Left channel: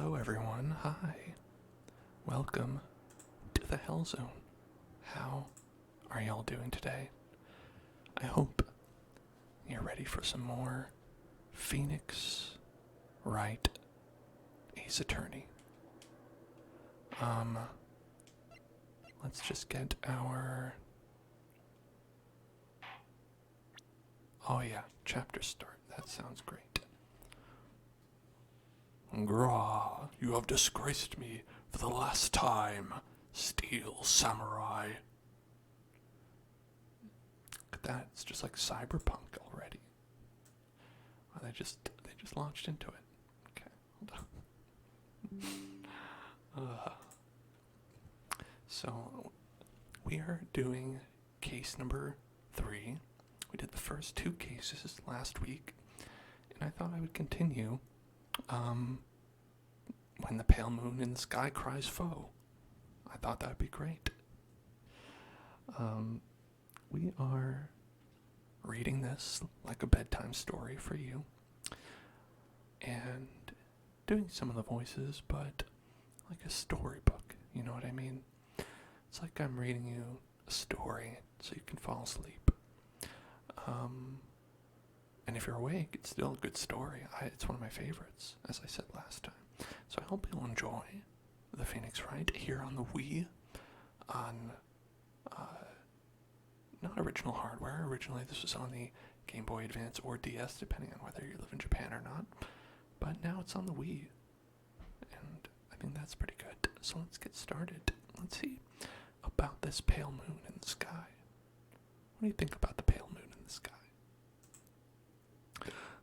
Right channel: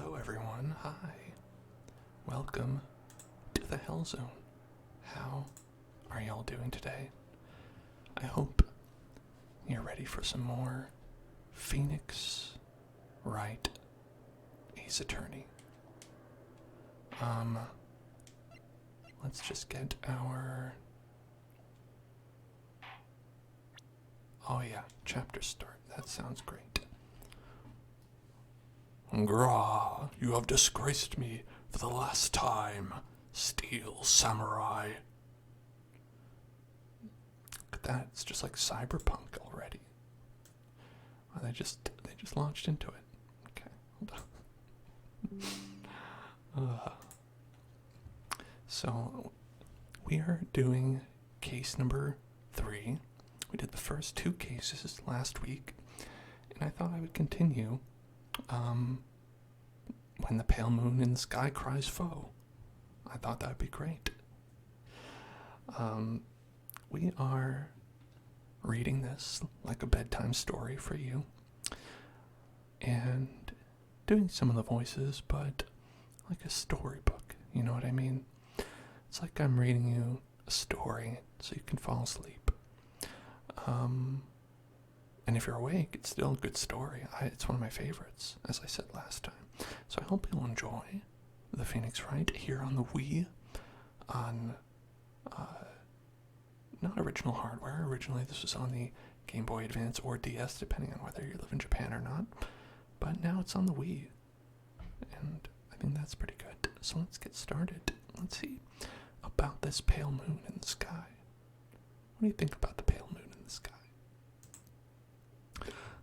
Hello everyone, hi. Welcome to the Hell Zone. How are y'all doing today? I hope you're ready for some more Phoenix Wright, Ace Attorney. Let's just get our... Oh yeah, chapter start. That sounds great. Grah, you have disgraced me for the last time, steel samurai. Look at that, it's just like cyberpunk already. Oh, they just launched into it. Okay, hold on. So, we are doing case number 3. We did the first 2 cases last week, and I thought I would continue when the pale moon in the sky cries foe. I thought that would be great. We are reading this like a bedtime story for you and doing some of the voices, but like a storybook, you know what I mean? It's like I'm reading you a story so you can fall asleep. And if you're awake, it's still a good story. It's one of my favorites, as I said last time. So I hope you'll enjoy the Phoenix Wright here on the Wii, on not original hardware. Originally this was on the Game Boy Advance or DS, depending on whether you live in Japan or not. But now it's on the Wii, and I think that's pretty good. So let's get started. Let's see about this pale moon in the sky. What do you think about the pale moon in the sky?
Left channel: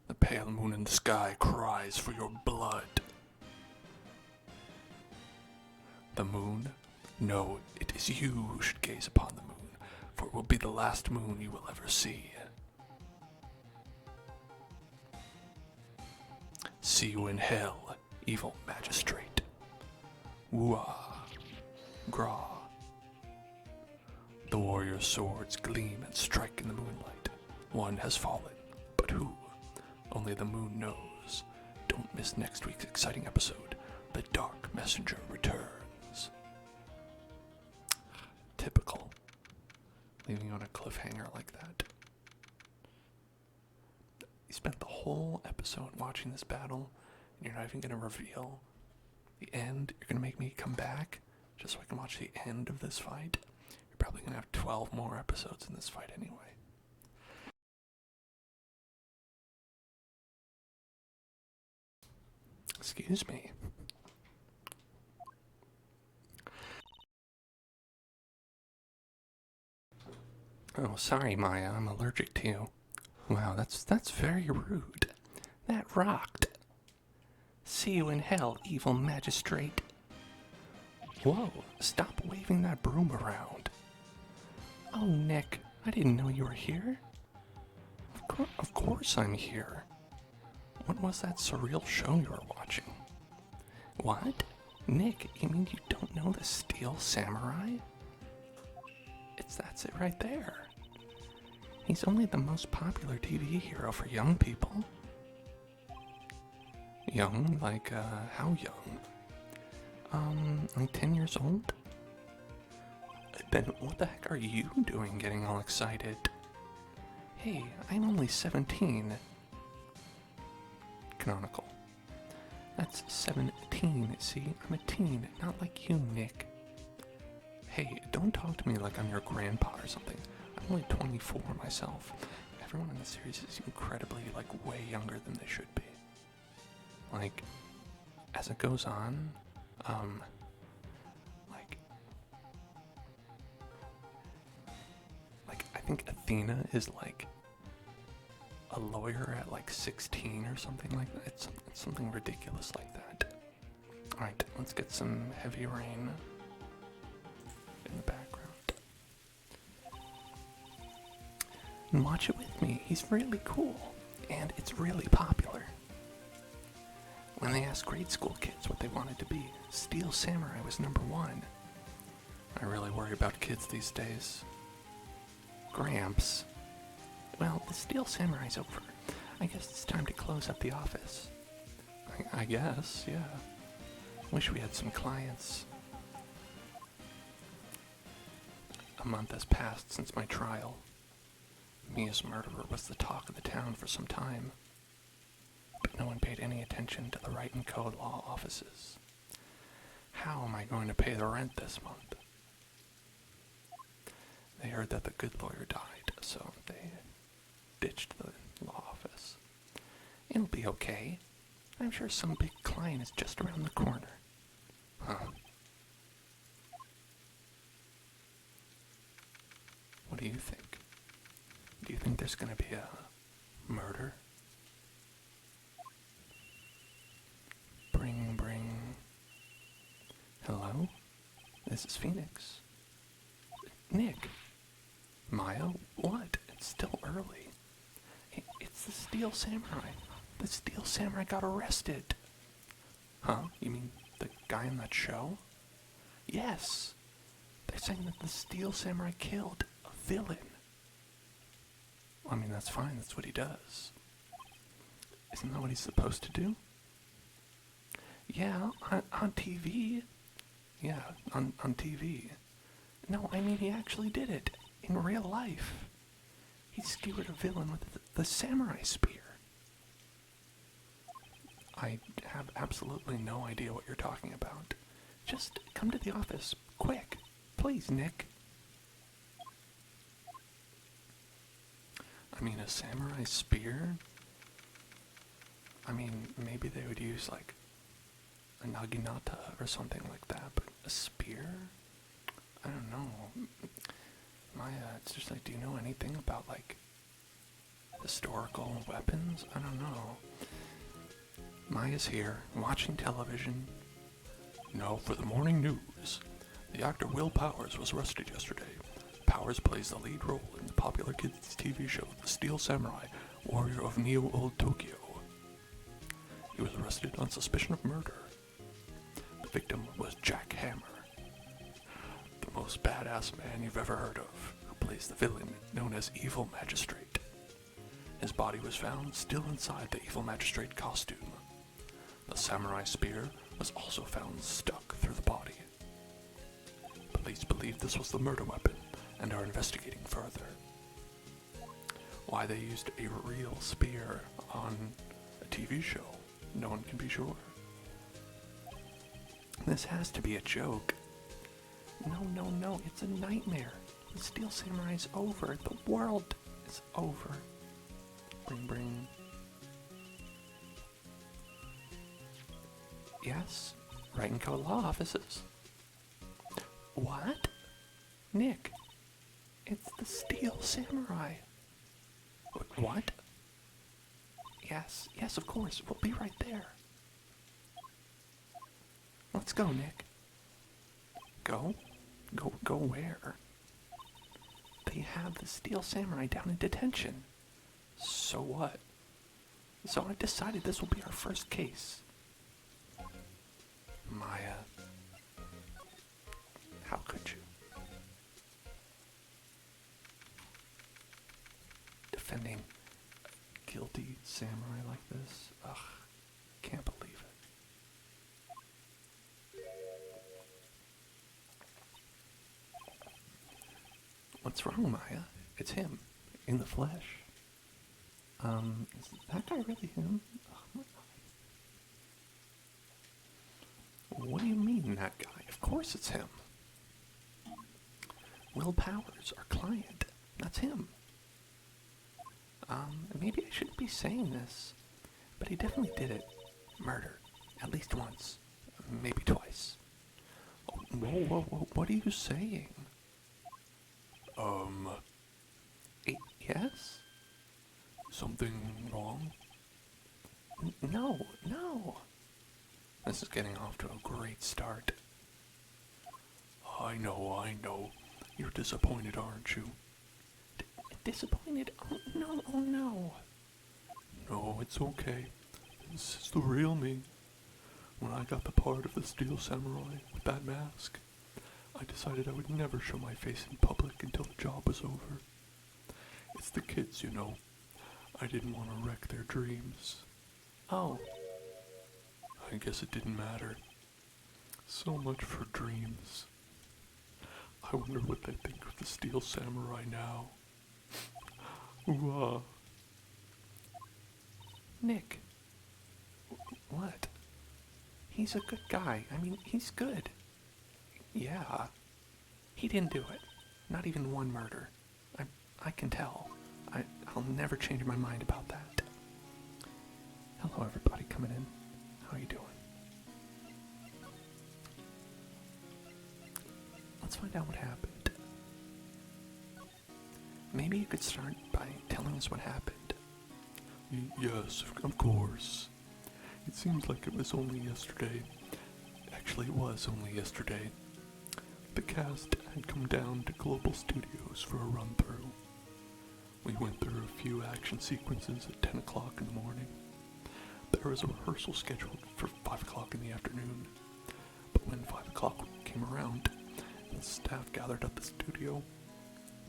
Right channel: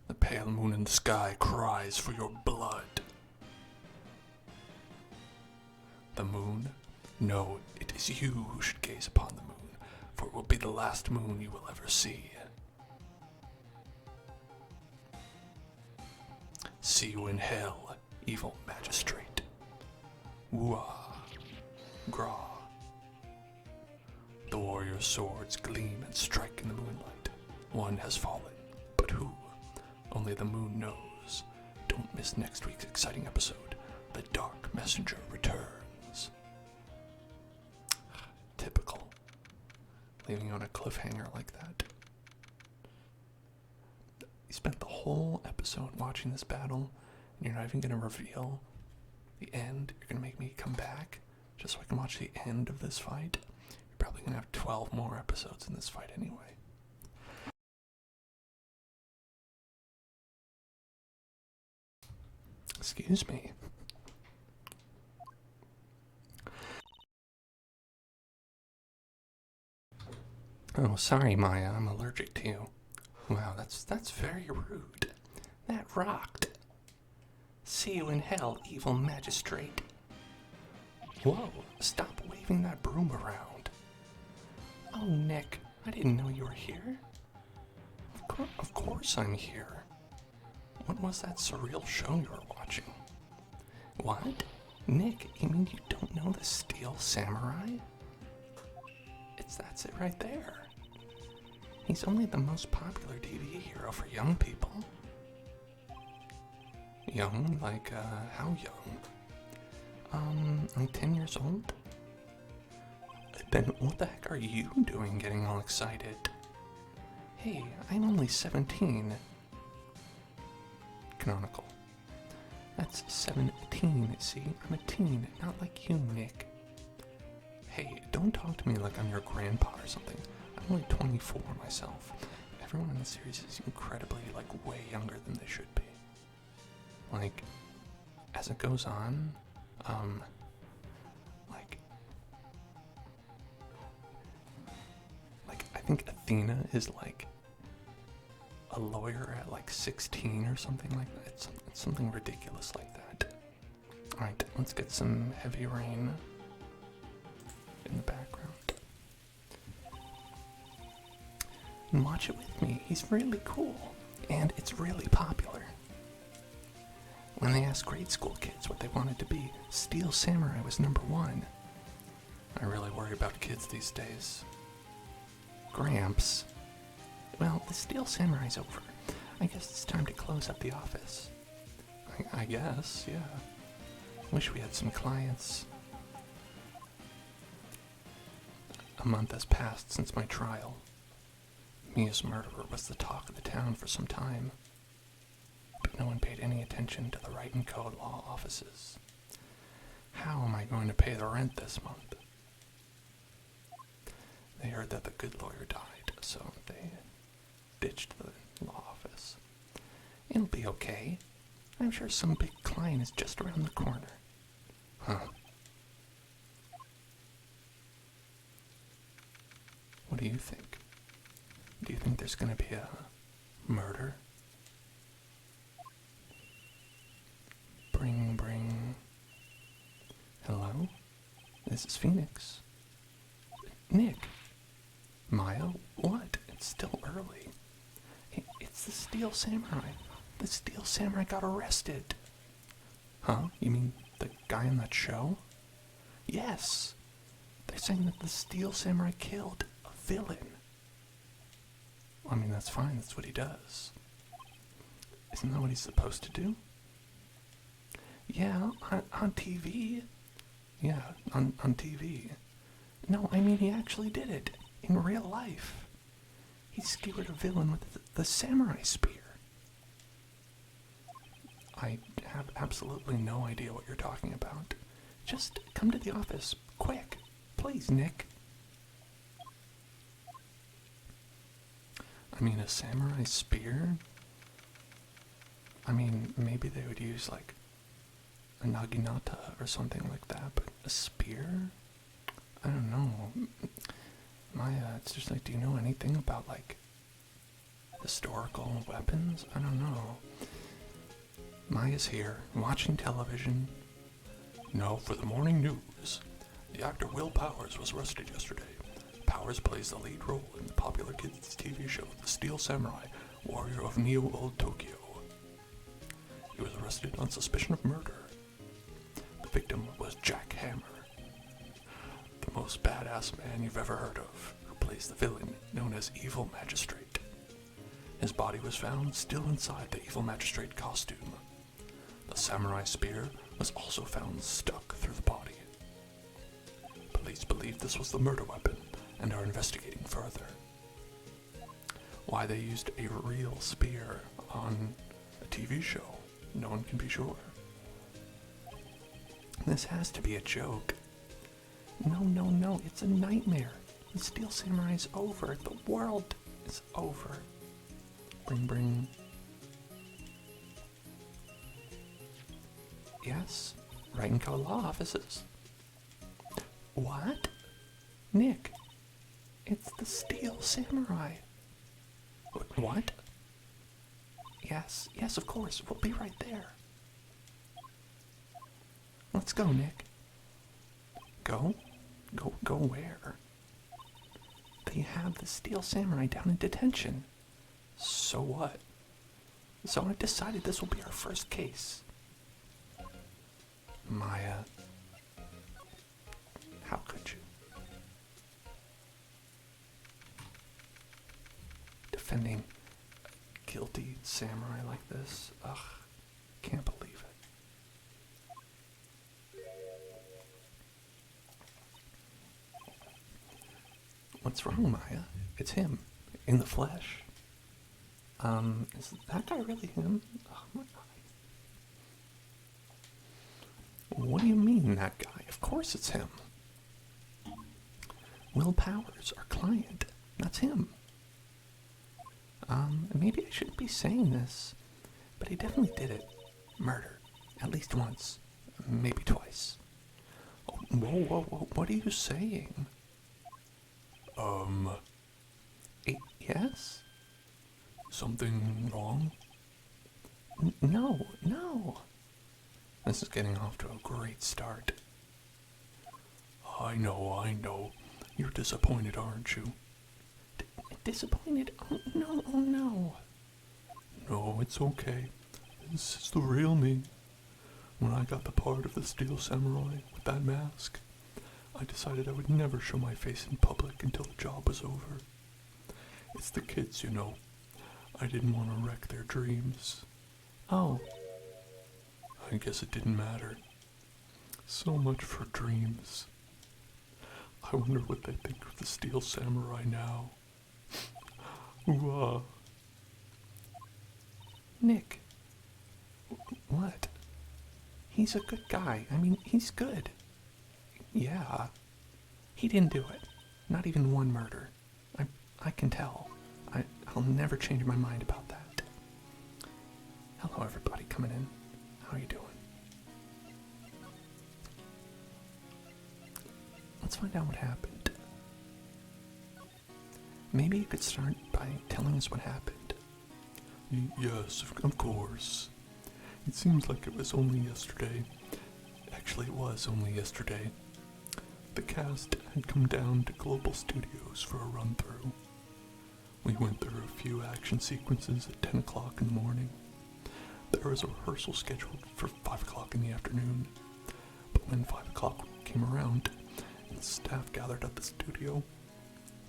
The pale moon in the sky cries for your blood. The moon? No, it is you who should gaze upon the moon, for it will be the last moon you will ever see. See you in hell, evil magistrate. Woo-ah, grah. The warrior's swords gleam and strike in the moonlight. One has fallen, but who? Only the moon knows. Don't miss next week's exciting episode. The Dark Messenger returns. Typical. Leaving on a cliffhanger like that. You spent the whole episode watching this battle, and you're not even going to reveal the end. You're going to make me come back just so I can watch the end of this fight. You're probably going to have 12 more episodes in this fight anyway. Excuse me. Oh, sorry, Maya. I'm allergic to you. Wow, that's very rude. That rocked. See you in hell, evil magistrate. Whoa, stop waving that broom around. Oh, Nick, I didn't know you were here. Of course I'm here. What was that surreal show you were watching? What? Nick, you mean you don't know the Steel Samurai? That's it right there. He's only the most popular TV hero for young people. Young? Like, how young? Like 10 years old? Then what the heck are you doing getting all excited? Hey, I'm only 17. Canonical. That's 17, see? I'm a teen, not like you, Nick. Hey, don't talk to me like I'm your grandpa or something. I'm only 24 myself. Everyone in the series is incredibly, way younger than they should be. As it goes on, I think Athena is, a lawyer at, 16 or something like that. It's something ridiculous like that. Alright, let's get some heavy rain in the background. And watch it with me. He's really cool. And it's really popular. When they asked grade school kids what they wanted to be, Steel Samurai was number 1. I really worry about kids these days. Gramps. Well, the Steel Samurai's over. I guess it's time to close up the office. I guess, yeah. Wish we had some clients. A month has passed since my trial. Mia's murderer was the talk of the town for some time, but no one paid any attention to the Wright & Co. law offices. How am I going to pay the rent this month? They heard that the good lawyer died, so they ditched the law office. It'll be okay. I'm sure some big client is just around the corner. Huh. What do you think? Do you think there's going to be a murder? Bring. Hello? This is Phoenix. Nick. Maya? What? It's still early. It's the Steel Samurai. The Steel Samurai got arrested. Huh? You mean the guy in that show? Yes. They're saying that the Steel Samurai killed a villain. I mean, that's fine. That's what he does. Isn't that what he's supposed to do? Yeah, on TV. Yeah, on TV. No, I mean, he actually did it. In real life. He skewered a villain with the samurai spear. I have absolutely no idea what you're talking about. Just come to the office, quick. Please, Nick. I mean, a samurai spear? I mean, maybe they would use, like, a naginata or something like that, but a spear? I don't know. Maya, it's just like, do you know anything about, like, historical weapons? I don't know. Maya's here, watching television. Now for the morning news. The actor Will Powers was arrested yesterday. Powers plays the lead role in the popular kids' TV show, The Steel Samurai, Warrior of Neo-Old Tokyo. He was arrested on suspicion of murder. The victim was Jack Hammer, the most badass man you've ever heard of, who plays the villain known as Evil Magistrate. His body was found still inside the Evil Magistrate costume. The samurai spear was also found stuck through the body. Police believe this was the murder weapon and are investigating further. Why they used a real spear on a TV show, no one can be sure. This has to be a joke. No, it's a nightmare. The Steel Samurai's over. The world is over. Bring. Yes, Wright & Co. law offices. What? Nick, it's the Steel Samurai. What? Yes, of course. We'll be right there. Let's go, Nick. Go? Go where? They have the Steel Samurai down in detention. So what? So I decided this will be our first case. Maya, how could you? Defending a guilty samurai like this? Ugh, can't believe it. What's wrong, Maya? It's him, in the flesh. Is that guy really him? Oh my god. What do you mean, that guy? Of course it's him. Will Powers, our client. That's him. Maybe I shouldn't be saying this, but he definitely did it. Murder. At least once. Maybe twice. Oh, whoa, what are you saying? Yes? Something wrong? No. This is getting off to a great start. I know. You're disappointed, aren't you? Disappointed? Oh, no. No, it's okay. This is the real me. When I got the part of the Steel Samurai with that mask, I decided I would never show my face in public until the job was over. It's the kids, you know. I didn't want to wreck their dreams. Oh. I guess it didn't matter. So much for dreams. I wonder what they think of the Steel Samurai now. Ooh, Nick. What? He's a good guy. I mean, he's good. Yeah. He didn't do it. Not even one murder. I can tell. I'll never change my mind about that. Hello, everybody coming in. How you doing? Let's find out what happened. Maybe you could start by telling us what happened. yes, of course. It seems like it was only yesterday. Actually, it was only yesterday. The cast had come down to Global Studios for a run-through. We went through a few action sequences at 10 o'clock in the morning. There was a rehearsal scheduled for 5 o'clock in the afternoon. But when 5 o'clock came around and the staff gathered at the studio,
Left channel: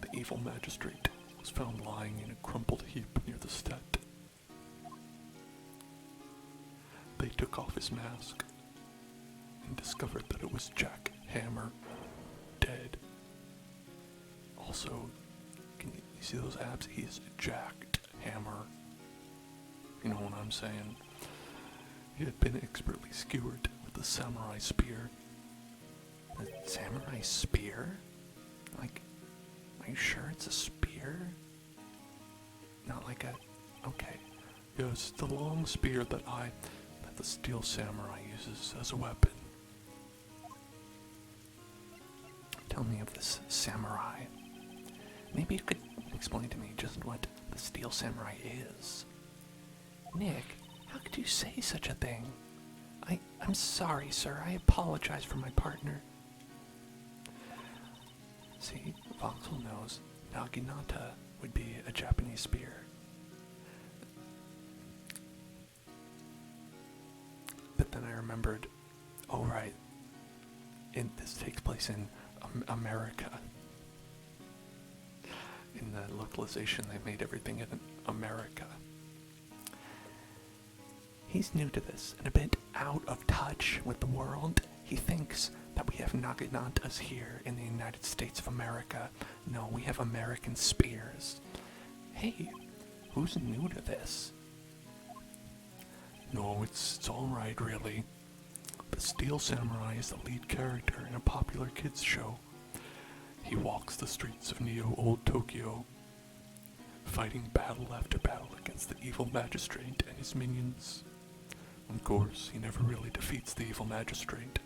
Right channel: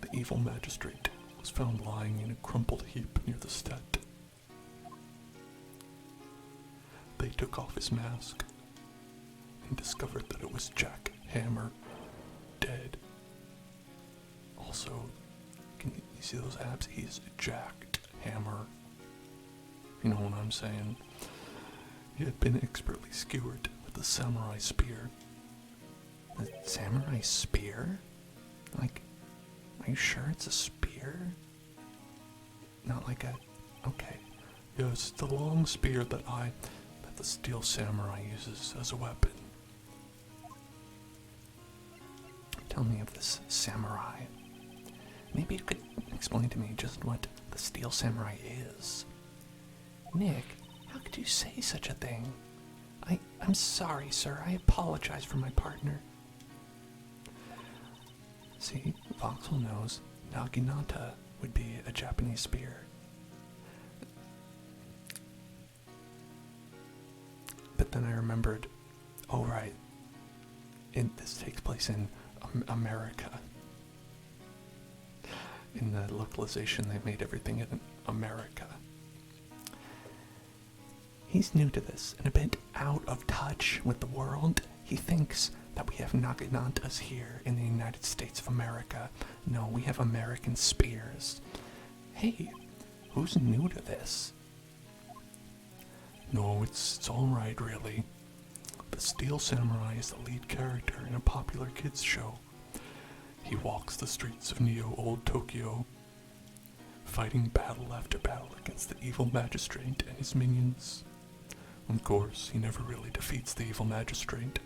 the evil magistrate was found lying in a crumpled heap near the set. They took off his mask and discovered that it was Jack Hammer, dead. Also, can you see those abs? He is Jacked Hammer. You know what I'm saying? He had been expertly skewered with a samurai spear. A samurai spear? Like, are you sure it's a spear? Not like a... Okay. Yes, the long spear that the Steel Samurai uses as a weapon. Tell me of this samurai. Maybe you could explain to me just what the Steel Samurai is. Nick, how could you say such a thing? I'm sorry, sir. I apologize for my partner. See, Voxel knows Naginata would be a Japanese spear. But then I remembered, oh right, this takes place in America. In the localization, they made everything in America. He's new to this and a bit out of touch with the world. He thinks that we have Naginatas here in the United States of America. No, we have American spears. Hey, who's new to this? No, it's all right, really. The Steel Samurai is the lead character in a popular kids show. He walks the streets of Old Tokyo, fighting battle after battle against the evil magistrate and his minions. Of course, he never really defeats the evil magistrate.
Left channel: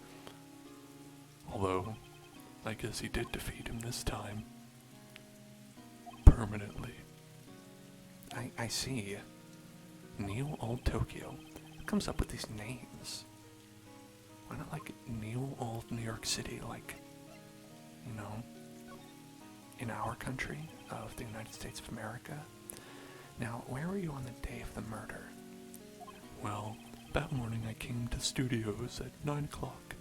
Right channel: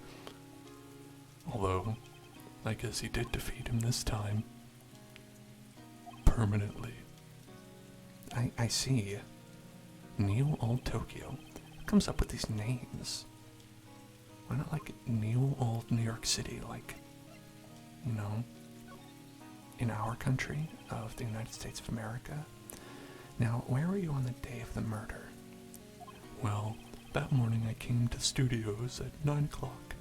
Although, I guess he did defeat him this time. Permanently. I see. Old Tokyo. Who comes up with these names? Why not like Old New York City, like, you know, in our country of the United States of America? Now, where were you on the day of the murder? Well, that morning I came to studios at 9 o'clock.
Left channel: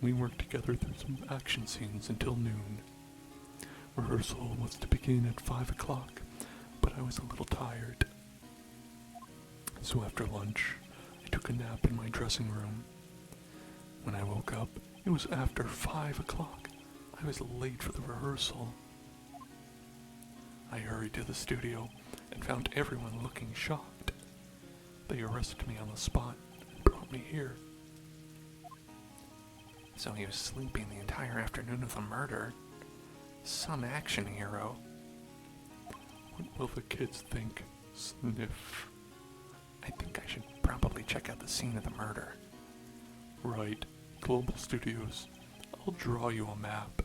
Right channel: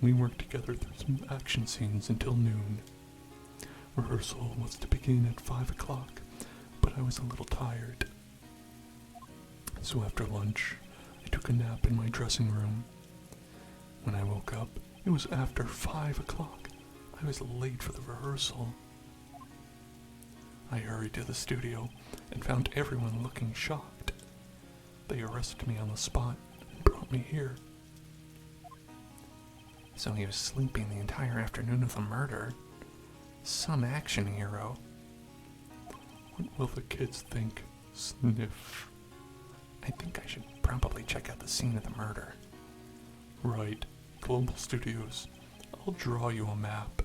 We worked together through some action scenes until noon. Rehearsal was to begin at 5 o'clock, but I was a little tired. So after lunch, I took a nap in my dressing room. When I woke up, it was after 5 o'clock. I was late for the rehearsal. I hurried to the studio and found everyone looking shocked. They arrested me on the spot and brought me here. So he was sleeping the entire afternoon of the murder. Some action hero. What will the kids think? Sniff. I think I should probably check out the scene of the murder. Right. Global Studios. I'll draw you a map.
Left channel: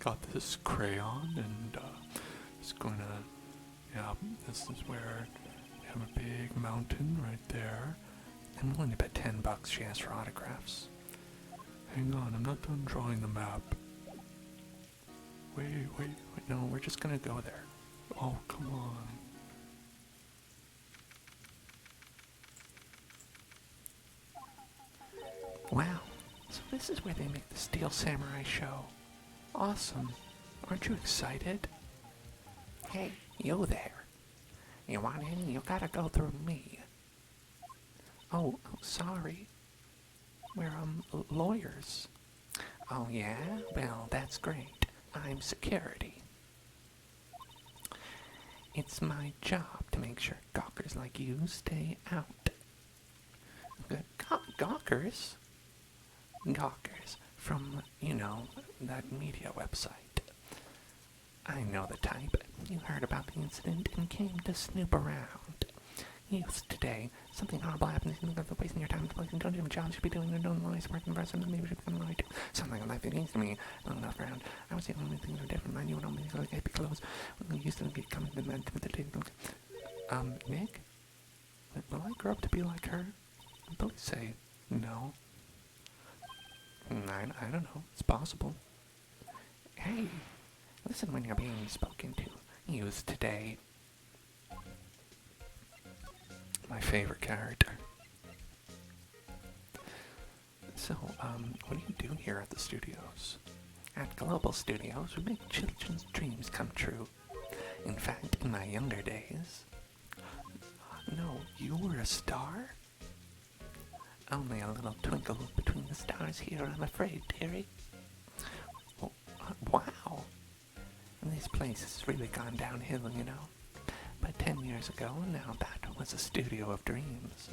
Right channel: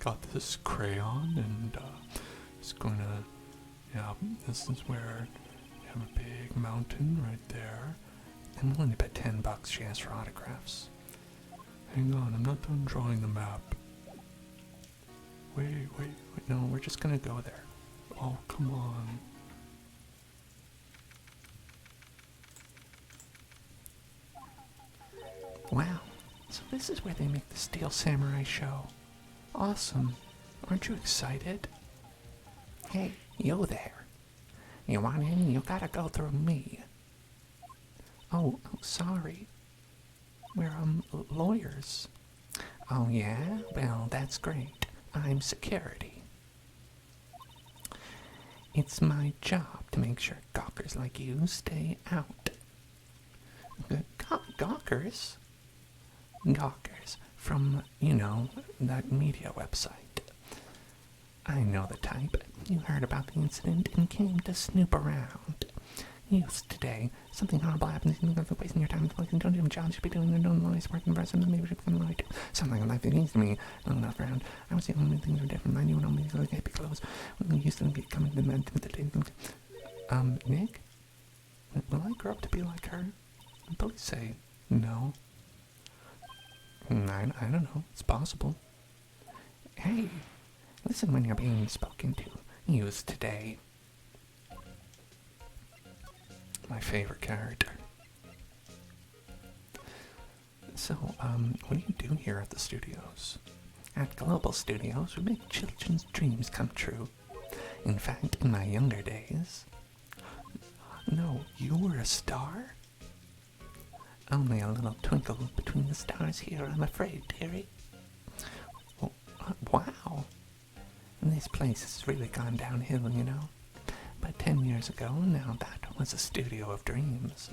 Got this crayon and it's gonna, yeah, this is where you have a big mountain right there. I'm willing to bet $10 she asked for autographs. Hang on, I'm not done drawing the map. Wait, no, we're just gonna go there. Oh, come on. Wow, so this is where they make the Steel Samurai show. Awesome. Aren't you excited? Hey, you there. You want in? You gotta go through me. Oh, sorry. We're, lawyers. Oh, yeah? Well, that's great. I'm security. It's my job to make sure gawkers like you stay out. Gawkers? Gawkers from, that media website. I know the type. You heard about the incident and came to snoop around. Today, something horrible happened. You're wasting your time. Don't do jobs. You should be doing your own noise work in person. Maybe you should become right. Something like that to me on the ground. I was the only thing that were different. I knew only things like be close. When we used to be coming to the Nick? Will I grow up to be like her? Billy say no. I don't know. It's possible. Hey, listen when you're being spoken to. Use today. My favorite character. So, what do you do here at the studios? At Global Studios, we make children's dreams come true. In fact, in my younger days... No, you were a star? Only a little twinkle between the stars here, I'm afraid, dearie. Oh, wow. This place has really gone downhill, But 10 years ago, now that was a studio of dreams.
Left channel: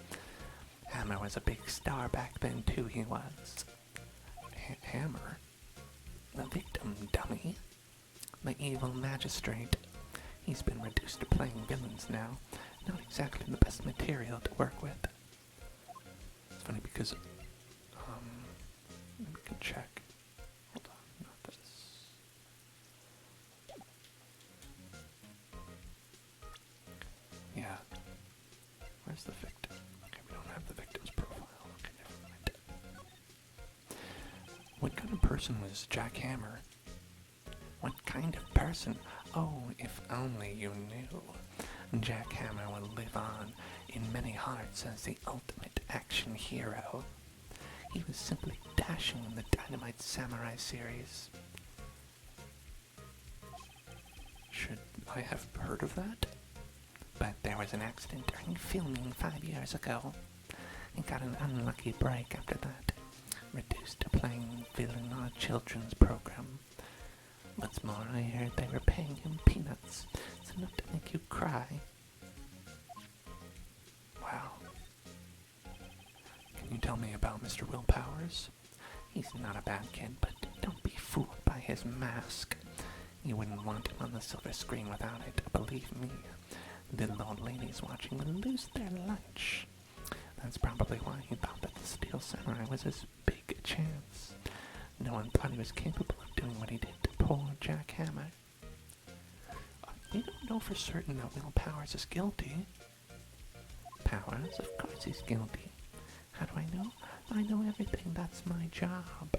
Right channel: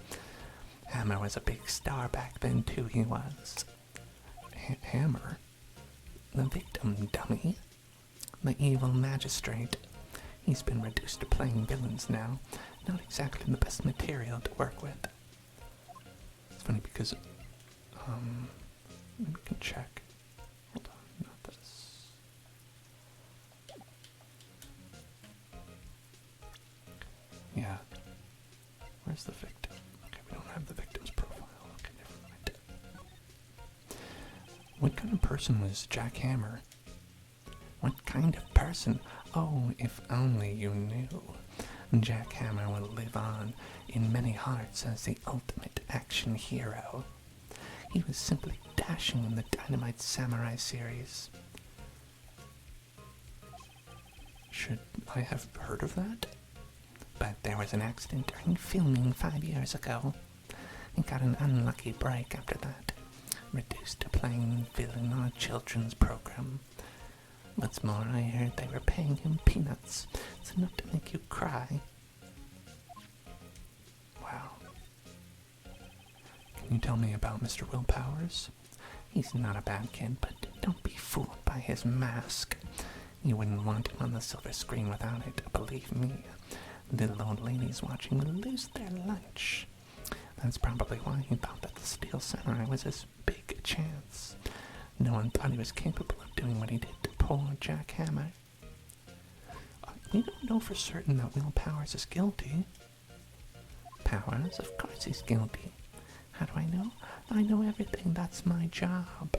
Hammer was a big star back then, too, he was. Hammer? The victim, dummy. The evil magistrate. He's been reduced to playing villains now. Not exactly the best material to work with. It's funny because, we can check. Hold on, not this. Yeah. Where's the victim? Okay, we don't have the victim's profile. Okay, never mind. What kind of person was Jack Hammer? What kind of person? Oh, if only you knew. Jack Hammer will live on in many hearts as the ultimate action hero. He was simply dashing in the Dynamite Samurai series. Should I have heard of that? But there was an accident during filming 5 years ago. He got an unlucky break after that. Reduced to playing villain on a children's program. What's more, I heard they were paying him peanuts. It's enough to make you cry. Wow. Can you tell me about Mr. Willpowers? He's not a bad kid, but don't be fooled by his mask. You wouldn't want him on the silver screen without it, believe me. Little old ladies watching would lose their lunch. That's probably why he thought that the Steel Samurai was his big chance. No one thought he was capable of doing what he did to poor Jack Hammer. You don't know for certain that Will Powers is guilty. Powers? Of course he's guilty. How do I know? I know everything. That's my job.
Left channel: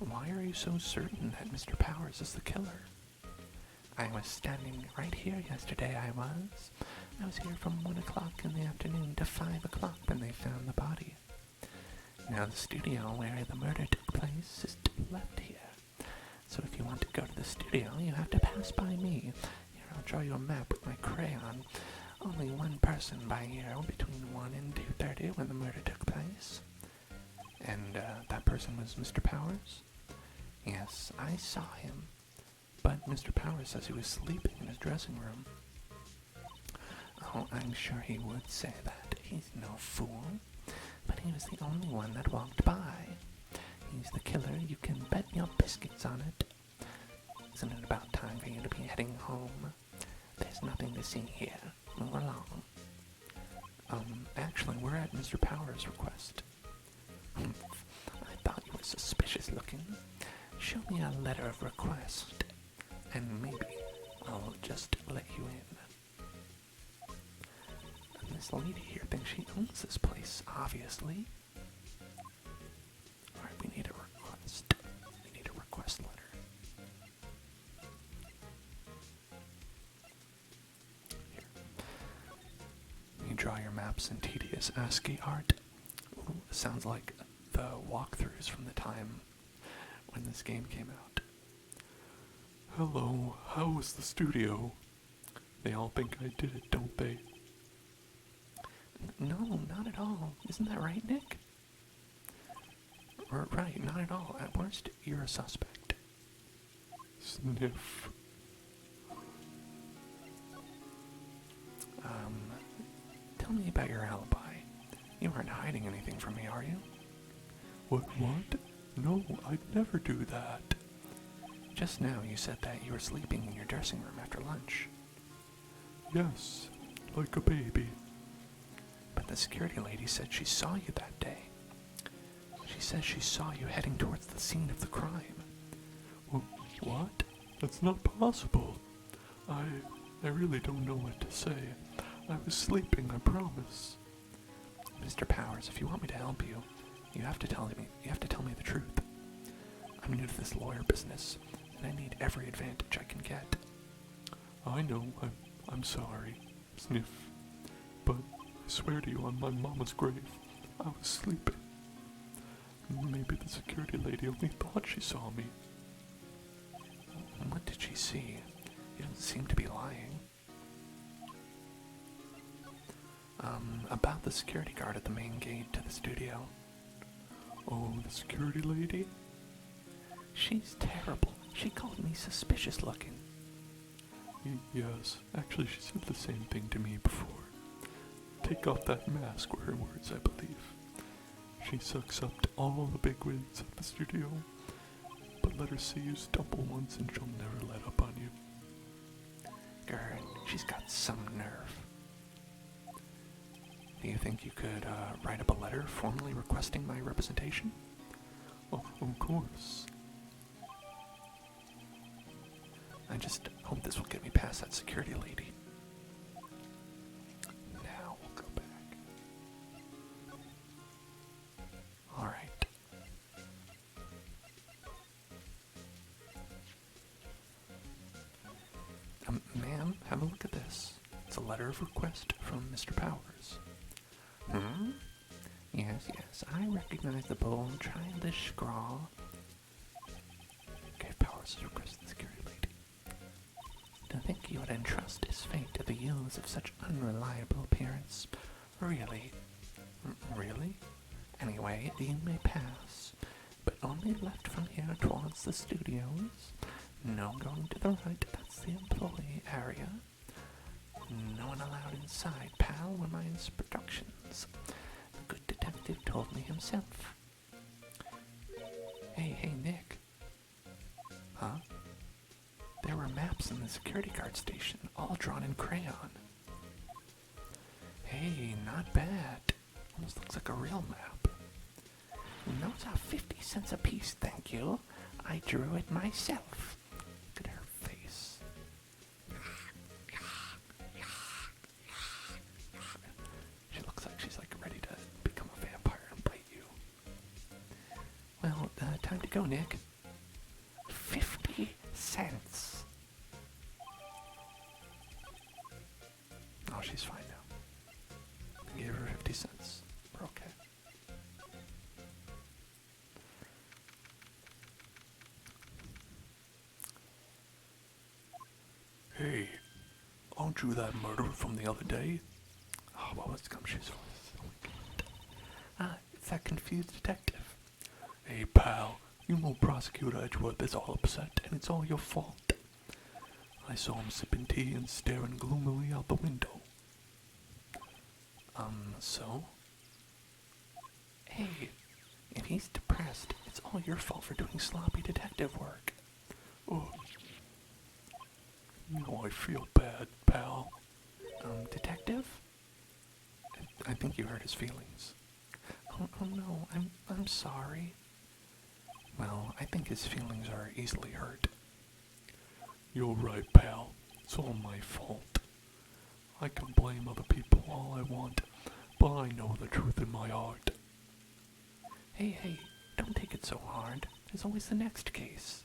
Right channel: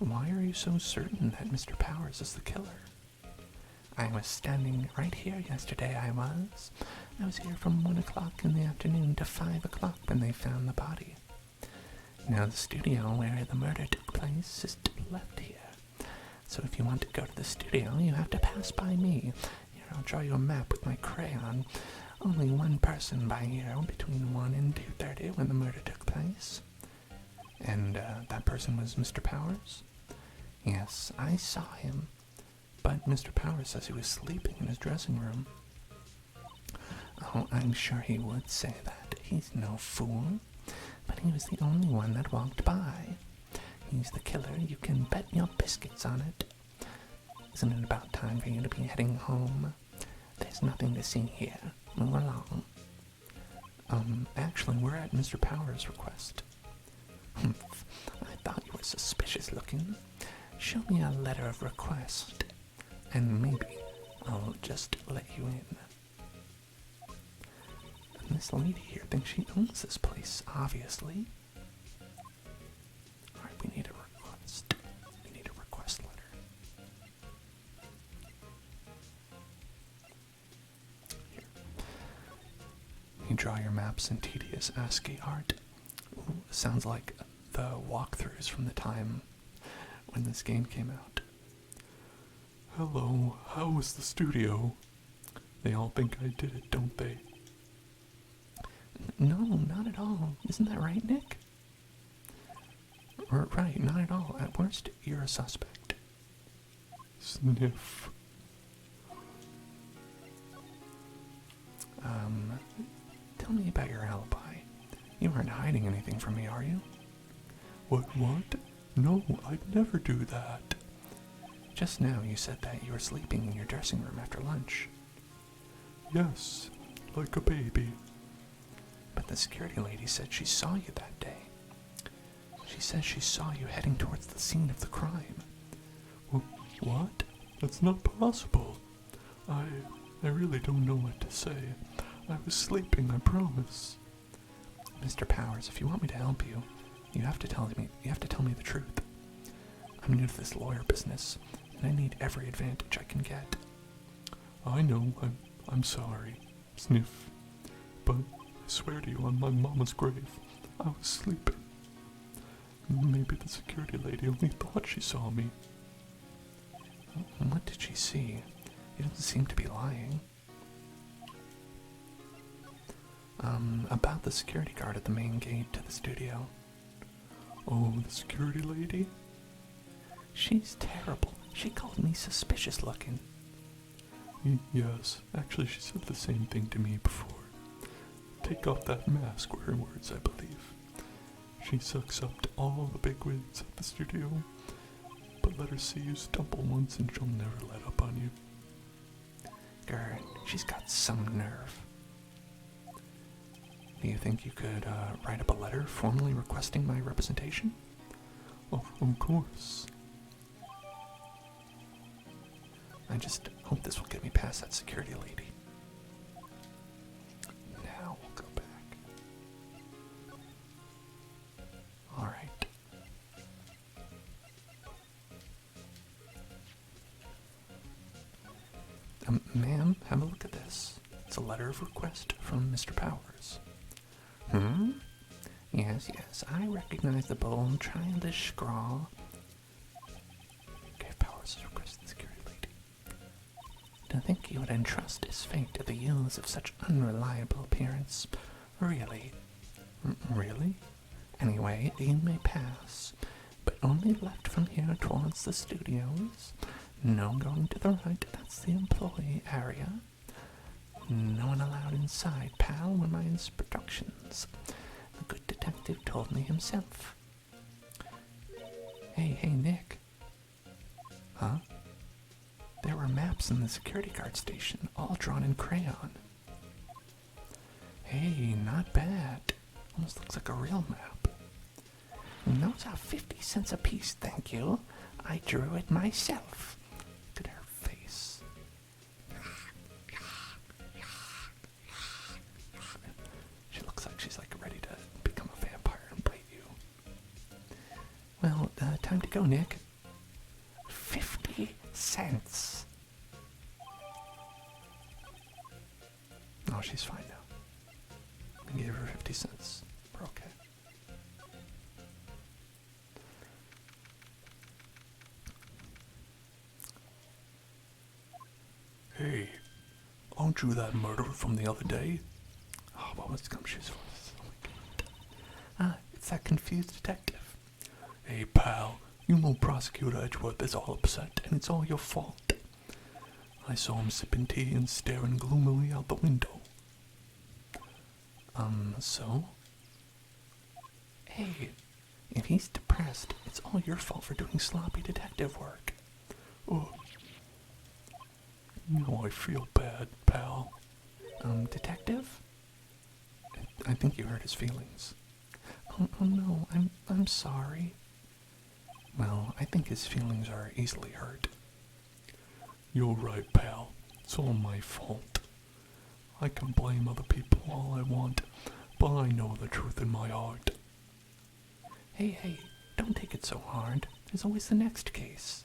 Why are you so certain that Mr. Powers is the killer? I was standing right here yesterday, I was here from 1 o'clock in the afternoon to 5 o'clock when they found the body. Now the studio where the murder took place is to the left here. So if you want to go to the studio, you have to pass by me. Here, I'll draw you a map with my crayon. Only one person by here between 1 and 2:30 when the murder took place. And that person was Mr. Powers? Yes, I saw him. But Mr. Powers says he was sleeping in his dressing room. Oh, I'm sure he would say that. He's no fool. But he was the only one that walked by. He's the killer. You can bet your biscuits on it. Isn't it about time for you to be heading home? There's nothing to see here. Move along. Actually, we're at Mr. Powers' request. Humph. I thought you were suspicious looking. Show me a letter of request. And maybe I'll just let you in. And this lady here thinks she owns this place, obviously. Alright, we need a request. We need a request letter. Here. You draw your maps in tedious ASCII art. Ooh, sounds like the walkthroughs from the time when this game came out. Hello, how was the studio? They all think I did it, don't they? No, not at all. Isn't that right, Nick? Or, right, not at all. At worst, you're a suspect. Sniff. Tell me about your alibi. You aren't hiding anything from me, are you? What? No, I'd never do that. Just now you said that you were sleeping in your dressing room after lunch. Yes, like a baby. But the security lady said she saw you that day. She says she saw you heading towards the scene of the crime. What? That's not possible. I really don't know what to say. I was sleeping, I promise. Mr. Powers, if you want me to help you, you have to tell me the truth. I'm new to this lawyer business, and I need every advantage I can get. I know, I'm sorry. Sniff. But I swear to you on my mama's grave, I was sleeping. Maybe the security lady only thought she saw me. What did she see? You don't seem to be lying. About the security guard at the main gate to the studio. Oh, the security lady? She's terrible. She called me suspicious looking. Yes, actually she said the same thing to me before. Take off that mask were her words, I believe. She sucks up to all the bigwigs at the studio, but let her see you stumble once and she'll never let up on you. Girl, she's got some nerve. Do you think you could write up a letter formally requesting my representation? Oh, of course. I just hope this will get me past that security lady. Now we'll go back. Alright. Ma'am, have a look at this. It's a letter of request from Mr. Powers. Yes, I recognize the bold, childish scrawl. Gave Powers his request to the security lady. To think he would entrust his fate to the youths of such unreliable appearance. Really? Really? Anyway, you may pass, but only left from here towards the studios. No going to the right, that's the employee area. No one allowed inside, pal, were my instructions. The good detective told me himself. Hey, Nick. Huh? There were maps in the security guard station, all drawn in crayon. Hey, not bad. Almost looks like a real map. Those are 50 cents a piece, thank you. I drew it myself. Look at her face. She looks like she's ready to become a vampire and bite you. Well, time to go, Nick. 50 cents. Oh, she's fine now. I gave her 50 cents. We're okay. Hey, aren't you that murderer from the other day? Oh, what was Gumshoe's voice? Oh my god. It's that confused detective. Hey, pal, you know Prosecutor Edgeworth is all upset, and it's all your fault. I saw him sipping tea and staring gloomily out the window. So? Hey, if he's depressed, it's all your fault for doing sloppy detective work. Oh, now I feel bad, pal. Detective? I think you hurt his feelings. Oh no, I'm sorry. Well, I think his feelings are easily hurt. You're right, pal. It's all my fault. I can blame other people all I want, but I know the truth in my heart. Hey, don't take it so hard. There's always the next case.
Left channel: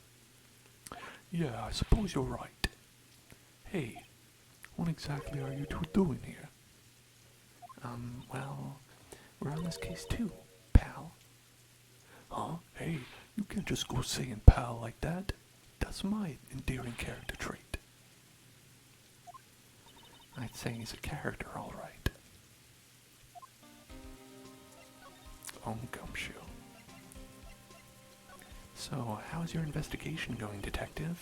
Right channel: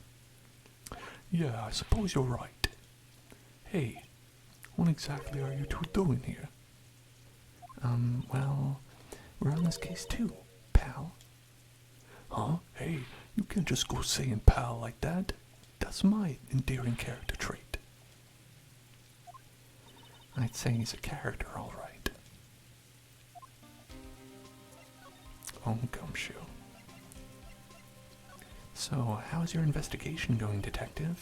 Yeah, I suppose you're right. Hey, what exactly are you two doing here? Well, we're on this case too, pal. Huh? Hey, you can't just go saying pal like that. That's my endearing character trait. I'd say he's a character, all right. home gumshoe. So, how's your investigation going, Detective?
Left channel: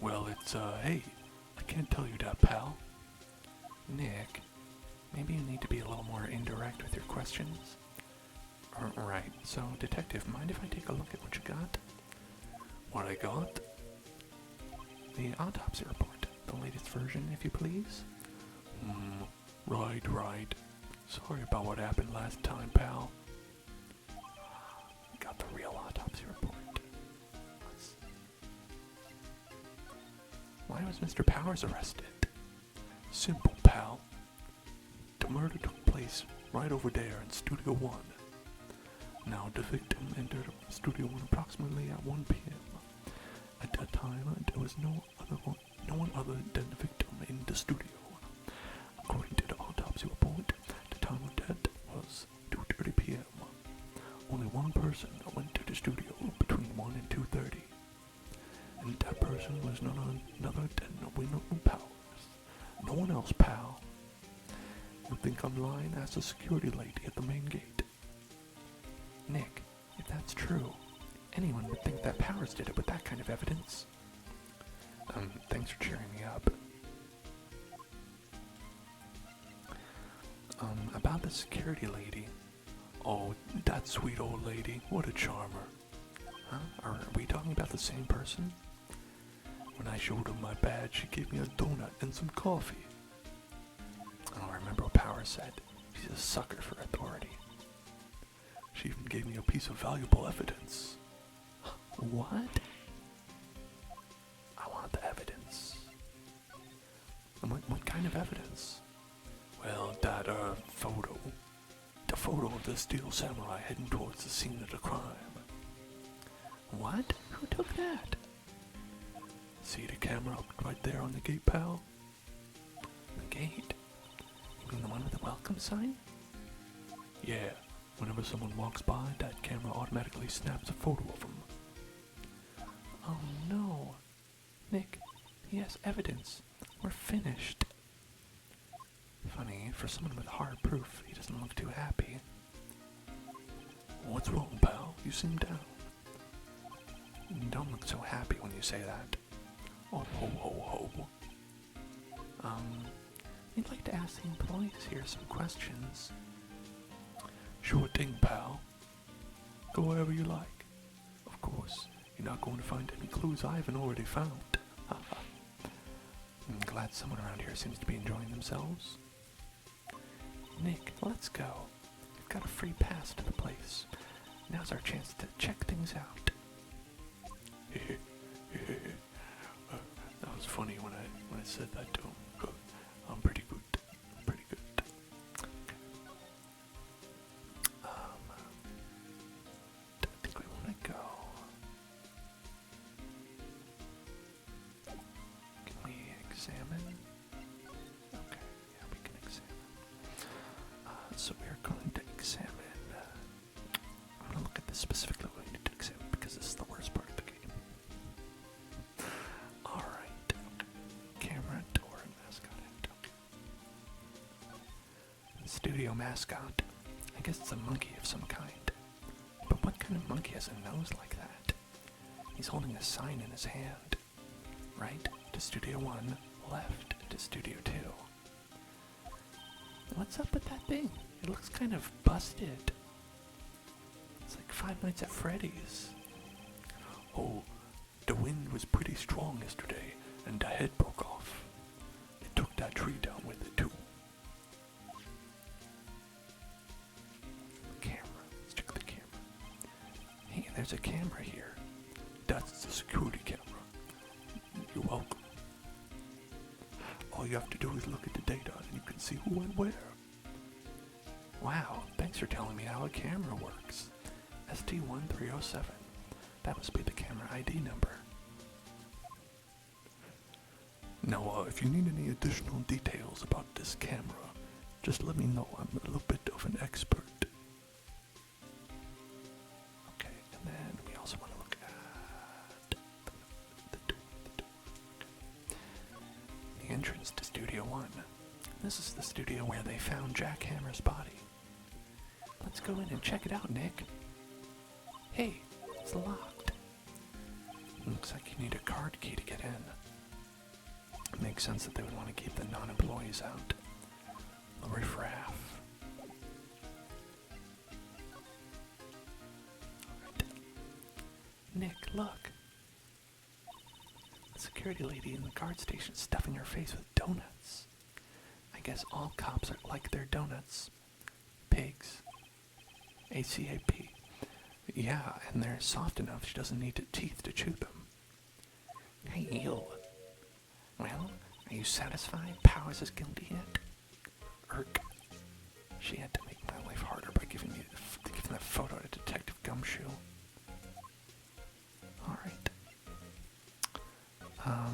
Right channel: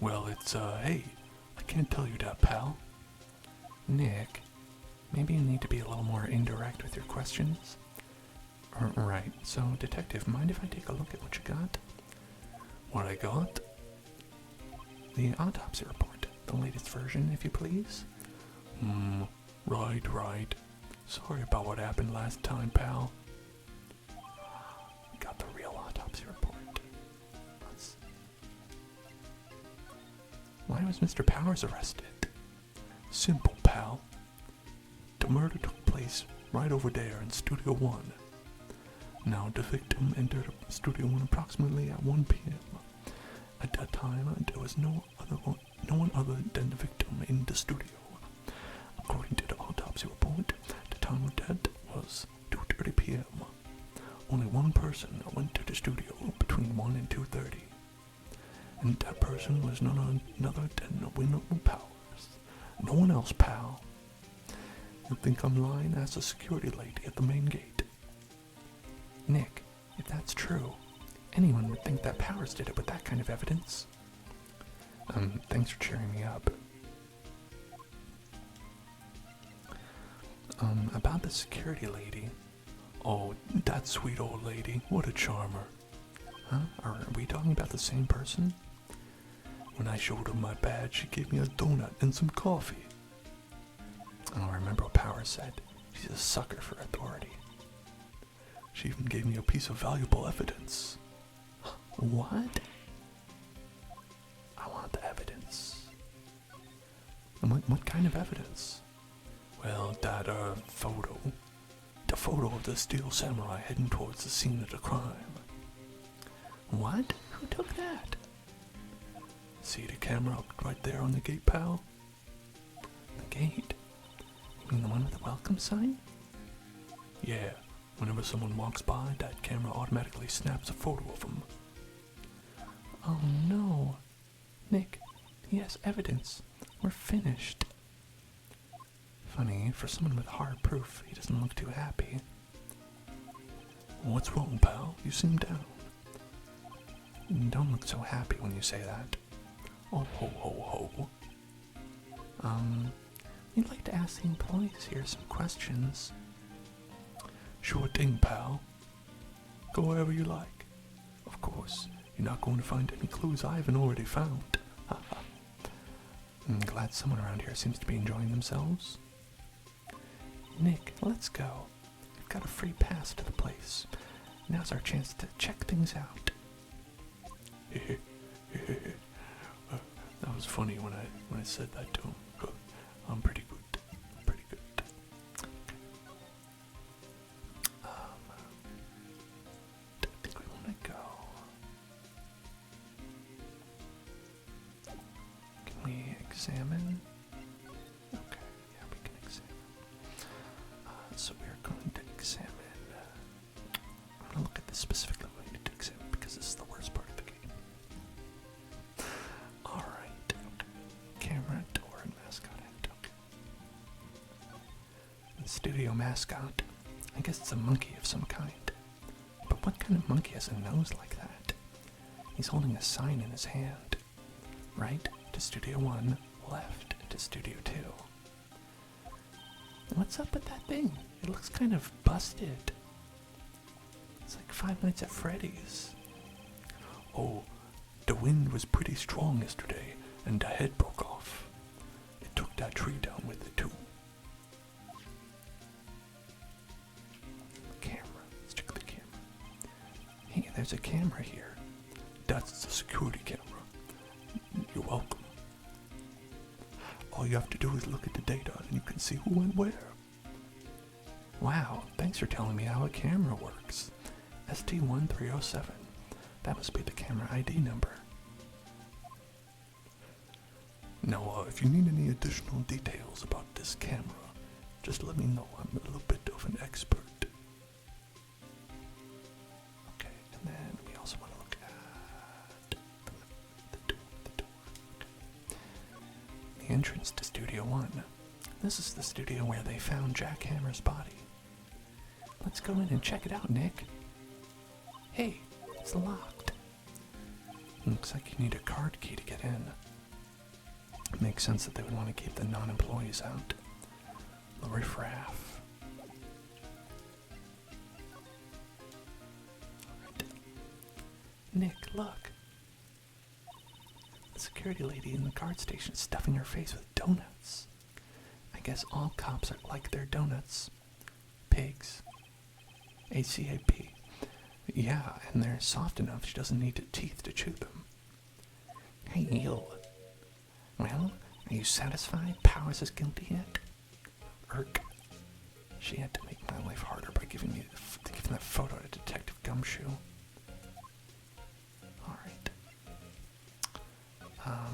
Well, it's, hey, I can't tell you that, pal. Nick, maybe you need to be a little more indirect with your questions. Right, so, Detective, mind if I take a look at what you got? What I got? The autopsy report, the latest version, if you please. Right. Sorry about what happened last time, pal. Got the real autopsy report. Why was Mr. Powers arrested? Simple, pal. The murder took place right over there in Studio 1. Now, the victim entered Studio 1 approximately at 1 p.m. At that time, there was no one other than the victim in the studio. According to the autopsy report, the time of death was 2:30 p.m. Only one person went to the studio between 1 and 2:30. And that person was none other than Willpower. No one else, pal. You think I'm lying? Ask the security lady at the main gate. Nick, if that's true, anyone would think that Powers did it with that kind of evidence. Thanks for cheering me up. About the security lady. Oh, that sweet old lady. What a charmer. Huh? Are we talking about the same person? When I showed her my badge, she gave me a donut and some coffee. Oh, I remember what Powers said. She's a sucker for authority. She even gave me a piece of valuable evidence. What? I want the evidence. What kind of evidence? Well, that, photo. The photo of the steel samurai heading towards the scene of the crime. What? Who took that? See the camera right there on the gate, pal? The gate? You mean the one with the welcome sign? Yeah. Whenever someone walks by, that camera automatically snaps a photo of them. Oh no. Nick, he has evidence. We're finished. Funny, for someone with hard proof, he doesn't look too happy. What's wrong, pal? You seem down. Don't look so happy when you say that. Oh, ho, ho, ho. We'd like to ask the employees here some questions. Sure thing, pal. Go wherever you like. Of course, you're not going to find any clues I haven't already found. I'm glad someone around here seems to be enjoying themselves. Nick, let's go. We've got a free pass to the place. Now's our chance to check things out. That was funny when I said that to him. I'm pretty good. Pretty good. I think we want to go. Can we examine? Okay, yeah, we can examine. So we are going to examine. I'm going to look at this specifically what we need to examine because this is the worst part of the game. Alright. Camera, door, and mascot head. Okay. The studio mascot. I guess it's a monkey of some kind. But what kind of monkey has a nose like that? He's holding a sign in his hand. Right to Studio 1, left to Studio 2. What's up with that thing? It looks kind of busted. It's like Five Nights at Freddy's. Oh, the wind was pretty strong yesterday, and the head broke off. It took that tree down with it, too. Camera. Let's check the camera. Hey, there's a camera here. That's the security camera. You're welcome. All you have to do is look at the data, and you can see who went where. Wow, thanks for telling me how a camera works. ST1307. That must be the camera ID number. Now, if you need any additional details about this camera, just let me know. I'm a little bit of an expert. Okay, and then we also want to look at the door. The entrance to Studio 1. This is the studio where they found Jack Hammer's body. Let's Let's go in and check it out, Nick. Hey, it's locked. Looks like you need a card key to get in. It makes sense that they would want to keep the non-employees out. The riffraff. Right. Nick, look. The security lady in the guard station is stuffing her face with donuts. I guess all cops are like their donuts. Pigs. ACAP. Yeah, and they're soft enough she doesn't need teeth to chew them. Hey, you. Well, are you satisfied Powers is guilty yet? Irk. She had to make my life harder by giving the photo to Detective Gumshoe. Alright. I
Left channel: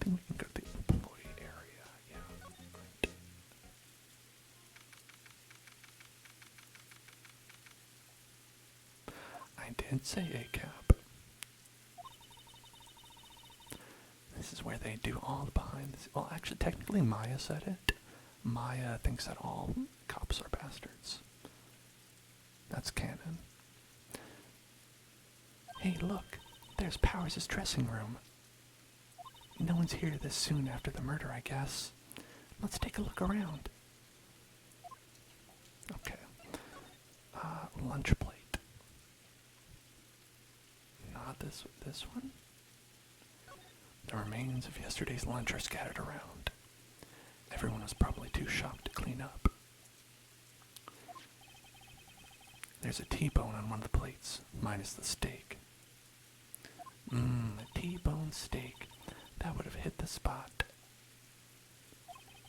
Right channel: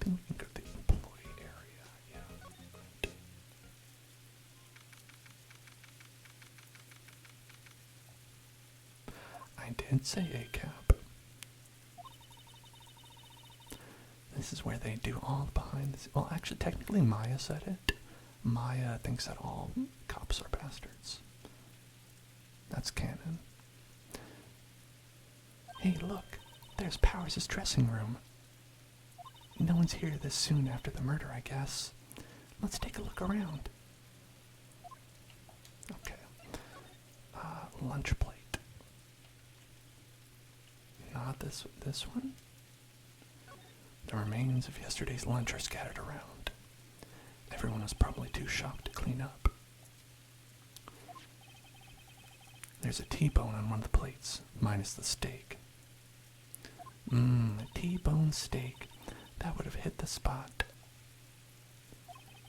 think we can go to the employee area, yeah. Right. I did say ACAP. This is where they do all the behind the scenes. Well, actually, technically Maya said it. Maya thinks that all cops are bastards. That's canon. Hey, look. There's Powers' dressing room. No one's here this soon after the murder, I guess. Let's take a look around. Okay. Lunch plate. Not this one? The remains of yesterday's lunch are scattered around. Everyone was probably too shocked to clean up. There's a T-bone on one of the plates, minus the steak. A T-bone steak. That would have hit the spot.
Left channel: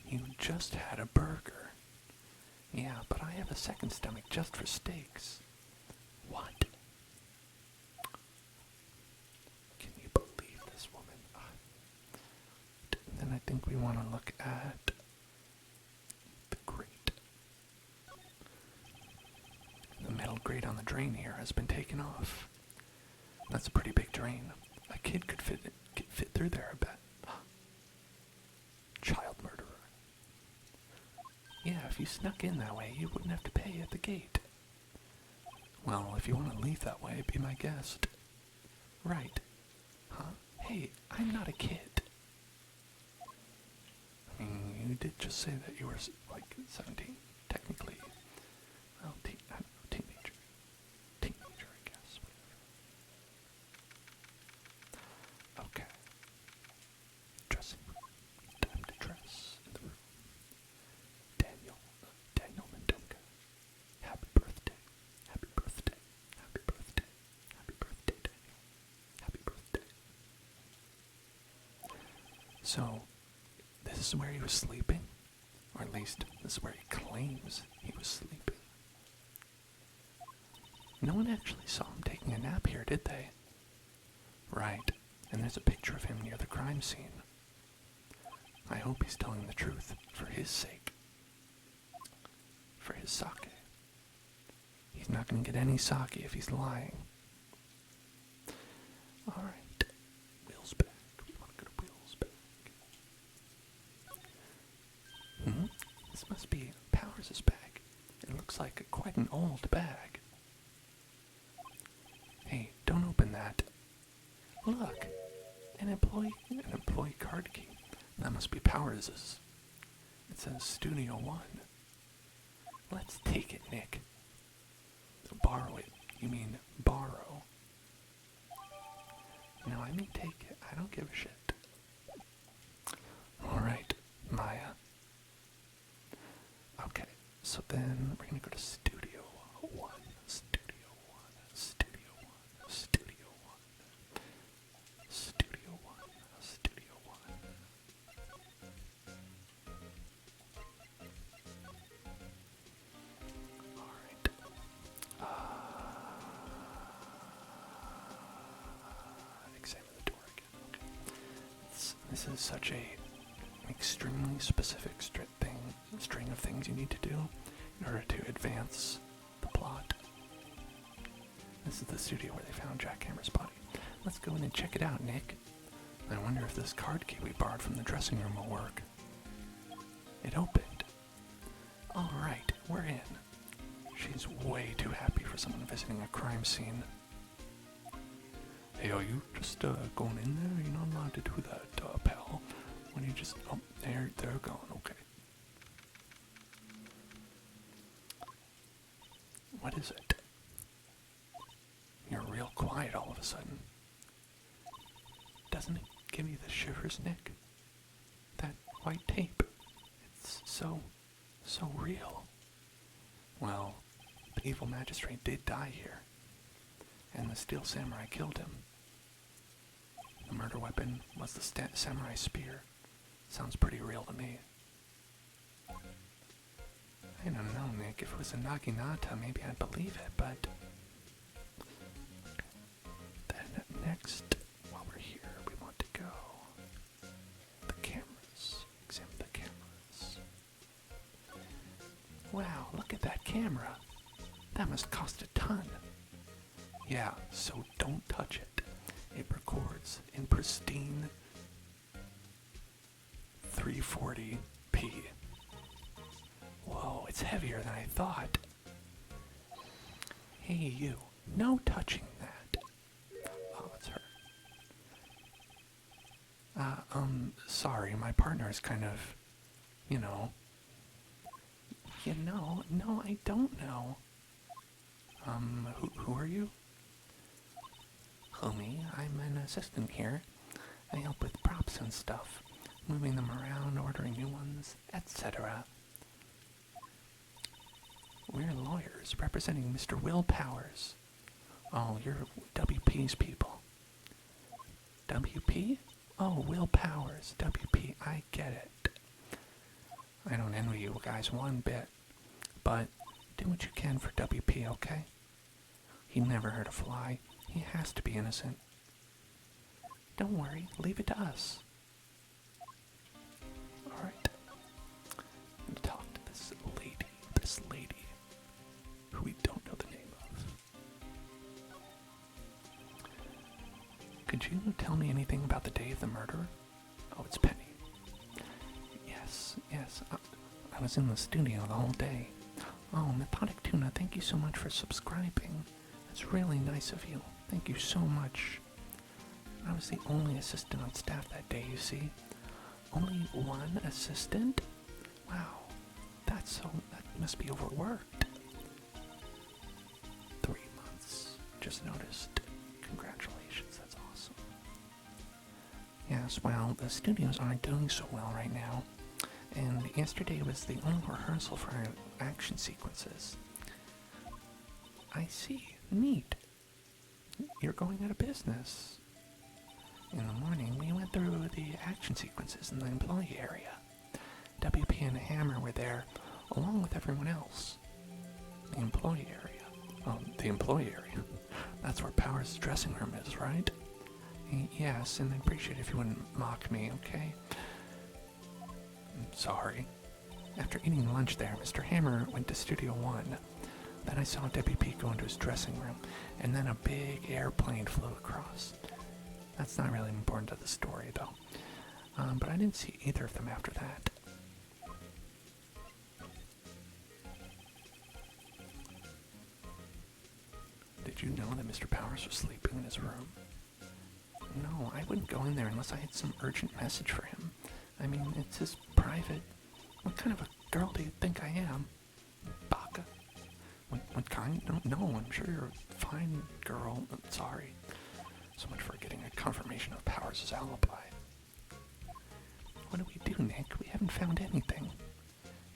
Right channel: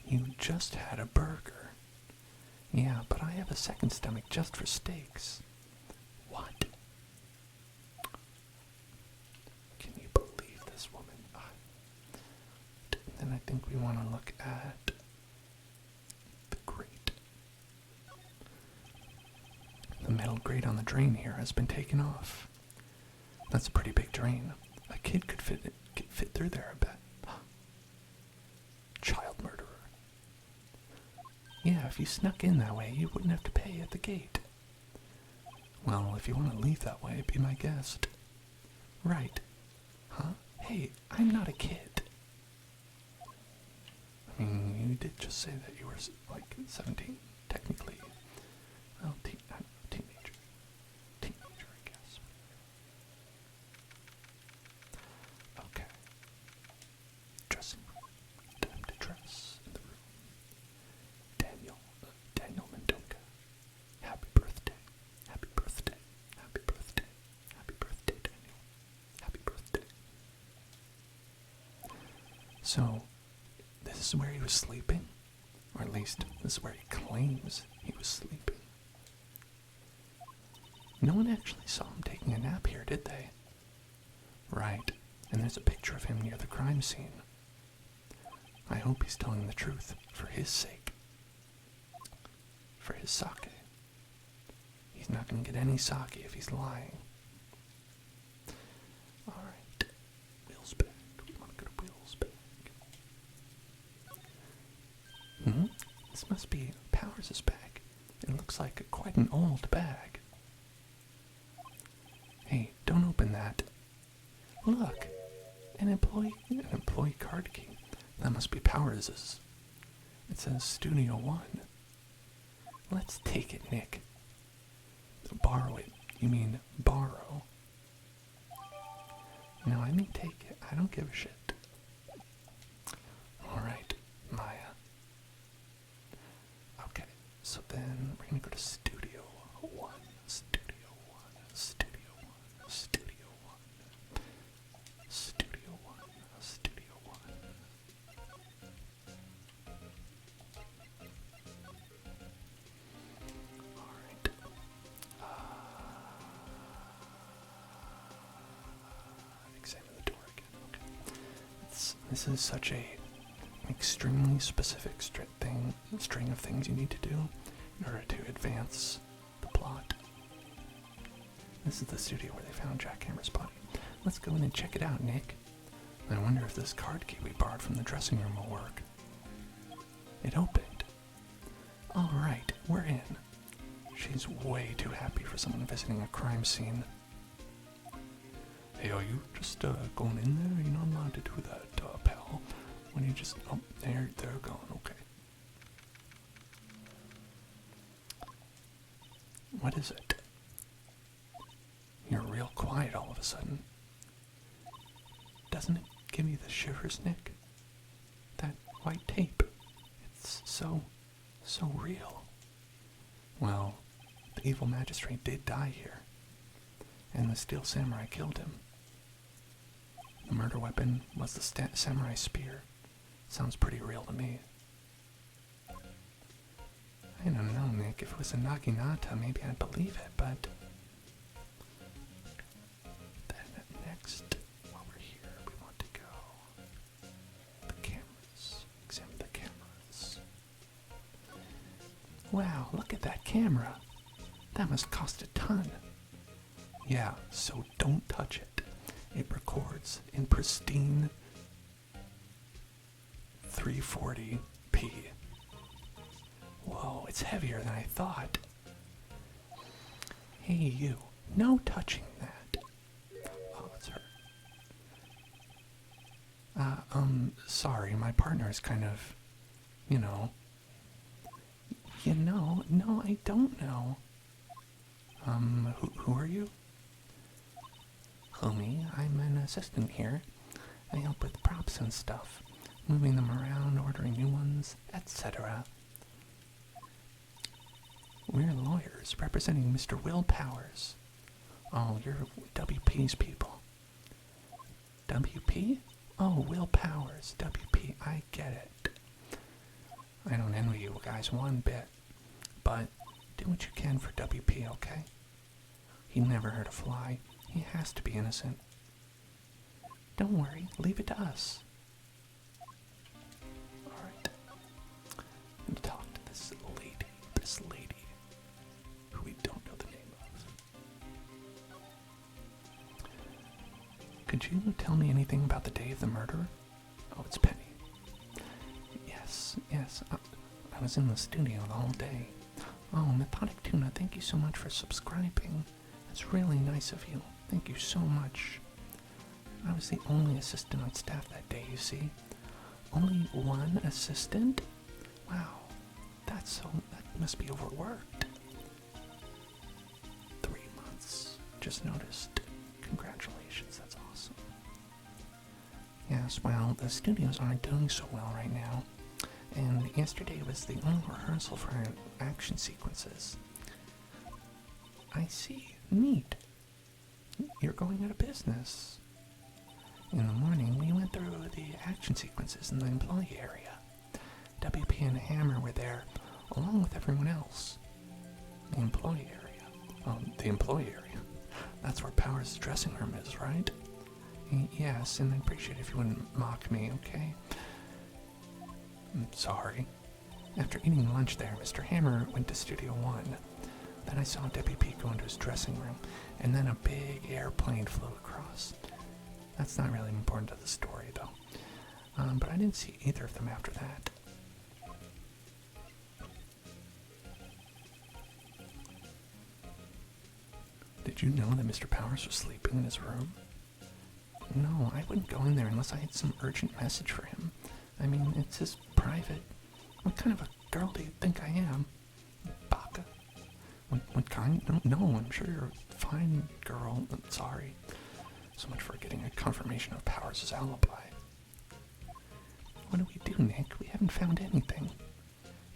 You just had a burger. Yeah, but I have a second stomach just for steaks. What? Can you believe this woman? Then I think we want to look at the grate. The metal grate on the drain here has been taken off. That's a pretty big drain. A kid could fit through there, I bet. Child murderer. Yeah, if you snuck in that way, you wouldn't have to pay at the gate. Well, if you want to leave that way, be my guest. Right. Huh? Hey, I'm not a kid. I mean, you did just say that you were, like, 17, technically. Well, teenager. Teenager, I guess. Okay. Dressing room. Time to dress in the room. Daniel Mendoka. Happy birthday. Happy birthday. Happy birthday. Happy birthday, Daniel. Happy birthday. So, this is where he was sleeping? Or at least, this is where he claims he was sleeping. No one actually saw him taking a nap here, did they? Right, and there's a picture of him near the crime scene. I hope he's telling the truth, for his sake. For his sake. He's not going to get any sake if he's lying. Alright, Will's back. We want to go to Will's back. This must be Powers' bag. It looks like quite an old bag. Hey, don't open that. Look, an employee card key. That must be Powers'. It says Studio 1. Let's take it, Nick. Borrow it. You mean borrow. No, I mean take it. I don't give a shit. Alright, Maya. Okay, so then we're gonna go to Studio 1. Studio 1. Studio 1. Studio 1. Studio 1. Studio 1. Alright. Examine the door again. Okay. This is such a extremely specific string of things you need to do in order to advance the plot. This is the studio where they found Jack Hammer's body. Let's go in and check it out, Nick. I wonder if this card key we borrowed from the dressing room will work. It opened. Alright, we're in. She's way too happy for someone visiting a crime scene. Hey, are you just going in there? You're not allowed to do that, pal. When you just... Oh, they're gone, okay. What is it? You're real quiet all of a sudden. Doesn't it give you the shivers, Nick? That white tape. It's so real. Well, the evil magistrate did die here, and the steel samurai killed him. The murder weapon was the samurai spear. Sounds pretty real to me. I don't know, Nick. If it was a naginata, maybe I'd believe it, but... Then next, while we're here, we want to go... The cameras. Examine the cameras. Wow, look at that camera. That must cost a ton. Yeah, so don't touch it. It records in pristine 340p. Whoa, it's heavier than I thought. Hey, you. No touching that. Oh, it's her. Sorry, my partner is kind of, no, I don't know. Who are you? Homie, I'm an assistant here. I help with props and stuff, moving them around, ordering new ones, etc. We're lawyers representing Mr. Willpower's. Oh, you're WP's people. WP? Oh, Willpower's. WP, I get it. I don't envy you guys one bit, but do what you can for WP, okay? He never hurt a fly. He has to be innocent. Don't worry, leave it to us. Alright. I'm gonna talk to this lady, who we don't know the name of. Could you tell me anything about the day of the murder? Oh, it's Penny. Yes, I was in the studio the whole day. Oh, Methodic Tuna, thank you so much for subscribing. That's really nice of you. Thank you so much. I was the only assistant on staff that day, you see. Only one assistant? Wow, that must be overworked. 3 months. Just noticed. Congratulations, that's awesome. Yes, well, the studios aren't doing so well right now. And yesterday was the only rehearsal for our action sequences. I see. Neat. You're going out of business. In the morning, we went through the action sequences in the employee area. WP and Hammer were there, along with everyone else. The employee area. The employee area. That's where Power's dressing room is, right? Yes, and I'd appreciate it if you wouldn't mock me, okay? I'm sorry. After eating lunch there, Mr. Hammer went to Studio 1. Then I saw WP go into his dressing room, and then a big airplane flew across. That's not really important to the story, though. But I didn't see either of them after that. Did you know that Mr. Powers was sleeping in his room? No, I wouldn't go in there unless I had some urgent message for him. I mean, it's his private. What kind of a girl do you think I am? Baka? What kind? No, I'm sure you're a fine girl. Sorry. So much for getting a confirmation of Powers' alibi. What do we do, Nick? We haven't found anything.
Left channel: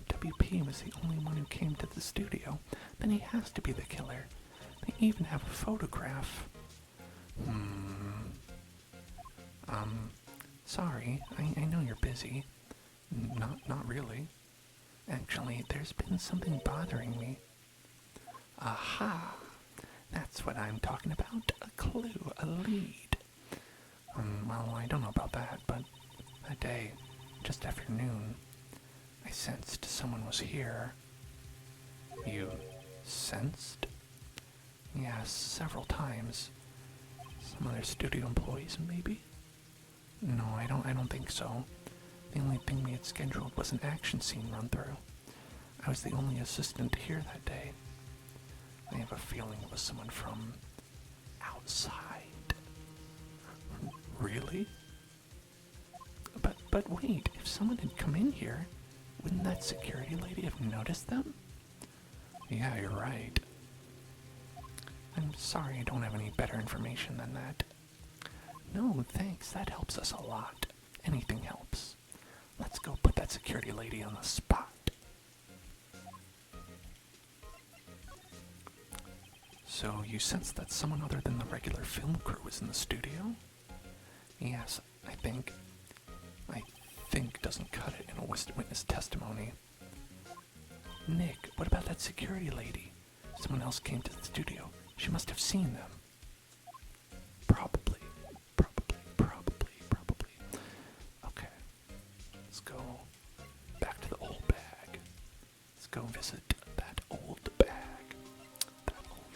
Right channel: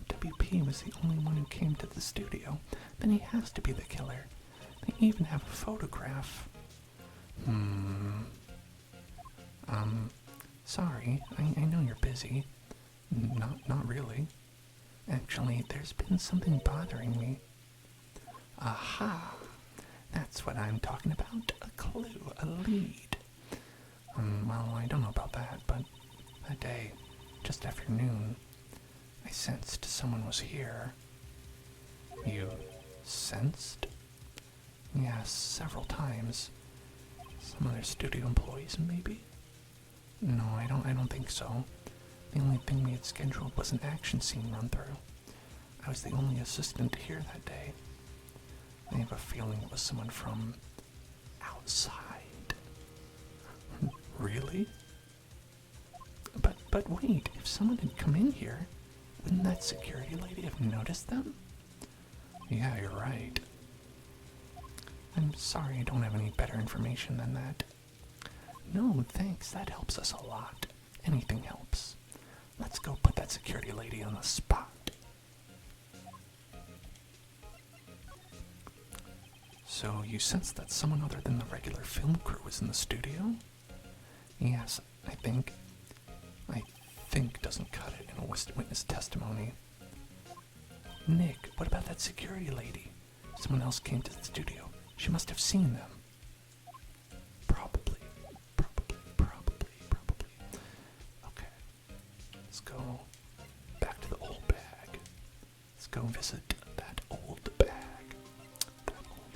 If WP was the only one who came to the studio, then he has to be the killer. They even have a photograph. Sorry, I know you're busy. Not really. Actually, there's been something bothering me. Aha! That's what I'm talking about. A clue, a lead. Well, I don't know about that, but that day, just after noon, I sensed someone was here. You sensed? Yes, several times. Some other studio employees, maybe? No, I don't think so. The only thing we had scheduled was an action scene run-through. I was the only assistant here that day. I have a feeling it was someone from outside. Really? But wait, if someone had come in here, wouldn't that security lady have noticed them? Yeah, you're right. I'm sorry I don't have any better information than that. No, thanks, that helps us a lot. Anything helps. Let's go put that security lady on the spot. So, you sense that someone other than the regular film crew was in the studio? Yes, I think doesn't cut it in a witness testimony. Nick, what about that security lady? Someone else came to the studio. She must have seen them. Probably. Okay. Let's go back to the old bag. Let's go visit that old bag.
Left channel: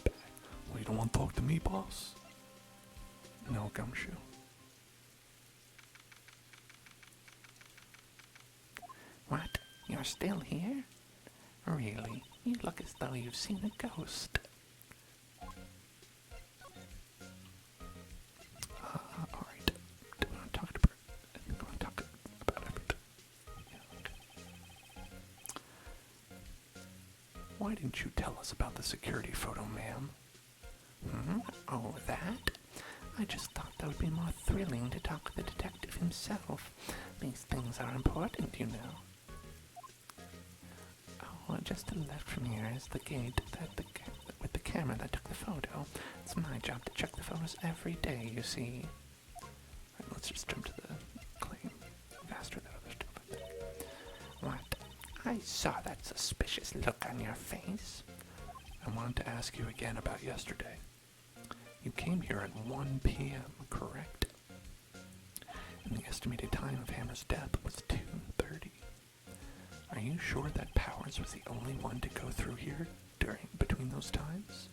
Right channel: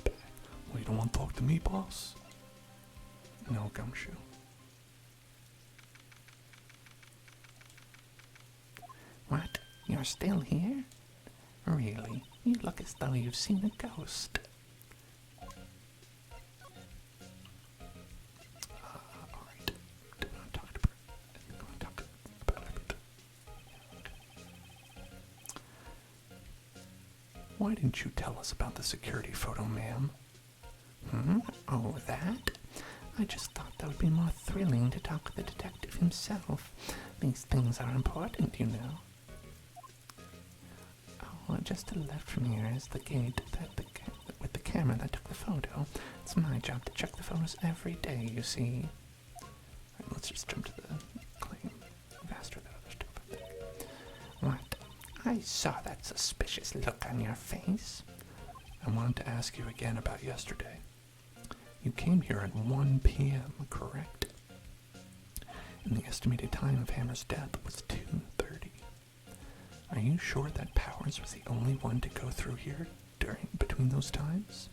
Well, you don't want to talk to me, boss? No, Gumshoe. What? You're still here? Really? You look as though you've seen a ghost. Alright. Do you want to talk about it? Yeah, okay. Why didn't you tell us about the security photo, ma'am? Oh, that? I just thought that would be more thrilling to talk with the detective himself. These things are important, you know. Oh, just to the left from here is the gate with the camera that took the photo. It's my job to check the photos every day, you see. Right, let's just jump to the claim faster than other stuff, I think. What? I saw that suspicious look on your face. I wanted to ask you again about yesterday. You came here at 1 p.m., correct? And the estimated time of Hammer's death was 2:30. Are you sure that Powers was the only one to go through here between those times?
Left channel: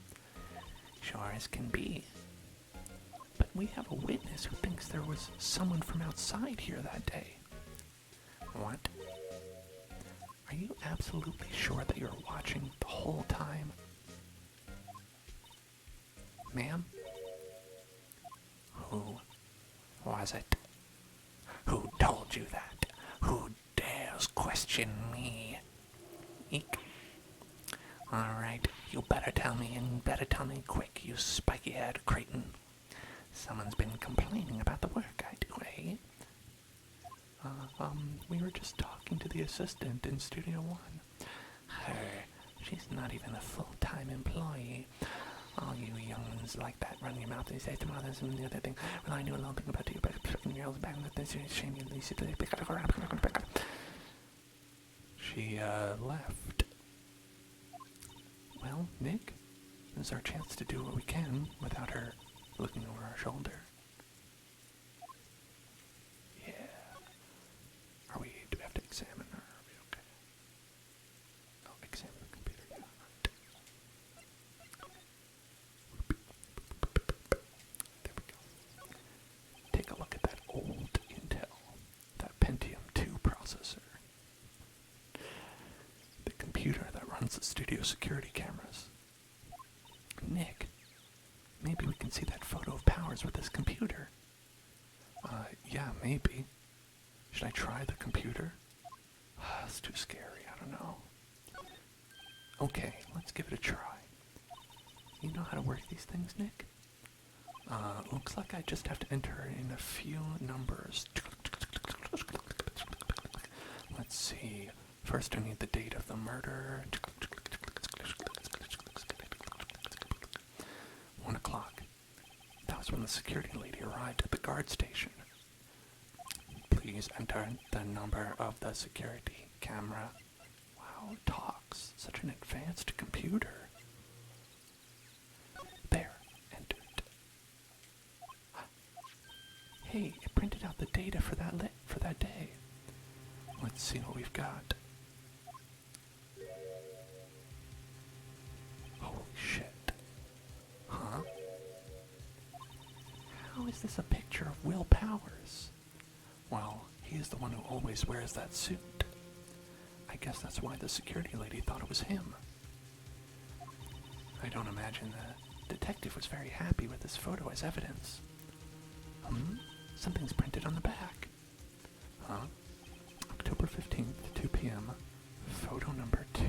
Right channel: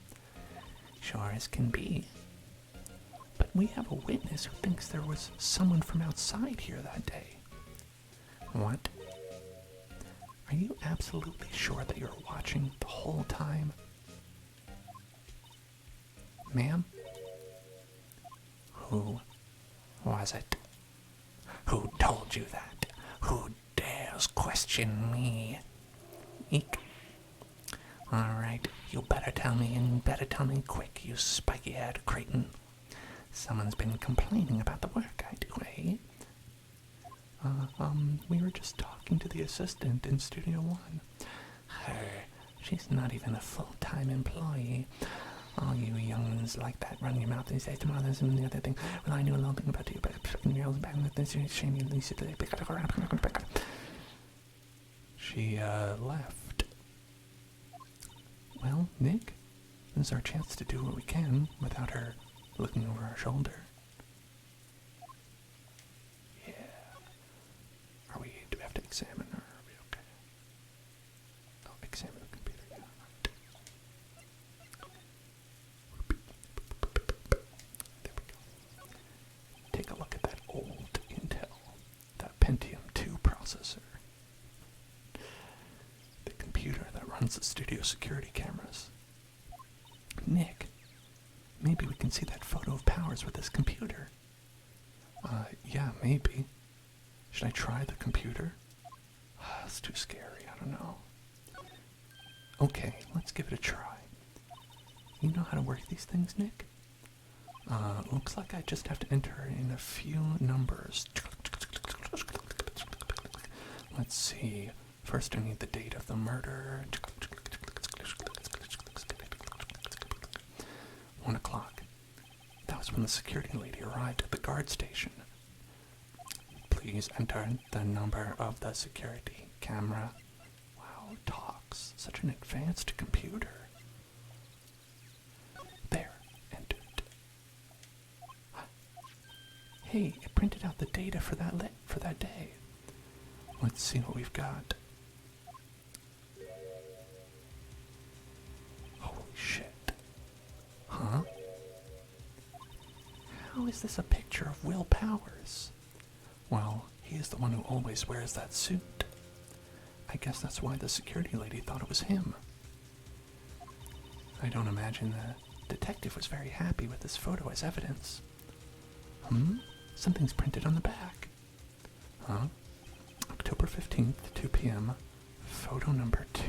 Sure as can be. But we have a witness who thinks there was someone from outside here that day. What? Are you absolutely sure that you're watching the whole time? Ma'am? Who was it? Who told you that? Who dares question me? Eek. Alright, you better tell me, and better tell me quick, you spiky-haired cretin. Someone's been complaining about the work I do, eh? We were just talking to the assistant in Studio 1. Her. She's not even a full-time employee. All you young'uns like that run your mouth and say to mothers and the other thing. Well, I knew a little thing about you, but girls back in the shame you least She, left. Well, Nick, this is our chance to do what we can without her looking over our shoulder. Yeah. Do we have to examine her? Are we okay? Oh, examine the computer. Yeah, right. There we go. Take a look at that old Intel, that Pentium 2 processor. The computer that runs the studio security cameras. Nick, maybe we can see that photo of Powers with this computer. Yeah, maybe. Should I try the computer? It's too scary, I don't know. Okay, let's give it a try. You know how to work these things, Nick? Looks like I just have to enter in a few numbers. Let's see. First I need the date of the murder. 1 o'clock. That was when the security lady arrived at the guard station. Please enter the number of the security camera. Wow, it talks. Such an advanced computer. There, entered. Hey, it printed out the data for that day. Let's see what we've got. Holy shit. Huh? How is this a picture of Will Powers? Well, he is the one who always wears that suit. I guess that's why the security lady thought it was him. I don't imagine the detective was very happy with this photo as evidence. Something's printed on the back. Huh? October 15th, 2 p.m. Photo number 2.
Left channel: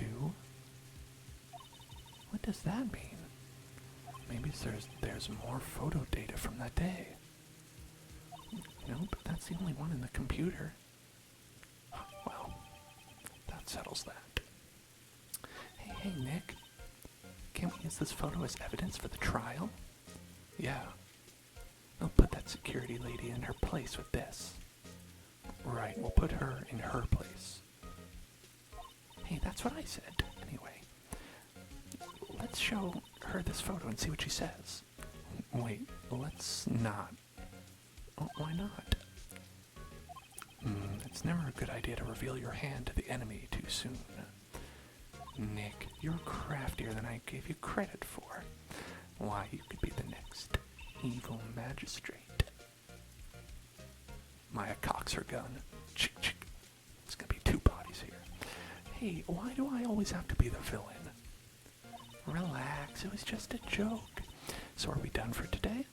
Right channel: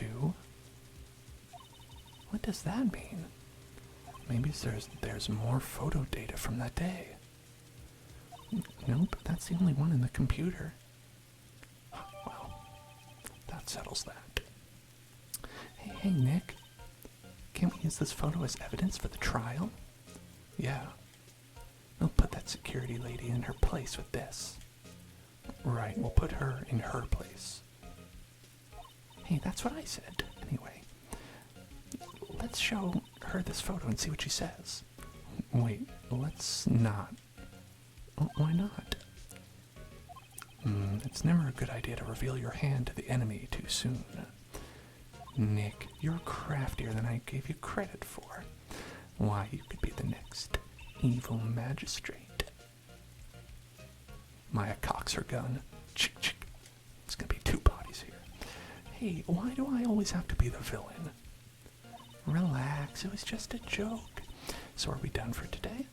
What does that mean? Maybe there's more photo data from that day. Nope, that's the only one in the computer. Well, that settles that. Hey, Nick. Can't we use this photo as evidence for the trial? Yeah. We'll put that security lady in her place with this. Right, we'll put her in her place. Hey, that's what I said. Anyway, let's show her this photo and see what she says. Wait, let's not. Why not? It's never a good idea to reveal your hand to the enemy too soon. Nick, you're craftier than I gave you credit for. Why, you could be the next evil magistrate. Maya cocks her gun. Chick, chick. It's gonna be 2 bodies here. Hey, why do I always have to be the villain? Relax, it was just a joke. So are we done for today?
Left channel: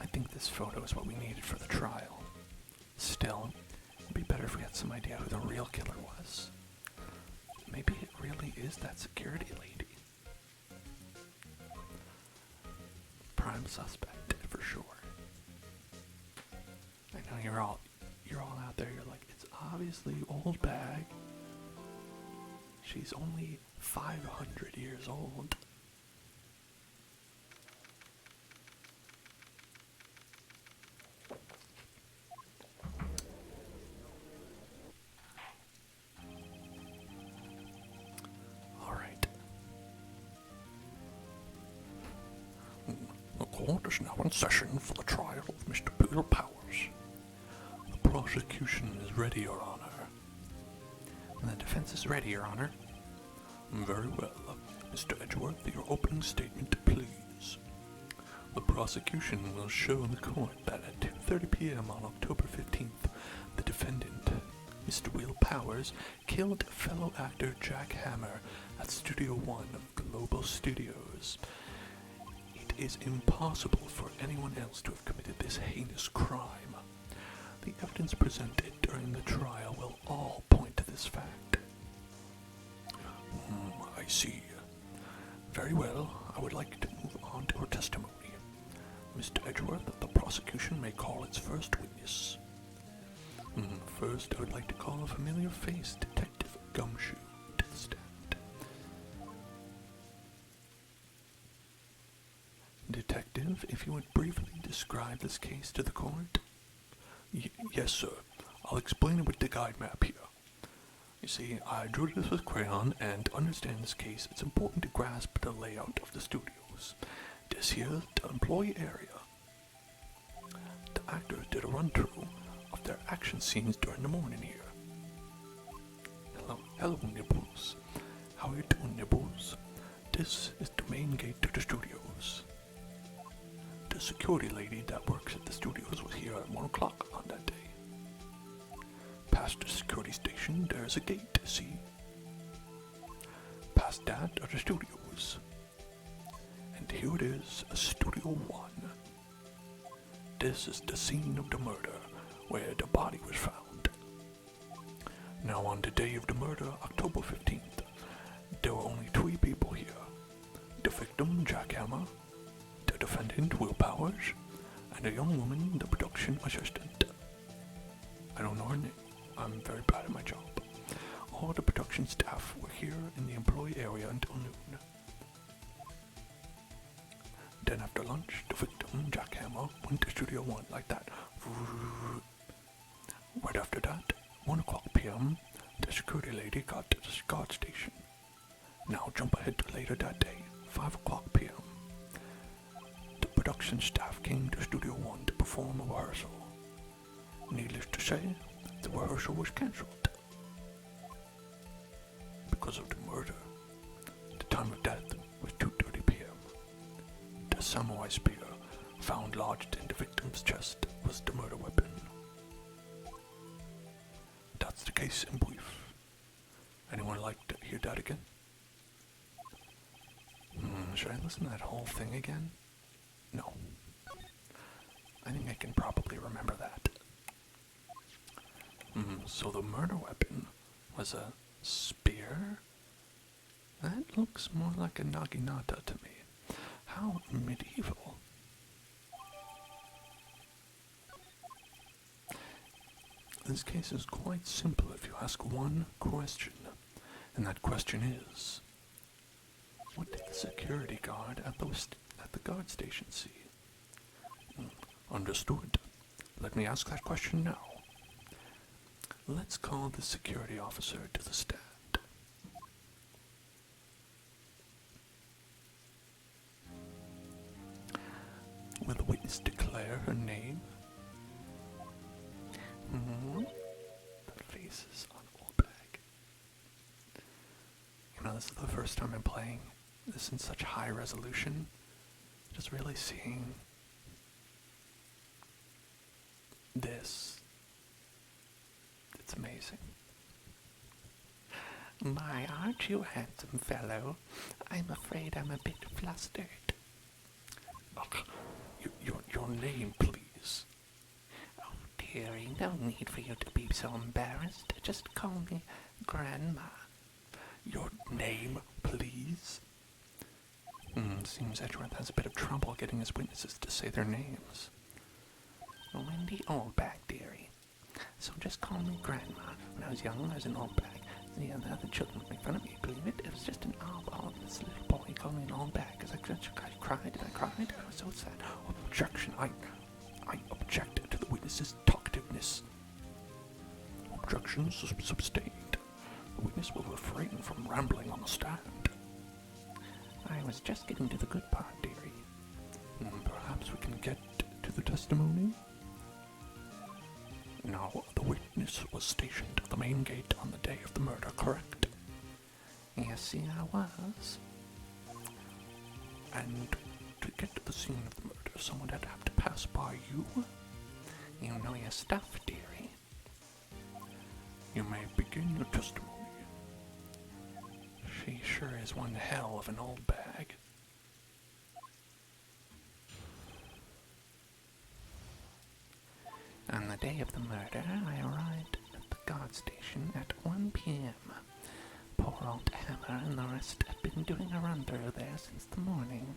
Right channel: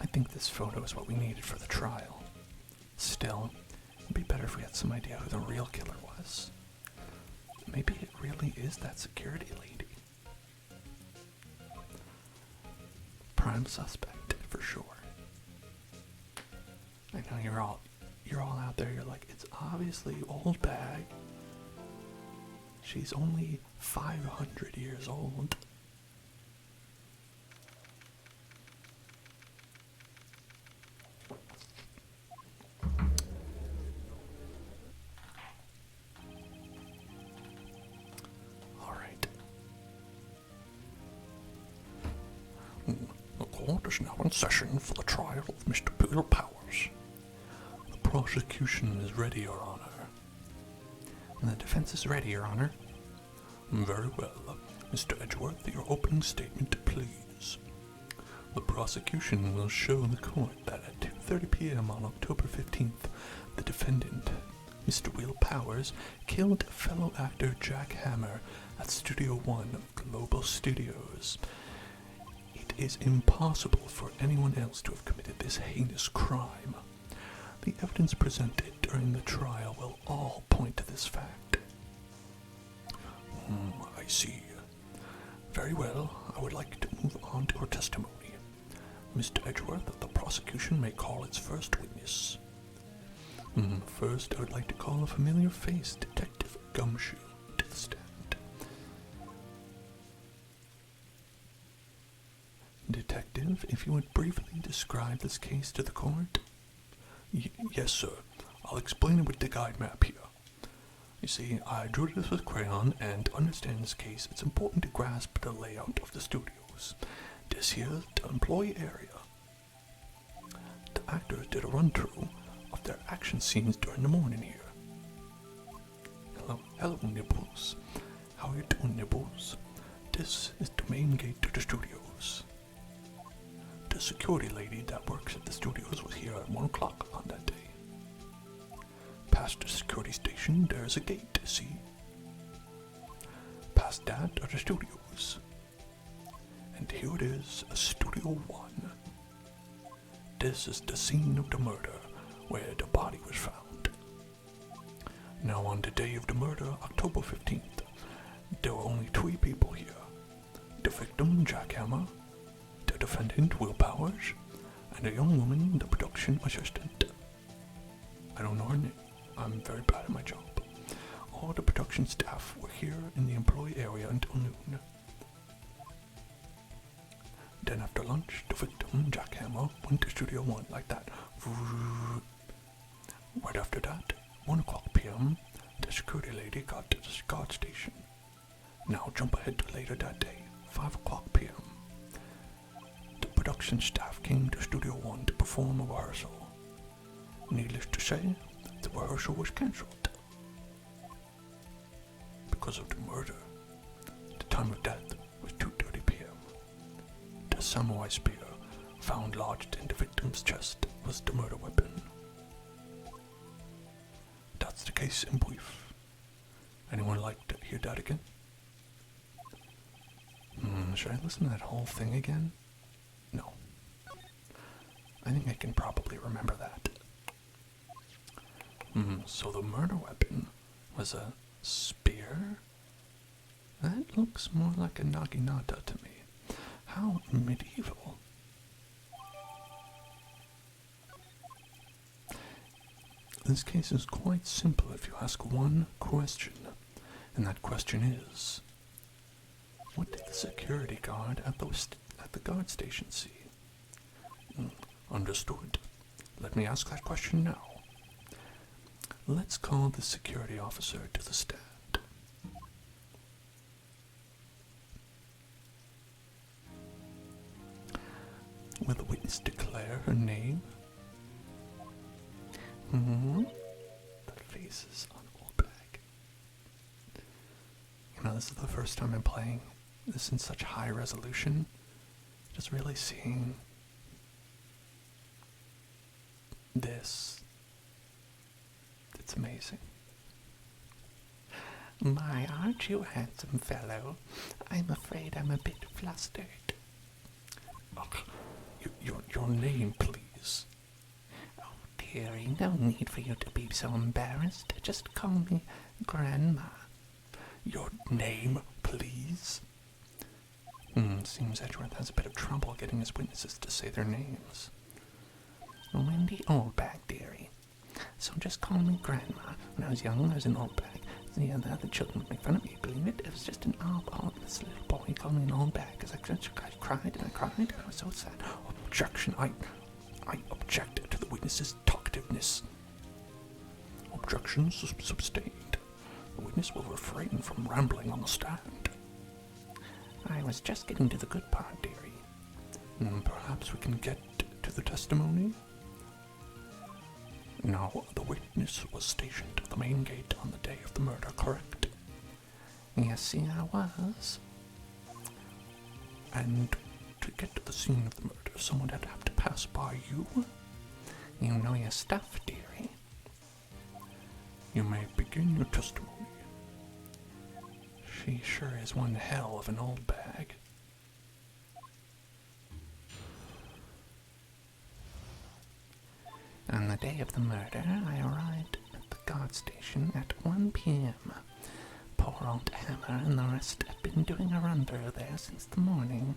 I think this photo is what we needed for the trial. Still, it'd be better if we had some idea who the real killer was. Maybe it really is that security lady. Prime suspect, for sure. I know you're all out there, you're like, it's obviously old bag. She's only 500 years old. The court is now in session for the trial of Mr. Willpower. The prosecution is ready, Your Honor. And the defense is ready, Your Honor. Very well. Mr. Edgeworth, your opening statement, please. The prosecution will show the court that at 2:30 p.m. on October 15th, the defendant, Mr. Willpowers, killed fellow actor Jack Hammer at Studio One of Global Studios. It is impossible for anyone else to have committed this heinous crime. The evidence presented during the trial will all point to this fact. I see. Very well, I would like to move on to our testimony. Mr. Edgeworth of the prosecution may call its first witness. First, I would like to call a familiar face, Detective Gumshoe, to the stand. Detective, if you would briefly describe this case to the court? Yes, sir. I'll explain it with the guide map here. You see, I drew this with crayon, and to understand this case, it's important to grasp the layout of the studios. This here is the employee area. The actors did a run-through of their action scenes during the morning here. Hello, Nibbles. How are you doing, Nibbles? This is the main gate to the studios. The security lady that works at the studios was here at 1 o'clock on that day. Past the security station, there's a gate, see? Past that are the studios. And here it is, Studio 1. This is the scene of the murder, where the body was found. Now on the day of the murder, October 15th, there were only 3 people here. The victim, Jack Hammer, the defendant, Willpowers, and a young woman, the production assistant. I don't know her name. I'm very bad at my job. All the production staff were here in the employee area until noon. Then after lunch, the victim, Jack Hammer, went to Studio 1 like that. Right after that, 1 o'clock p.m., the security lady got to the guard station. Now jump ahead to later that day, 5 o'clock p.m. The production staff came to Studio 1 to perform a rehearsal. Needless to say, the rehearsal was cancelled. Because of the murder, the time of death was 2:30 p.m. The samurai spear found lodged in the victim's chest was the murder weapon. That's the a case in brief. Anyone like to hear that again? Should I listen to that whole thing again? No. I think I can probably remember that. So the murder weapon was a spear? That looks more like a naginata to me. How medieval. This case is quite simple if you ask one question, and that question is, what did the security guard at the guard station see? Understood. Let me ask that question now. Let's call the security officer to the stand. Will the witness declare her name? The faces on Oldbag. You know, this is the first time I'm playing this in such high resolution. Just really seeing this. It's amazing. My, aren't you a handsome fellow? I'm afraid I'm a bit flustered. Your name, please. Oh, dearie, no need for you to be so embarrassed. Just call me Grandma. Your name, please? Seems Edgeworth has a bit of trouble getting his witnesses to say their names. Wendy Oldbag, dearie. So just call me Grandma. When I was young, I was an Oldbag. The other children would make fun of me, believe it. It was just an eyeball. This little boy called me an Oldbag because I cried and I cried. I was so sad. Objection. I object to the witness's talkativeness. Objection sustained. The witness will refrain from rambling on the stand. I was just getting to the good part, dearie. Perhaps we can get to the testimony? Now, the witness was stationed at the main gate on the day of the murder, correct? Yes, see, I was. And to get to the scene of the murder, someone had to have to pass by you? You know your stuff, dearie. You may begin your testimony. She sure is one hell of an old bag. On the day of the murder, I arrived at the guard station at 1 p.m. Poor old Hammer and the rest had been doing a run through there since the morning.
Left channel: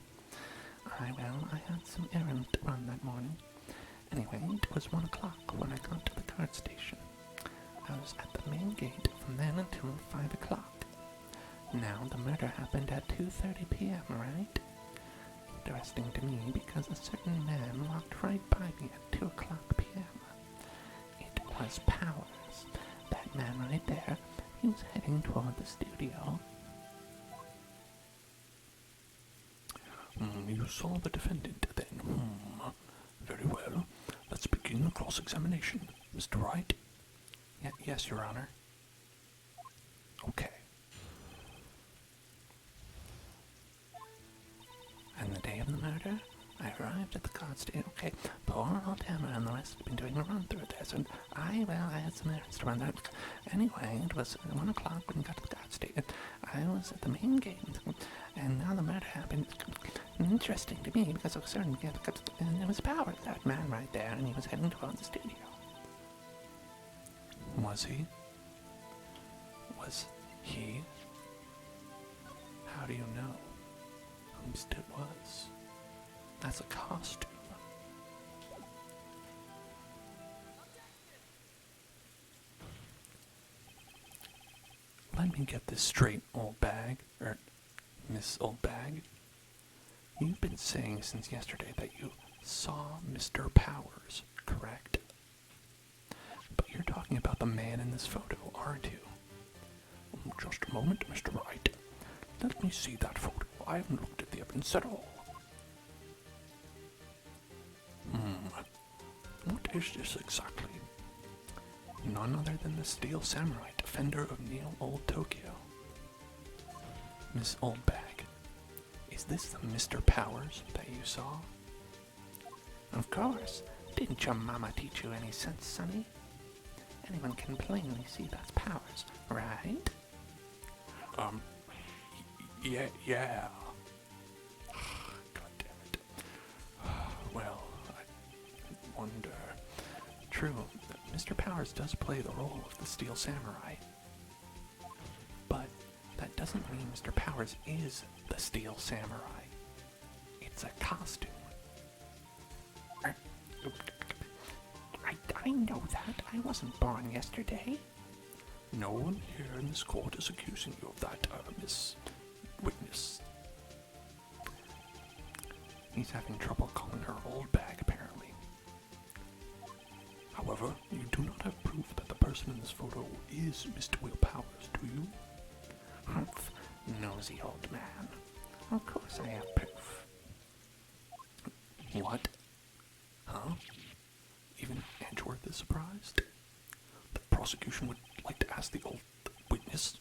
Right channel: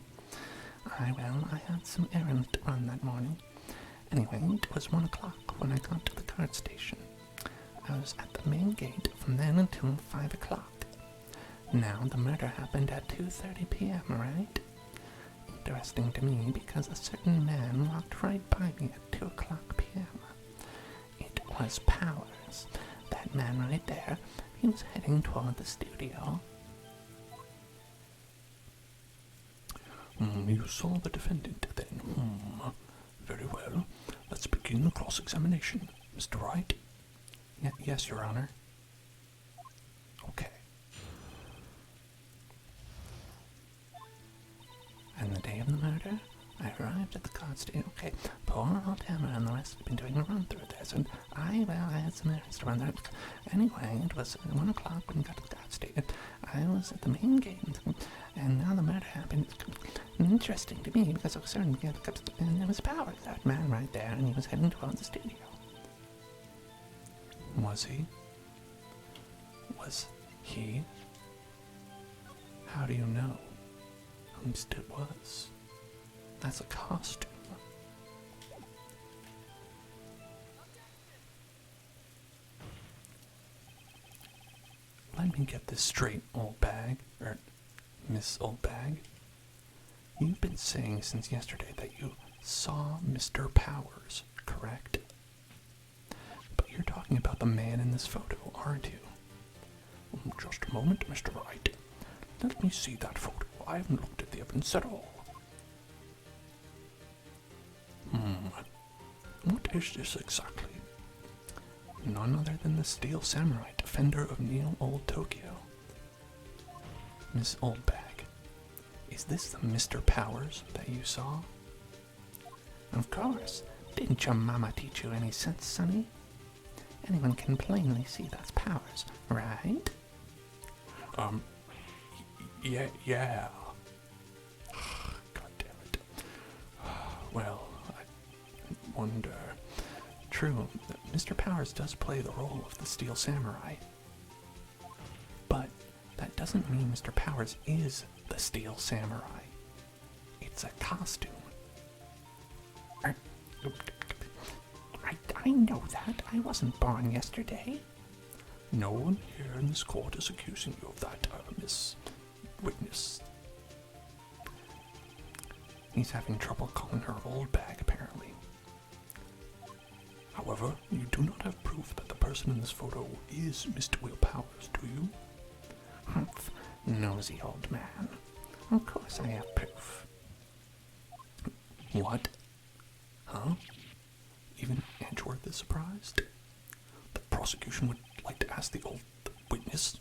I had some errand to run that morning. Anyway, it was 1 o'clock when I got to the guard station. I was at the main gate from then until 5 o'clock. Now, the murder happened at 2:30 p.m., right? Interesting to me because a certain man walked right by me at 2 o'clock p.m. It was Powers. That man right there. He was heading toward the studio. You saw the defendant then? Very well. Let's begin the cross-examination. Mr. Wright? Yes, Your Honor. Okay. On the day of the murder, I arrived at the guard station. Okay, poor old Hammer and the rest had been doing a run through this, and I had some errands to run there. Anyway, it was 1 o'clock when we got to the guard station. I was at the main gate, and now the murder happened. Interesting to me because I was certain it was Powers, that man right there, and he was heading toward the studio. Was he? Was he? How do you know? At least it was. That's a costume. Let me get this straight, old bag, or Miss Old Bag. You've been saying since yesterday that you saw Mr. Powers, correct? But you're talking about the man in this photo, aren't you? Just a moment, Mr. Wright. Let me see that photo. I haven't looked at the evidence at all. What is this exactly? None other than the Steel Samurai, defender of Neo Old Tokyo. Miss Oldbag, is this the Mr. Powers that you saw? Of course. Didn't your mama teach you any sense, sonny? Anyone can plainly see that's Powers, right? Yeah. God damn it. Well, I wonder. True, Mr. Powers does play the role of the Steel Samurai. But that doesn't mean Mr. Powers is the Steel Samurai. It's a costume. I know that. I wasn't born yesterday. No one here in this court is accusing you of that, Miss Witness. He's having trouble calling her old bag, apparently. However, you do not have proof that the person in this photo is Mr. Willpower, do you? Humph, nosy old man. Of course I have proof. What? Huh? Even Edgeworth is surprised? The prosecution would like to ask the old witness,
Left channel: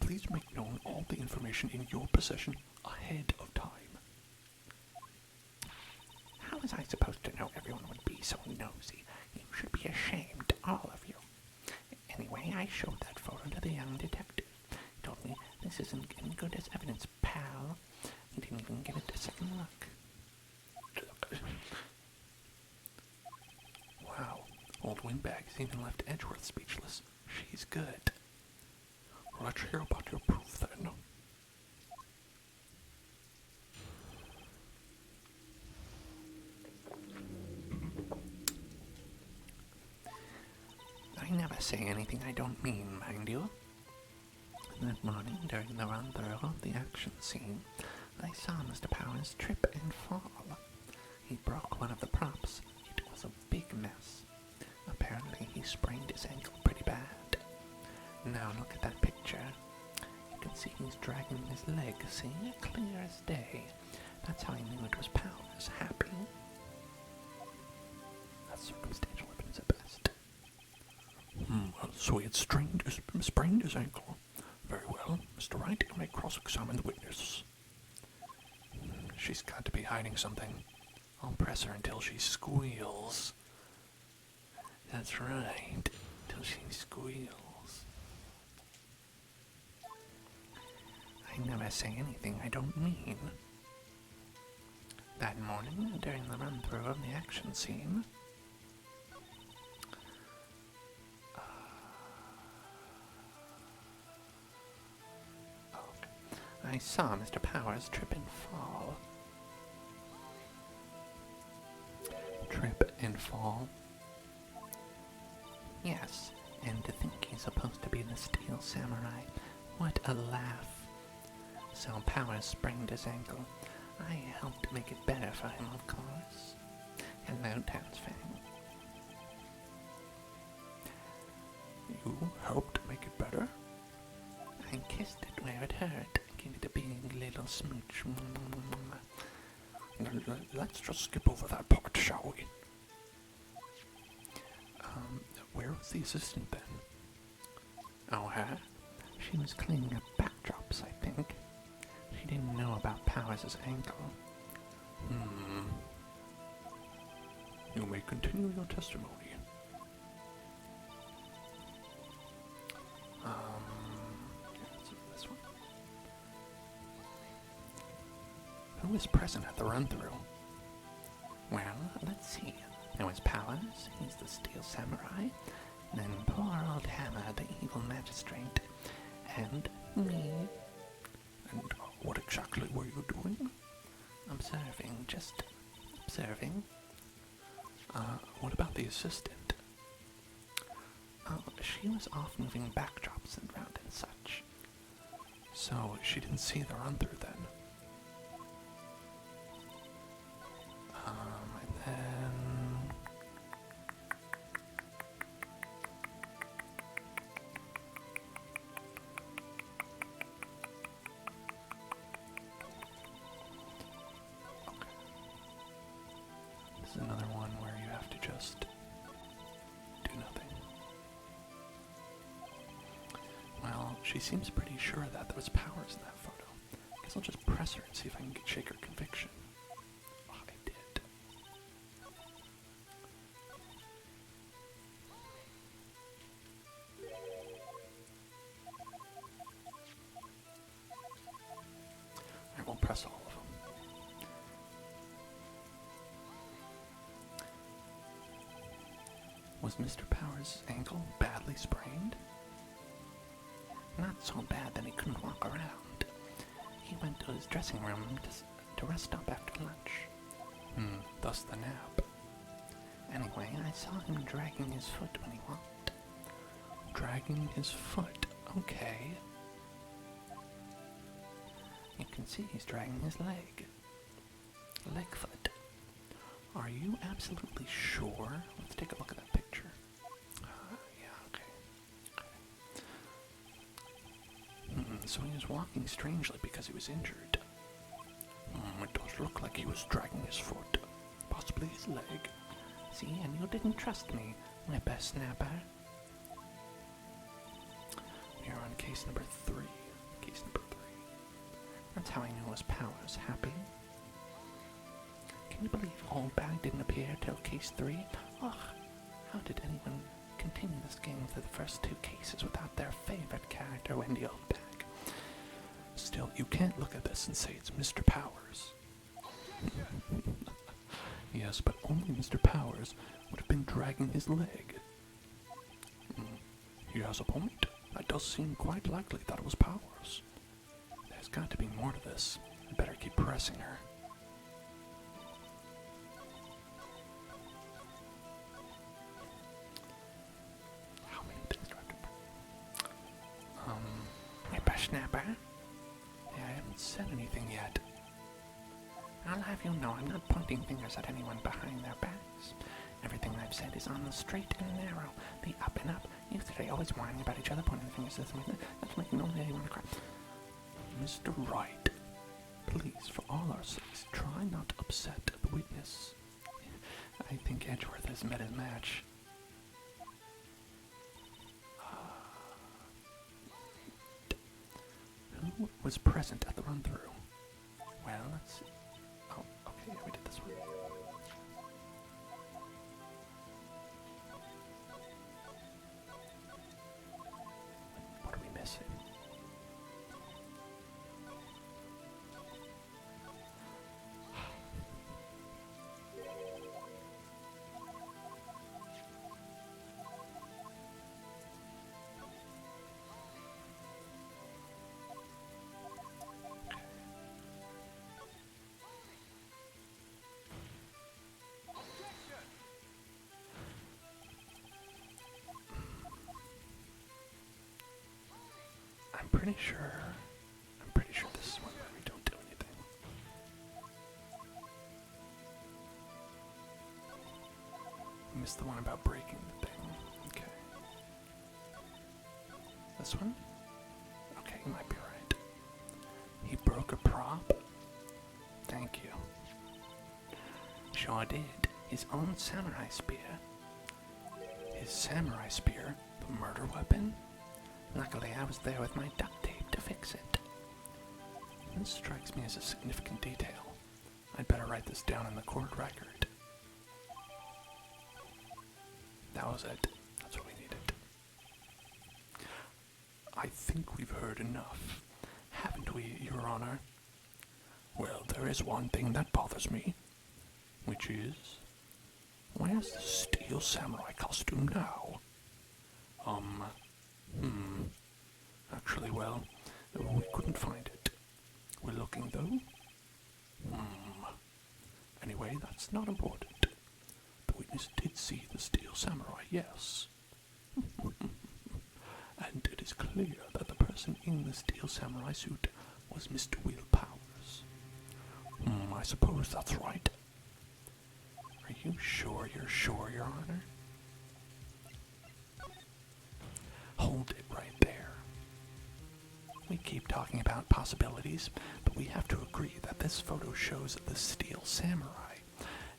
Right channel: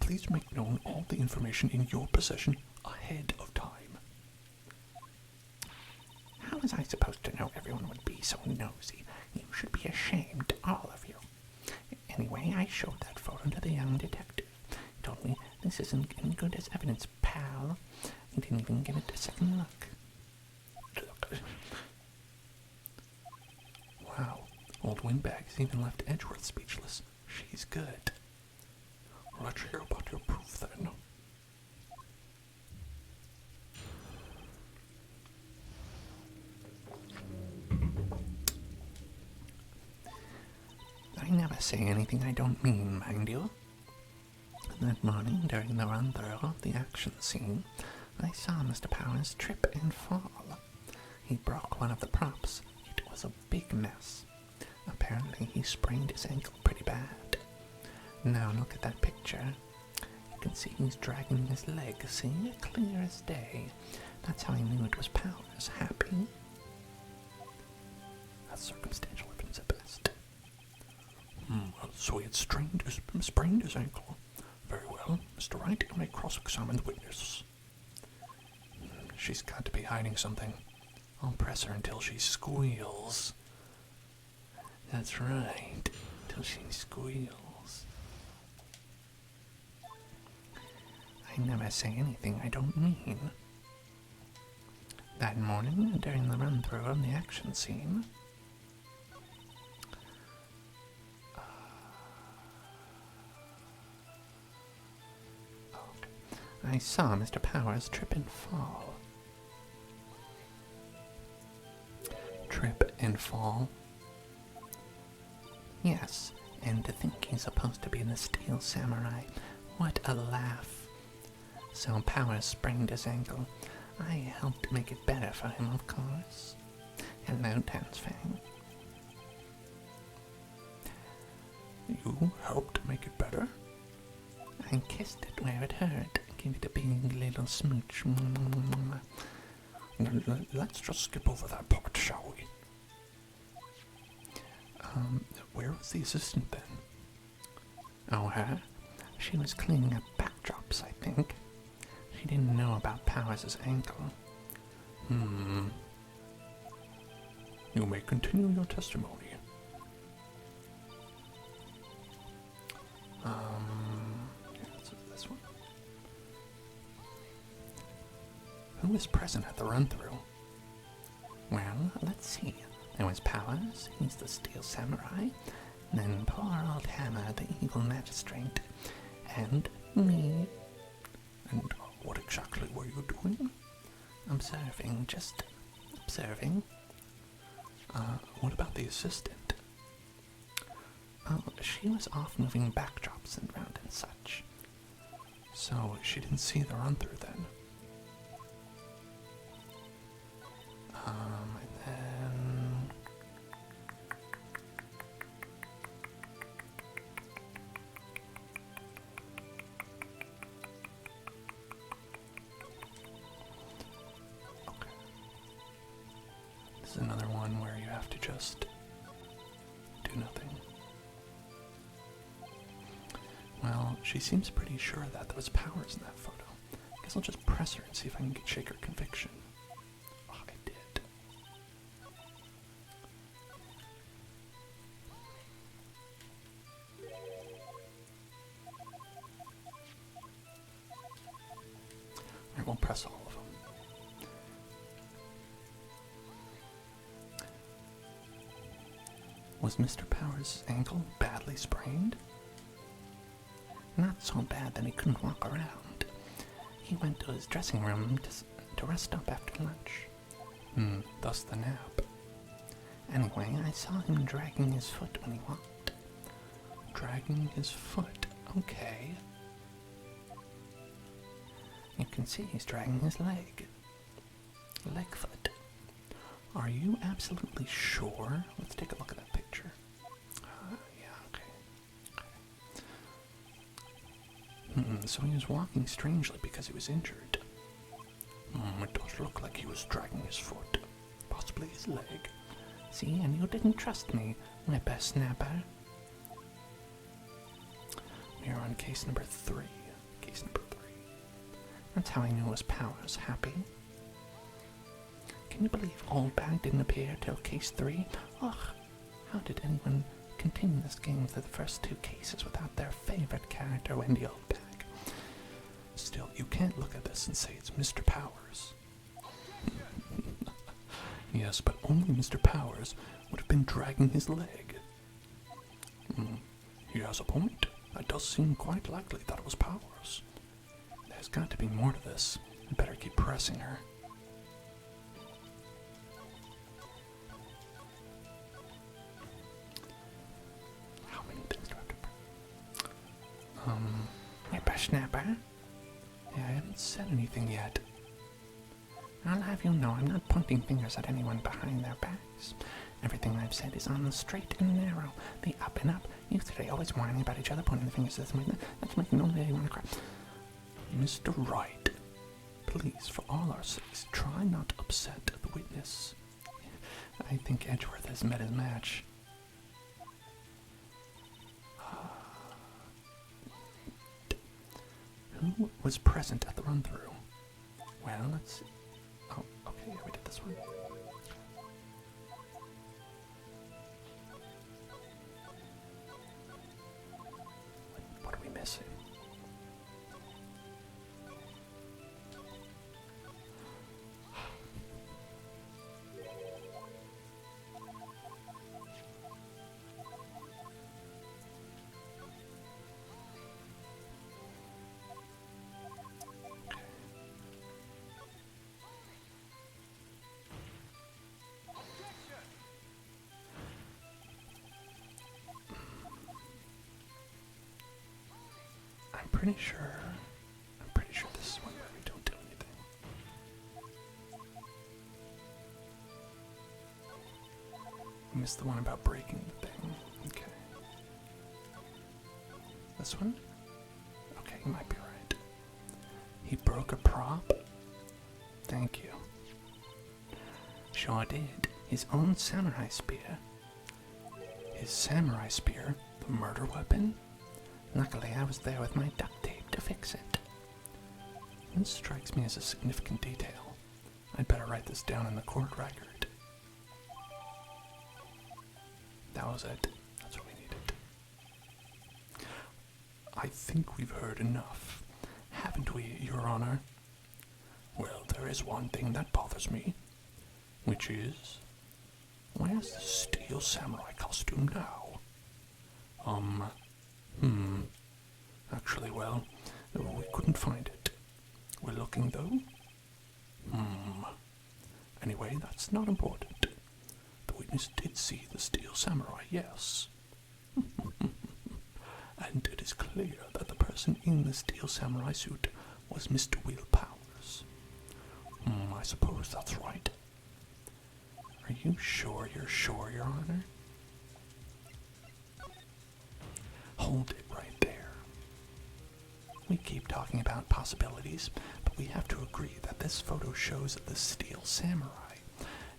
please make known all the information in your possession ahead of time. How was I supposed to know everyone would be so nosy? You should be ashamed, all of you. Anyway, I showed that photo to the young detective. He told me this isn't any good as evidence, pal. He didn't even give it a second look. Wow, old Windbag's even left Edgeworth speechless. She's good. Let's hear about your proof then. I never say anything I don't mean, mind you. That morning, during the run-through of the action scene, I saw Mr. Powers trip and fall. He broke one of the props. It was a big mess. Apparently, he sprained his ankle pretty bad. Now look at that picture. You can see he's dragging his leg, see? Clear as day. That's how I knew it was Powers. Happy? That's circumstantial evidence at best. So he had sprained his ankle. Very well. Mr. Wright, you may cross-examine the witness. She's got to be hiding something. I'll press her until she squeals. That's right, till she squeals. I never say anything I don't mean. That morning, during the run-through of the action scene, I saw Mr. Powers trip and fall. Trip and fall? Yes, and to think he's supposed to be the Steel Samurai. What a laugh. So Powers sprained his ankle. I helped make it better for him, of course. Hello, Tansfang. You helped make it better? I kissed it where it hurt. Give it a big little smooch. Let's just skip over that part, shall we? Where was the assistant then? Oh, her? She was cleaning up backdrops, I think. She didn't know about Powers' ankle. You may continue your testimony. This one? Who was present at the run-through? Well, let's see. There was Powers, he's the Steel Samurai, and then poor old Hammer, the evil magistrate, and me. And what exactly were you doing? Observing, just observing. What about the assistant? Oh, she was off moving backdrops and around and such. So she didn't see the run-through then? And then... Okay. This is another one where you have to just do nothing. Well, she seems pretty sure that there was Powers in that photo. Guess I'll just press her and see if I can shake her conviction. Oh, I did. Was Mr. Power's ankle badly sprained? Not so bad that he couldn't walk around. He went to his dressing room to rest up after lunch. Thus the nap. Anyway, I saw him dragging his foot when he walked. Dragging his foot? Okay. You can see he's dragging his leg. Leg foot. Are you absolutely sure? Let's take a look at that picture. Yeah, okay. So he was walking strangely because he was injured. It does look like he was dragging his foot. Possibly his leg. See, and you didn't trust me, whippersnapper. We are on case number 3. Case number 3. That's how I knew his power was happy. Can you believe Oldbag didn't appear till case 3? Ugh, how did anyone continue this game through the first 2 cases without their favorite character, Wendy Oldbag? Still, you can't look at this and say it's Mr. Powers. Yes, but only Mr. Powers would have been dragging his leg. He has a point. It does seem quite likely that it was Powers. There's got to be more to this. I better keep pressing her. How many things do I have to... Whippersnapper? Yeah, I haven't said anything yet. I'll have you know I'm not pointing fingers at anyone behind their backs. Everything I've said is on the straight and narrow, the up and up. You three always whining about each other, pointing fingers at me. That's making no lady want to cry. Mr. Wright, please, for all our sakes, try not to upset the witness. I think Edgeworth has met his match. Who was present at the run-through? Well, let's see. Oh, okay, yeah, we did this one. What are we missing? I'm pretty sure this is one where we don't do anything. We missed the one about breaking the thing. Okay. This one? Okay, you might be right. He broke a prop? Thank you. Sure did. His own samurai spear. His samurai spear? The murder weapon? Luckily, I was there with my duct tape to fix it. This strikes me as a significant detail. I'd better write this down in the court record. That was it. That's what we needed. I think we've heard enough, haven't we, Your Honor? Well, there is one thing that bothers me, which is, where's the steel samurai costume now? Actually, well, we couldn't find it. We're looking, though. Anyway, that's not important. The witness did see the steel samurai, yes. And it is clear that the person in the steel samurai suit was Mr. Willpowers. I suppose that's right. Are you sure you're sure, Your Honor? Hold it right there. We keep talking about possibilities, but we have to agree that this photo shows the steel samurai.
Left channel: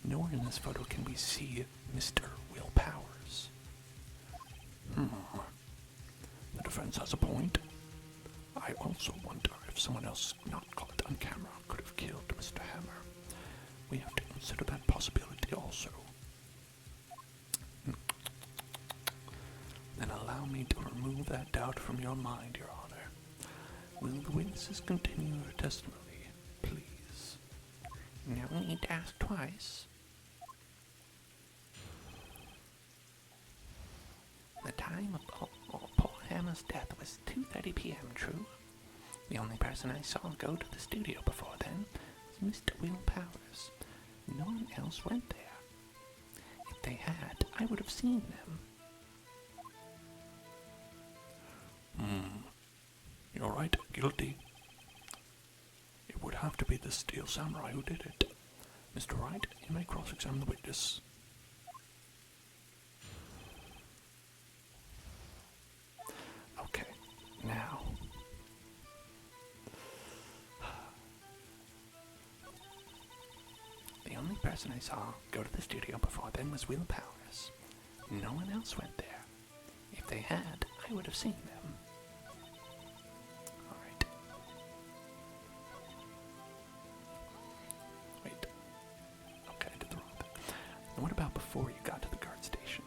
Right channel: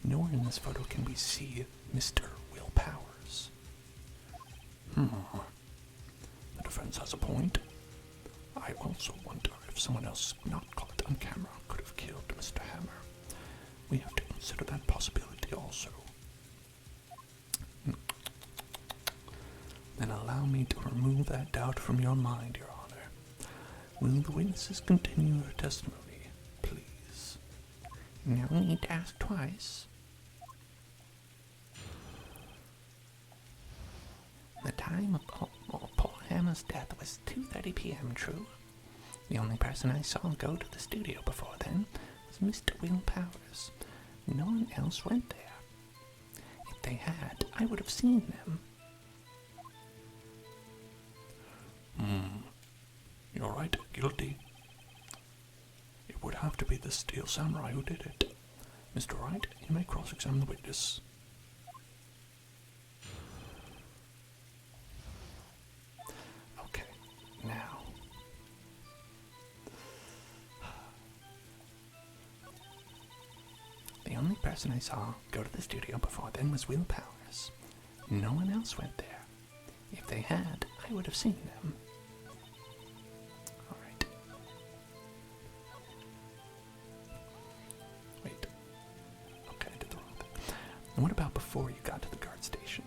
Nowhere in this photo can we see Mr. Willpowers. The defense has a point. I also wonder if someone else not caught on camera could have killed Mr. Hammer. We have to consider that possibility also. Then allow me to remove that doubt from your mind, Your Honor. Will the witnesses continue their testimony, please? No need to ask twice. The time of poor Hammer's death was 2:30 p.m., true. The only person I saw go to the studio before then was Mr. Willpower. No one else went there. If they had, I would have seen them. You're right, guilty. It would have to be the steel samurai who did it. Mr. Wright, you may cross-examine the witness. Okay, now. The only person I saw go to the studio before then was Willpower's. No one else went there. If they had, I would have seen them. Alright. Wait. Okay, I did the wrong thing. And what about before you got to the guard station?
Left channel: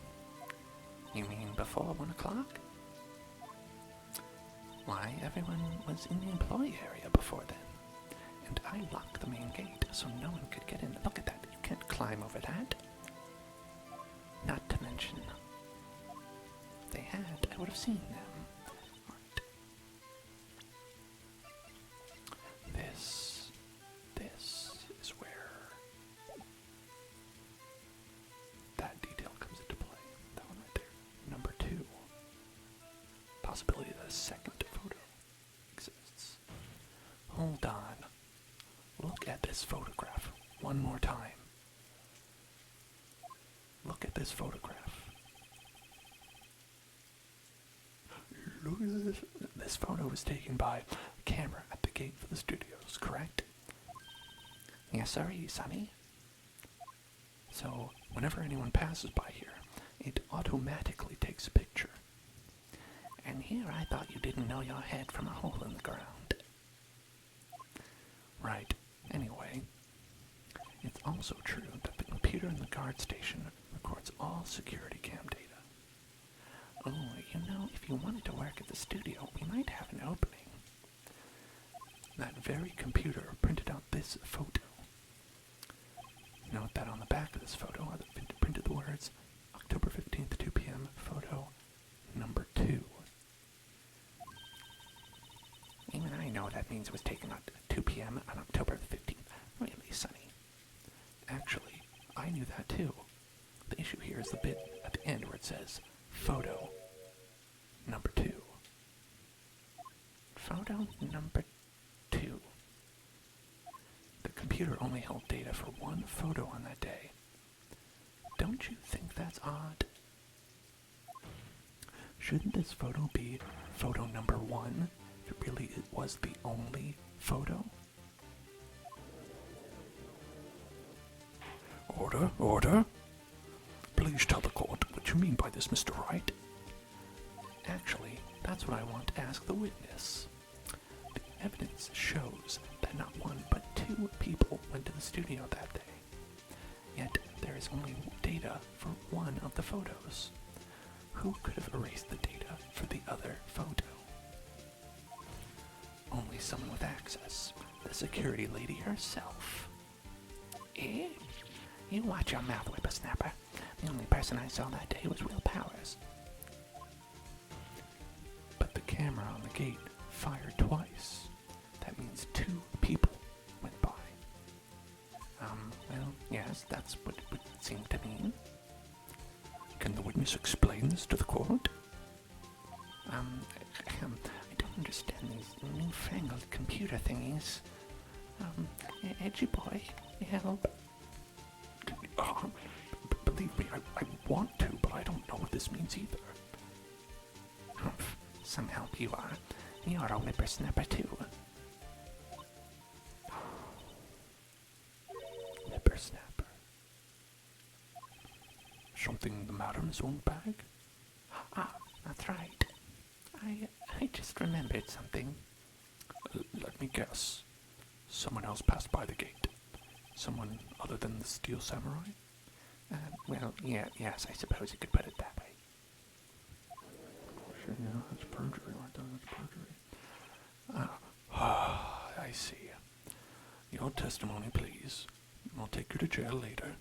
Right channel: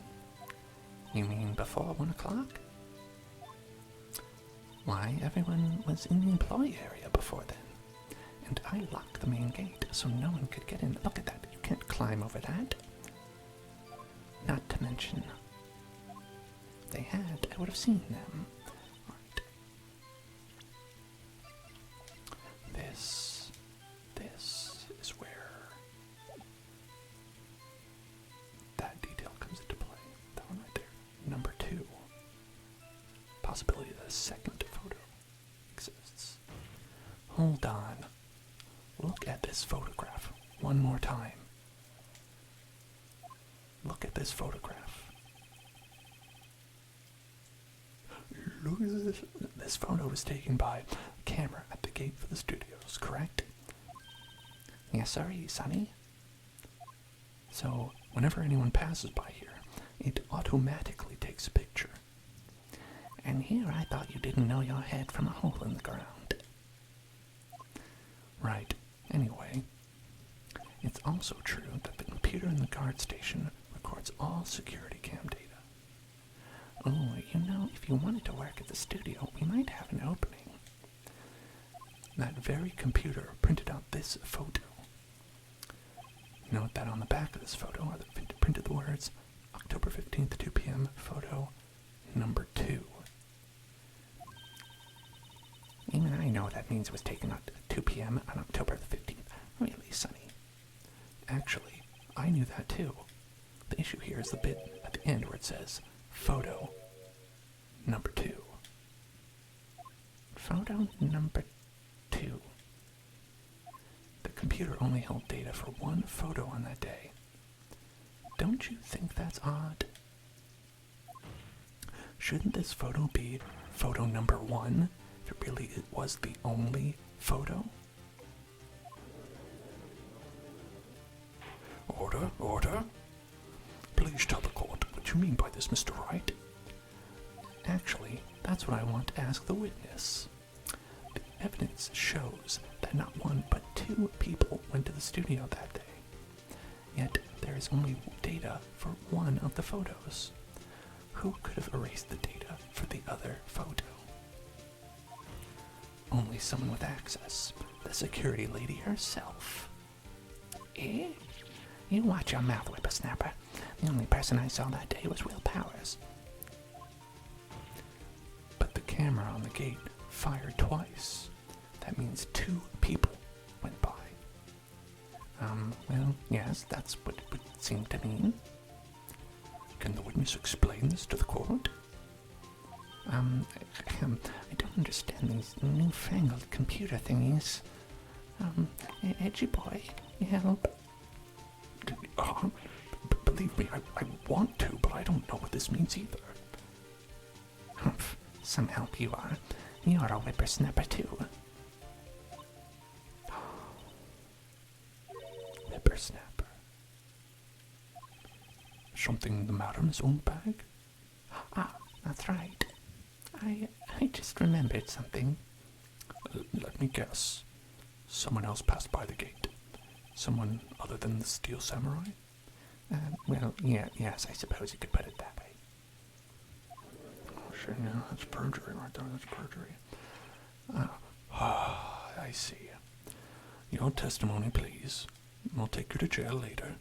You mean before 1 o'clock? Why, everyone was in the employee area before then. And I locked the main gate so no one could get in. Look at that. You can't climb over that. Not to mention, if they had, I would have seen them. Right. This is where that detail comes into play. That one right there. Number 2. Possibility that a second photo exists. Hold on. Look at this photograph one more time. Look at this photograph. Look at this. This photo was taken by a camera at the gate for the studios, correct? Yes, sir, Sonny. So, whenever anyone passes by here, it automatically takes a picture. And here I thought you didn't know your head from a hole in the ground. Right. Anyway, it's also true that the computer in the guard station records all security cam data. Oh, you know, if you wanted to work at the studio, we might have an opening. That very computer printed out this photo. Note that on the back of this photo are printed the words, October 15th, 2 p.m., photo number 2. Even I know that means it was taken at 2 p.m. on October the 15th. Really, Sonny. Actually, I knew that too. The issue here is the bit at the end where it says, photo number 2. Photo number 2. The computer only held data for one photo on that day. Don't you think that's odd? Shouldn't this photo be photo number 1? If it really was the only photo? Order? Please tell the court what you mean by this, Mr. Wright. Actually, that's what I want to ask the witness. The evidence shows that not one but 2 people went to the studio that day. Yet there is only data for one of the photos. Who could have erased the data for the other photo? Only someone with access. The security lady herself. Eh? You watch your mouth, whippersnapper. The only person I saw that day was Willpower's. But the camera on the gate fired twice. That means 2 people went by. Well, yes, that's what it would seem to mean. Can the witness explain this to the court? I don't understand these newfangled computer thingies. Edgy boy, help. Believe me, I want to, but I don't know what this means either. Humph, some help you are. You're a whippersnapper too. Whippersnapper. Something the matter, Miss Oldbag? Ah, that's right. I just remembered something. Let me guess. Someone else passed by the gate. Someone other than the Steel Samurai? Well, yes, I suppose you could put it that way. Oh, shit, yeah, that's perjury right there, that's perjury. I see. Your testimony, please. We'll take you to jail later.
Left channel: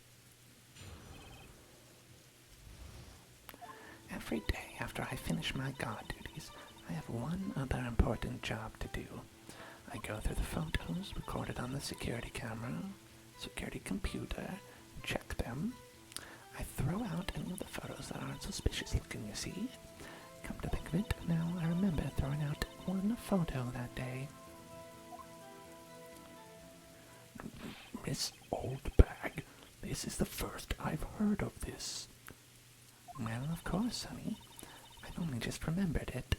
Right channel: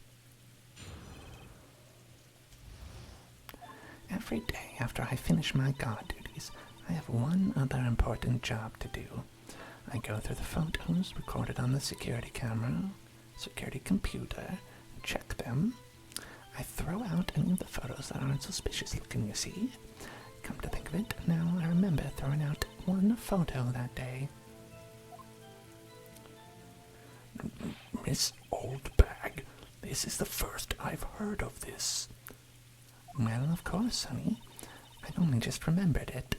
Every day after I finish my guard duties, I have one other important job to do. I go through the photos recorded on the security computer, check them. I throw out any of the photos that aren't suspicious looking, you see. Come to think of it, now I remember throwing out one photo that day. Miss Oldbag, this is the first I've heard of this. Well, of course, honey. I only just remembered it.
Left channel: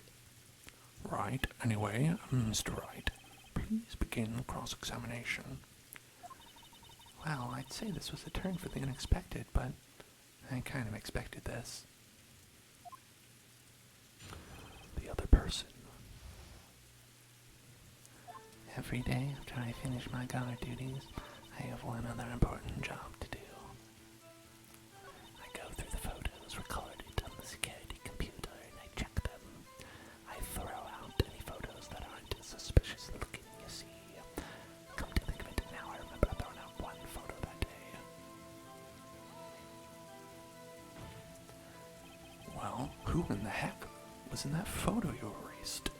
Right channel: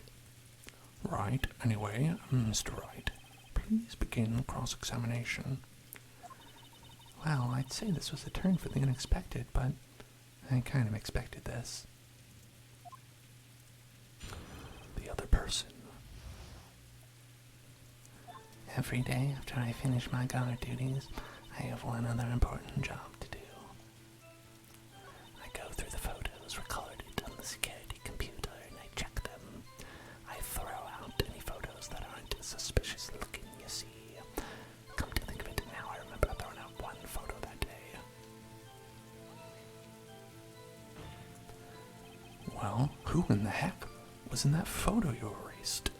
Right, anyway, Mr. Wright, please begin cross-examination. Well, I'd say this was a turn for the unexpected, but I kind of expected this. The other person. Every day after I finish my guard duties, I have one other important job to do. I go through the photos recorded on the security computer and I check them. I throw out any photos that aren't suspicious looking, you see. Come to think of it, now I remember throwing out one photo that day. Well, who in the heck was in that photo you erased?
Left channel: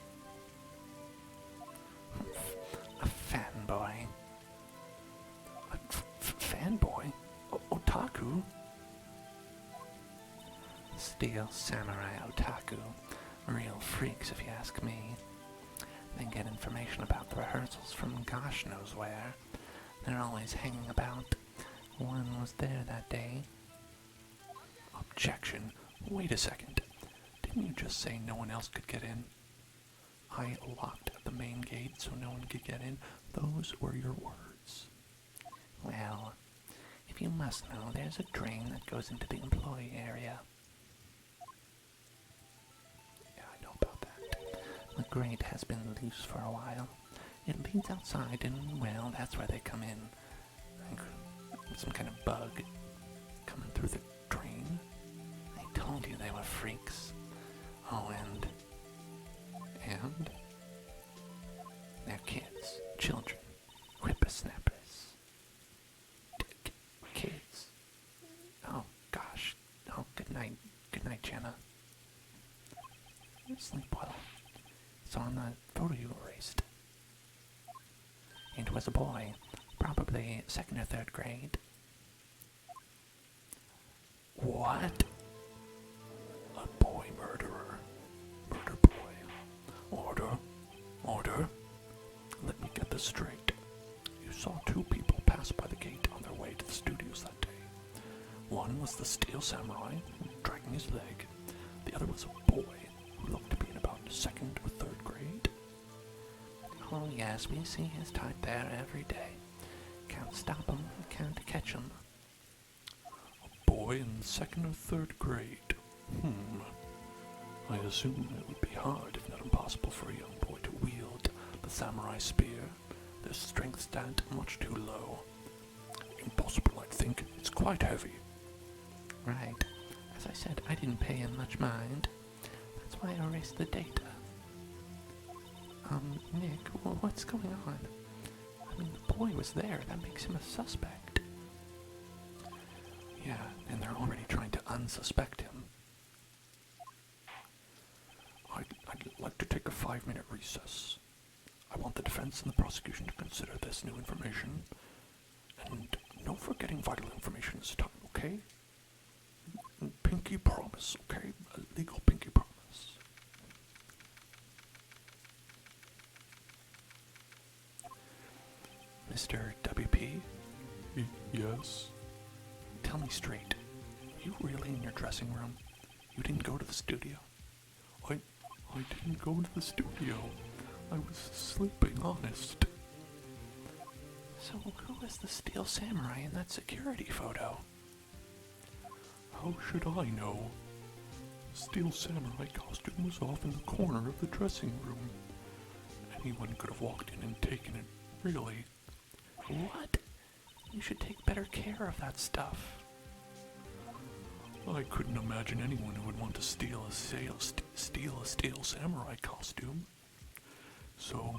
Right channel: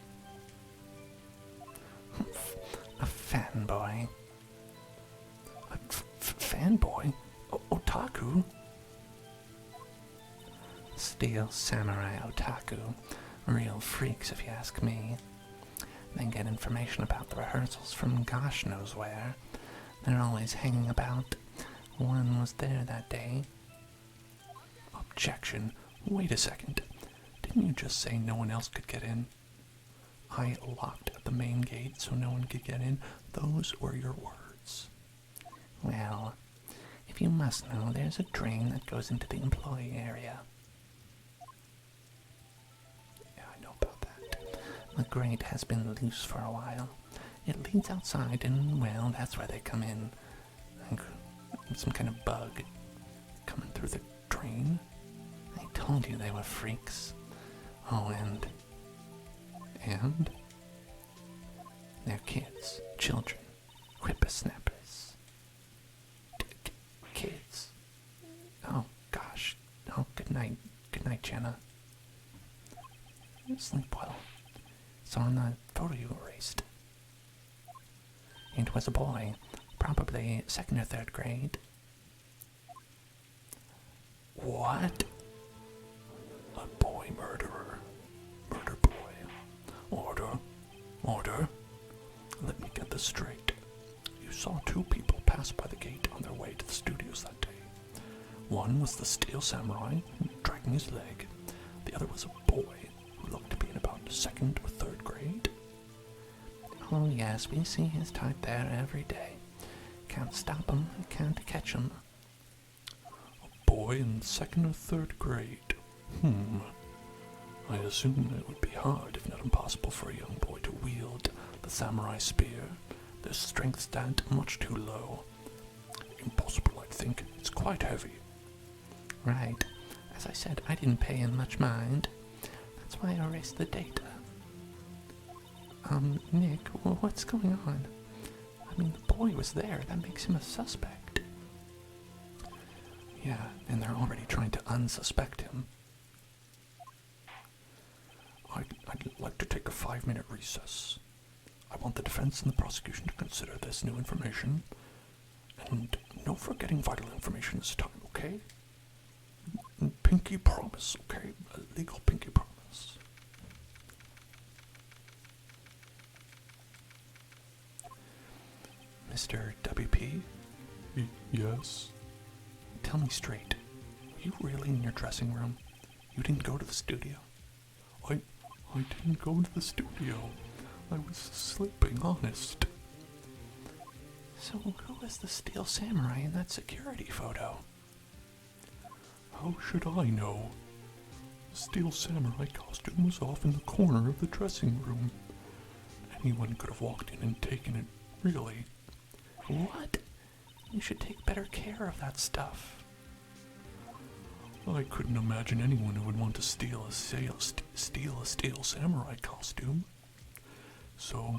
A fanboy. A fanboy? Otaku? Steel samurai otaku. Real freaks, if you ask me. They get information about the rehearsals from gosh knows where. They're always hanging about. One was there that day. Objection. Wait a second. Didn't you just say no one else could get in? I locked the main gate so no one could get in. Those were your words. Well, if you must know, there's a drain that goes into the employee area. Yeah, I know about that. The grate has been loose for a while. It leads outside and, well, that's where they come in. Like some kind of bug Coming through the drain? I told you they were freaks. Oh, and they're kids, children, whippersnappers. Kids. Oh, gosh. Oh, good night. Good night, Jenna. Sleep well. It's on the photo you erased. It was a boy, probably 2nd or 3rd grade. What? A boy murderer. Murder boy. Order. Let me get this straight. You saw 2 people pass by the gate on their way to the studios that day. One was the steel samurai, dragging his leg. The other was a boy who looked to be in about 2nd or 3rd grade. Oh yes, we see his type there every day. Can't stop him, can't catch him. A boy in 2nd or 3rd grade. I assume it would be hard, if not impossible, for a young boy to wield the samurai spear. Their strength stand much too low. Impossible, I think. It's quite heavy. Right. As I said, I didn't pay him much mind. That's why I erased the data. Nick, what's going on? I mean, the boy was there. That makes him a suspect. Yeah, and they're already trying to unsuspect him. I'd like to take a 5-minute recess. I want the defense and the prosecution to consider this new information. And no forgetting vital information this time, okay? Pinky promise, okay? A legal pinky promise. Mr. WP? Yes? Tell me straight. Are you really in your dressing room? You didn't go to the studio? I didn't go to the studio. I was sleeping, honest. So who was the steel samurai in that security photo? How should I know? The steel samurai costume was off in the corner of the dressing room. Anyone could have walked in and taken it, really. What? You should take better care of that stuff. I couldn't imagine anyone who would want to steal a steel samurai costume. So,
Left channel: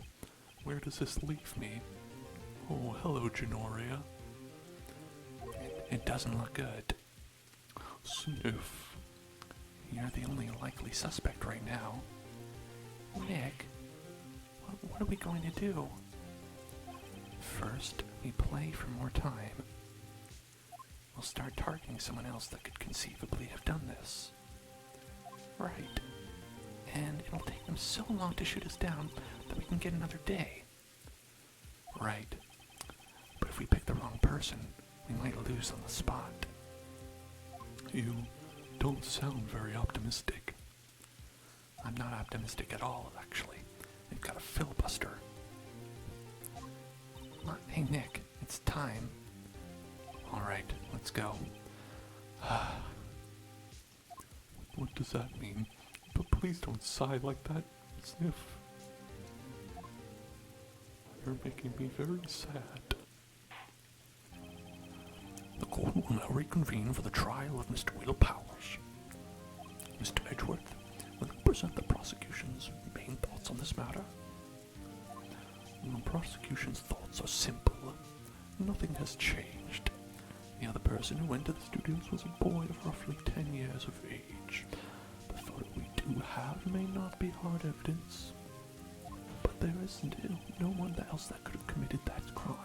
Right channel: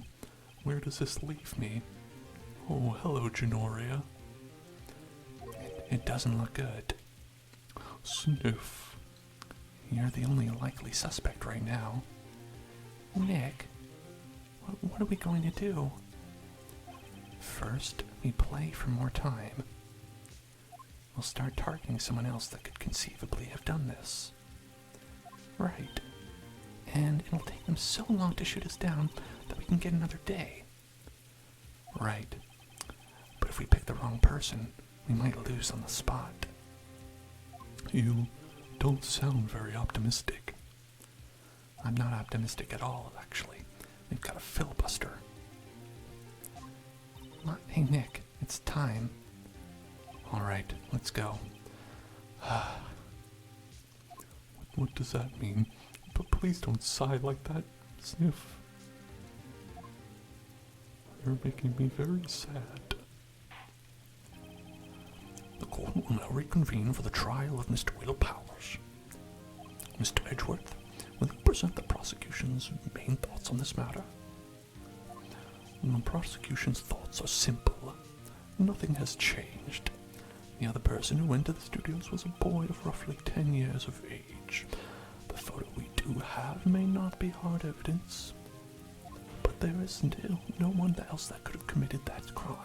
where does this leave me? Oh, hello, Genoria. It doesn't look good. Sniff. You're the only likely suspect right now. Nick, what are we going to do? First, we play for more time. We'll start targeting someone else that could conceivably have done this. Right. And it'll take them so long to shoot us down that we can get another day. Right. But if we pick the wrong person, we might lose on the spot. You don't sound very optimistic. I'm not optimistic at all, actually. We've got a filibuster. Hey, Nick, it's time. All right, let's go. What does that mean? But please don't sigh like that. Sniff. You're making me very sad. The court will now reconvene for the trial of Mr. Willpower. Mr. Edgeworth, will you present the prosecution's main thoughts on this matter? The prosecution's thoughts are simple. Nothing has changed. The other person who went to the studios was a boy of roughly 10 years of age. The photo we do have may not be hard evidence, but there is still no one else that could have committed that crime.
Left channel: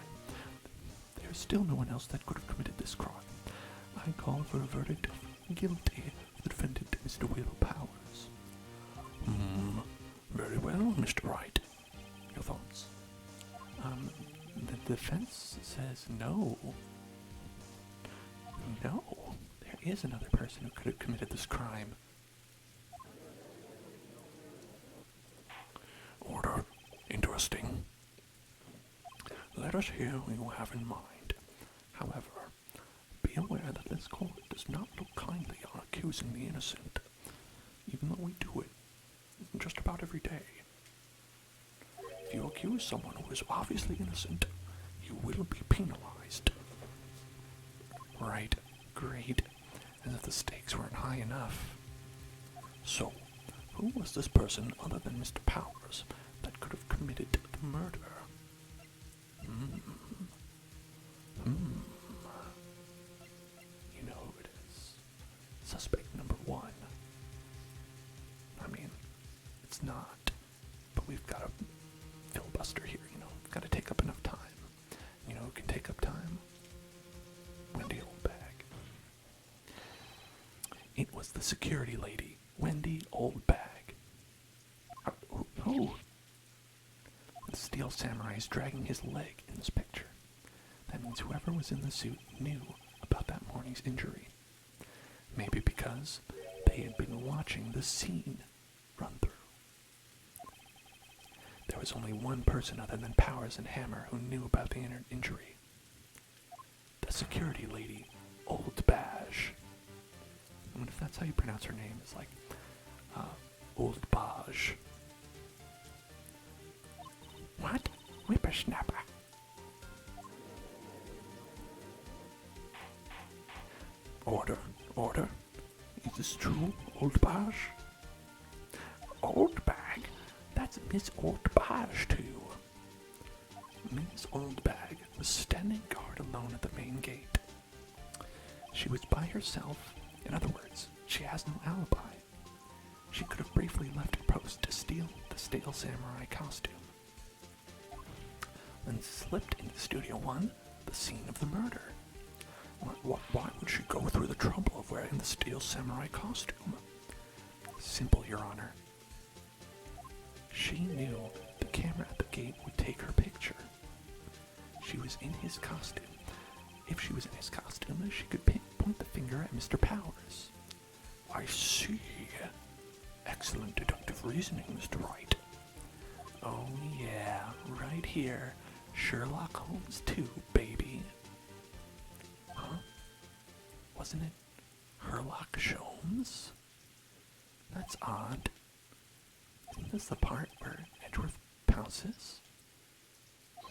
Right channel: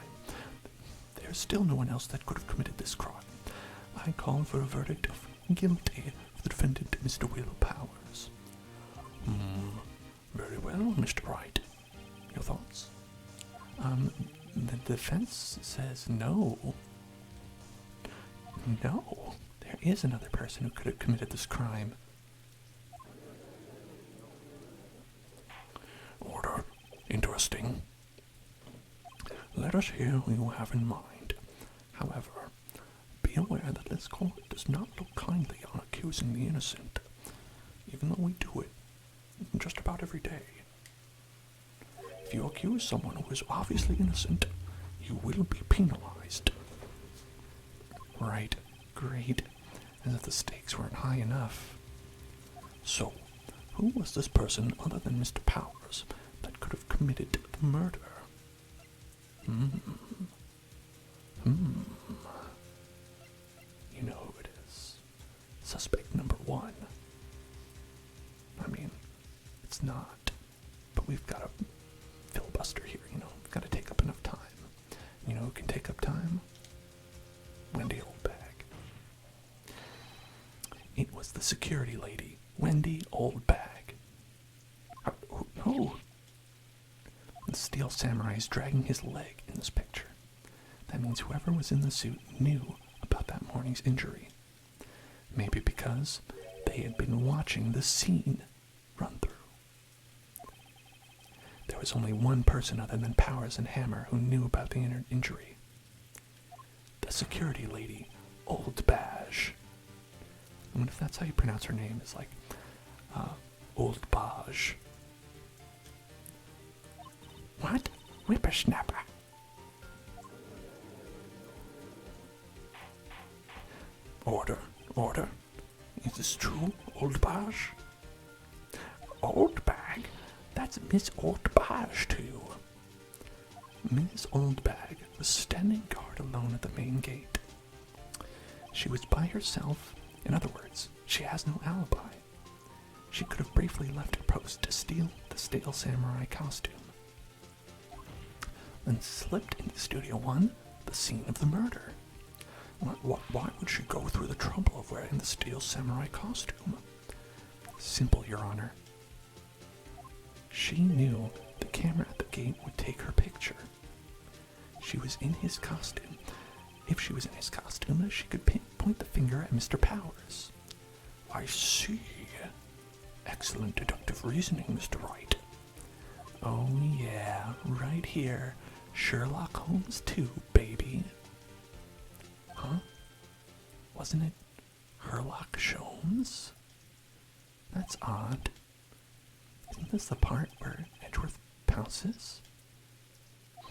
There's still no one else that could have committed this crime. I call for a verdict of guilty for the defendant, Mr. Willpowers. Very well, Mr. Wright. Your thoughts? The defense says no. No, there is another person who could have committed this crime. Order. Interesting. Let us hear what you have in mind. However, be aware that this court does not look kindly on accusing the innocent, even though we do it just about every day. If you accuse someone who is obviously innocent, you will be penalized. Right, great, as if the stakes weren't high enough. So, who was this person other than Mr. Powers that could have committed the murder? You know who it is. Suspect number one. I mean, it's not, but we've got a filibuster here, We've got to take up enough time. You know who can take up time? Wendy Oldbag. It was the security lady, Wendy Oldbag. Oh. The steel samurai is dragging his leg in this picture. That means whoever was in the suit knew about that morning's injury. Maybe because they had been watching the scene run through. There was only one person other than Powers and Hammer who knew about the injury. The security lady, Oldbag. I wonder if that's how you pronounce her name. It's like, Oldbag. What? Whippersnapper. Order. Is this true, Oldbag? Oldbag? That's Miss Oldbag to you. Miss Oldbag was standing guard alone at the main gate. She was by herself. In other words, she has no alibi. She could have briefly left her post to steal the stale samurai costume, then slipped into Studio 1, the scene of the murder. Why would she go through the trouble of wearing the steel samurai costume? Simple, Your Honor. She knew the camera at the gate would take her picture. She was in his costume. If she was in his costume, she could point the finger at Mr. Powers. I see. Excellent deductive reasoning, Mr. Wright. Oh yeah, right here. Sherlock Holmes 2, baby. Huh? Wasn't it Sherlock Holmes? That's odd. Isn't this the part where Edgeworth pounces?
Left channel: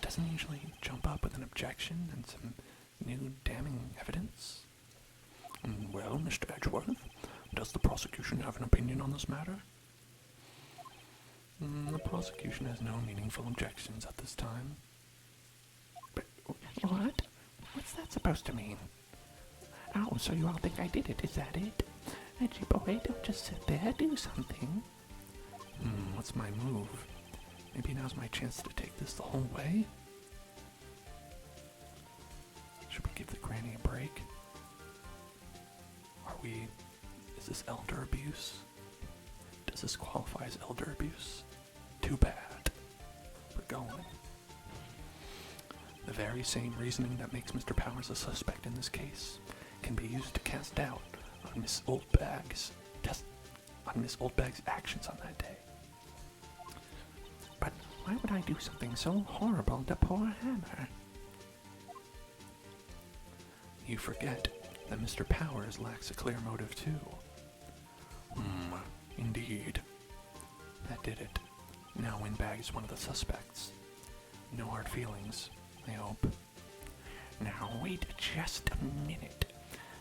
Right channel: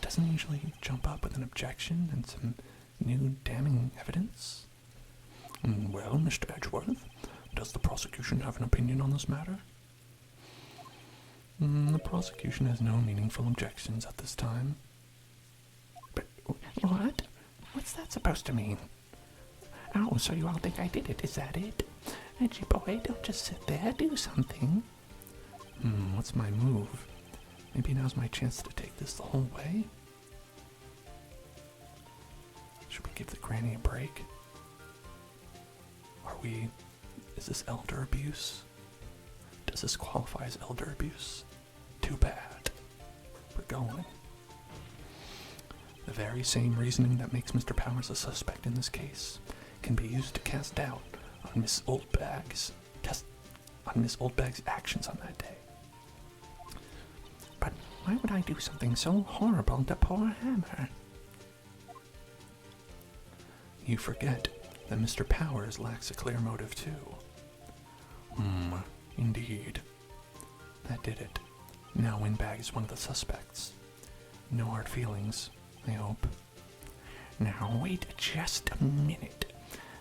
Doesn't he usually jump up with an objection and some new damning evidence? Well, Mr. Edgeworth, does the prosecution have an opinion on this matter? The prosecution has no meaningful objections at this time. But what? What's that supposed to mean? Oh, so you all think I did it, is that it? Reggie boy, don't just sit there, do something. What's my move? Maybe now's my chance to take this the whole way? Should we give the granny a break? Is this elder abuse? Does this qualify as elder abuse? Too bad. We're going. The very same reasoning that makes Mr. Powers a suspect in this case can be used to cast doubt on Miss Oldbag's actions on that day. But why would I do something so horrible to poor Hammer? You forget that Mr. Powers lacks a clear motive too. Indeed. That did it. Now Windbag is one of the suspects. No hard feelings, I hope. Now wait just a minute.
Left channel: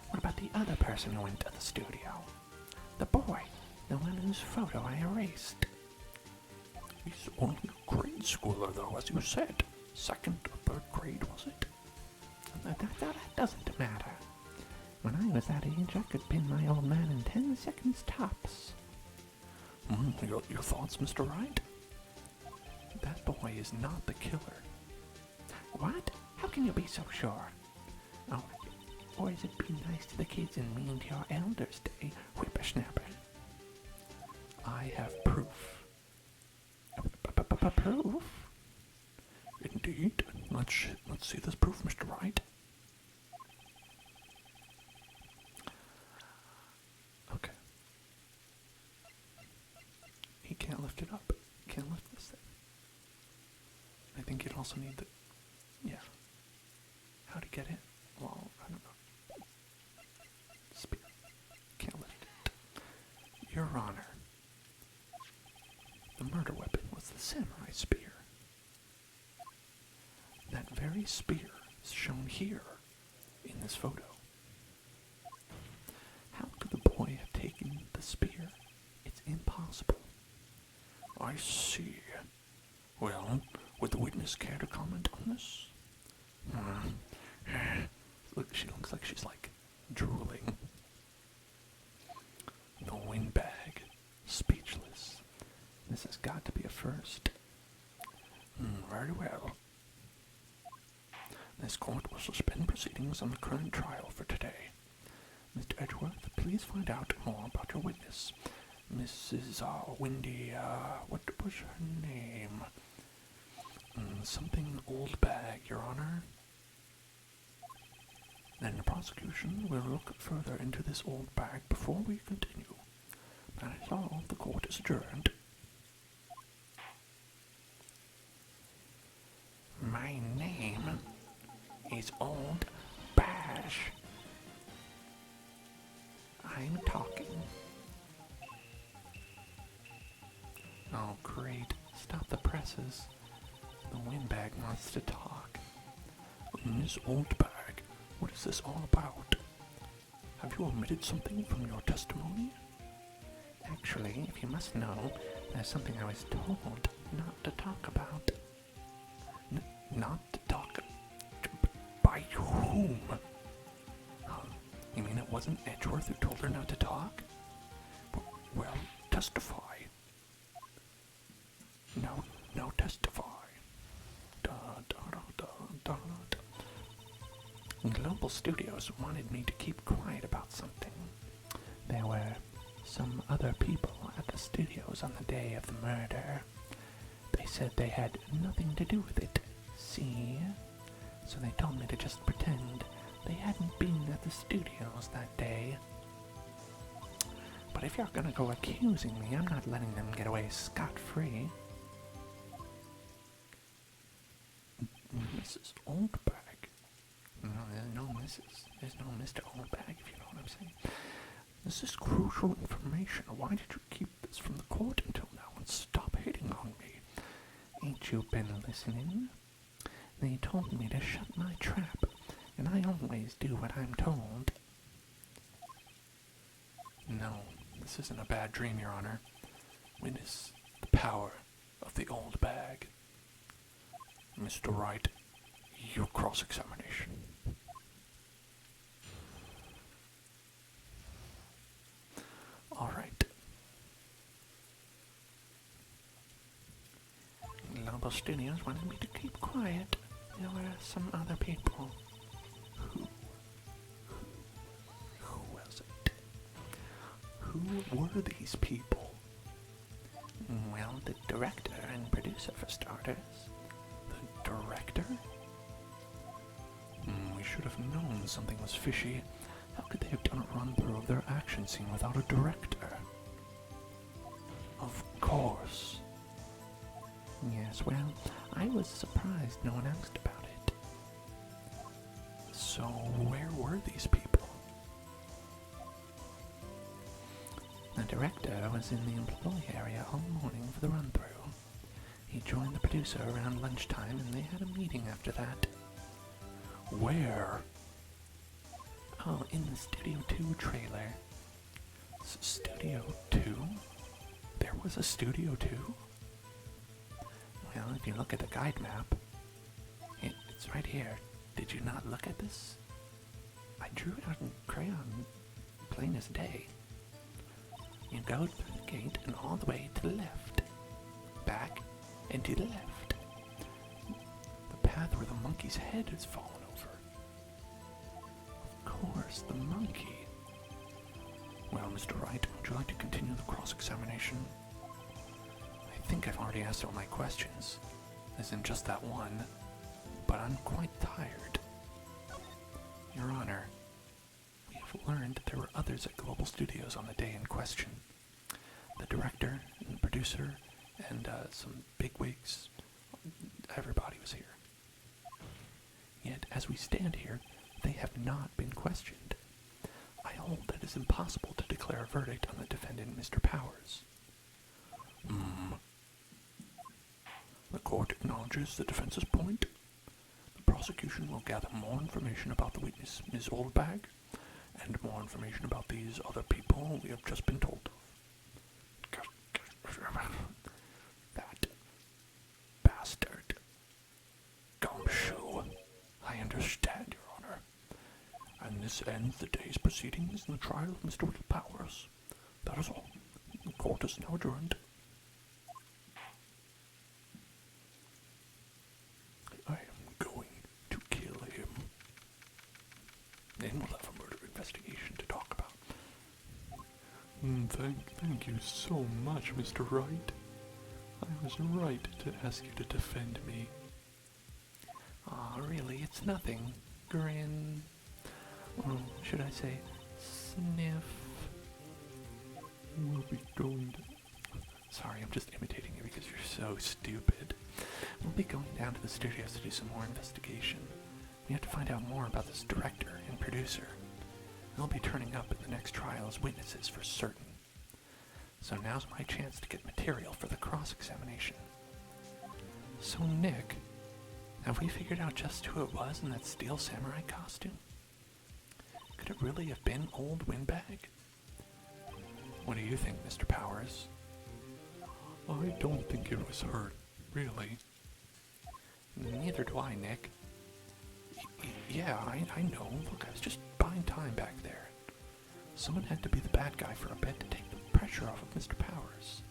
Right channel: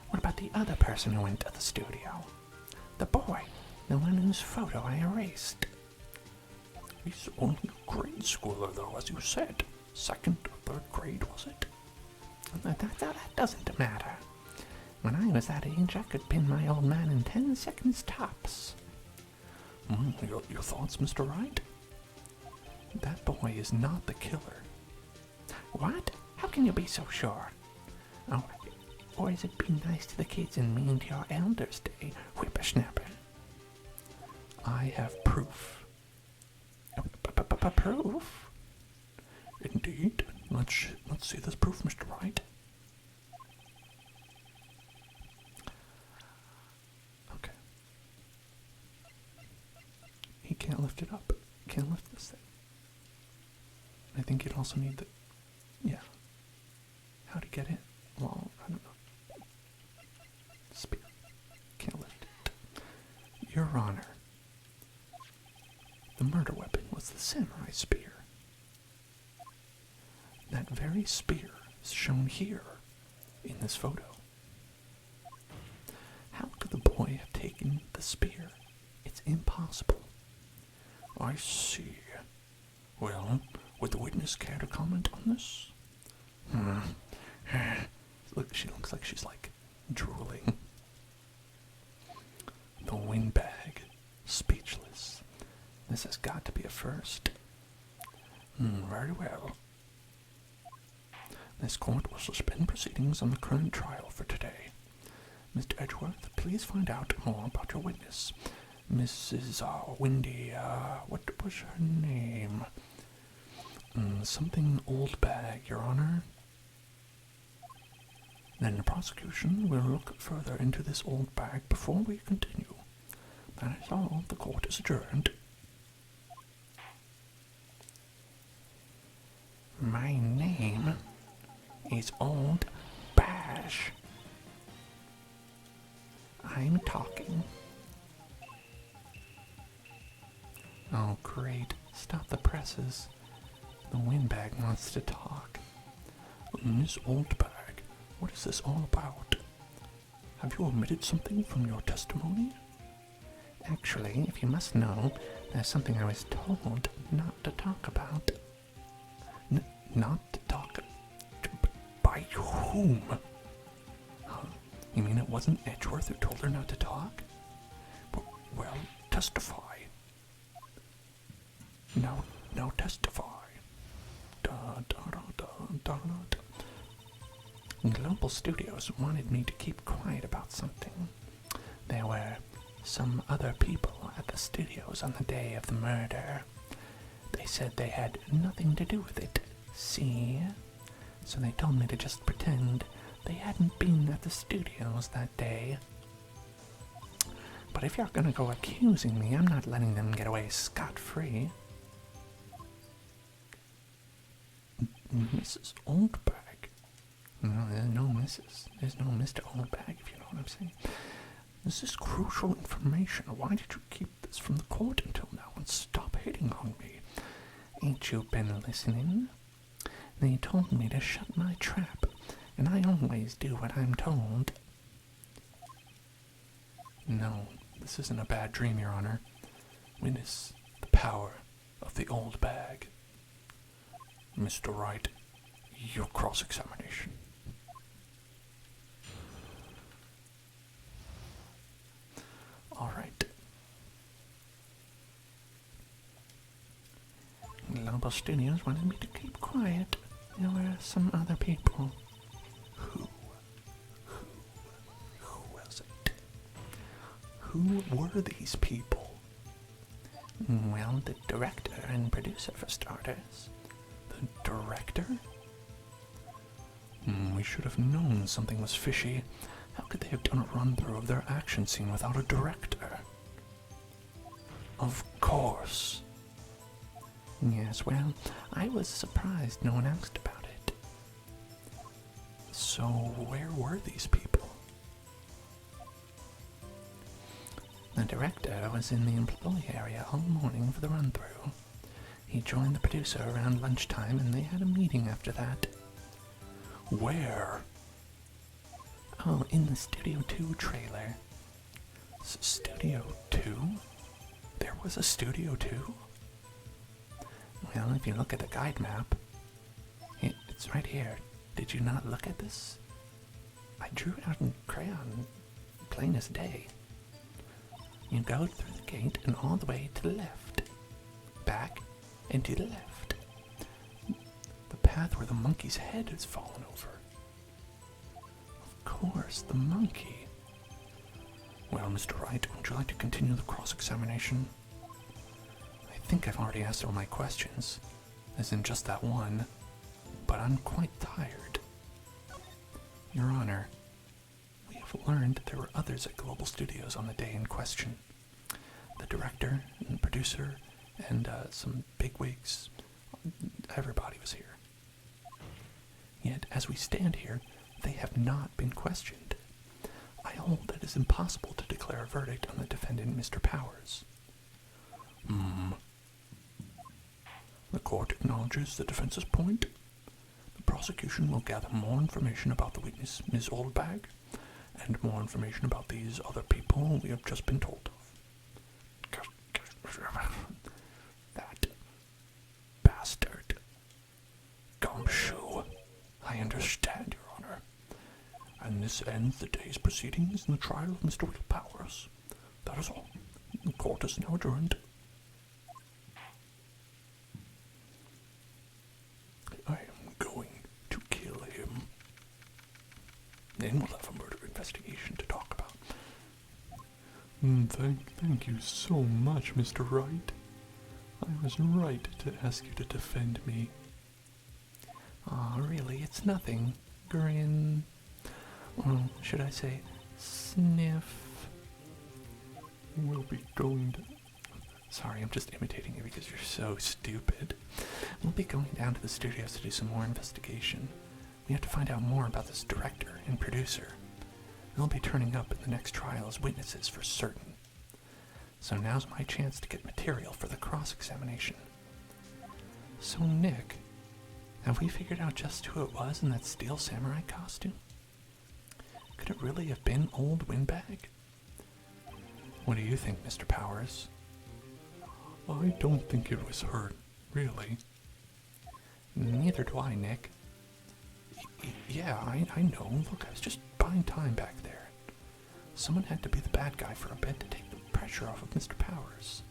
What about the other person who went to the studio? The boy, the one whose photo I erased. He's only a grade schooler though, as you said. Second or third grade, was it? That doesn't matter. When I was that age, I could pin my old man in 10 seconds tops. Your thoughts, Mr. Wright? That boy is not the killer. What? How can you be so sure? Oh, boys, it'd be nice to the kids and mean to your elders day, whippersnapper. I have proof. Proof? Indeed. Let's see this proof, Mr. Wright. Okay. He can't lift it up. Can't lift this thing. I think you'd also need the... Yeah. How to get it? Well, I don't know. Spear. Can't lift it. Your Honor. The murder weapon was the samurai spear. That very spear is shown here in this photo. How could the boy have taken the spear? It's impossible. I see. Well, would the witness care to comment on this? Look, she looks like she's like drooling. The windbag, speechless. This has got to be a first. Very well. This court will suspend proceedings on the current trial for today. Mr. Edgeworth, please find out more about your witness. Mrs. Windy, what was her name? Something Oldbag, Your Honor. Then the prosecution will look further into this old bag before we continue. That is all. The court is adjourned. My name is Old Bash. I'm talking. Oh, great. Stop the presses. The windbag wants to talk. Miss Oldbag, what is this all about? Have you omitted something from your testimony? Actually, if you must know, there's something I was told not to talk about. Not to talk? By whom? You mean it wasn't Edgeworth who told her not to talk? Well, testify. No, testify. Global Studios wanted me to keep quiet about something. There were some other people at the studios on the day of the murder. They said they had nothing to do with it, see? So they told me to just pretend they hadn't been at the studios that day. But if you're gonna go accusing me, I'm not letting them get away scot-free. Mrs. Oldbag? No, there's no Mrs. There's no Mr. Oldbag, if you know what I'm saying. This is crucial information. Why did you keep this from the court until now and stop hitting on me? Ain't you been listening? They told me to shut my trap, and I always do what I'm told. No, this isn't a bad dream, Your Honor. Witness the power of the old bag. Mr. Wright, your cross-examination. Global Studios wanted me to keep quiet. There were some other people. Who was it? Who were these people? Well, the director and producer for starters. The director? We should have known something was fishy. How could they have done a run-through of their action scene without a director? Of course. Yes, well, I was surprised no one asked about it. So, where were these people? The director was in the employee area all morning for the run-through. He joined the producer around lunchtime and they had a meeting after that. Where? Oh, in the Studio 2 trailer. Studio 2? There was a Studio 2? Well, if you look at the guide map, it's right here. Did you not look at this? I drew it out in crayon, plain as day. You go through the gate and all the way to the left. Back and to the left. The path where the monkey's head has fallen over. Of course, the monkey. Well, Mr. Wright, would you like to continue the cross-examination? I think I've already asked all my questions, as in just that one, but I'm quite tired. Your Honor, we have learned there were others at Global Studios on the day in question. The director and producer and some bigwigs. Everybody was here. Yet, as we stand here, they have not been questioned. I hold that it is impossible to declare a verdict on the defendant, Mr. Powers. The court acknowledges the defense's point. The prosecution will gather more information about the witness, Ms. Oldbag, and more information about these other people we have just been told of. That bastard. Gumshoe. I understand, Your Honor. And this ends the day's proceedings in the trial of Mr. Willpowers. That is all. The court is now adjourned. I am going to kill him. Then we'll have a murder investigation to talk about. Thank you so much, Mr. Wright. I was right to ask you to defend me. Aw, really, it's nothing. Grin. Or should I say, sniff? We'll be going to... Sorry, I'm just imitating you because you're so stupid. We'll be going down to the studios to do some more investigation. We have to find out more about this director and producer. They'll be turning up at the next trial as witnesses for certain. So now's my chance to get material for the cross-examination. So, Nick, have we figured out just who it was in that steel samurai costume? Could it really have been old Windbag? What do you think, Mr. Powers? I don't think it was her, really. Neither do I, Nick. Yeah, I know. Look, I was just buying time back there. Someone had to be the bad guy for a bit to take the pressure off of Mr. Powers.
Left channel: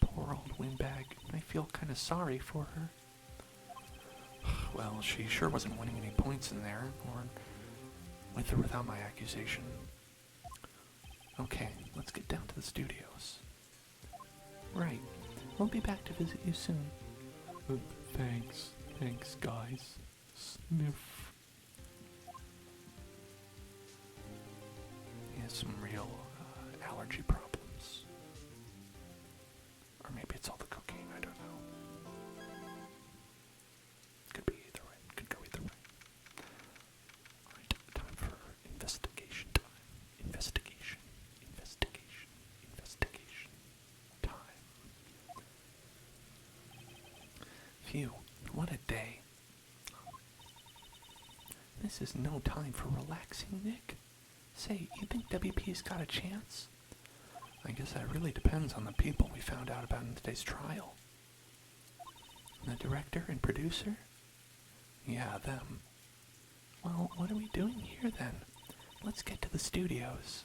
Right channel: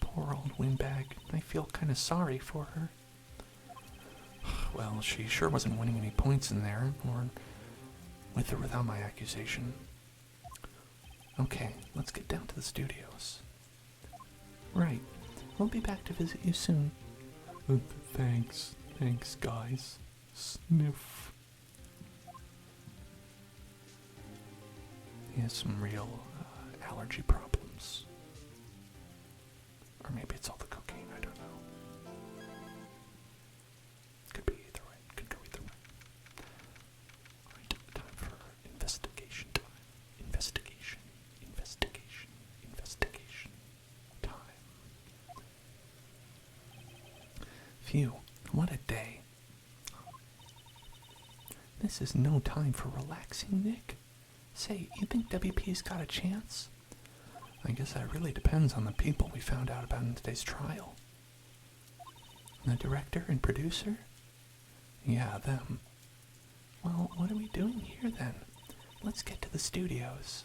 Poor old Windbag. I feel kind of sorry for her. Well, she sure wasn't winning any points in there, or with or without my accusation. Okay, let's get down to the studios. Right, we'll be back to visit you soon. Thanks, guys. Sniff. He has some real allergy problems. Or maybe it's all the cocaine, I don't know. Could be either way. Could go either way. Alright, time for investigation time. Investigation time. Phew, what a day. This is no time for relaxing, Nick. Say, you think WP's got a chance? I guess that really depends on the people we found out about in today's trial. The director and producer? Yeah, them. Well, what are we doing here then? Let's get to the studios.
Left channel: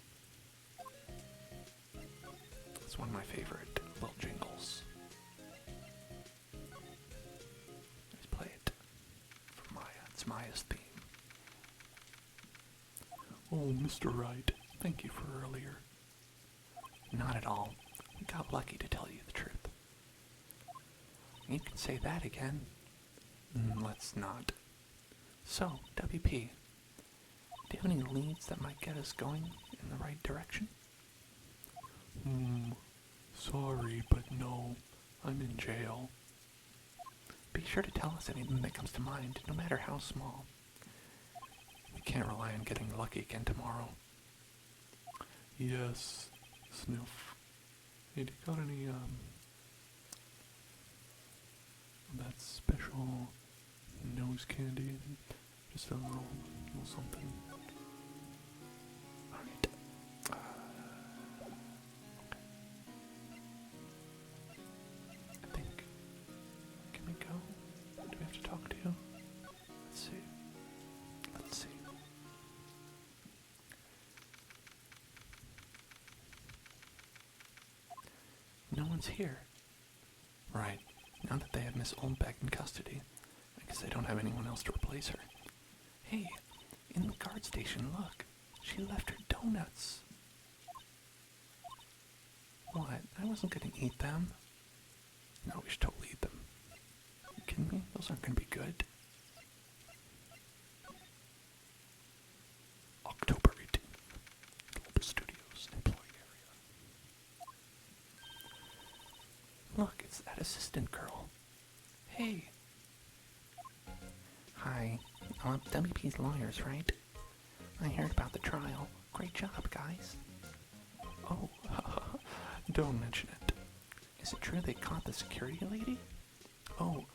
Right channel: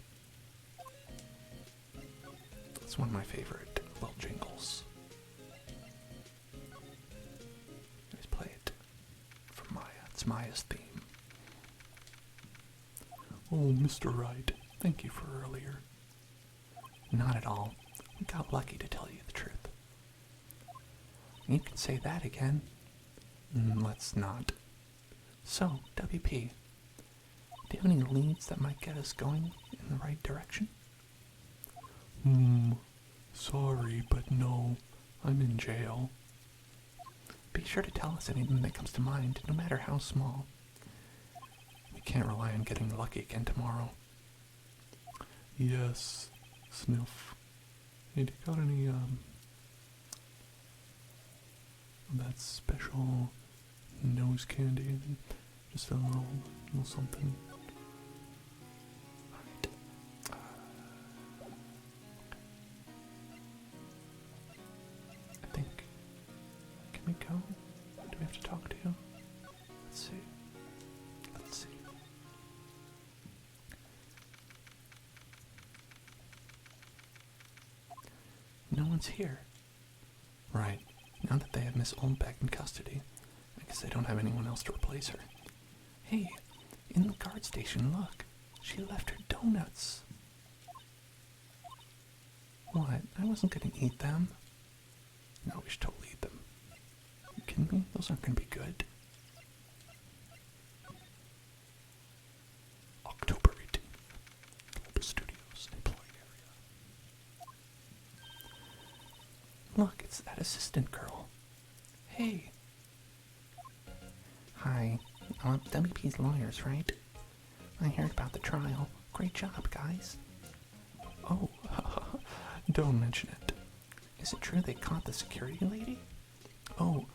It's one of my favorite little jingles. It's Maya's theme. Oh, Mr. Wright, thank you for earlier. Not at all. We got lucky, to tell you the truth. You can say that again. Let's not. So, WP, do you have any leads that might get us going in the right direction? Sorry, but no. I'm in jail. Be sure to tell us anything that comes to mind, no matter how small. We can't rely on getting lucky again tomorrow. Yes, Sniff. Hey, do you got any, that special nose candy? Just a little something. Alright. I think. Can we go? Do we have to talk to you? Let's see. Let's see. No one's here. Right. Now that they have Miss Oldbeck in custody, I guess they don't have anyone else to replace her. Hey, in the guard station, look. She left her donuts. What? I wasn't gonna eat them. No, we should totally eat them. Are you kidding me? Those aren't gonna be good. October 18th. Global Studios employee area. Look, it's that assistant girl. Hey. Hi. WP's lawyers, right? I heard about the trial. Great job, guys. Oh, don't mention it. Is it true they caught the security lady? Oh.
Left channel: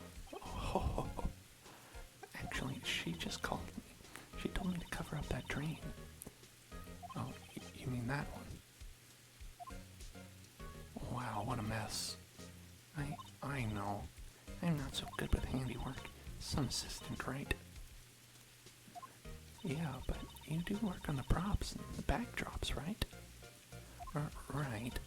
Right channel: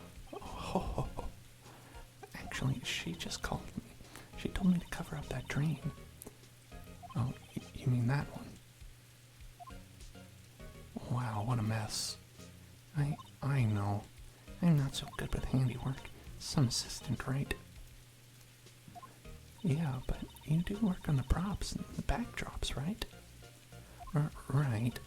Actually, she just called me. She told me to cover up that drain. Oh, you mean that one? Wow, what a mess. I know. I'm not so good with handiwork. Some assistant, right? Yeah, but you do work on the props and the backdrops, right? Right.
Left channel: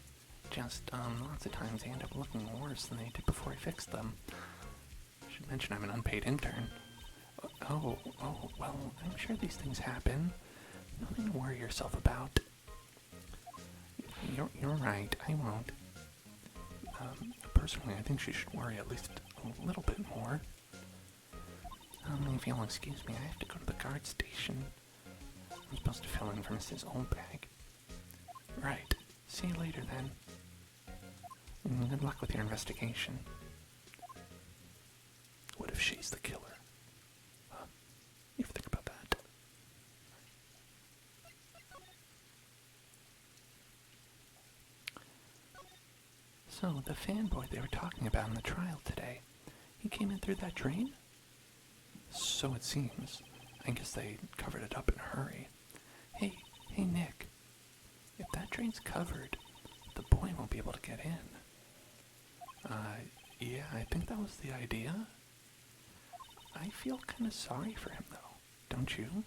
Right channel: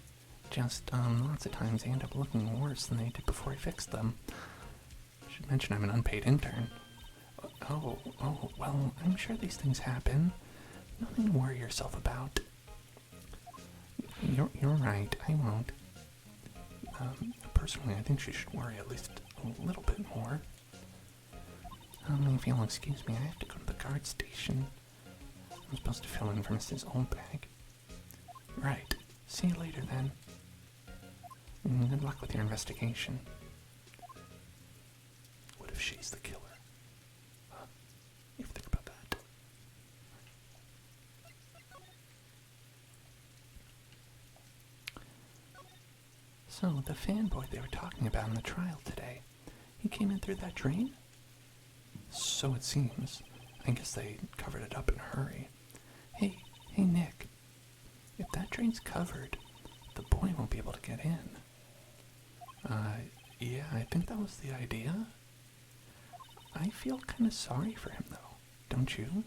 Just, lots of times they end up looking worse than they did before I fixed them. I should mention I'm an unpaid intern. Oh, well, I'm sure these things happen. Nothing to worry yourself about. You're right, I won't. Personally, I think she should worry at least a little bit more. If you'll excuse me, I have to go to the guard station. I'm supposed to fill in for Mrs. Oldbag. Right. See you later, then. Good luck with your investigation. What if she's the killer? You think about that. So, the fanboy they were talking about in the trial today, he came in through that drain? So it seems. I guess they covered it up in a hurry. Hey, Nick. If that drain's covered, the boy won't be able to get in. Yeah, I think that was the idea. I feel kind of sorry for him, though. Don't you?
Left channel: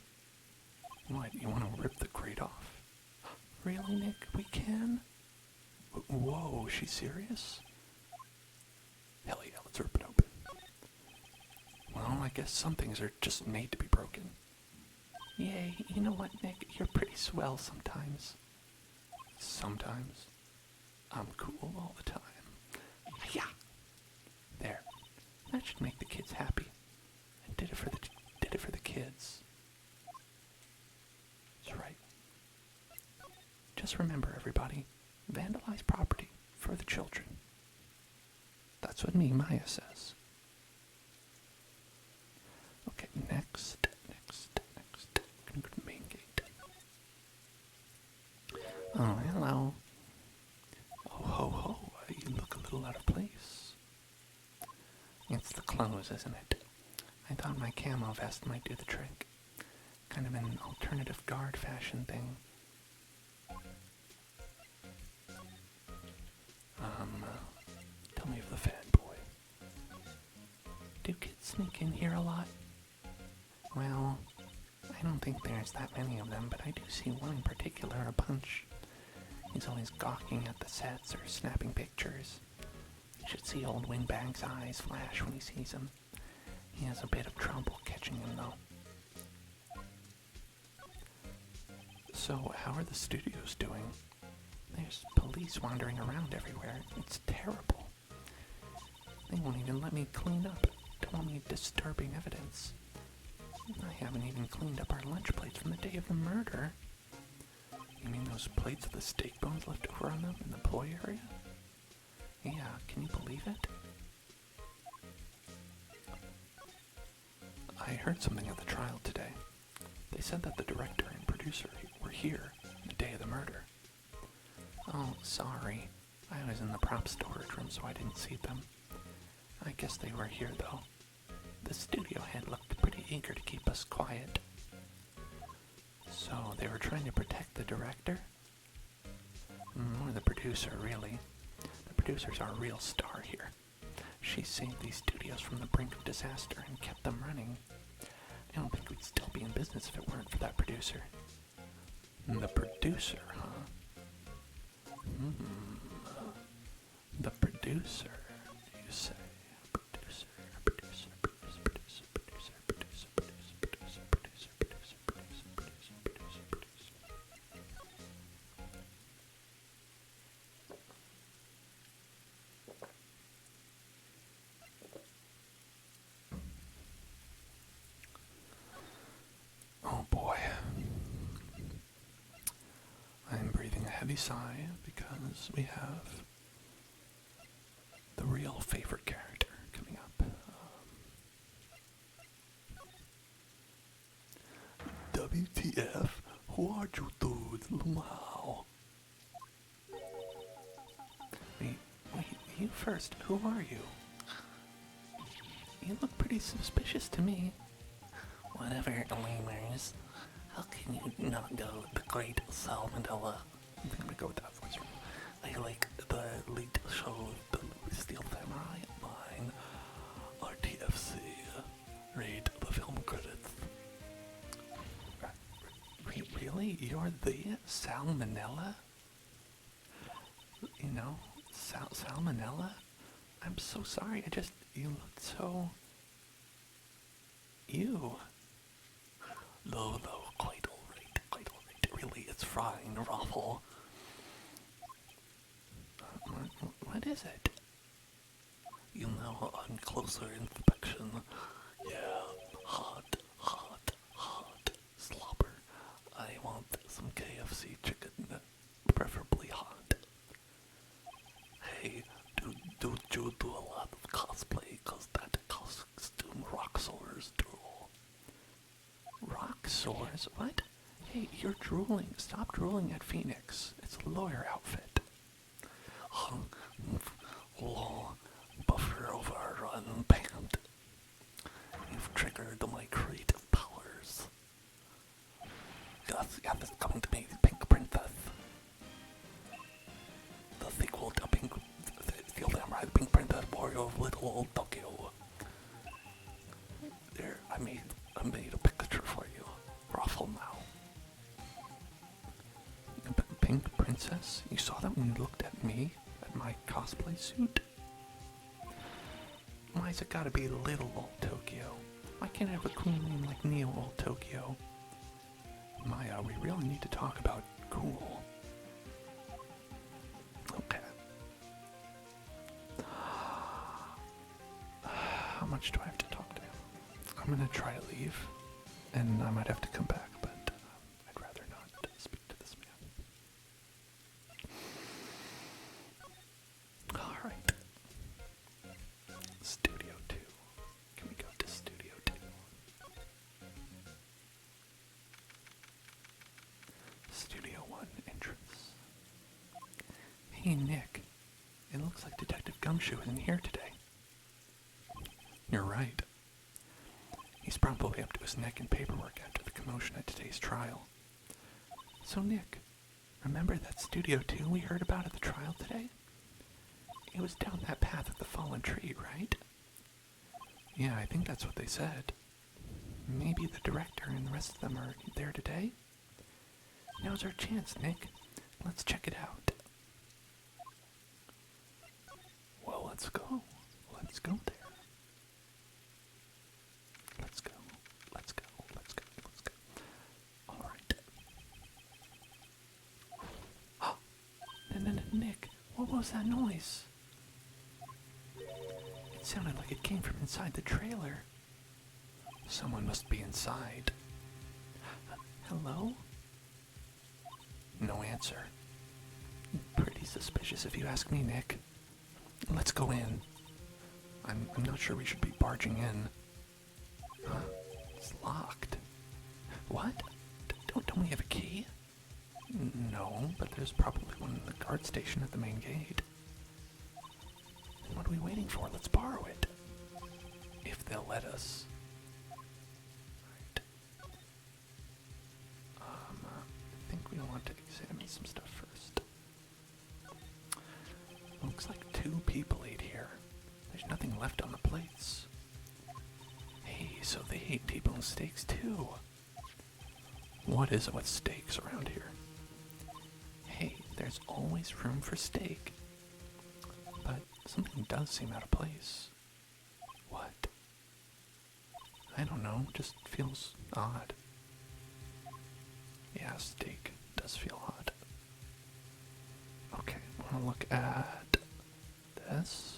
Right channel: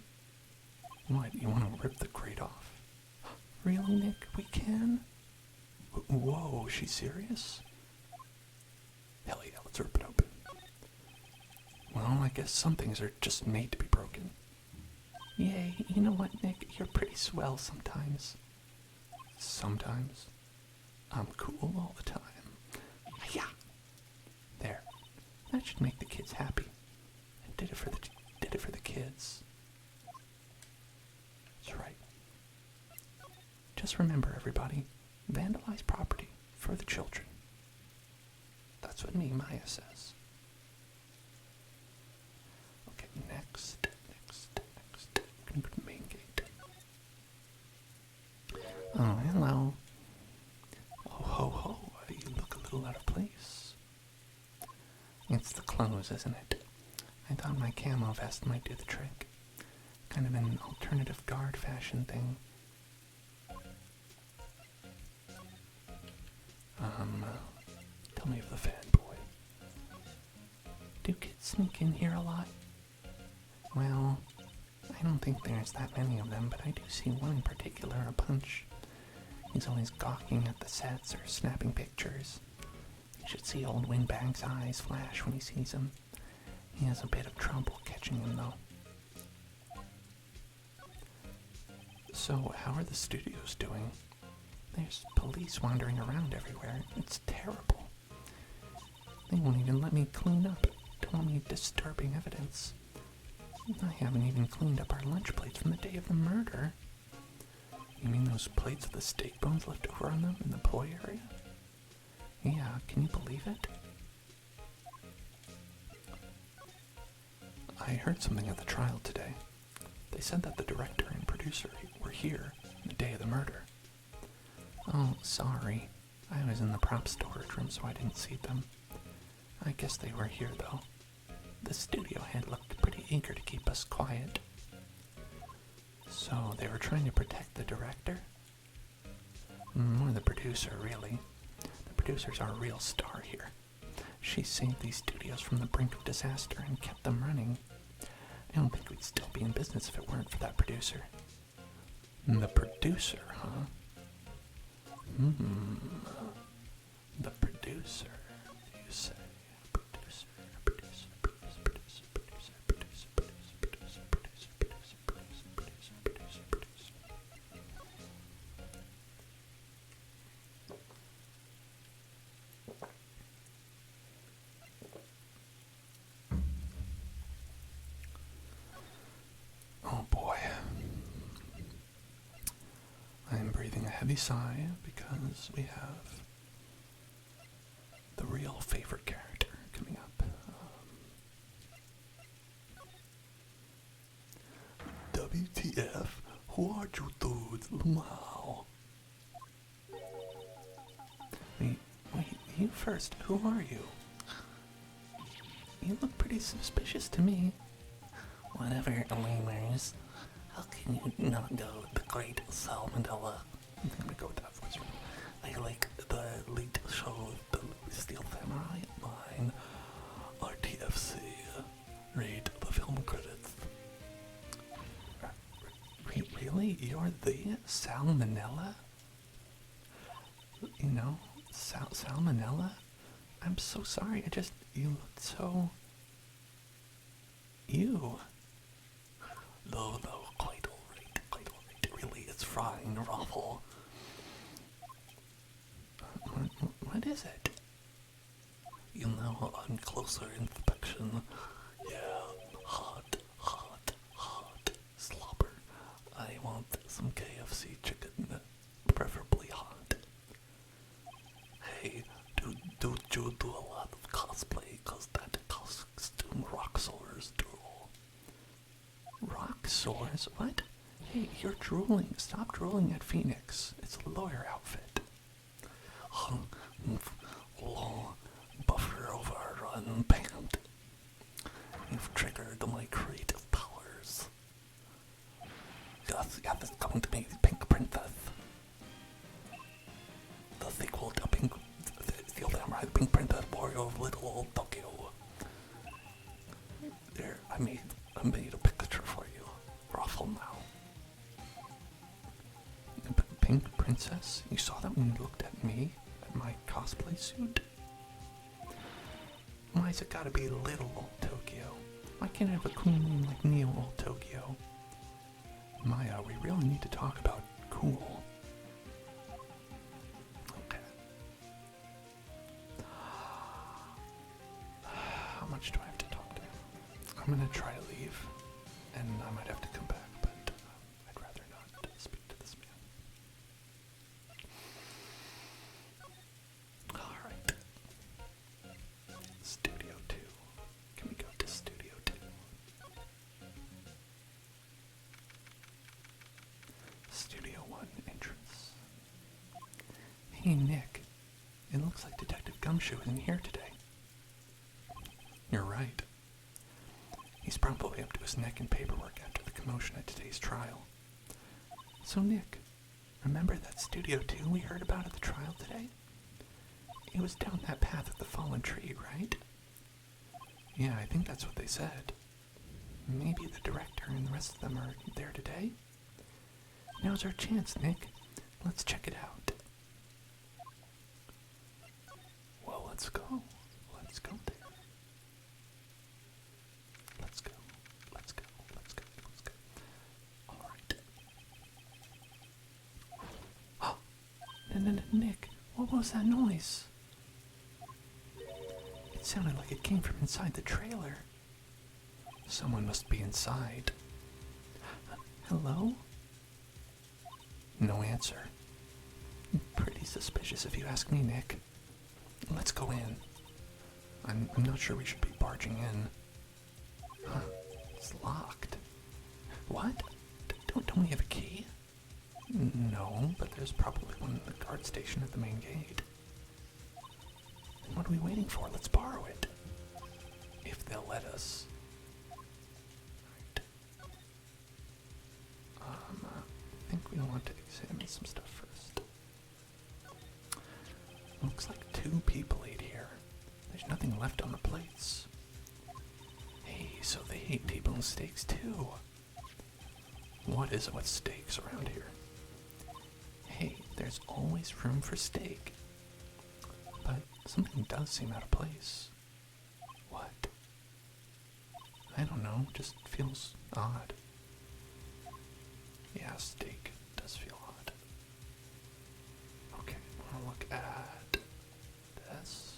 What, you want to rip the grate off? Really, Nick? We can? Whoa, she's serious? Hell yeah, let's rip it open. Well, I guess some things are just made to be broken. Yay, you know what, Nick? You're pretty swell sometimes. Sometimes? I'm cool all the time. Yeah. There. That should make the kids happy. I did it for the kids. That's right. Just remember, everybody, vandalize property for the children. That's what Maya says. Okay, next. Gonna go to the main gate. Oh, hello. Oh, ho. You look a little out of place. It's the clothes, isn't it? I thought my camo vest might do the trick. Kind of an alternative guard fashion thing. Tell me of the fanboy. Do kids sneak in here a lot? Well, I don't think there's that many of them, but I do see one in particular a bunch. He's always gawking at the sets or snapping pictures. You should see old Windbag's eyes flash when he sees him. He has a bit of trouble catching him, though. So, how are the studios doing? There's police wandering around everywhere. It's terrible. They won't even let me clean up. Don't want me disturbing evidence. I haven't even cleaned up our lunch plates from the day of the murder. You mean those plates with the steak bones left over on them in the ploy area? Yeah, can you believe it? I heard something at the trial today. They said that the director and producer were here the day of the murder. Oh, sorry. I was in the prop storage room, so I didn't see them. I guess they were here, though. The studio head looked pretty eager to keep us quiet. So, they were trying to protect the director? Or the producer, really. The producer's our real star here. She saved these studios from the brink of disaster and kept them running. I don't think we'd still be in business if it weren't for that producer. The producer, huh? The producer, you say? Oh boy. I'm breathing a heavy sigh because we have the real favorite character coming up. WTF? Who are you dudes? Wow. Wait, you first. Who are you? You look pretty suspicious to me. Whatever, lemurs. How can you not go with the great salmonella? I'm gonna go with that voice. I like the lead show of the Steel Samurai line. RTFC. Read the film credits. Really? You're the Salmonella? You know, Salmonella? I'm so sorry. You looked so... You. No, quite alright. Really, it's frying the raffle. What is it? You know, on closer inspection, yeah, hot, slobber. I want some KFC chicken, preferably hot. Hey, do you do a lot of cosplay? Cause that costume rock stars drool. Rock sores? What? Hey, you're drooling. Stop drooling at Phoenix. It's a lawyer outfit. Long buffer overrun pant. You've triggered my creative powers. Yes, it's coming to me, Pink Princess. The sequel to Steel Samurai, Pink Princess, Warrior of Little Old Tokyo. There, I made a picture for you. Ruffle now. Pink Princess? You saw that when you looked at me? At my cosplay suit? Why's it gotta be Little Old Tokyo? Why can't I have a cool name like Neo Old Tokyo? Maya, we really need to talk about cool. Okay. How much do I have to talk to? I'm gonna try to leave, and I might have to come back, but I'd rather not speak to this man. Alright. Studio 2. Can we go to Studio 2? Studio 1 entrance. Hey Nick, it looks like Detective Gumshoe isn't here today. You're right. He's probably up to his neck in paperwork after the commotion at today's trial. So Nick, remember that Studio 2 we heard about at the trial today? It was down that path of the fallen tree, right? Yeah, I think that's what they said. Maybe the director and the rest of them are there today? Now's our chance, Nick. Let's check it out. Well, let's go. Let's go there. Let's go. Let's go. Let's go. Let's go. Alright. was that noise? It sounded like it came from inside the trailer. Someone must be inside. Hello? No answer. Pretty suspicious if you ask me, Nick. Let's go in. I'm not sure we should be barging in. It's locked. What? Don't we have a key? No, but there's probably one in the guard station at the main gate. And what are we waiting for? Let's borrow it. If they'll let us. Right. I think we want to examine some stuff first. Looks like 2 people ate here. There's nothing left on the plates. Hey, so they ate T-bone steaks too. What is it with steaks around here? Hey, there's always room for steak. But something does seem out of place. What? I don't know, just feels odd. Yeah, steak does feel odd. Okay, I want to look at this.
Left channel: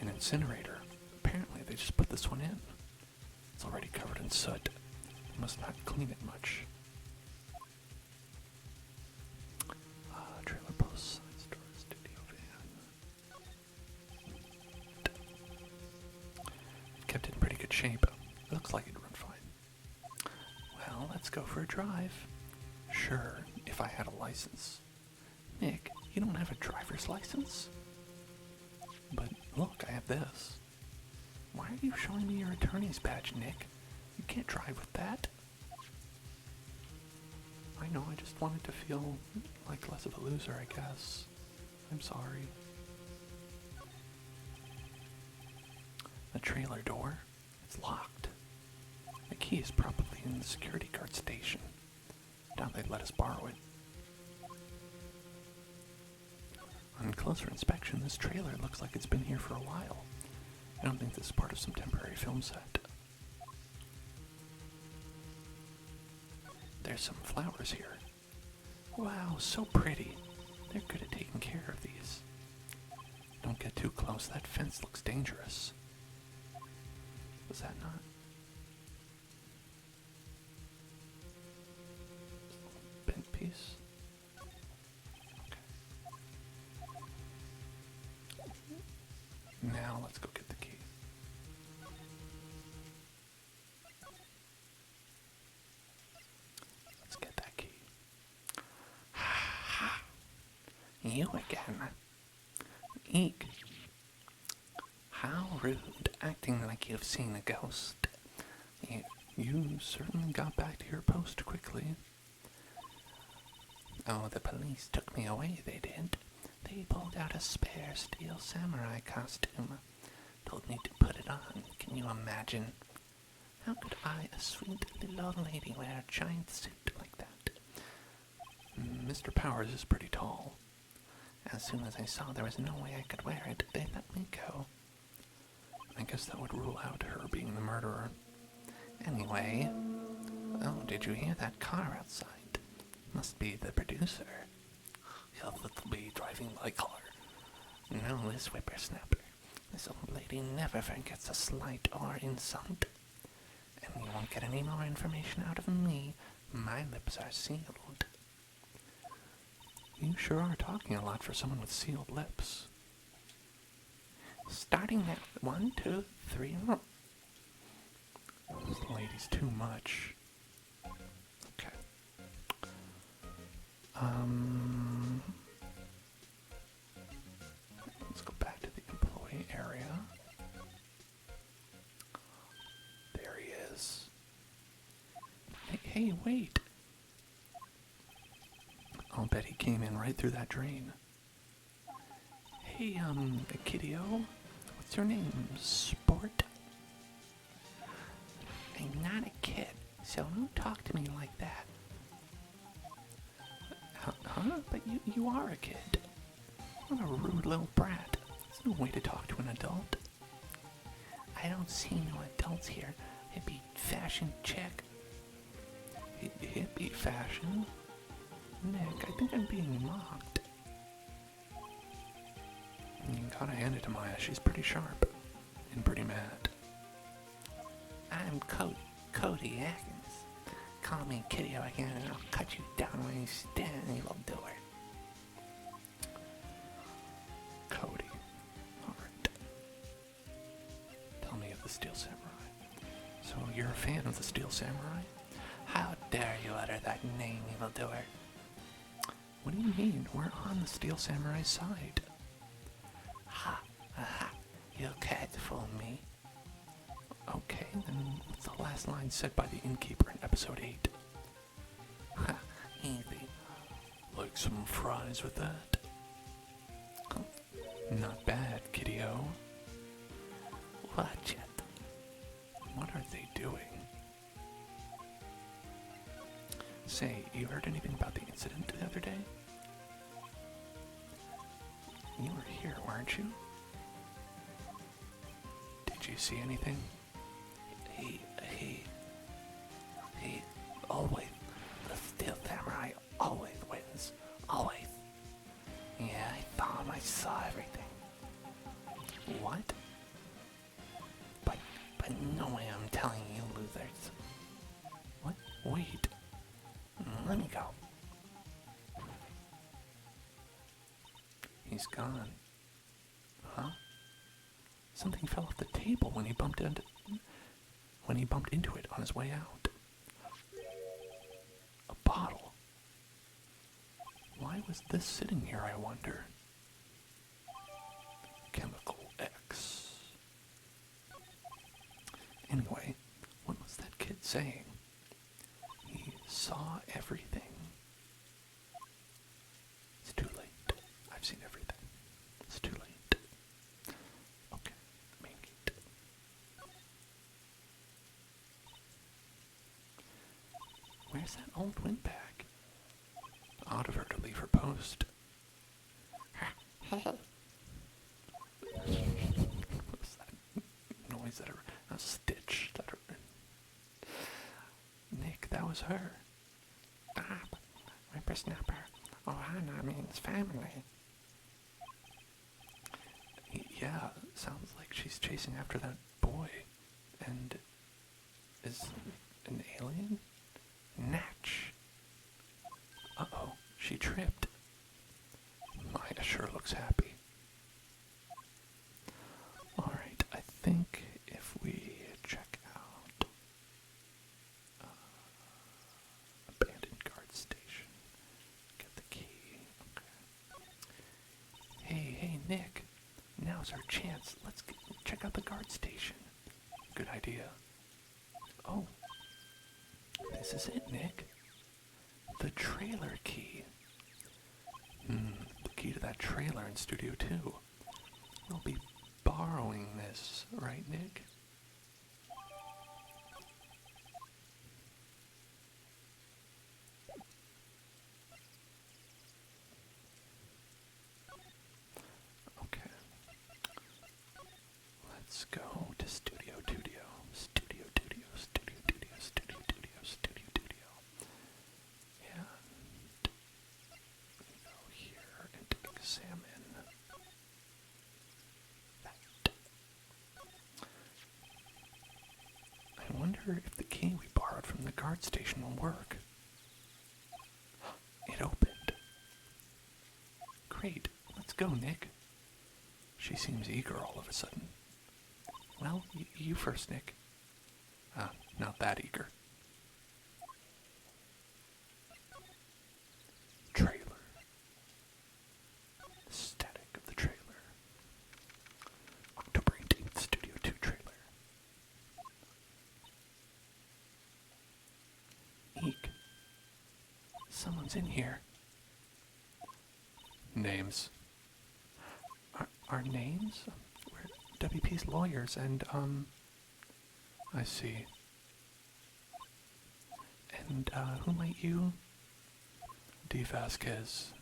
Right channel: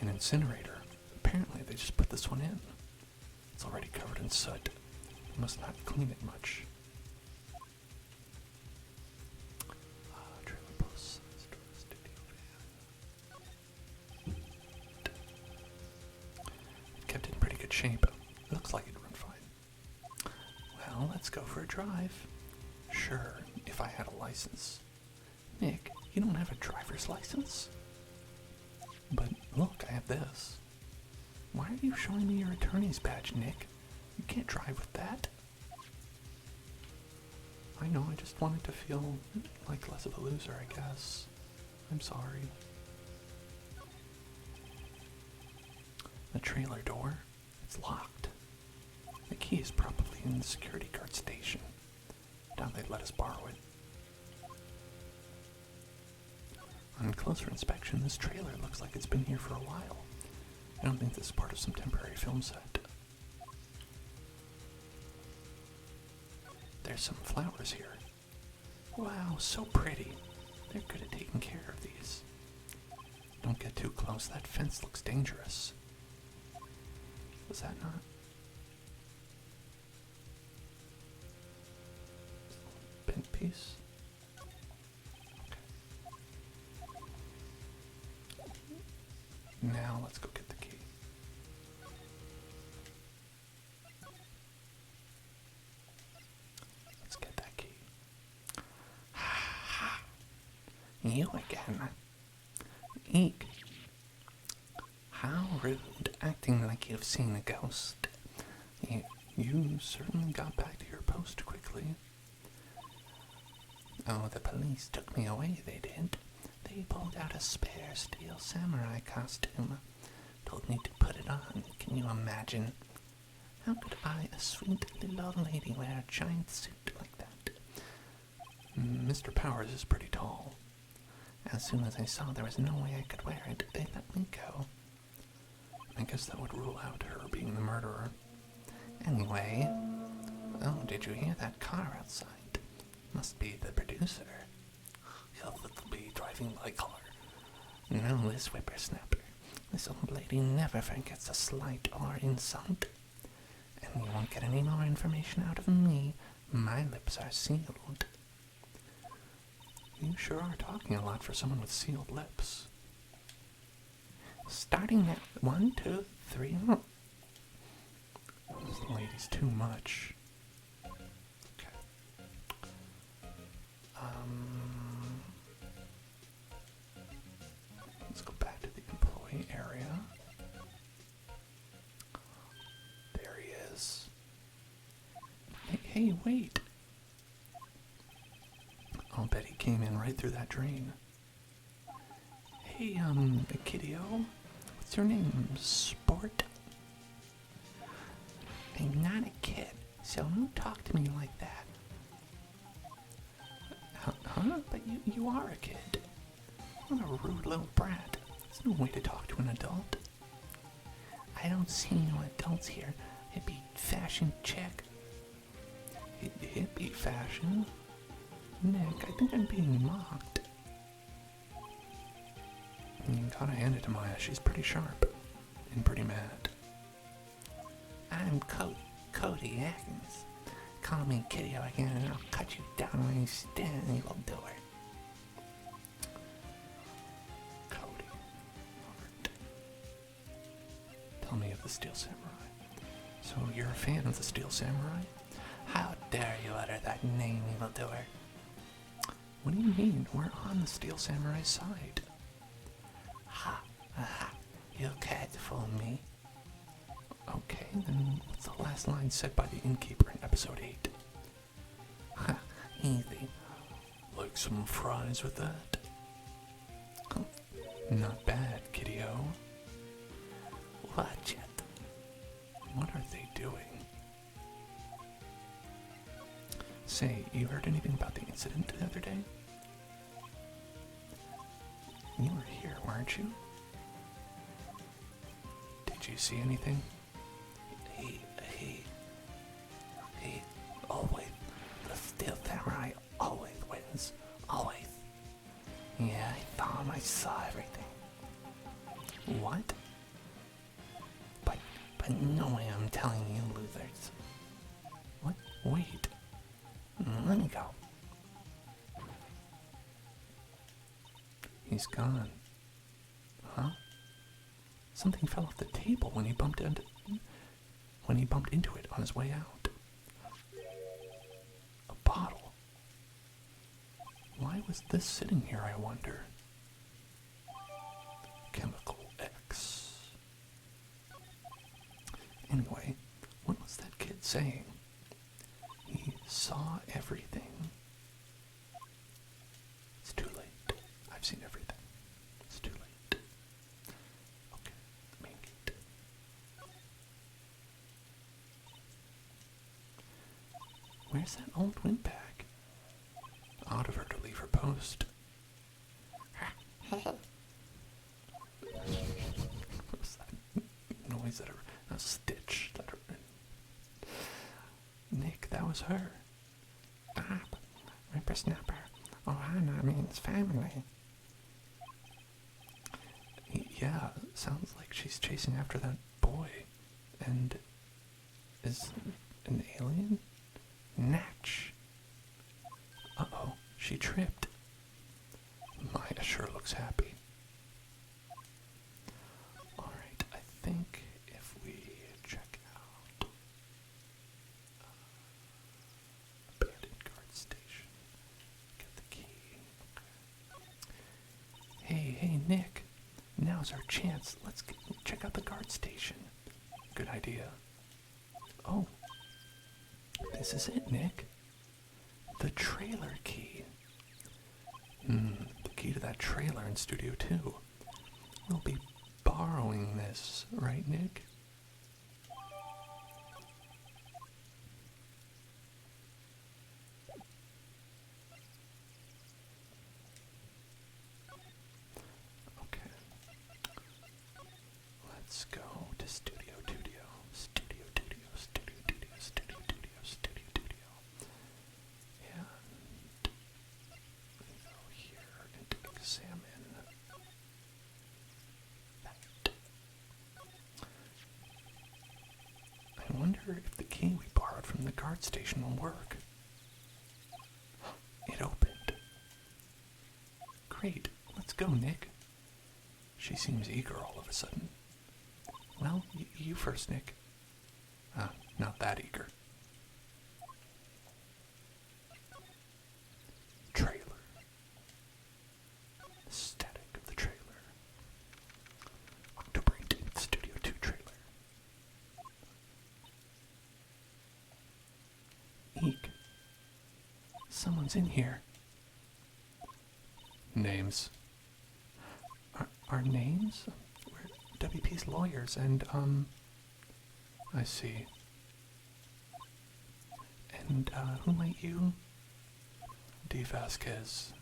An incinerator. Apparently they just put this one in. It's already covered in soot. They must not clean it much. Trailer post, store, studio van. Kept it in pretty good shape. Looks like it'd run fine. Well, let's go for a drive. Sure, if I had a license. Nick, you don't have a driver's license? But look, I have this. Why are you showing me your attorney's badge, Nick? You can't drive with that. I know, I just wanted to feel like less of a loser, I guess. I'm sorry. The trailer door, it's locked. The key is probably in the security guard station. Doubt they'd let us borrow it. On closer inspection, this trailer looks like it's been here for a while. I don't think this is part of some temporary film set. There's some flowers here. Wow, so pretty. They're good at taking care of these. Don't get too close, that fence looks dangerous. Was that not? Bent piece? Now let's go get the key. Let's get that key. You again. Eek. How rude, acting like you've seen a ghost. You certainly got back to your post quickly. Oh, the police took me away, they did. They pulled out a spare steel samurai costume. Told me to put it on. Can you imagine? How could I, a sweet little old lady, wear a giant suit like that? Mr. Powers is pretty tall. As soon as I saw there was no way I could wear it, they let me go. I guess that would rule out her being the murderer. Anyway, oh, did you hear that car outside? Must be the producer. He'll be driving my car. No, this whippersnapper. This old lady never forgets a slight or insult. And you won't get any more information out of me. My lips are sealed. You sure are talking a lot for someone with sealed lips. Starting at 1, 2, 3. This lady's too much. Okay. Let's go back to the employee area. There he is. Hey, wait. I'll bet he came in right through that drain. Hey, kiddo. What's your name? Sport? I'm not a kid, so don't talk to me like that. Huh? But you are a kid. What a rude little brat. There's no way to talk to an adult. I don't see no adults here. Hippie fashion chick. Hippie fashion? Nick, I think I'm being mocked. You gotta hand it to Maya. She's pretty sharp and pretty mad. I'm Cody Atkins. Call me Kitty again and I'll cut you down when you stand, evil doer. Cody. Alright. Tell me of the Steel Samurai. So you're a fan of the Steel Samurai? How dare you utter that name, evil doer? What do you mean? We're on the Steel Samurai's side. Ha! Aha! You can't fool me. Okay, then what's the last line said by the innkeeper in episode 8? Ha! Easy. Like some fries with that? Huh. Not bad, kiddo. Watch it. What are they doing? Say, you heard anything about the incident the other day? You were here, weren't you? Did you see anything? He always, the Steel Samurai always wins. Always. Yeah, I saw everything. What? But no way I'm telling you, losers. What? Wait. Let me go. He's gone. Huh? Something fell off the table when he bumped into it on his way out. A bottle. Why was this sitting here, I wonder? Chemical X. Anyway, what was that kid saying? He saw everything. It's too late. I've seen everything. It's too late. Okay, main gate. Where's that old windbag? Odd of her to leave her post. What was that noise? A stitch. Nick, that was her. Stop. Whippersnapper. Ohana means family. Yeah, sounds like she's chasing after that boy. And is an alien? Natch. Uh-oh, she tripped. Maya sure looks happy. Alright, I think if we check out abandoned guard station, get the key. Okay. Hey, Nick. Now's our chance. Let's check out the guard station. Good idea. Oh. This is it, Nick. The trailer key. The key to that trailer in Studio 2. We'll be borrowing this, right, Nick? Okay. Let's go to Studio Studio. Studio Studio. Studio Studio. Studio Studio. Studio Studio. And go here and examine that. I wonder if the key we borrowed from the guard station will work. It opened. Great. Let's go, Nick. She seems eager all of a sudden. Well, you first, Nick. Not that eager. Trailer. Static of the trailer. October 18th, Studio 2 trailer. Eek. Someone's in here. Names. Our names? We're WP's lawyers and, I see. And, who might you? D. Vasquez,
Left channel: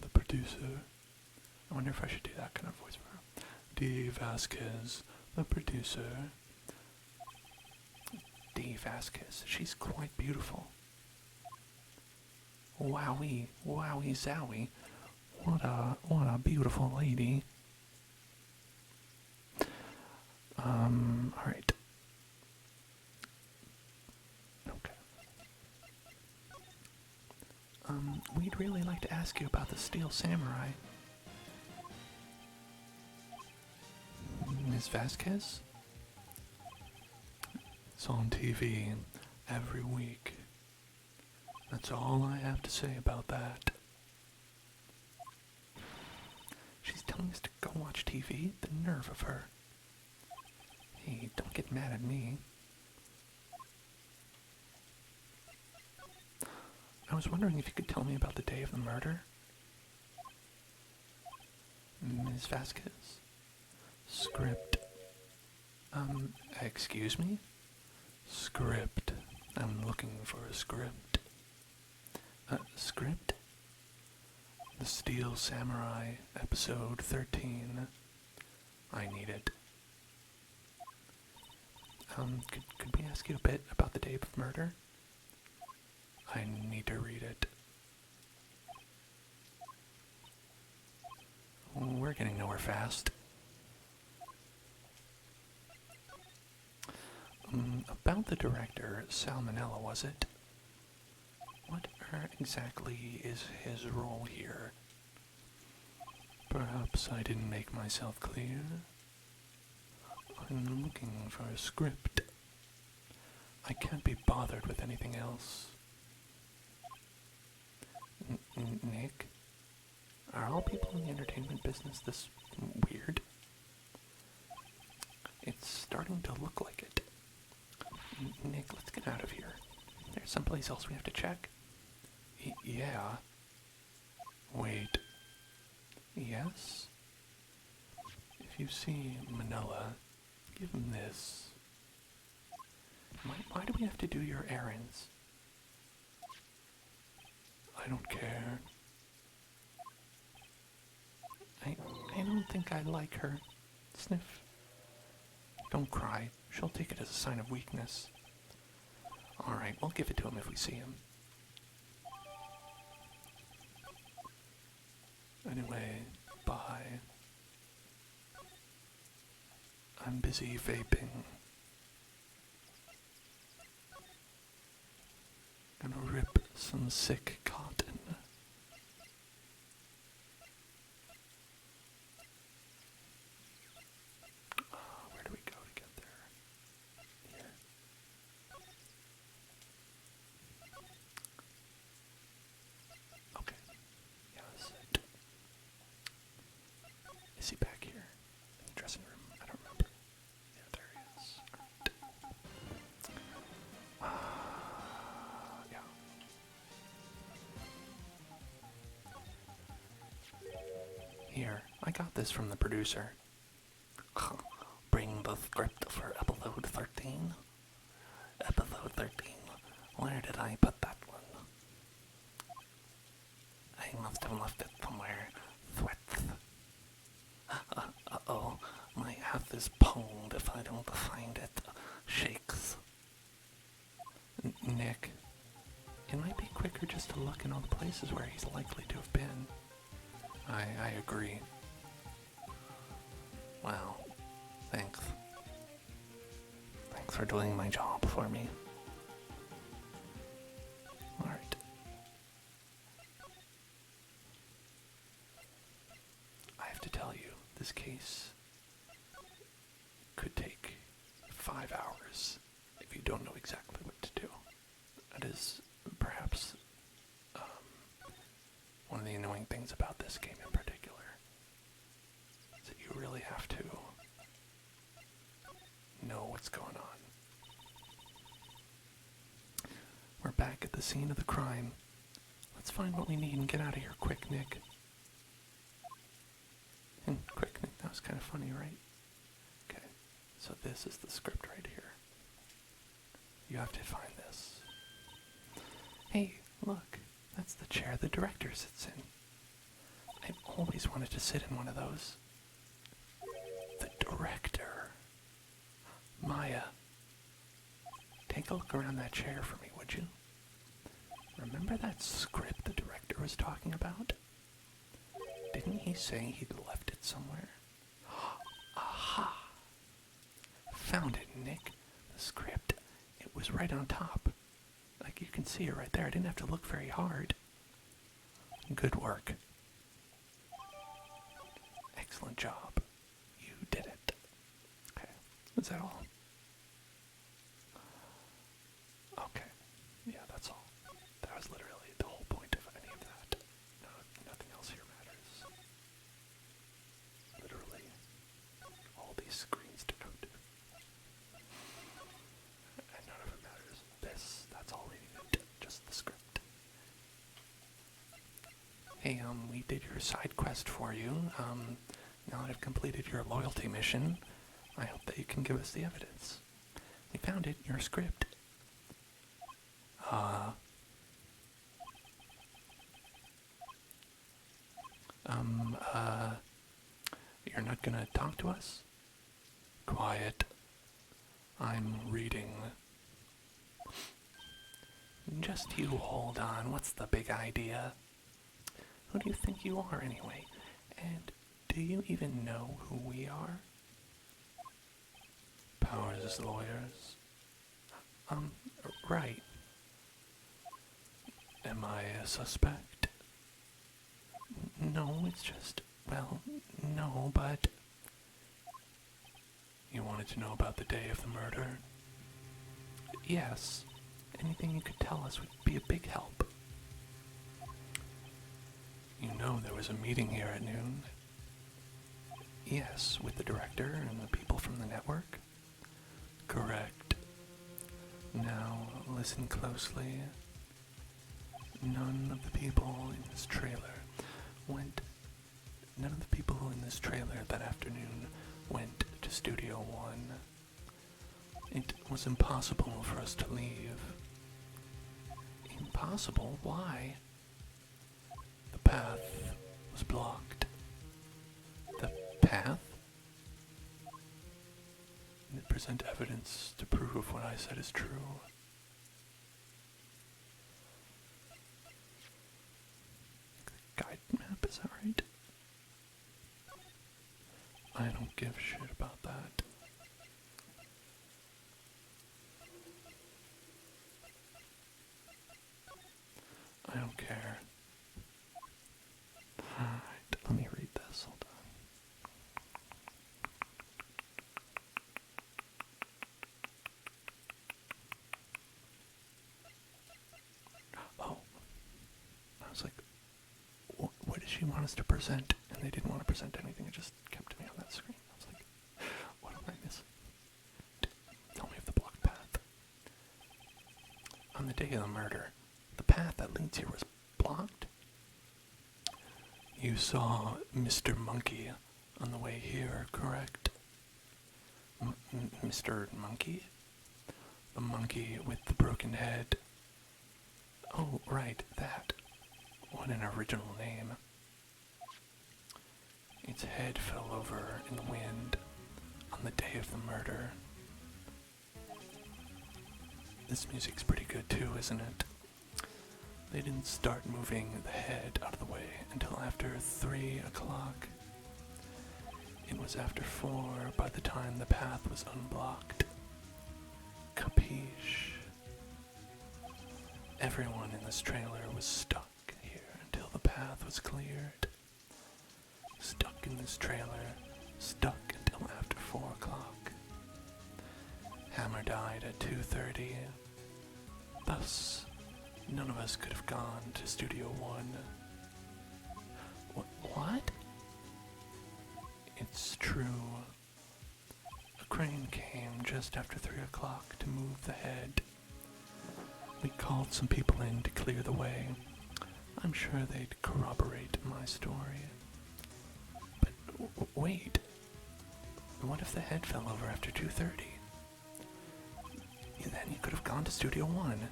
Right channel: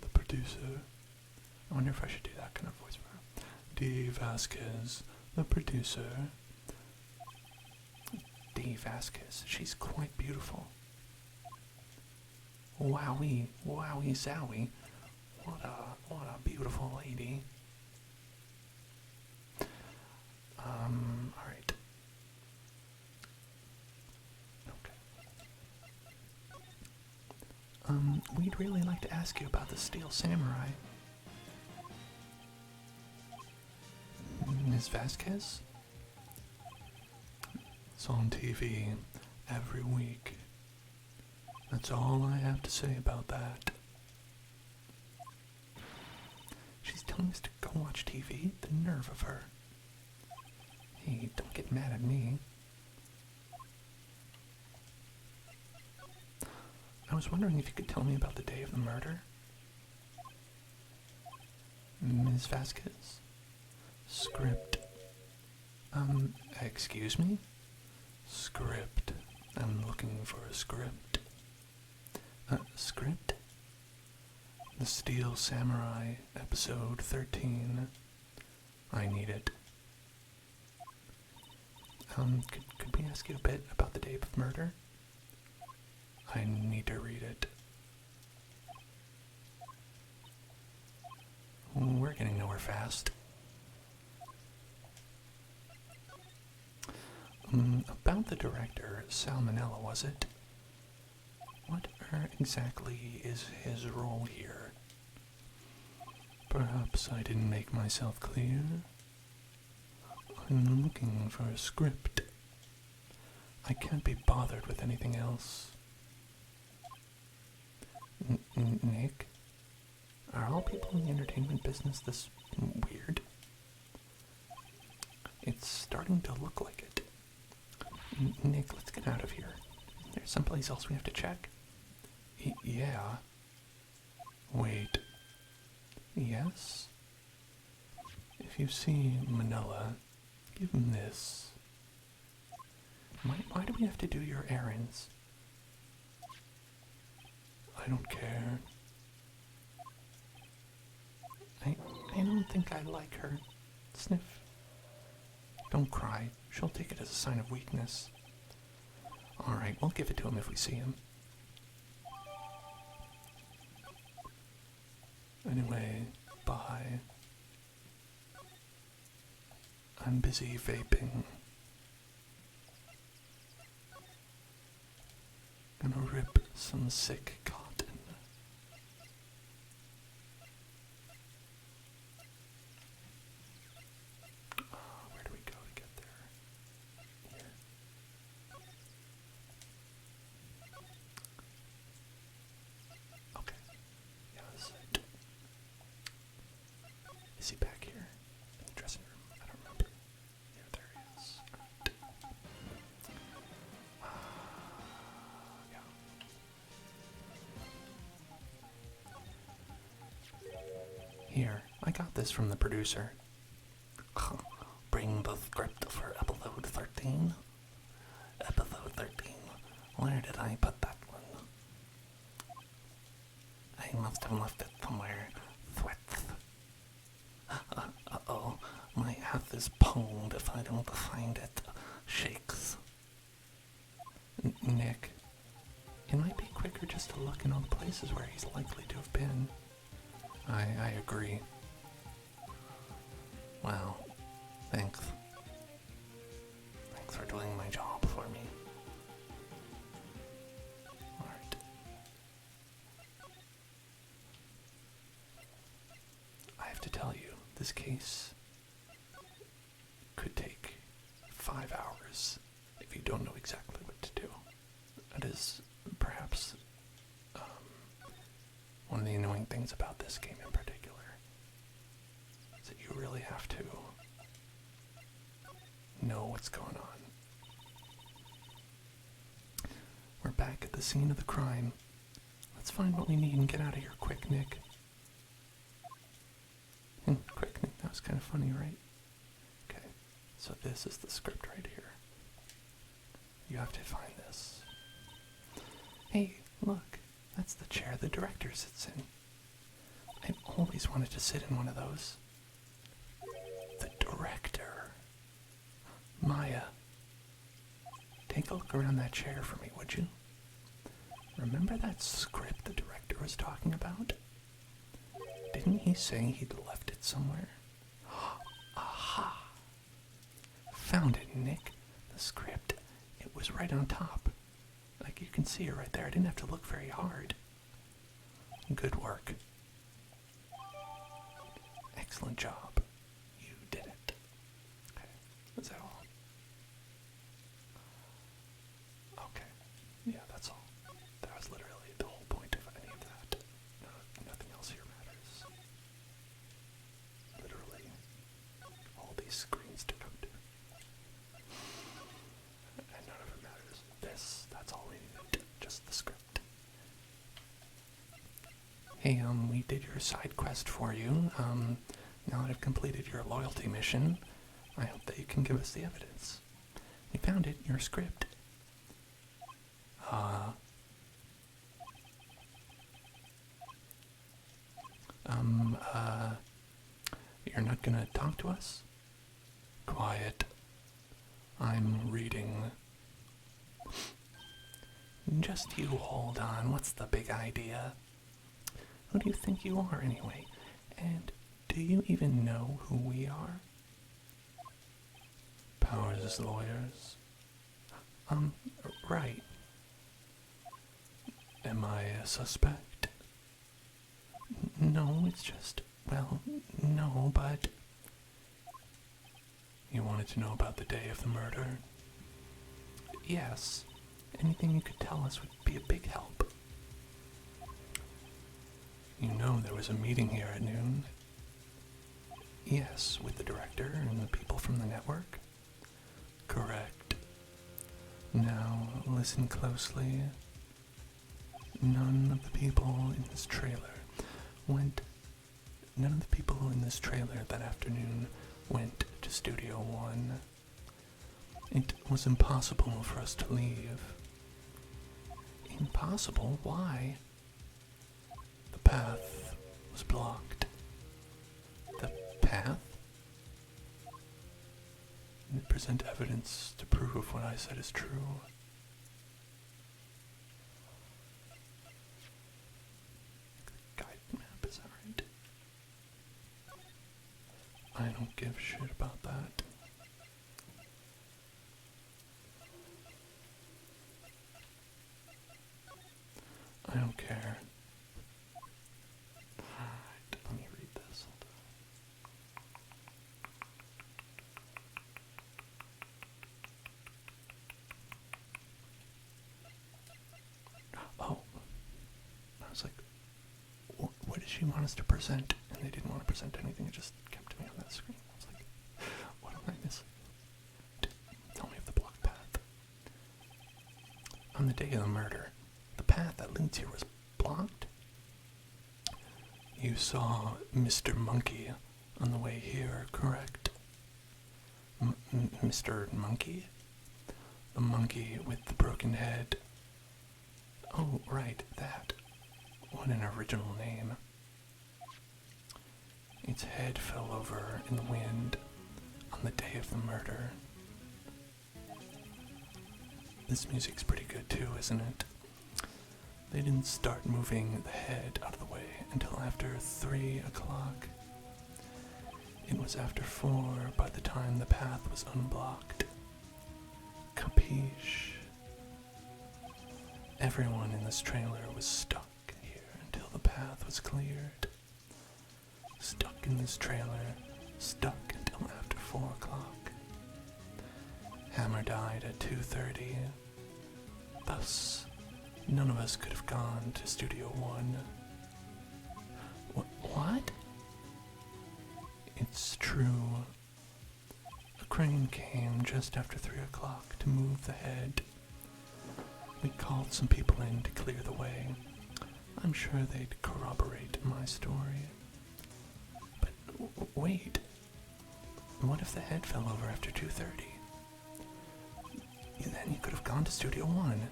the producer. I wonder if I should do that kind of voice for her. D. Vasquez, the producer. D. Vasquez. She's quite beautiful. Wowie, wowie zowie. What a beautiful lady. we'd really like to ask you about the Steel Samurai. Ms. Vasquez? It's on TV every week. That's all I have to say about that. She's telling us to go watch TV? The nerve of her. Hey, don't get mad at me. I was wondering if you could tell me about the day of the murder. Ms. Vasquez? Script. Excuse me? Script. I'm looking for a script. Script? The Steel Samurai, episode 13. I need it. Could we ask you a bit about the day of murder? I need to read it. We're getting nowhere fast. About the director, Salmonella, was it? What exactly is his role here? Perhaps I didn't make myself clear. I'm looking for a script. I can't be bothered with anything else. Nick? Are all people in the entertainment business this weird? It's starting to look like it. Nick, let's get out of here. There's someplace else we have to check. Yeah. Wait. Yes? If you see Manila, give him this. Why do we have to do your errands? I don't care. I don't think I like her. Sniff. Don't cry. She'll take it as a sign of weakness. Alright, we'll give it to him if we see him. Anyway, bye. I'm busy vaping. Gonna rip some sick cotton. Where do we go to get there? Here. Okay. Yeah, this is it. Is he back here? In the dressing room? I don't remember. Yeah, there he is. Alright. Yeah. Here, I got this from the producer. Bring the script for episode 13. Episode 13. Where did I put that one? I must have left it somewhere. Sweats. Uh-oh. My ass is pwned if I don't find it. Shakes. Nick, it might be quicker just to look in all the places where he's likely to have been. I agree. Wow. Thanks. Thanks for doing my job for me. Alright. I have to tell you, this case could take 5 hours if you don't know exactly what to do. That is perhaps one of the annoying things about this game in particular. Is that you really have to know what's going on. We're back at the scene of the crime. Let's find what we need and get out of here quick, Nick. Quick, Nick. That was kind of funny, right? Okay, so this is the script right here. You have to find this. Hey, look. That's the chair the director sits in. I've always wanted to sit in one of those. The director. Maya. Take a look around that chair for me, would you? Remember that script the director was talking about? Didn't he say he'd left it somewhere? Aha! Found it, Nick. The script. It was right on top. Like you can see it right there. I didn't have to look very hard. Good work. Excellent job. You did it. Okay. Is that all? Okay. Yeah, that's all. That was literally the whole point of any of that. No, nothing else here matters. Literally, all these screens to come to. And none of it matters. That's all we needed. Just the script. Hey, we did your side quest for you. Now that I've completed your loyalty mission, I hope that you can give us the evidence. We found it, your script. You're not gonna talk to us? Quiet. I'm reading. Just you hold on, what's the big idea? Who do you think you are anyway? And do you even know who we are? Powers lawyers. Right. Am I a suspect? No, it's just, well, no, but... You wanted to know about the day of the murder? Yes. Anything you could tell us would be a big help. You know there was a meeting here at noon? Yes, with the director and the people from the network? Correct. Now, listen closely. None of the people in this trailer that afternoon went to Studio One. It was impossible for us to leave. Impossible? Why? The path was blocked. The path? And present evidence to prove what I said is true. Guide map, is that right? I don't give a shit about that. I don't care. Alright, let me read this. Hold on. Oh. I was like, what did she want us to present? And they didn't want to present anything, it just kept me on that screen. I was like, what am I missing? Tell me of the blocked path. On the day of the murder, the path that leads here was blocked? You saw Mr. Monkey on the way here, correct? Mr. Monkey? The monkey with the broken head? Oh, right, that. What an original name. Its head fell over in the wind on the day of the murder. This music's pretty good too, isn't it? They didn't start moving the head out of the way until after 3 o'clock. It was after 4 by the time the path was unblocked. Capiche? Everyone in this trailer was stuck here until the path was cleared. Stuck in this trailer, stuck until after 4 o'clock. Hammer died at 2:30. Thus, none of us could have gone to Studio One. What? It's true. A crane came just after 3 o'clock to move the head. We called some people in to clear the way. I'm sure they'd corroborate my story. But wait. What if the head fell over after 2:30? Then you could have gone to Studio One.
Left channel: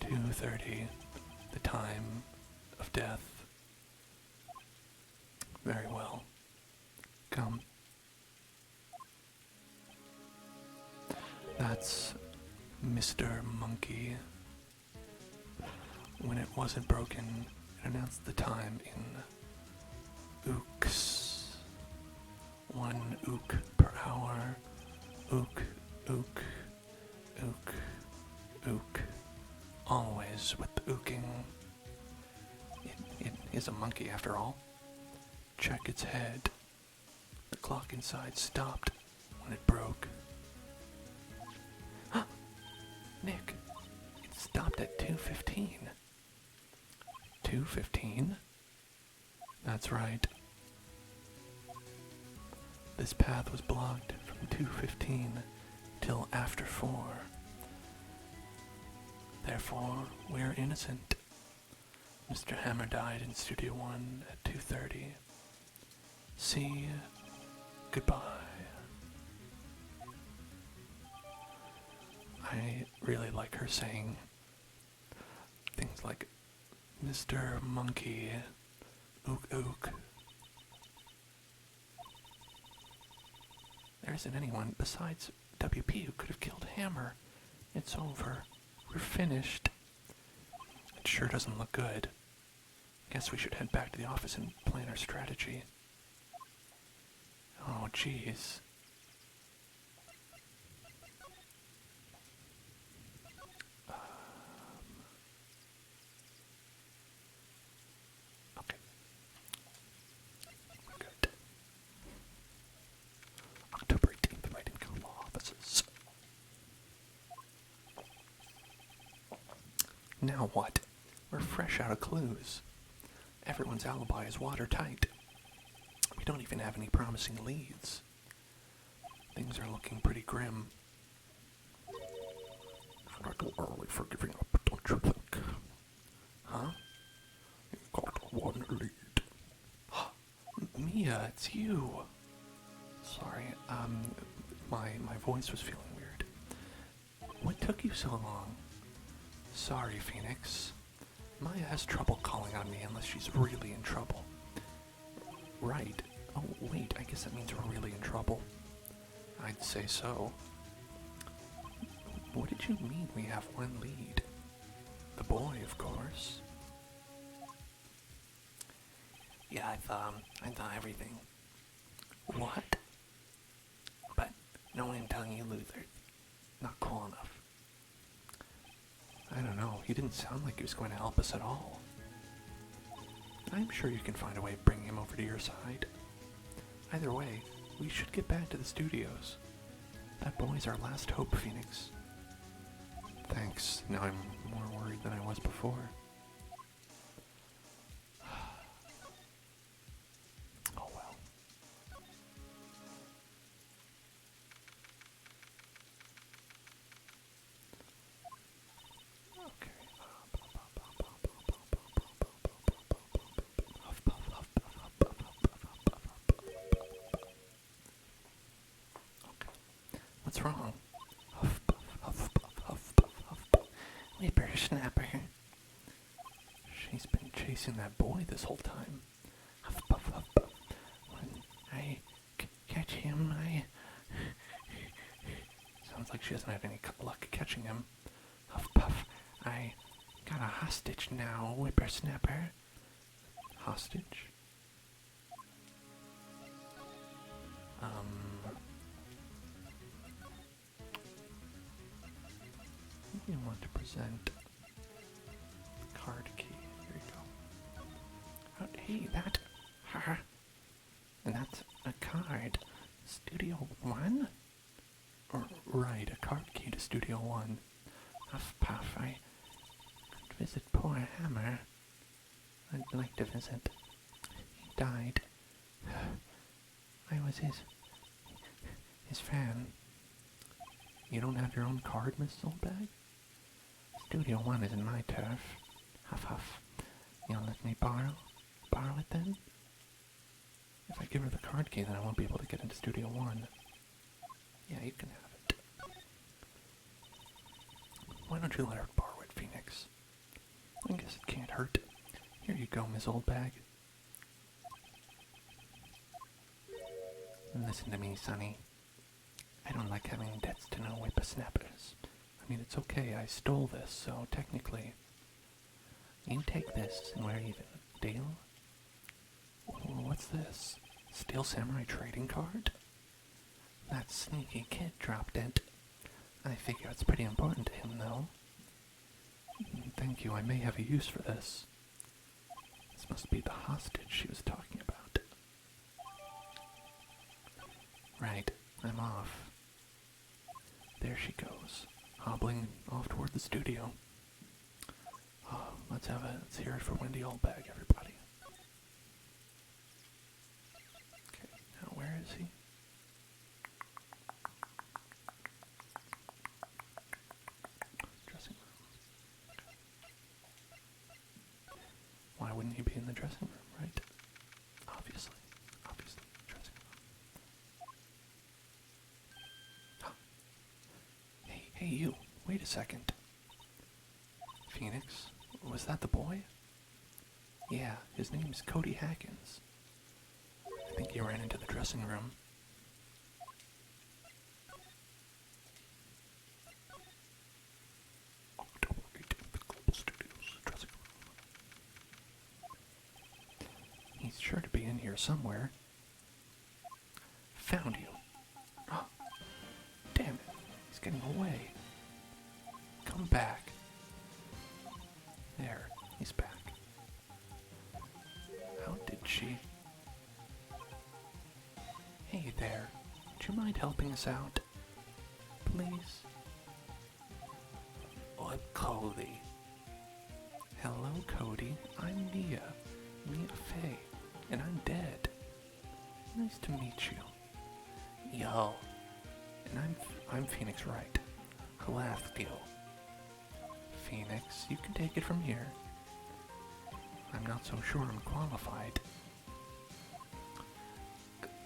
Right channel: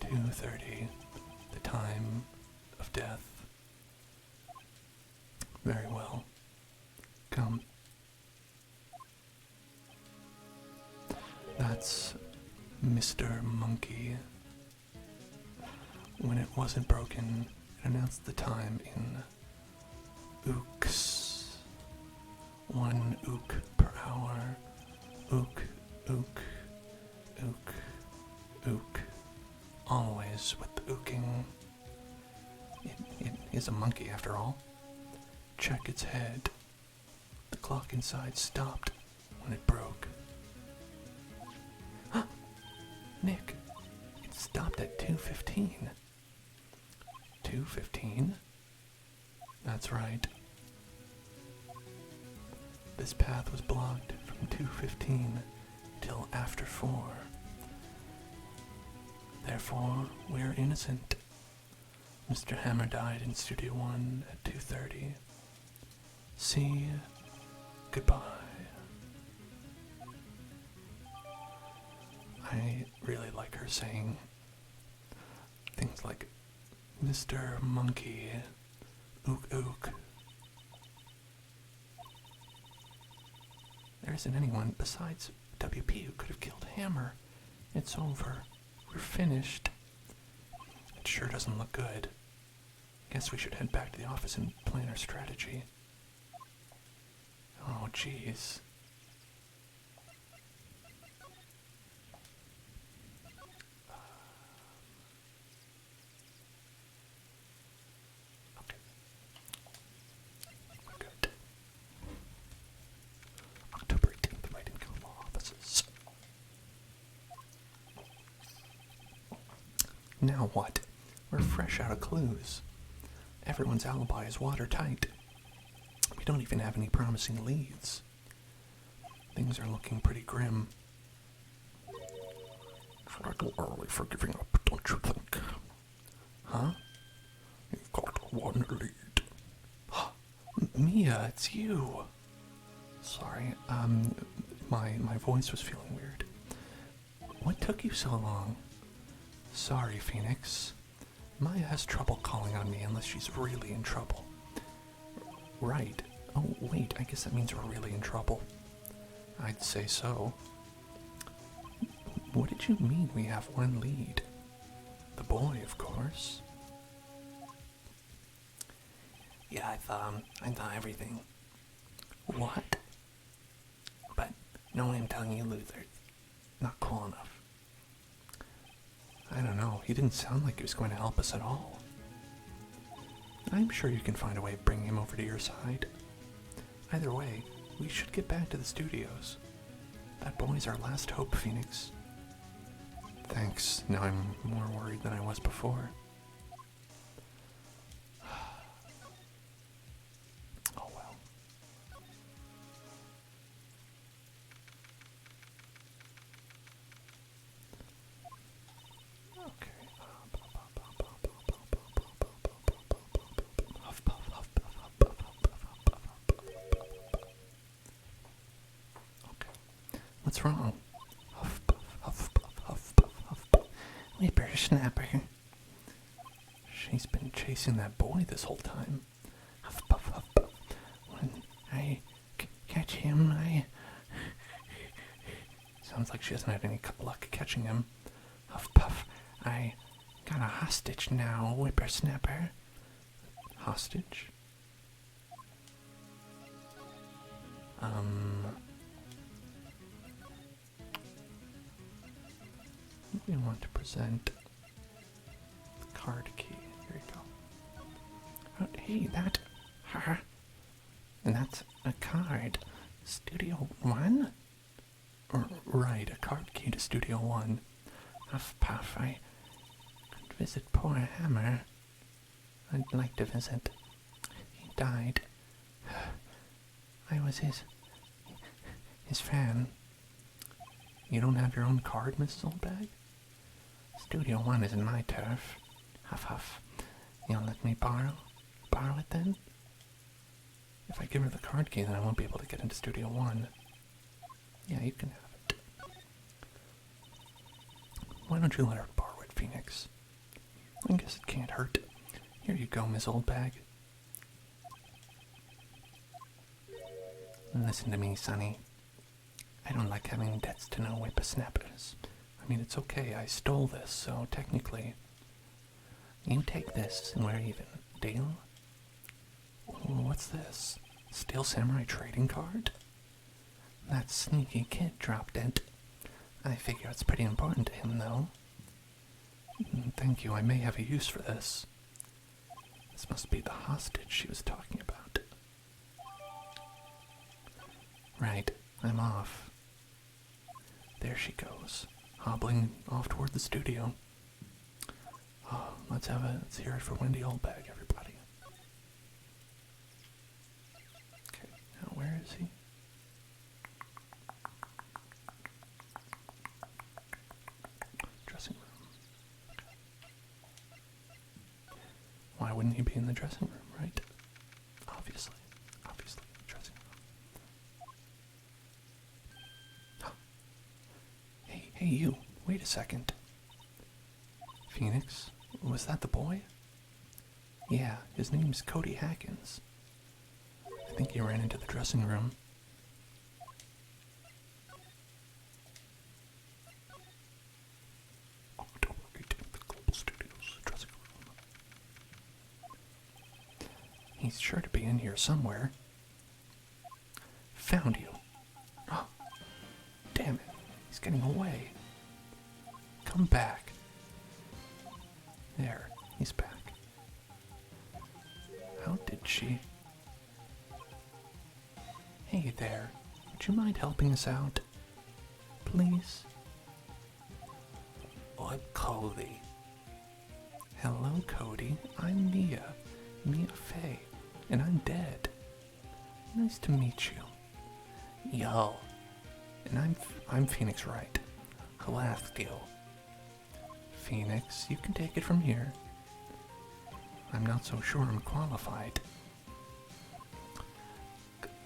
2:30, the time of death. Very well. Come. That's Mr. Monkey. When it wasn't broken, it announced the time in ooks. 1 ook per hour. Ook, ook, ook, ook. Always with the ooking. is a monkey after all. Check its head. The clock inside stopped when it broke. Huh! Nick, it stopped at 2:15. 2:15? That's right. This path was blocked from 2:15 till after 4. Therefore, we're innocent. Mr. Hammer died in Studio 1 at 2:30. See, goodbye. I really like her saying things like, Mr. Monkey, ook ook. There isn't anyone besides WP who could have killed Hammer. It's over. We're finished. It sure doesn't look good. Guess we should head back to the office and plan our strategy. Oh, jeez. Okay. We're good. October 18th, right in Como offices. Now what? We're fresh out of clues. Everyone's alibi is watertight. We don't even have any promising leads. Things are looking pretty grim. It's not too early for giving up, don't you think? Huh? You've got one lead. Mia, it's you. Sorry, my voice was feeling weird. What took you so long? Sorry, Phoenix. Maya has trouble calling on me unless she's really in trouble. Right. Oh, wait, I guess that means we're really in trouble. I'd say so. What did you mean we have one lead? The boy, of course. Yeah, I thought everything. What? But no one telling you Luther. Not cool enough. I don't know, he didn't sound like he was going to help us at all. I'm sure you can find a way of bringing him over to your side. Either way, we should get back to the studios. That boy's our last hope, Phoenix. Thanks, now I'm more worried than I was before. Oh well. What's wrong? Huff, puff, huff, puff, huff, puff, huff, puff. Whippersnapper. She's been chasing that boy this whole time. Huff, puff, huff, puff. When I catch him, Sounds like she hasn't had any luck catching him. Huff, puff. I got a hostage now, whippersnapper. Hostage? You want to present card key. Here you go. Oh, hey, that. Huh? And that's a card. Studio 1? Right, a card key to Studio 1. Huff puff, I could visit poor Hammer. I'd like to visit. He died. I was his fan. You don't have your own card, Mrs. Oldbag? Studio 1 isn't my turf. Huff huff. You'll let me borrow it then? If I give her the card key, then I won't be able to get into Studio 1. Yeah, you can have it. Why don't you let her borrow it, Phoenix? I guess it can't hurt. Here you go, Miss Oldbag. Listen to me, Sonny. I don't like having debts to no whippersnappers. I mean, it's okay, I stole this, so technically... You take this, and we're even. Deal? What's this? Steel Samurai trading card? That sneaky kid dropped it. I figure it's pretty important to him, though. Thank you, I may have a use for this. This must be the hostage she was talking about. Right, I'm off. There she goes, hobbling off toward the studio. Oh, let's hear it for Wendy Oldbag, everybody. Okay, now where is he? Dressing room. Why wouldn't he be in the dressing room, right? Obviously, dressing room. Hey, you, wait a second. Phoenix, was that the boy? Yeah, his name's Cody Hackins. I think he ran into the dressing room. He's sure to be in here somewhere. Found you. Oh, damn it. He's getting away. Come back. There, he's back. How did she... Hey there, would you mind helping us out? Please? I'm Cody. Hello, Cody. I'm Mia Fey, and I'm dead. Nice to meet you. Yo. And I'm Phoenix Wright. Alaska. Phoenix, you can take it from here. I'm not so sure I'm qualified.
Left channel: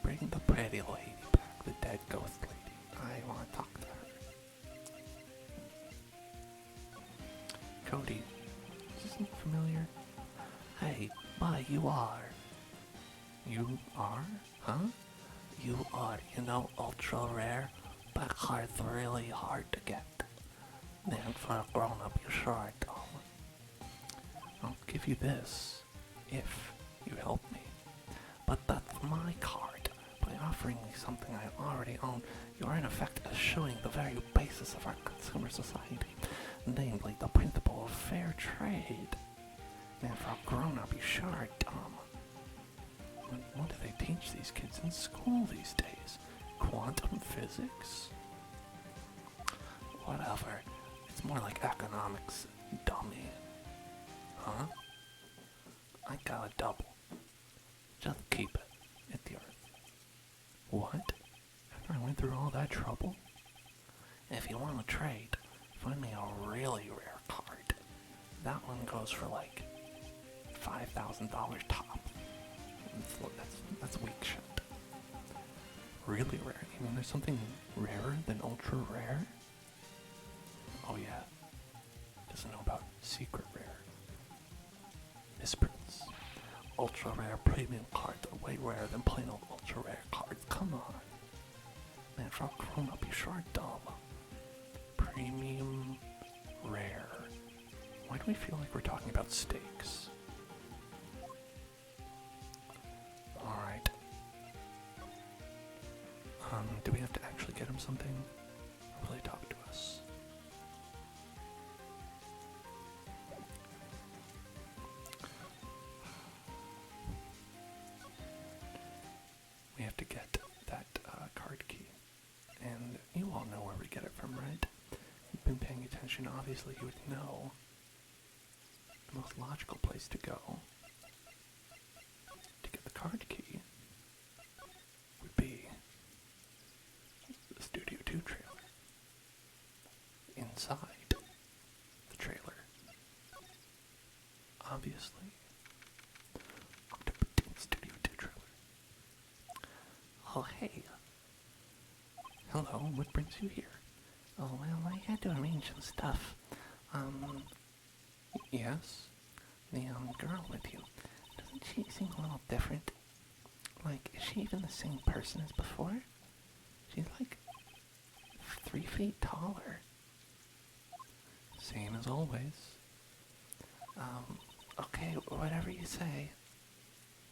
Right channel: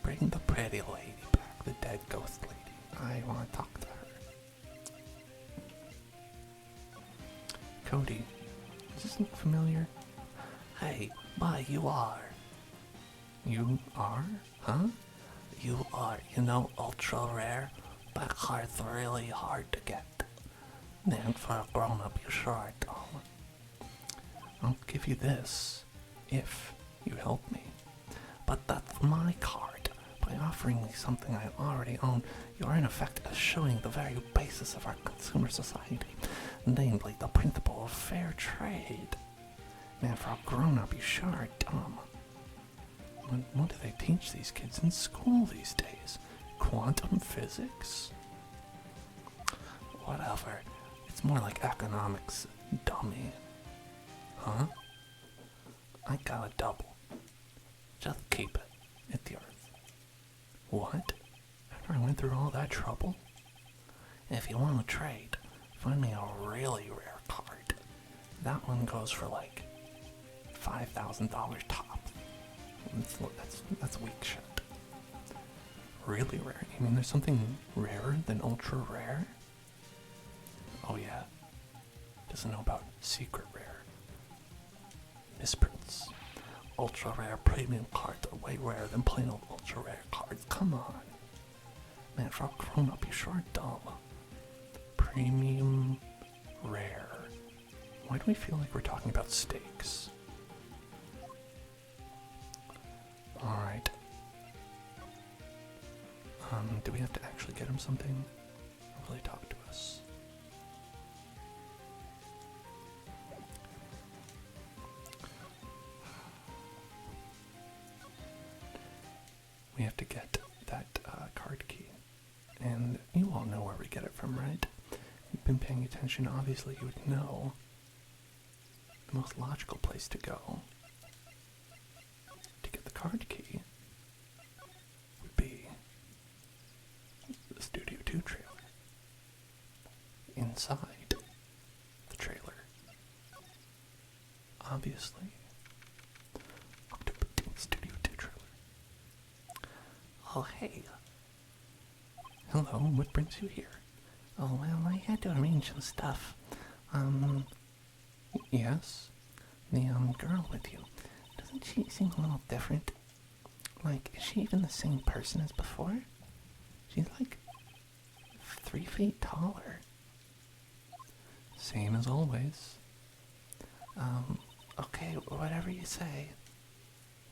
Bring the pretty lady back, the dead ghost lady. I want to talk to her. Cody, does this look familiar? Hey, you are. You are? Huh? You are, ultra rare, but cards really hard to get. Then for a grown-up, you sure don't. I'll give you this, if you help me. But that's my card. By offering me something I already own, you are in effect eschewing the very basis of our consumer society, namely the principle of fair trade. Man, for a grown-up, you sure are dumb. What do they teach these kids in school these days? Quantum physics? Whatever. It's more like economics, dummy. Huh? I got a double. Just keep it. It's yours. What? After I went through all that trouble? If you want to trade, find me a really rare card. That one goes for like $5,000 top. That's weak shit. Really rare? You mean there's something rarer than ultra rare? Oh yeah. Doesn't know about secret rare. Misprints. Ultra rare premium cards are way rarer than plain old ultra rare cards. Come on. Man, for a grown up, you sure are dumb. Premium rare. Why do we feel like we're talking about steaks? Alright. Do we have to actually get him something? Or will he talk to us? We have to get that card key. And you all know where we get it from, right? You've been paying attention, obviously you would know. The most logical place to go to get the card key would be the Studio 2 trailer. Inside the trailer, obviously, Studio 2 trailer. Oh, hey. Hello, what brings you here? Oh, well, I had to arrange some stuff. Yes? The, girl with you. Doesn't she seem a little different? Like, is she even the same person as before? She's like 3 feet taller. Same as always. Okay, whatever you say.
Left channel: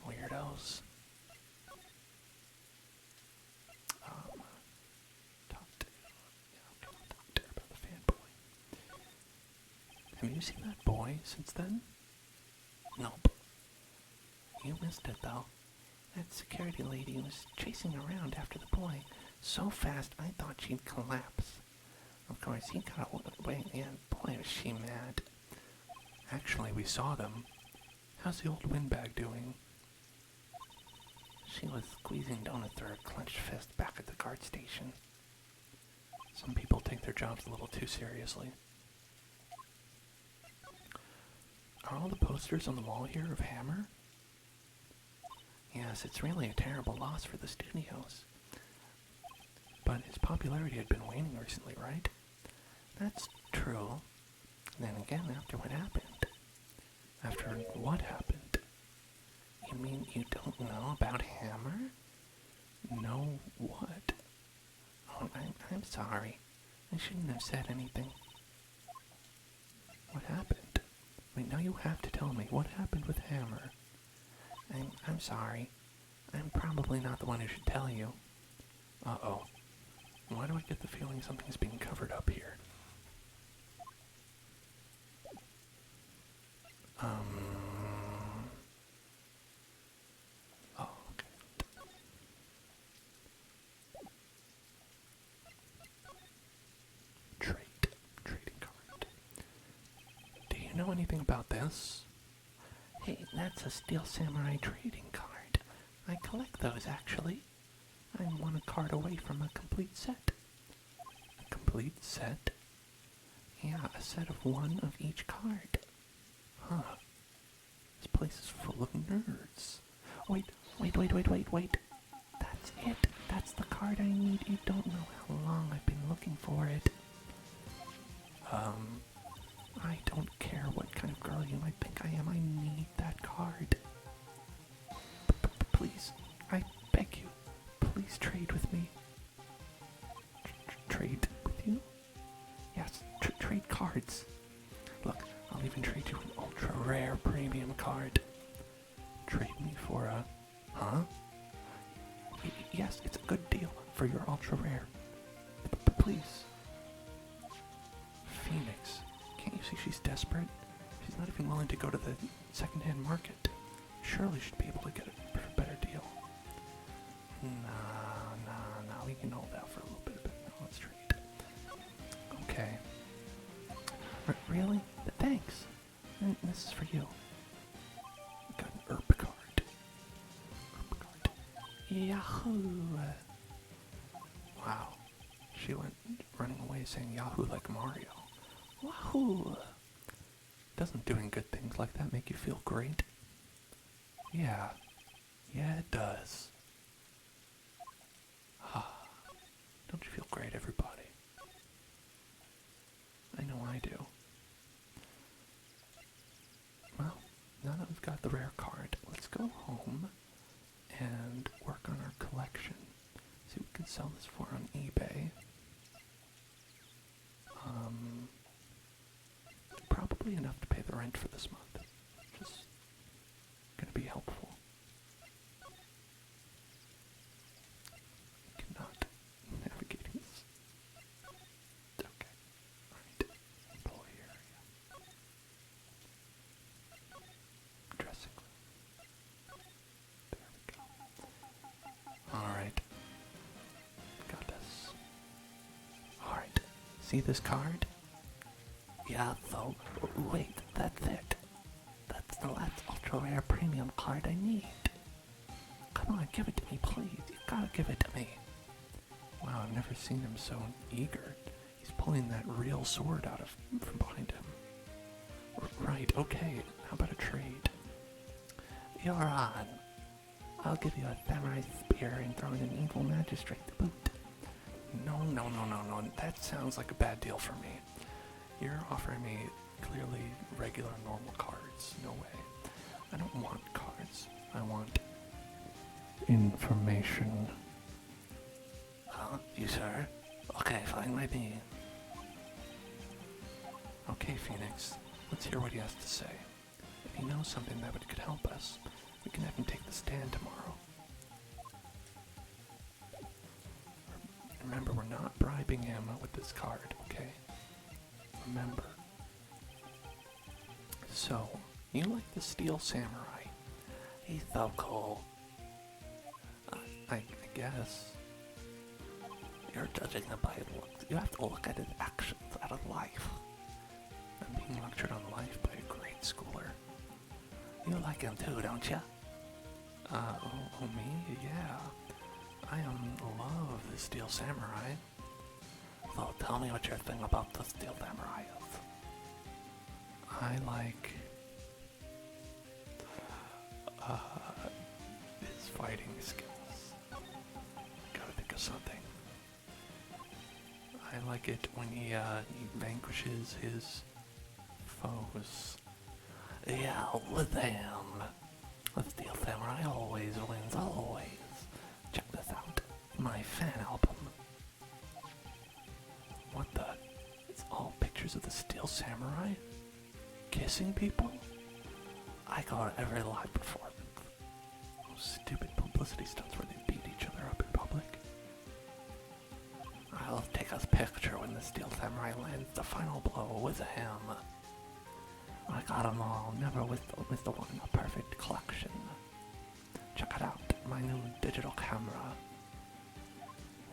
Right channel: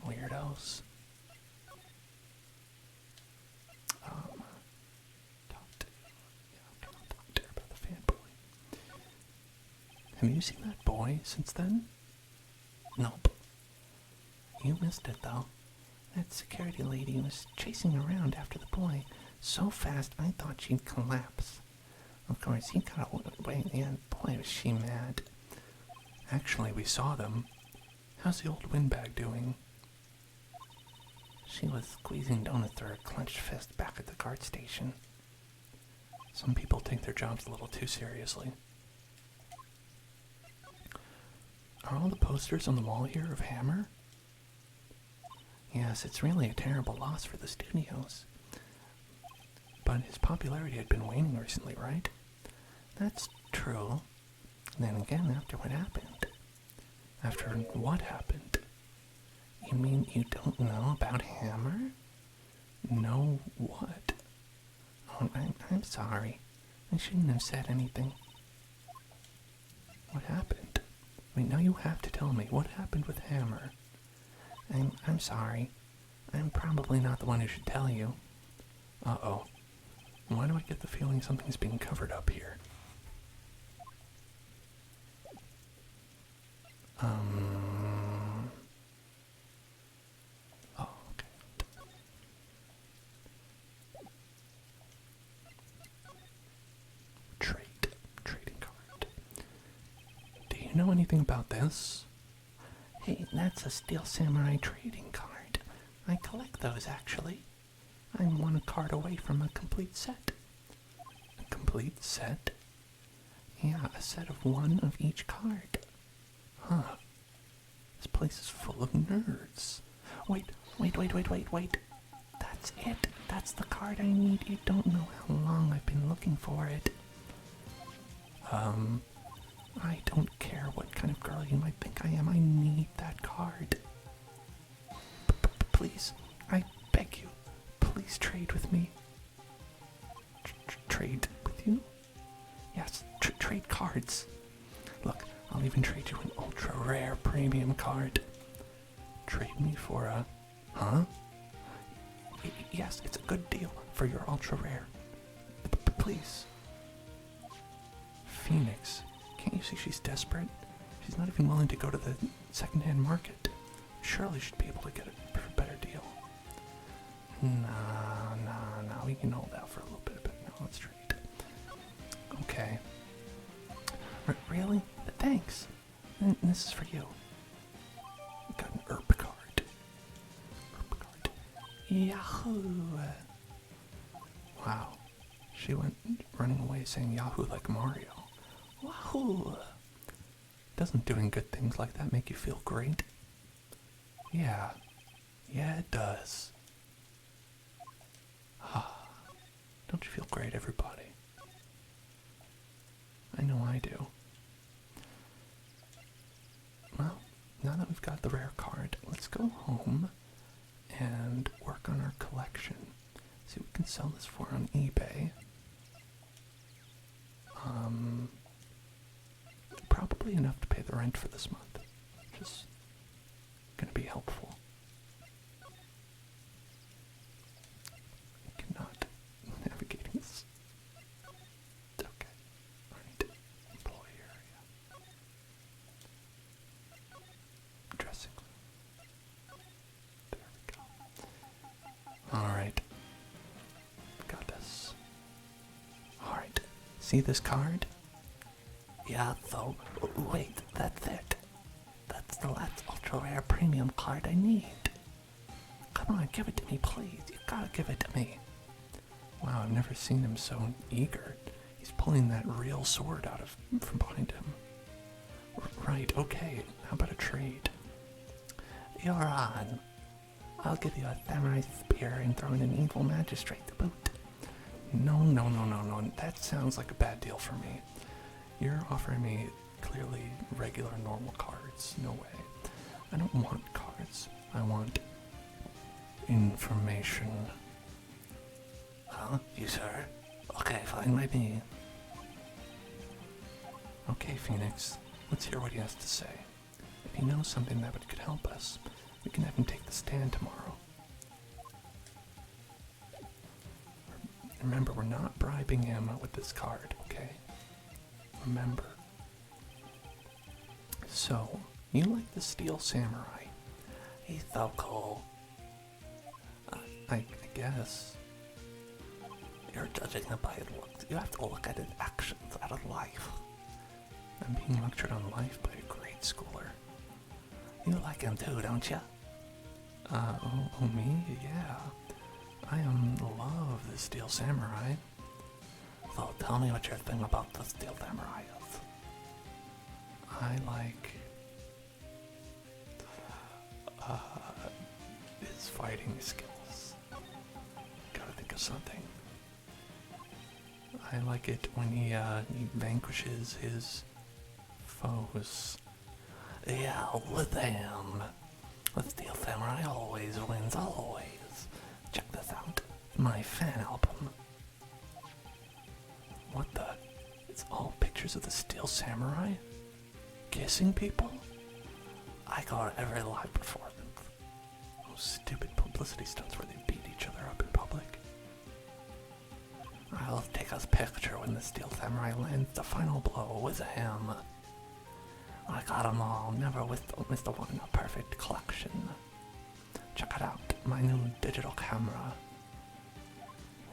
Weirdos. Talk to her about the fanboy. Have you seen that boy since then? Nope. You missed it, though. That security lady was chasing around after the boy so fast I thought she'd collapse. Of course, he got away, and boy, was she mad. Actually, we saw them. How's the old windbag doing? She was squeezing donuts through her clenched fist back at the guard station. Some people take their jobs a little too seriously. Are all the posters on the wall here of Hammer? Yes, it's really a terrible loss for the studios. But his popularity had been waning recently, right? That's true. Then again, after what happened. After what happened? You mean you don't know about Hammer? Know what? Oh, I'm sorry. I shouldn't have said anything. What happened? Wait, now you have to tell me what happened with Hammer. I'm sorry. I'm probably not the one who should tell you. Uh-oh. Why do I get the feeling something's being covered up here? Oh, okay. Trading card. Do you know anything about this? Hey, that's a Steel Samurai trading card. I collect those, actually. I'm one card away from a complete set. A complete set? Yeah, a set of one of each card. Huh. This place is full of nerds. Wait. That's it. That's the card I need. You don't know how long I've been looking for it. I don't care what kind of girl you might think I am. I need that card. Please, I beg you, please trade with me. Trade with you? Yes, trade cards. Look, I'll even trade you an ultra rare premium card. Trade me for a... Huh? Yes, it's a good deal for your ultra rare. Please. Phoenix, can't you see she's desperate? She's not even willing to go to the secondhand market. Surely she'd be able to get a better deal. Nah, we can hold out for a little bit, but no, let's trade. Okay. Really? Thanks. And this is for you. Got an herb card. Yahoo! Wow. She went running away saying Yahoo like Mario. Wahoo! Doesn't doing good things like that make you feel great? Yeah, it does. Don't you feel great, everybody? I know I do. Well, now that we've got the rare card, let's go home and work on our collection. See what we can sell this for on eBay. Probably enough to pay the rent for this month. Just gonna be helpful. I cannot navigate this. Okay. Alright. Employee area. Dressing room. There we go. Alright. Got this. Alright. See this card? Yeah, so, wait, that's it. That's the last ultra rare premium card I need. Come on, give it to me, please. You gotta give it to me. Wow, I've never seen him so eager. He's pulling that real sword out from behind him. Right, okay, how about a trade? You're on. I'll give you a samurai spear and throw in an evil magistrate to boot. No, that sounds like a bad deal for me. You're offering me clearly regular, normal cards. No way. I don't want cards. I want information. Huh? You sir? Okay, fine by me. Okay, Phoenix. Let's hear what he has to say. If he knows something that could help us, we can have him take the stand tomorrow. Remember, we're not bribing him with this card, okay? Remember. So, you like the Steel Samurai. He's so cool. I guess. You're judging him by his looks. You have to look at his actions, at his life. I'm being lectured on life by a grade schooler. You like him too, don't you? Me? Yeah. I love the Steel Samurai. So tell me what your thing about the Steel Samurai is. I like his fighting skills. Gotta think of something. I like it when he vanquishes his foes. Yeah, with him. The Steel Samurai always wins, always. Check this out. My fan album. What the? It's all pictures of the Steel Samurai? Kissing people? I go to every live performance. Those stupid publicity stunts where they beat each other up in public. I'll take a picture when the Steel Samurai lands the final blow with him. I got them all, never missed the one in a perfect collection. Check it out, my new digital camera.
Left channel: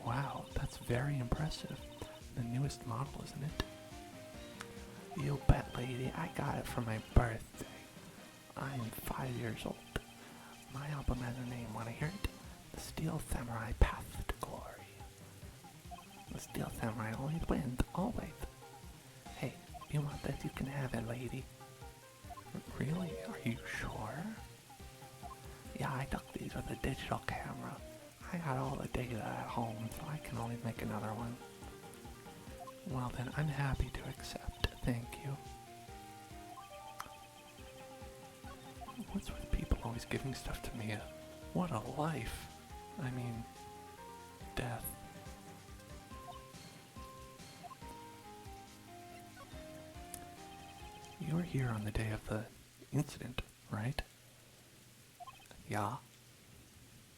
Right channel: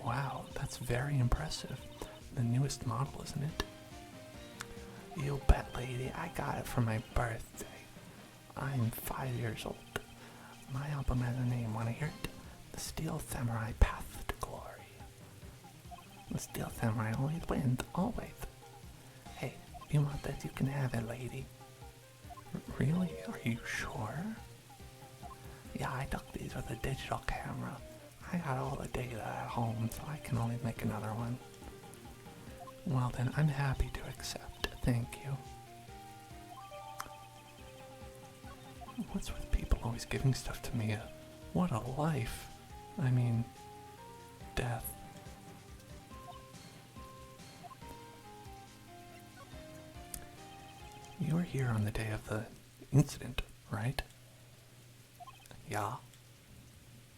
Wow, that's very impressive. The newest model, isn't it? You bet, lady, I got it for my birthday. I'm 5 years old. My album has a name, wanna hear it? The Steel Samurai Path to Glory. The Steel Samurai always wins, always. Hey, you want this? You can have it, lady. Really? Are you sure? Yeah, I took these with a digital camera. I got all the data at home, so I can always make another one. Well then, I'm happy to accept. Thank you. What's with people always giving stuff to me? What a life. I mean, death. You were here on the day of the incident, right? Yeah.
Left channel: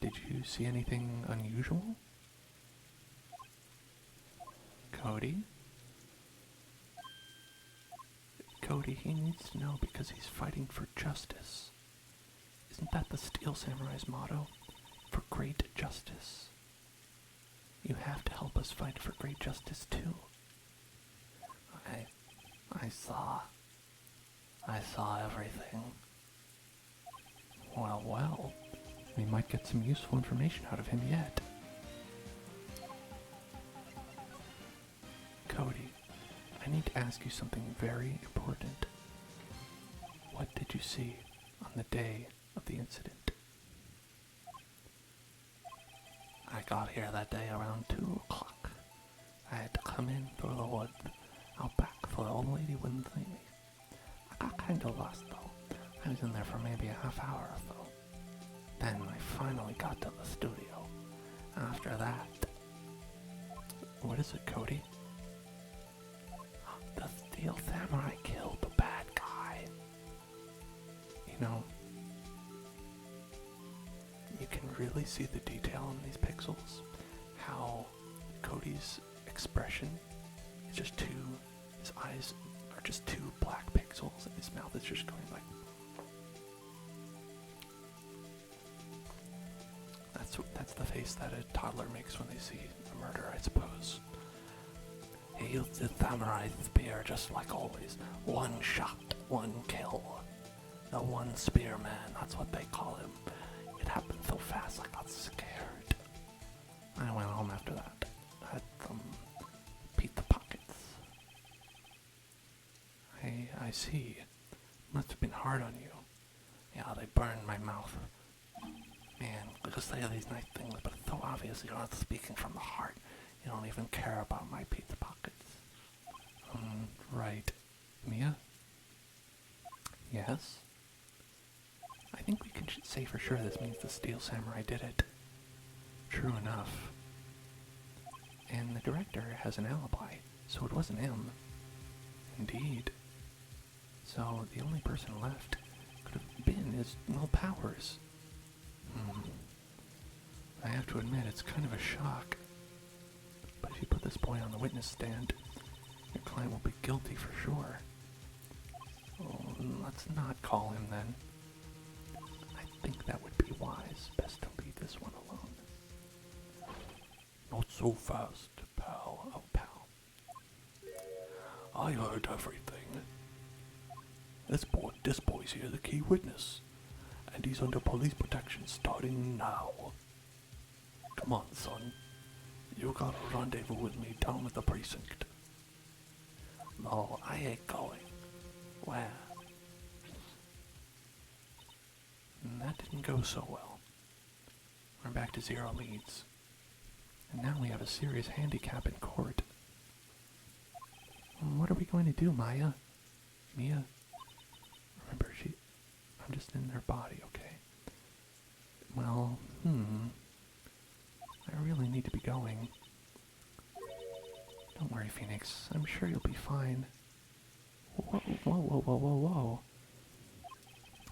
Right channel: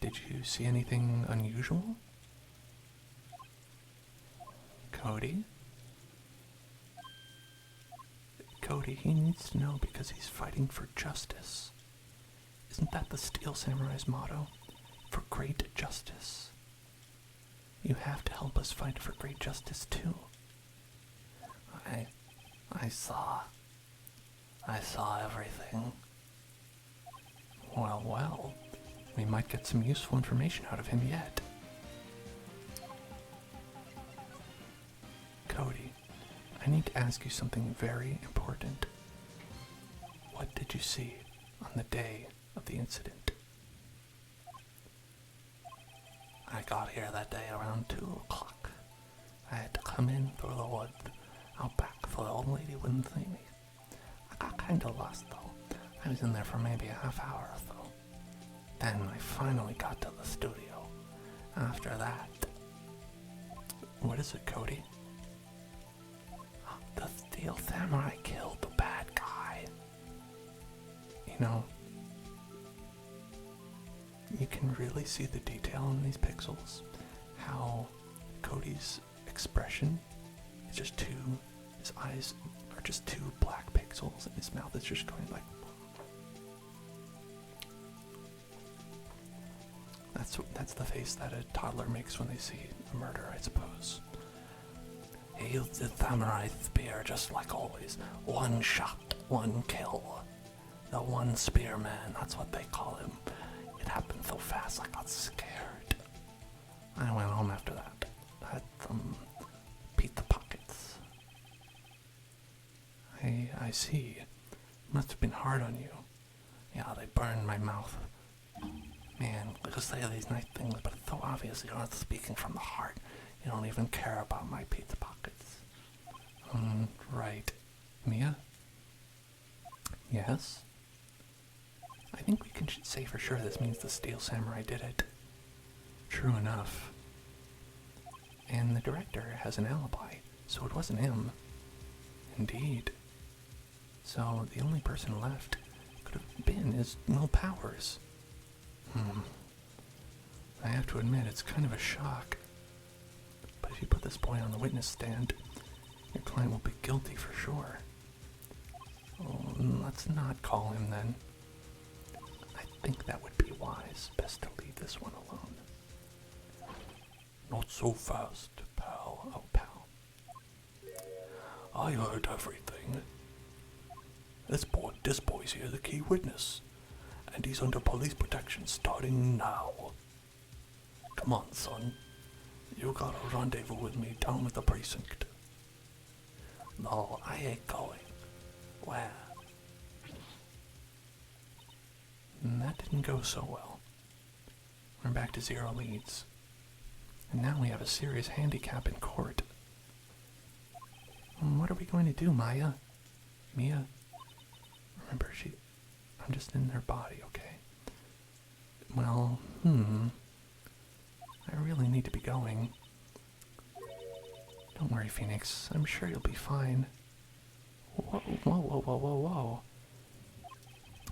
Did you see anything unusual? Cody? Cody, he needs to know because he's fighting for justice. Isn't that the Steel Samurai's motto? For great justice. You have to help us fight for great justice too. I saw everything. Well, we might get some useful information out of him yet. Cody, I need to ask you something very important. What did you see on the day of the incident? I got here that day around 2 o'clock. I had to come in through the woods out back so the old lady wouldn't see me. I got kind of lost though. I was in there for maybe a half hour or so. Then I finally got to the studio. After that... What is it, Cody? The Steel Samurai killed the bad guy. You know, you can really see the detail in these pixels. How Cody's expression is just his eyes are just 2 black pixels and his mouth is just going like... That's the face that a toddler makes when they see a murder, I suppose. He used the samurai spear just like always. 1 shot, 1 kill. The one spearman, that's what they call him. It happened so fast I got scared. I went home after that. I had some pizza pockets. I see. Must have been hard on you. Yeah, they burned my mouth. Man, I could say these nice things, but it's so obvious you're not speaking from the heart. You don't even care about my pizza pockets. Right. Mia? Yes? I think we can say for sure this means the Steel Samurai did it. True enough. And the director has an alibi, so it wasn't him. Indeed. So the only person left could have been his Will Powers. I have to admit, it's kind of a shock. But if you put this boy on the witness stand, your client will be guilty for sure. Oh, let's not call him then. think that would be wise. Best to leave this one alone. Not so fast, pal. Oh, pal. I heard everything. This boy's here, the key witness, and he's under police protection starting now. Come on, son. You got a rendezvous with me down at the precinct. No, I ain't going. Where? That didn't go so well. We're back to 0 leads. And now we have a serious handicap in court. What are we going to do, Maya? Mia? Remember, I'm just in their body, okay? Well, I really need to be going. Don't worry, Phoenix. I'm sure you'll be fine. Whoa, whoa, whoa, whoa, whoa, whoa.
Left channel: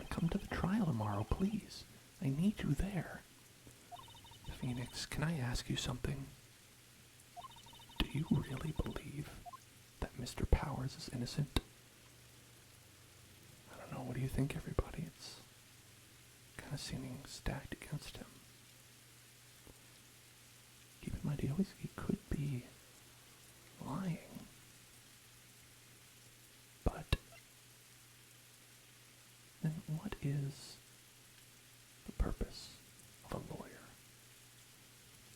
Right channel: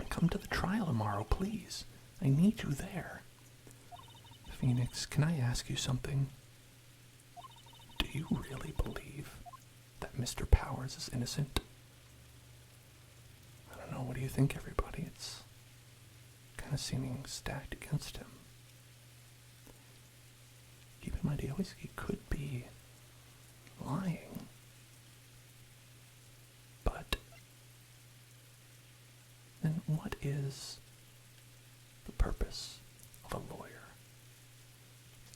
Come to the trial tomorrow, please. I need you there. Phoenix, can I ask you something? Do you really believe that Mr. Powers is innocent? I don't know, what do you think, everybody? It's kind of seeming stacked against him. Keep in mind, he could be lying. But then what is the purpose of a lawyer?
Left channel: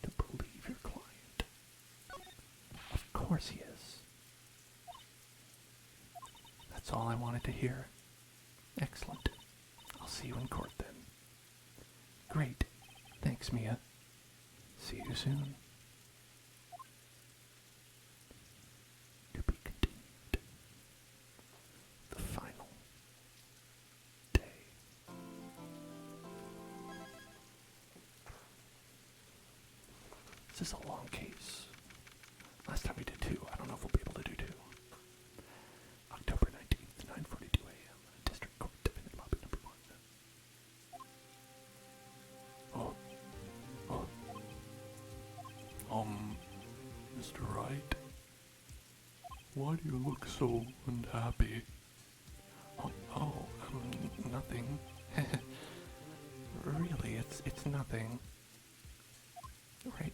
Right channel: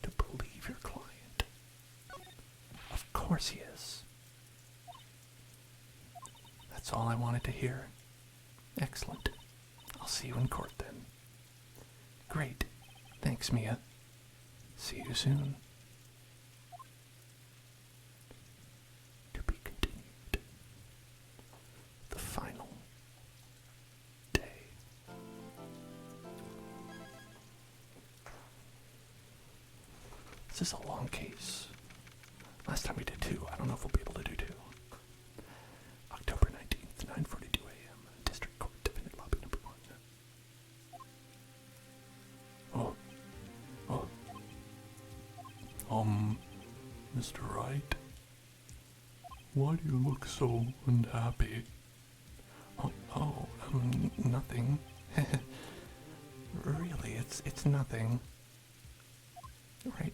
To believe your client. Of course he is. That's all I wanted to hear. Excellent. I'll see you in court then. Great. Thanks, Mia. See you soon. To be continued. The final day. This is a long case. Last time we did 2. I don't know if we'll be able to do 2. October 19th, 9:42 a.m. District Court, Defendant Lobby Number 1. Mr. Wright? Why do you look so unhappy? Nothing. Really, it's nothing.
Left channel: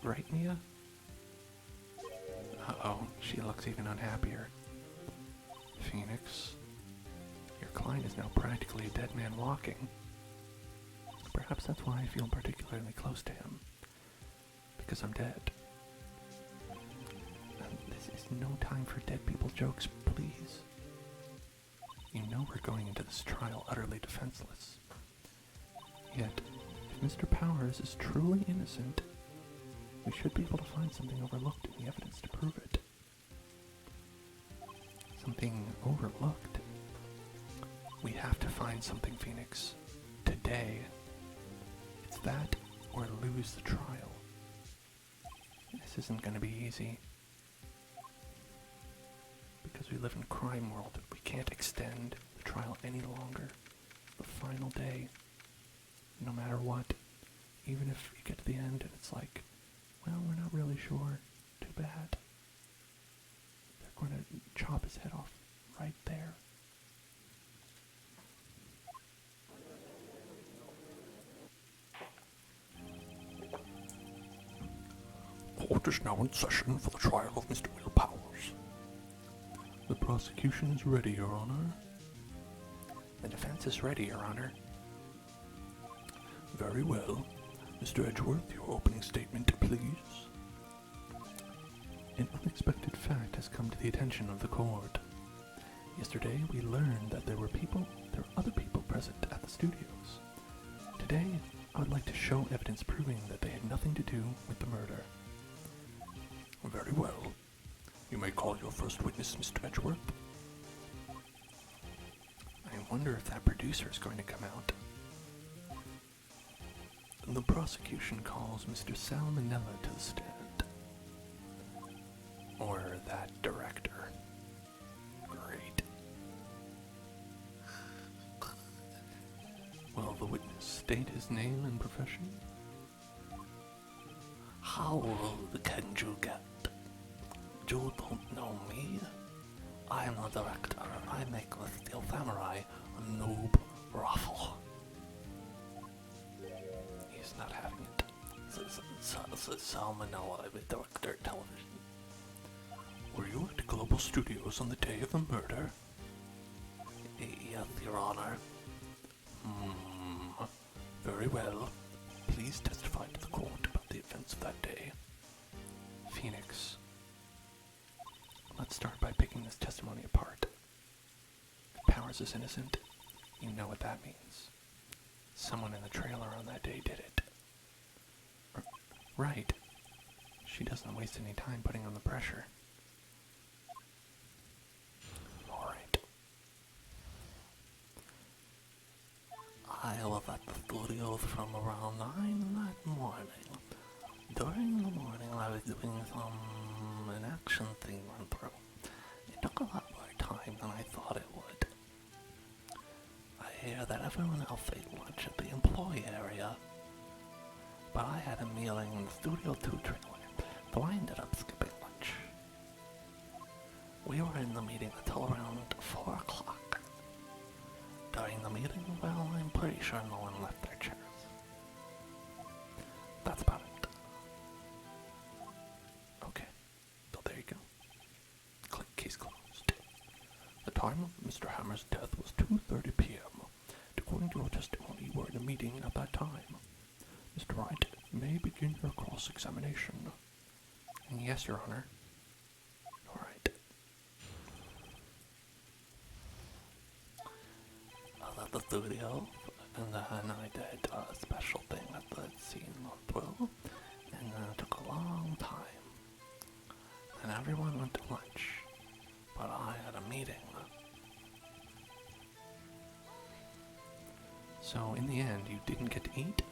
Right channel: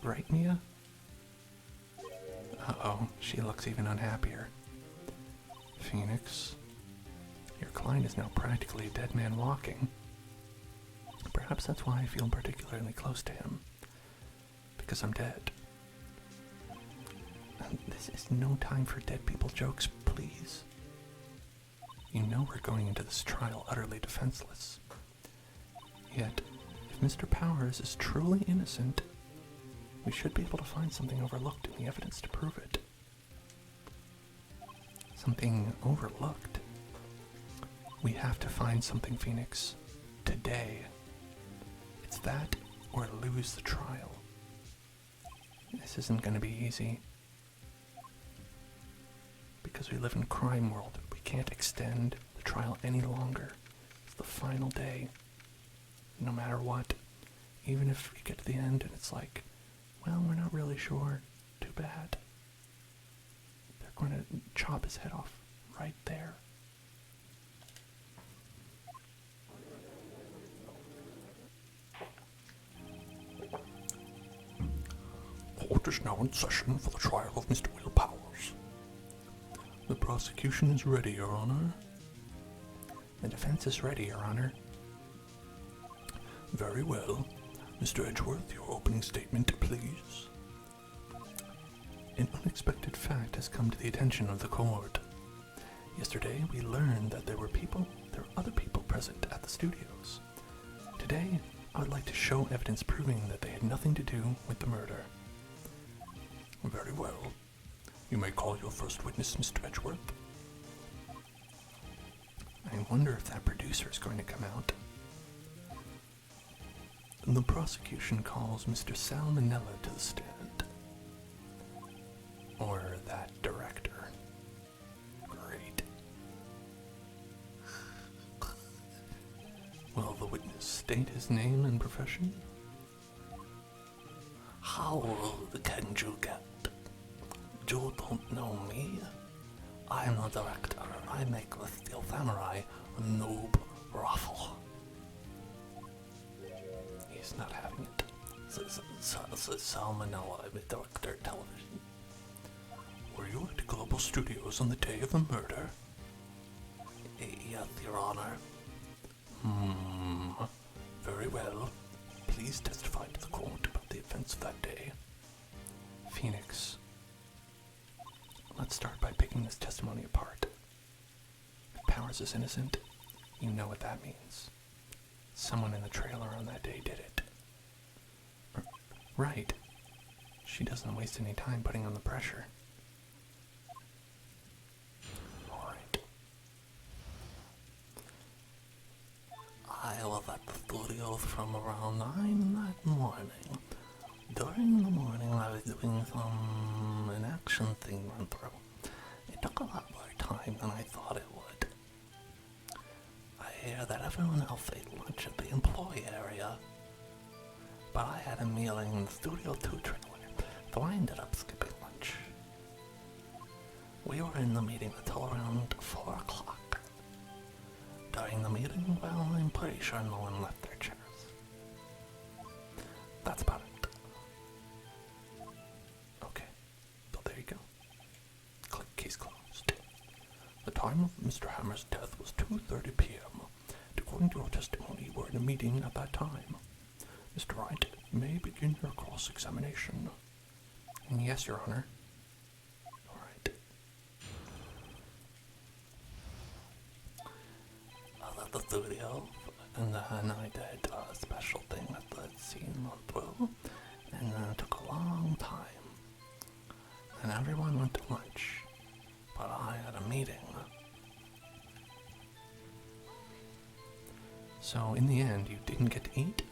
Right, Mia? Uh-oh, she looks even unhappier. Phoenix, your client is now practically a dead man walking. Perhaps that's why I feel particularly close to him. Because I'm dead. This is no time for dead people jokes, please. You know we're going into this trial utterly defenseless. Yet, if Mr. Powers is truly innocent, we should be able to find something overlooked in the evidence to prove it. Something overlooked? We have to find something, Phoenix. Today. It's that or lose the trial. This isn't going to be easy. Because we live in crime world, we can't extend the trial any longer. It's the final day. No matter what. Even if we get to the end and it's like, well, we're not really sure. Too bad. They're going to chop his head off right there. Court is now in session for the trial of Mr. Willpower. The prosecution is ready, Your Honor. The defense is ready, Your Honor. Very well. Mr. Edgeworth, your opening statement, please. An unexpected fact has come to the attention of the court. Yesterday, we learned that there were other people present at the studios. Today, I would like to show evidence proving that they had nothing to do with the murder. Very well. You may call your first witness, Mr. Edgeworth. I wonder if that producer is going to come out. The prosecution calls Mr. Salmonella to the stand. Or that director. Great. Will the witness state his name and profession? How old can you get? You don't know me. I'm the director. I make the Steel Samurai a noob raffle. he's not having it. Salmonella, I'm a director of television. Were you at Global Studios on the day of the murder? Yes, Your Honor. Very well. Please testify to the court about the events of that day. Phoenix, let's start by picking this testimony apart. If Powers is innocent, you know what that means. Someone in the trailer on that day did it. Right. She doesn't waste any time putting on the pressure. Alright. I was at the studios from around 9 that morning. During the morning I was doing an action scene run through. It took a lot more time than I thought it would. I hear that everyone else ate lunch at the employee area. But I had a meeting in the Studio 2 trailer, so I ended up skipping lunch. We were in the meeting until around 4 o'clock. During the meeting, well, I'm pretty sure no one left their chairs. That's about it. Okay, so there you go. Click, case closed. The time of Mr. Hammer's death was 2:30 p.m. According to your testimony, you were in a meeting at that time. Mr. Wright, you may begin your cross-examination. Yes, Your Honor. All right. I was at the studio, and then I did a special thing at the scene run through, and then it took a long time. And everyone went to lunch, but I had a meeting. So, in the end, you didn't get to eat?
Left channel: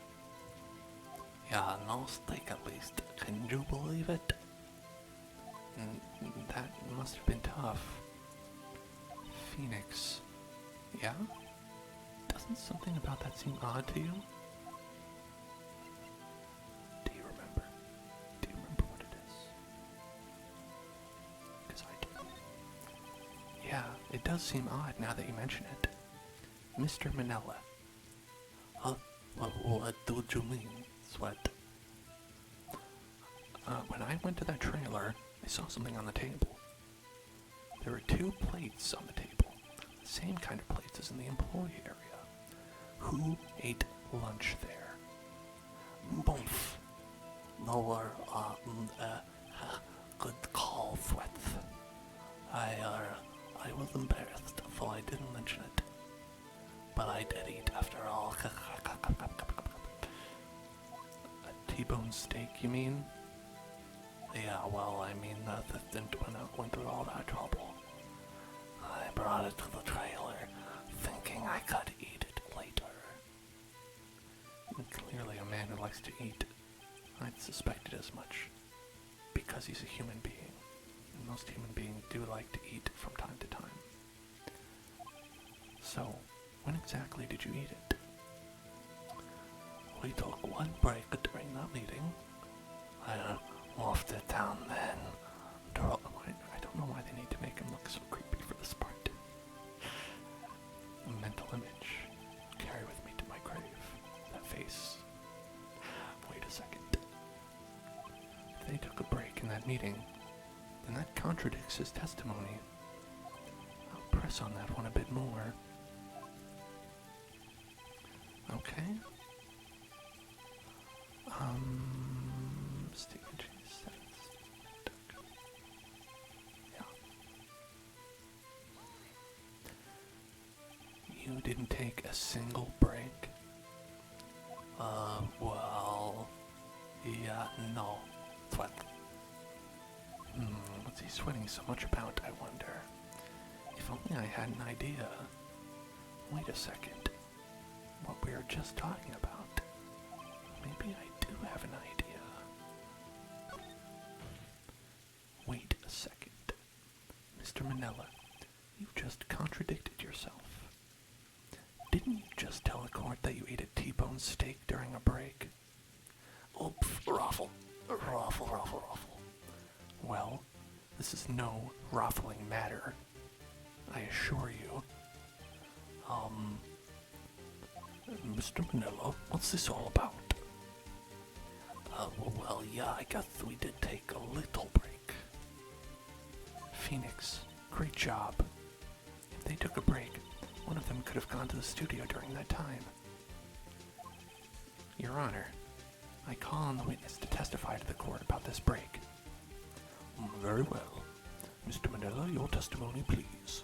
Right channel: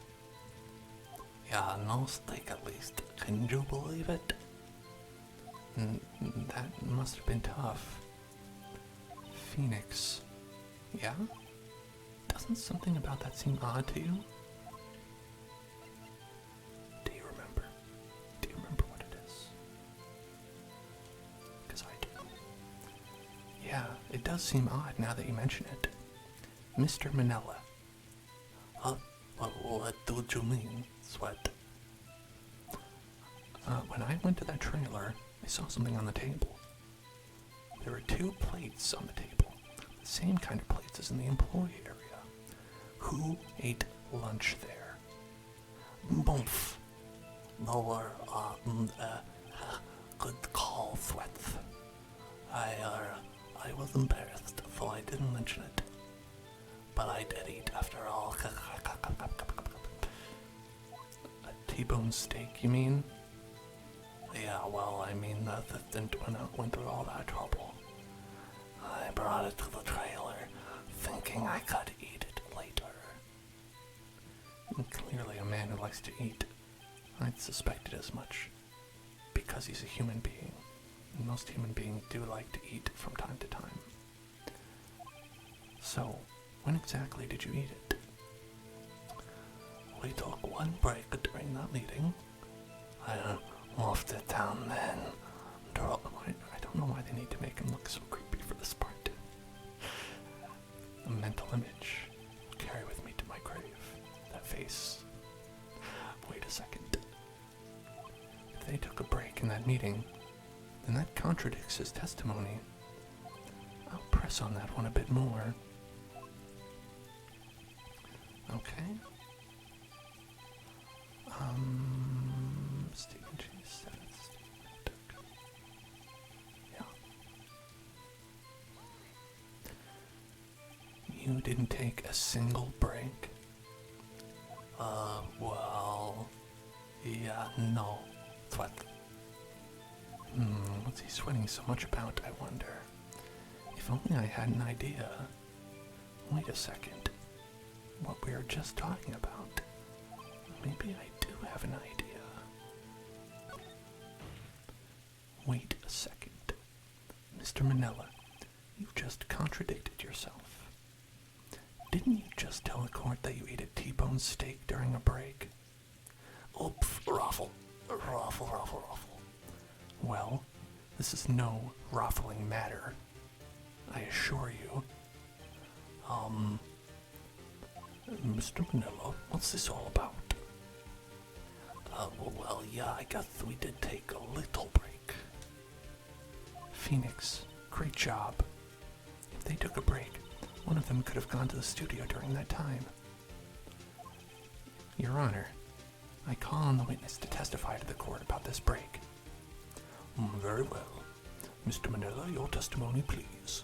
Yeah, no steak at least. Can you believe it? That must have been tough. Phoenix. Yeah? Doesn't something about that seem odd to you? Do you remember? Do you remember what it is? Because I do. Yeah, it does seem odd now that you mention it. Mr. Manila. What do you mean, Sweat? When I went to that trailer, I saw something on the table. There were 2 plates on the table. The same kind of plates as in the employee area. Who ate lunch there? Boomf. Lower, good call, Sweat. I was embarrassed, so I didn't mention it. But I did eat after all. A T-bone steak, you mean? Yeah, well, I mean, the assistant went through all that trouble. I brought it to the trailer, thinking I could eat it later. Clearly a man who likes to eat. I'd suspected as much. Because he's a human being. And most human beings do like to eat from time to time. So, when exactly did you eat it? We took one break during that meeting. I wolfed it down then. I don't know why they need to make him look so creepy for this part. A mental image. Carry with me to my grave. That face. Wait a second. If they took a break in that meeting, then that contradicts his testimony. I'll press on that one a bit more. Okay. Steak and cheese. Yeah. You didn't take a single break? Well, yeah, no. What? What's he sweating so much about, I wonder? If only I had an idea. Wait a second. What we were just talking about. Maybe I do have an idea. Wait a second. Mr. Manila, you just contradicted yourself. Didn't you just tell the court that you ate a T-bone steak during a break? Oops, ruffle. Well, this is no ruffling matter. I assure you. Mr. Manila, what's this all about? Well, yeah, I guess we did take a little break. Phoenix, great job. If they took a break, one of them could have gone to the studio during that time. Your Honor, I call on the witness to testify to the court about this break. Very well. Mr. Manila, your testimony, please.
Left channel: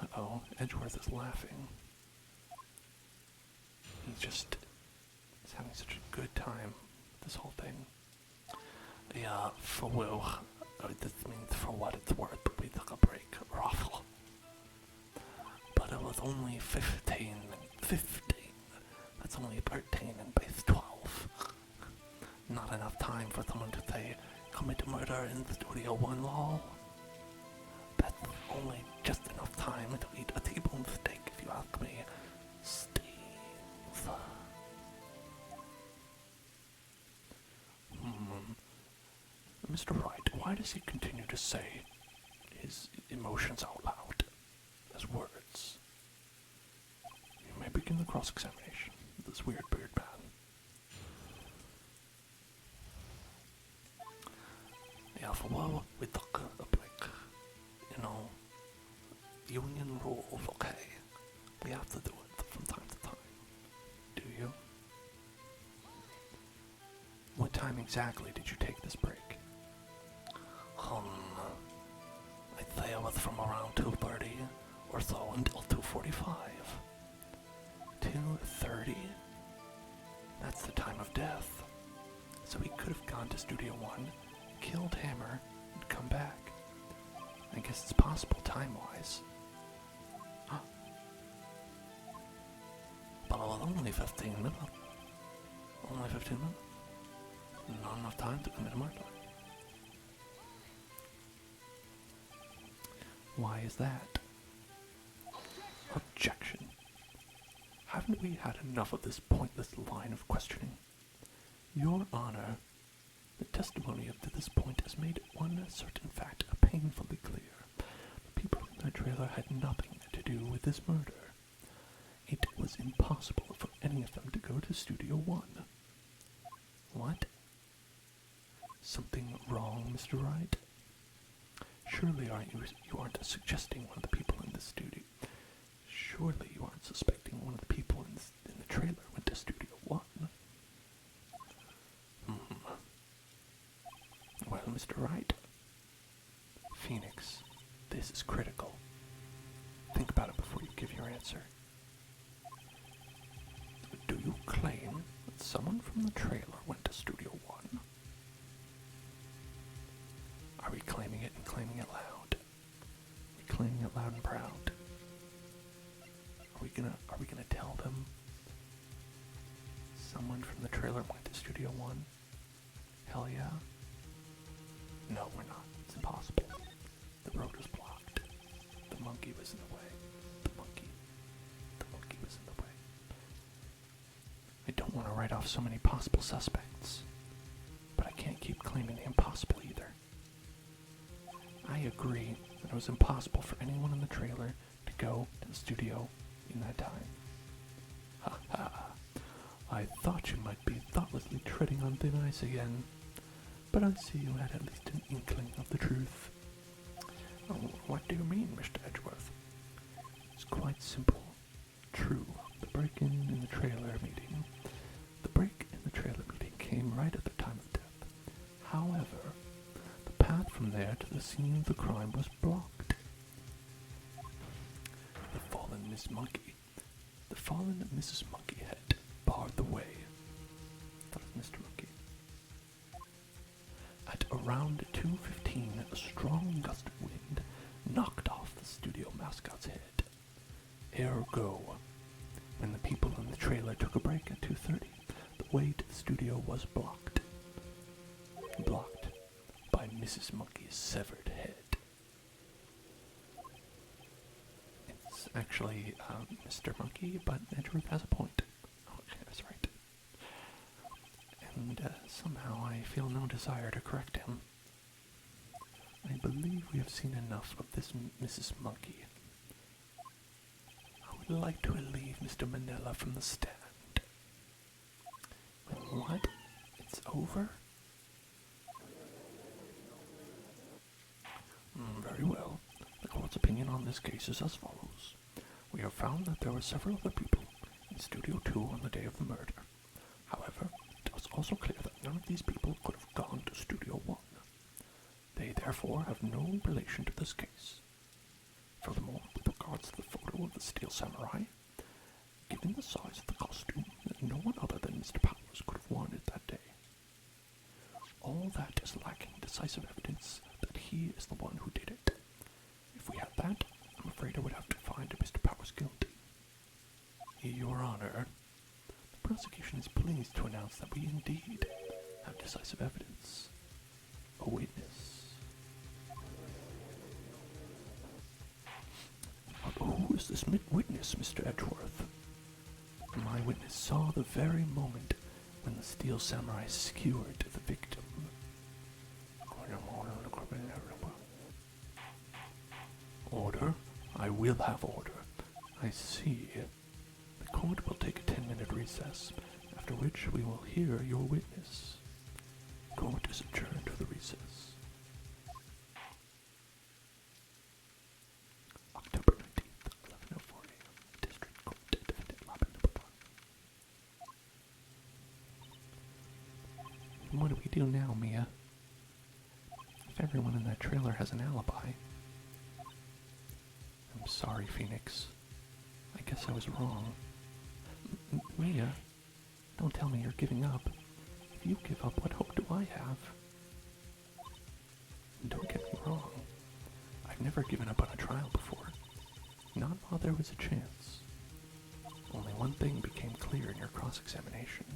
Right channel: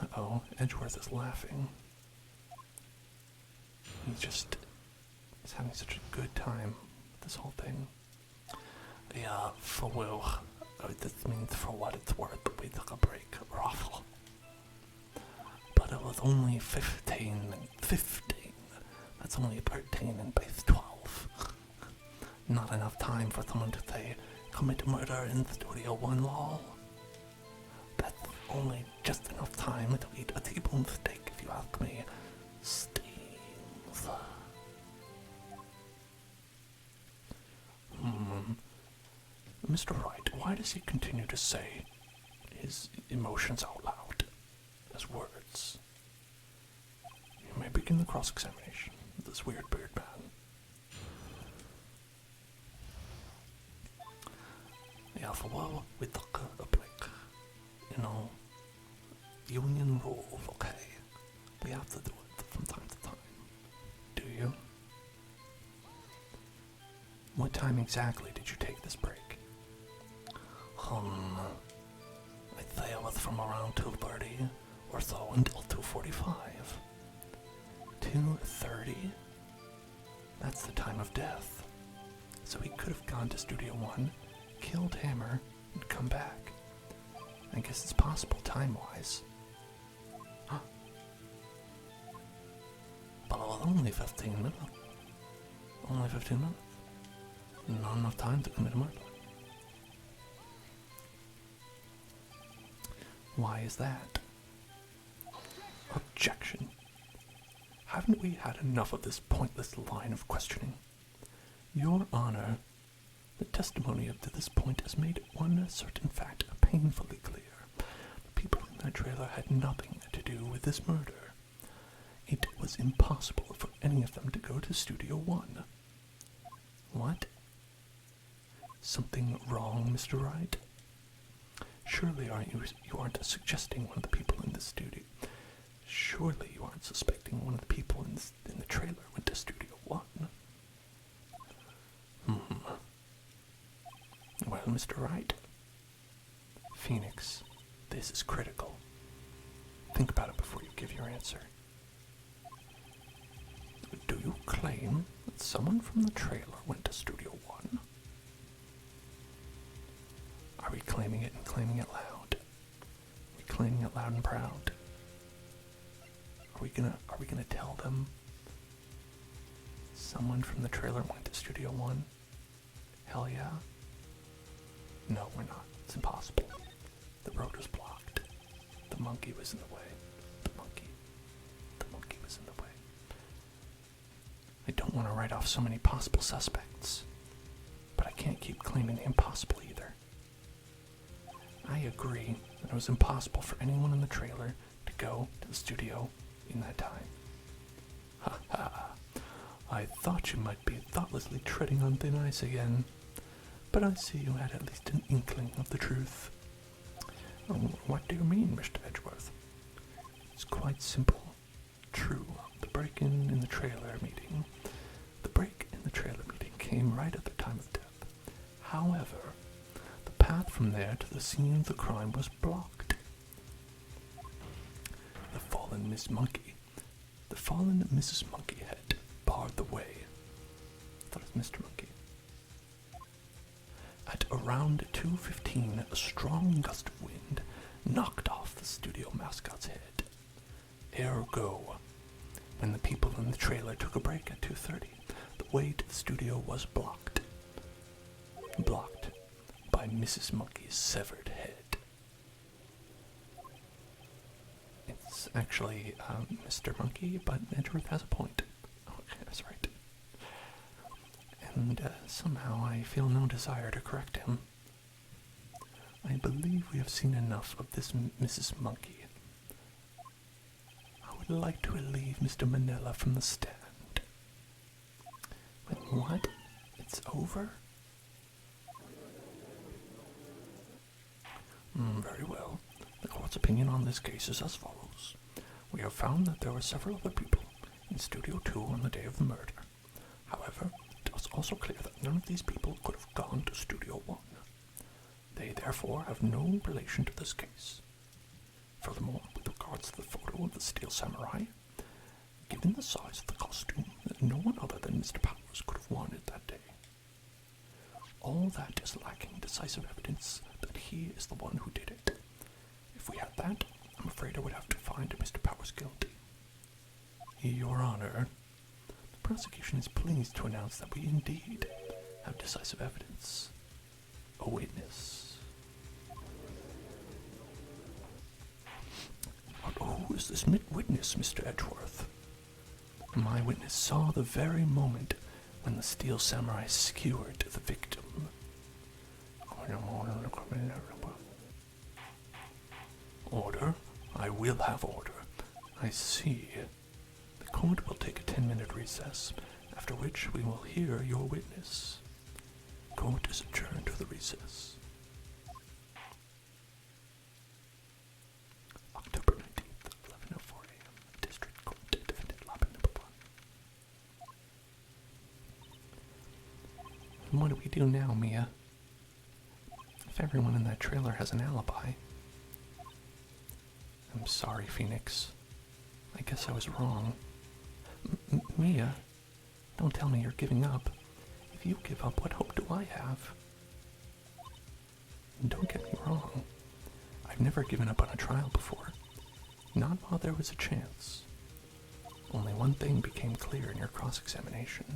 Uh-oh, Edgeworth is laughing. He's having such a good time with this whole thing. Yeah, this means for what it's worth, we took a break. Raffle. But it was only 15. That's only pertaining in base 12. Not enough time for someone to say, commit murder in Studio 1 lol. That's only just enough time to eat a T-bone steak, if you ask me. Stings. Mr. Wright, why does he continue to say his emotions out loud as words? You may begin the cross-examination of this weird beard man. Yeah, well, we took a break. Union rules, okay? We have to do it from time to time. Do you? What time exactly did you take this break? I'd say it was from around 2:30 or so until 2:45. 2:30? That's the time of death. So he could have gone to Studio 1, killed Hammer, and come back. I guess it's possible time-wise. But it was only 15 minutes. Only 15 minutes. Not enough time to commit a murder. Why is that? Objection. Haven't we had enough of this pointless line of questioning? Your Honor, the testimony up to this point has made one certain fact painfully clear. The people in that trailer had nothing to do with this murder. It was impossible for any of them to go to Studio 1. What? Something wrong, Mr. Wright? Surely you aren't suggesting one of the people in the studio. Surely you aren't suspecting one of the people in the trailer went to Studio 1. Well, Mr. Wright. Phoenix, this is critical. Think about it before you give your answer. Do you claim that someone from the trailer went to Studio 1? Are we claiming it and claiming it loud? Are we claiming it loud and proud? Are we gonna tell them someone from the trailer went to Studio 1? Hell yeah. No, we're not. It's impossible. The road was blocked. The monkey was in the way. The monkey was in the way. I don't want to write off so many possible suspects, but I can't keep claiming the impossible either. I agree that it was impossible for anyone in the trailer to go to the studio in that time. Ha ha. I thought you might be thoughtlessly treading on thin ice again, but I see you had at least an inkling of the truth. Oh, what do you mean, Mr. Edgeworth? It's quite simple. True, the break-in in the trailer meeting. The break in the trailer meeting came right at the time of death. However, the path from there to the scene of the crime was blocked. The fallen Mrs. Monkeyhead barred the way. That was Mr. Monkey. At around 2:15, a strong gust of wind knocked off the studio mascot's head. Ergo, when the people in the trailer took a break at 2:30, the way to the studio was blocked. Blocked by Mrs. Monkey's severed head. It's actually Mr. Monkey, but Edgeworth has a point. Okay, that's right. And somehow I feel no desire to correct him. I believe we have seen enough of this Mrs. Monkey. I would like to relieve Mr. Manila from the stand. Wait, what? It's over? Very well. The court's opinion on this case is as follows. We have found that there were several other people in Studio 2 on the day of the murder. However, it was also clear that none of these people could have gone to Studio 1. They therefore have no relation to this case. Furthermore, with regards to the photo of the Steel Samurai, given the size of the costume, no one other than Mr. Powers could have worn it that day. All that is lacking decisive evidence that he is the one who did it. If we had that, I'm afraid I would have to find Mr. Powers guilty. Your Honor, the prosecution is pleased to announce that we indeed have decisive evidence. A witness. Who is this witness, Mr. Edgeworth? My witness saw the very moment when the Steel Samurai skewered the victim. Order? I will have order. I see. The court will take a 10-minute recess, after which we will hear your witness. Court is adjourned to the recess. October 19th, 11:04 a.m. District Court, Defendant Lobby number 1. What do we do now, Mia? If everyone in that trailer has an alibi. I'm sorry, Phoenix. I guess I was wrong. Mia, don't tell me you're giving up. If you give up, what hope do I have? And don't get me wrong. I've never given up on a trial before. Not while there was a chance. Only one thing became clear in your cross-examination.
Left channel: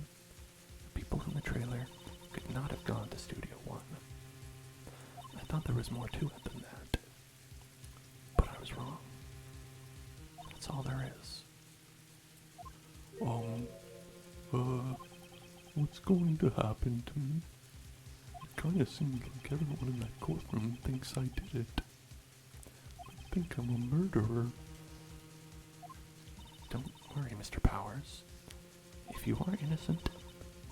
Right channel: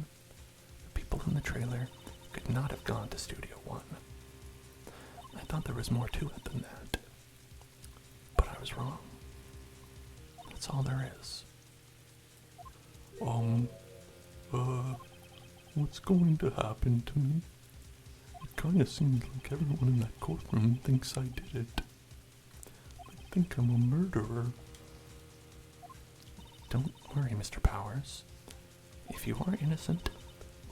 The people in the trailer could not have gone to Studio 1. I thought there was more to it than that. But I was wrong. That's all there is. What's going to happen to me? It kinda seems like everyone in that courtroom thinks I did it. I think I'm a murderer. Don't worry, Mr. Powers. If you are innocent,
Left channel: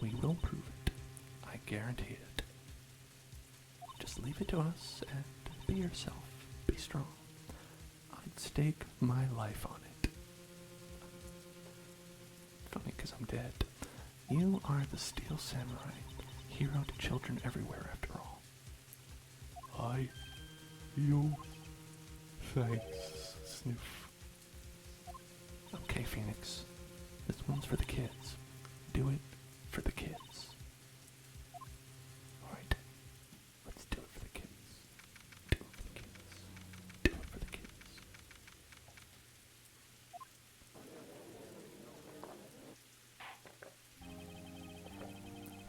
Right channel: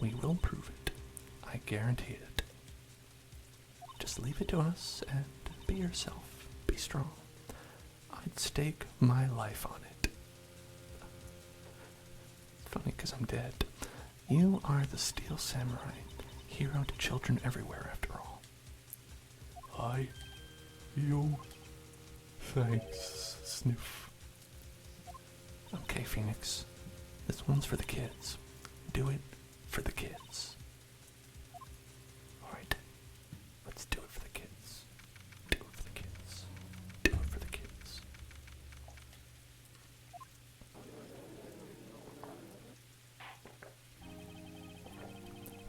we will prove it. I guarantee it. Just leave it to us and be yourself. Be strong. I'd stake my life on it. Funny, 'cause I'm dead. You are the Steel Samurai, hero to children everywhere after all. Thanks, Sniff. Okay, Phoenix. This one's for the kids. Do it for the kids. Alright. Let's do it for the kids. Do it for the kids. Do it for the kids.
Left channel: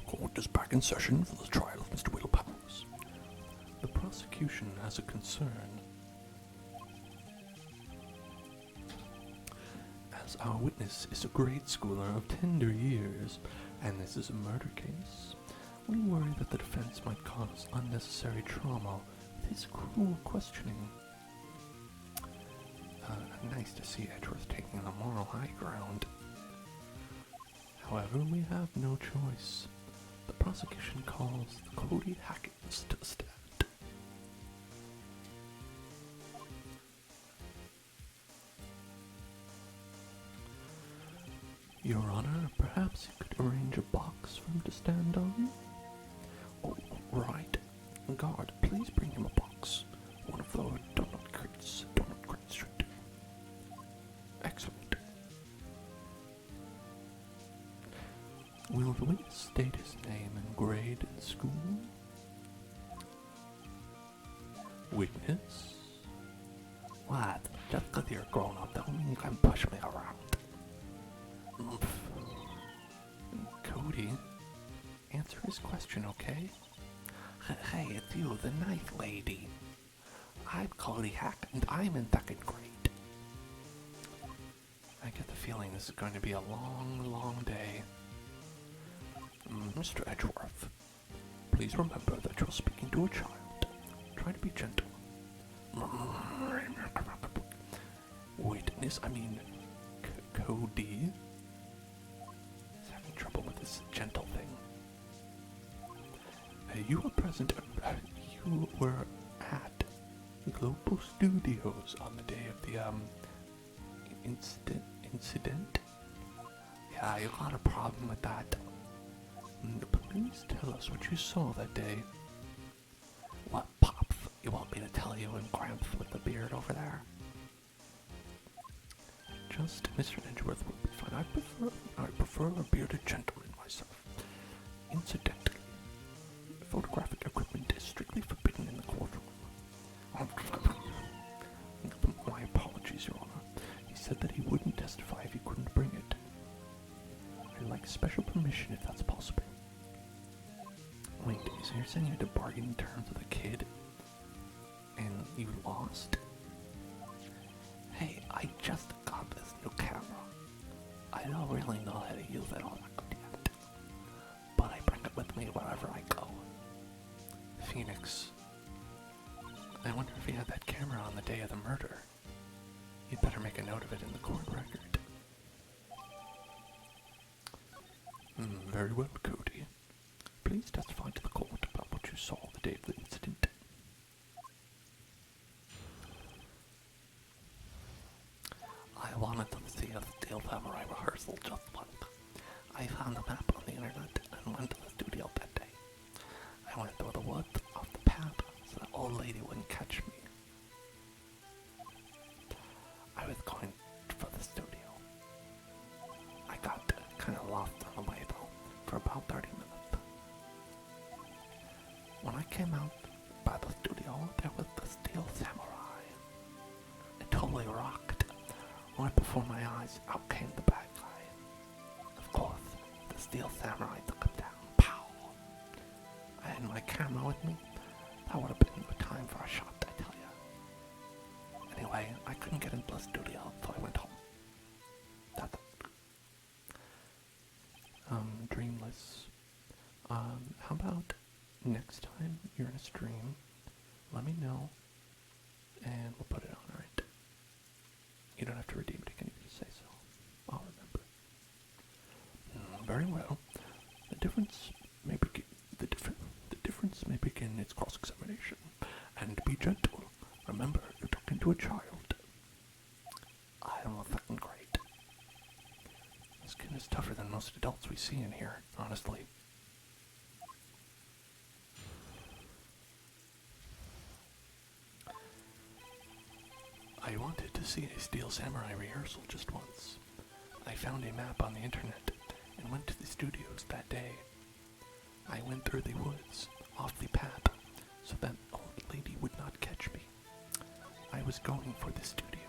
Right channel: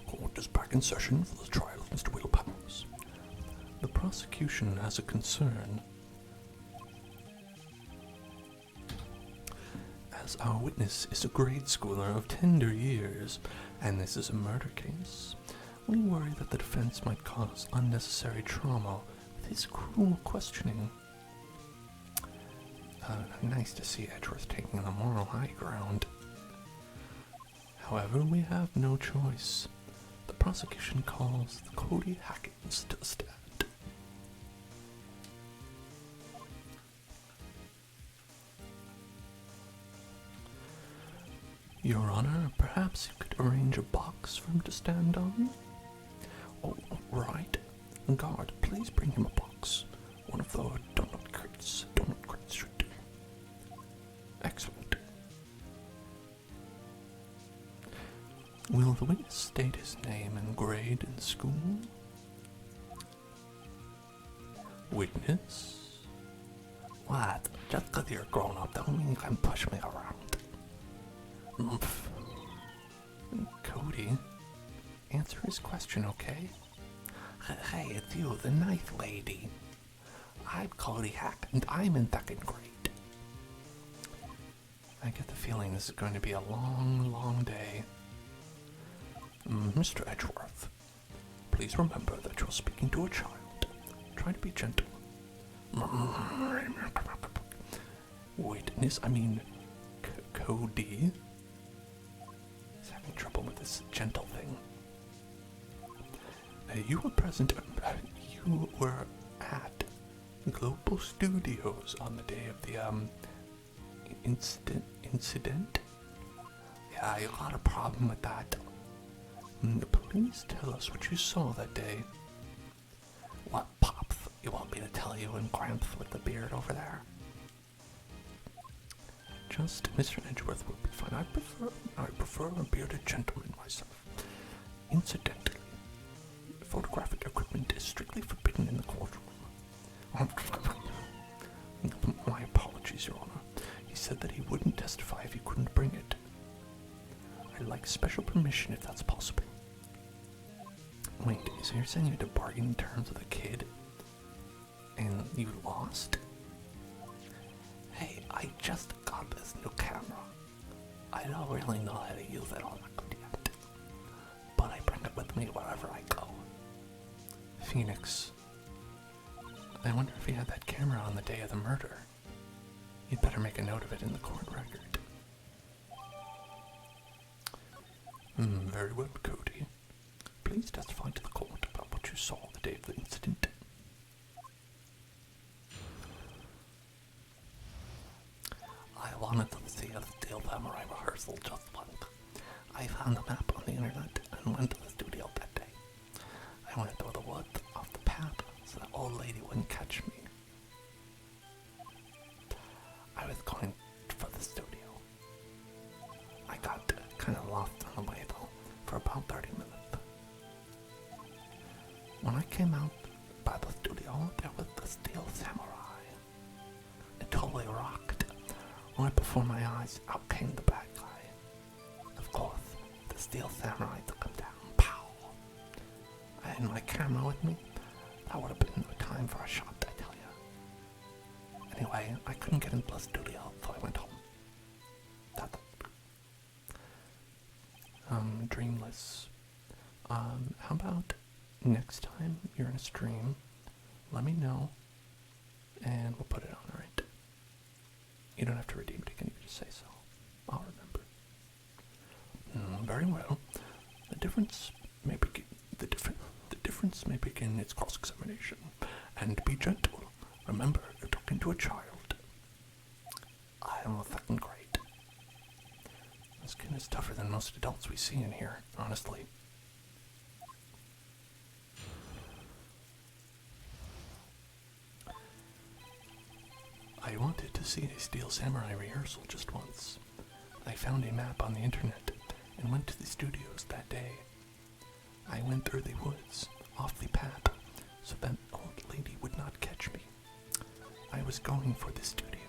Court is back in session for the trial of Mr. Willpower. The prosecution has a concern. As our witness is a grade schooler of tender years, and this is a murder case, we worry that the defense might cause unnecessary trauma with his cruel questioning. Nice to see Edgeworth taking the moral high ground. However, we have no choice. The prosecution calls the Cody Hackins to the stand. Your Honor, perhaps you could arrange a box for him to stand on? Oh, right. Guard, please bring him a box. One of the donut crates. Donut crates should do. Excellent. Will the witness state his name and grade in school? Witness? What? Just because you're grown up don't mean you can push me around. Cody, answer his question, okay? Hey, it's you, the ninth lady. I'm Cody Hack, and I'm in second grade. I get the feeling this is going to be a long, long day. Mr. Edgeworth, please remember that you're speaking to a child. Try to be gentle. Cody. He's having trouble with this gentle thing. You were present, you were at Global Studios on the day of the, incident? Yeah, you got a problem with that. Please tell us what you saw that day. What, Pops? You want me to tell you and Gramps with the beard over there? Just Mr. Edgeworth would be fine. I prefer a bearded gentleman myself. Incidentally, photographic equipment is strictly forbidden in the courtroom. My apologies, Your Honor. He said that he wouldn't testify if he couldn't bring it. I'd like special permission if that's possible. Wait, so you're saying you had to bargain in terms with a kid? And you lost? Hey, I just got this new camera. I don't really know how to use it all that good yet. But I bring it with me wherever I go. Phoenix. I wonder if he had that camera on the day of the murder. You'd better make a note of it in the court record. Very well, Cody. Please testify to the court about what you saw the day of the incident. I wanted to see a Steel Samurai rehearsal just once. I found a map on the internet and went to the studio that day. I went through the woods off the path so the old lady wouldn't catch me. I was going for the studio. I got kind of lost on the way though, for about 30 minutes. When I came out by the studio, there was the Steel Samurai. It totally rocked. Right before my eyes, out came the bad guy. Of course, the Steel Samurai took him down. Pow! I had my camera with me. That would have been the time for a shot, I tell you. Anyway, I couldn't get into the studio, so I went home. That's it. Dreamless. How about next time you're in a stream, let me know, and we'll put it on, alright? You don't have to redeem it, you can even say so. I'll remember. Very well. The difference may begin its cross-examination. And be gentle. Remember, you're talking to a child. I am a second grade. This kid is tougher than most adults we see in here, honestly. I wanted to see a Steel Samurai rehearsal just once. I found a map on the internet and went to the studios that day. I went through the woods, off the path, so that old lady would not catch me. I was going for the studio.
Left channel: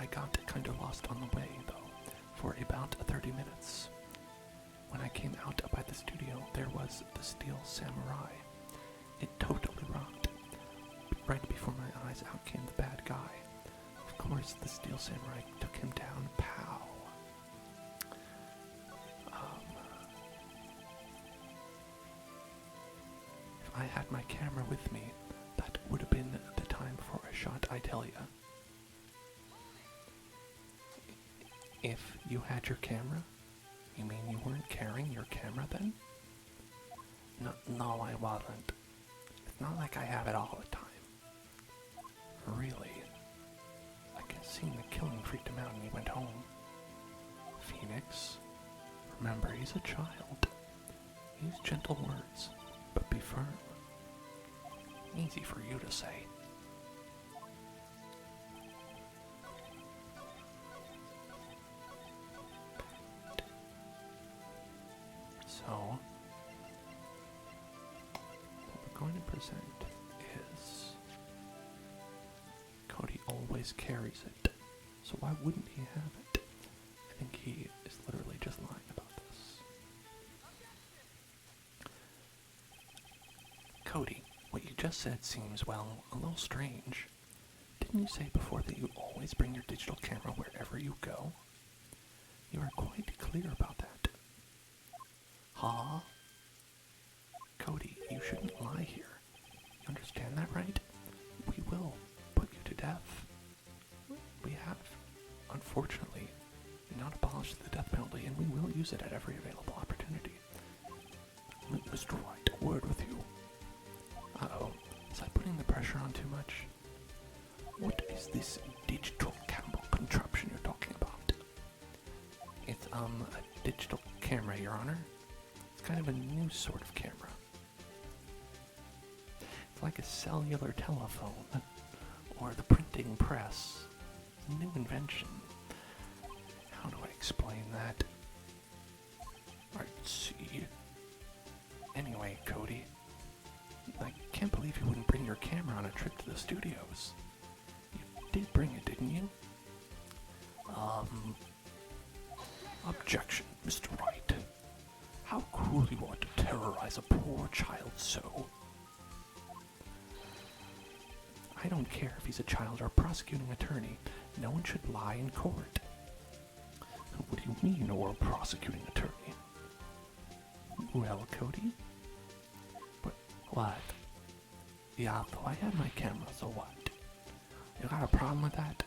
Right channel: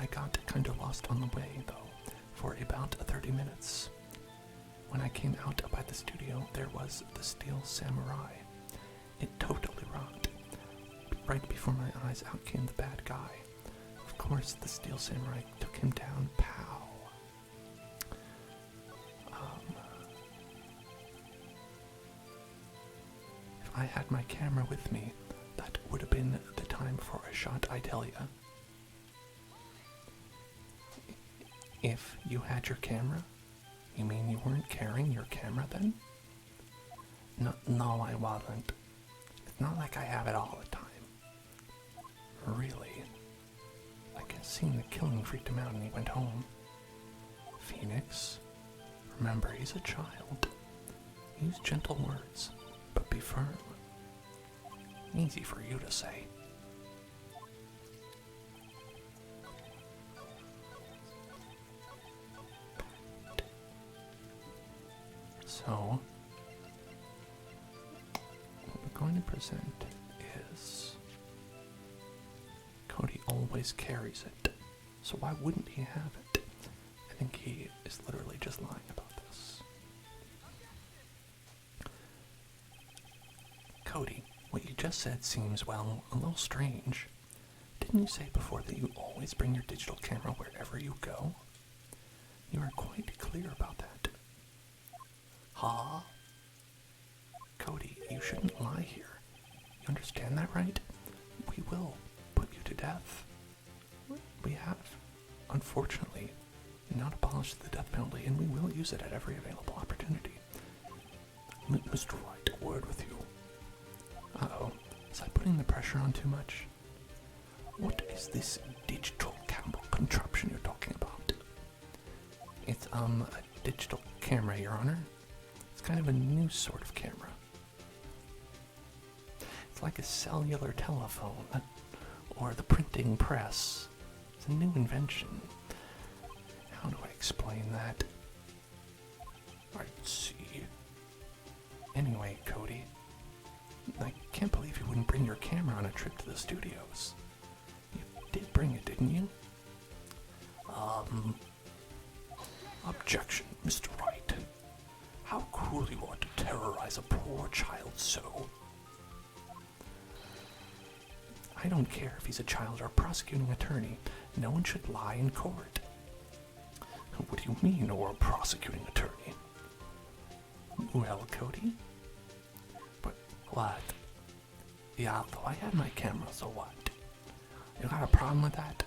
I got kind of lost on the way, though, for about 30 minutes. When I came out by the studio, there was the Steel Samurai. It totally rocked. Right before my eyes, out came the bad guy. Of course, the Steel Samurai took him down. Pow! If I had my camera with me, that would have been the time for a shot, I tell ya. If you had your camera, you mean you weren't carrying your camera then? No, I wasn't. It's not like I have it all the time. Really? Like it seemed the killing freaked him out and he went home. Phoenix, remember he's a child. Use gentle words, but be firm. Easy for you to say. So, what we're going to present is Cody always carries it, so why wouldn't he have it? I think he is literally just lying about this. Cody, what you just said seems, well, a little strange. Didn't you say before that you always bring your digital camera wherever you go? You are quite clear about that. Huh? Cody, you shouldn't lie here. You understand that, right? We will put you to death. We have, unfortunately, use it at every available opportunity. Mr. Wright, a word with you. Uh-oh, is I putting the pressure on too much? What is this digital camera contraption you're talking about? It's, a digital camera, Your Honor. It's kind of a new sort of camera. It's like a cellular telephone, or the printing press. It's a new invention. How do I explain that? I see. Anyway, Cody, I can't believe you wouldn't bring your camera on a trip to the studios. You did bring it, didn't you? Objection, Mr. Wright. How cruel you are to terrorize a poor child so. I don't care if he's a child or a prosecuting attorney. No one should lie in court. What do you mean, or a prosecuting attorney? Well, Cody? But what? Yeah, though I had my camera, so what? You got a problem with that?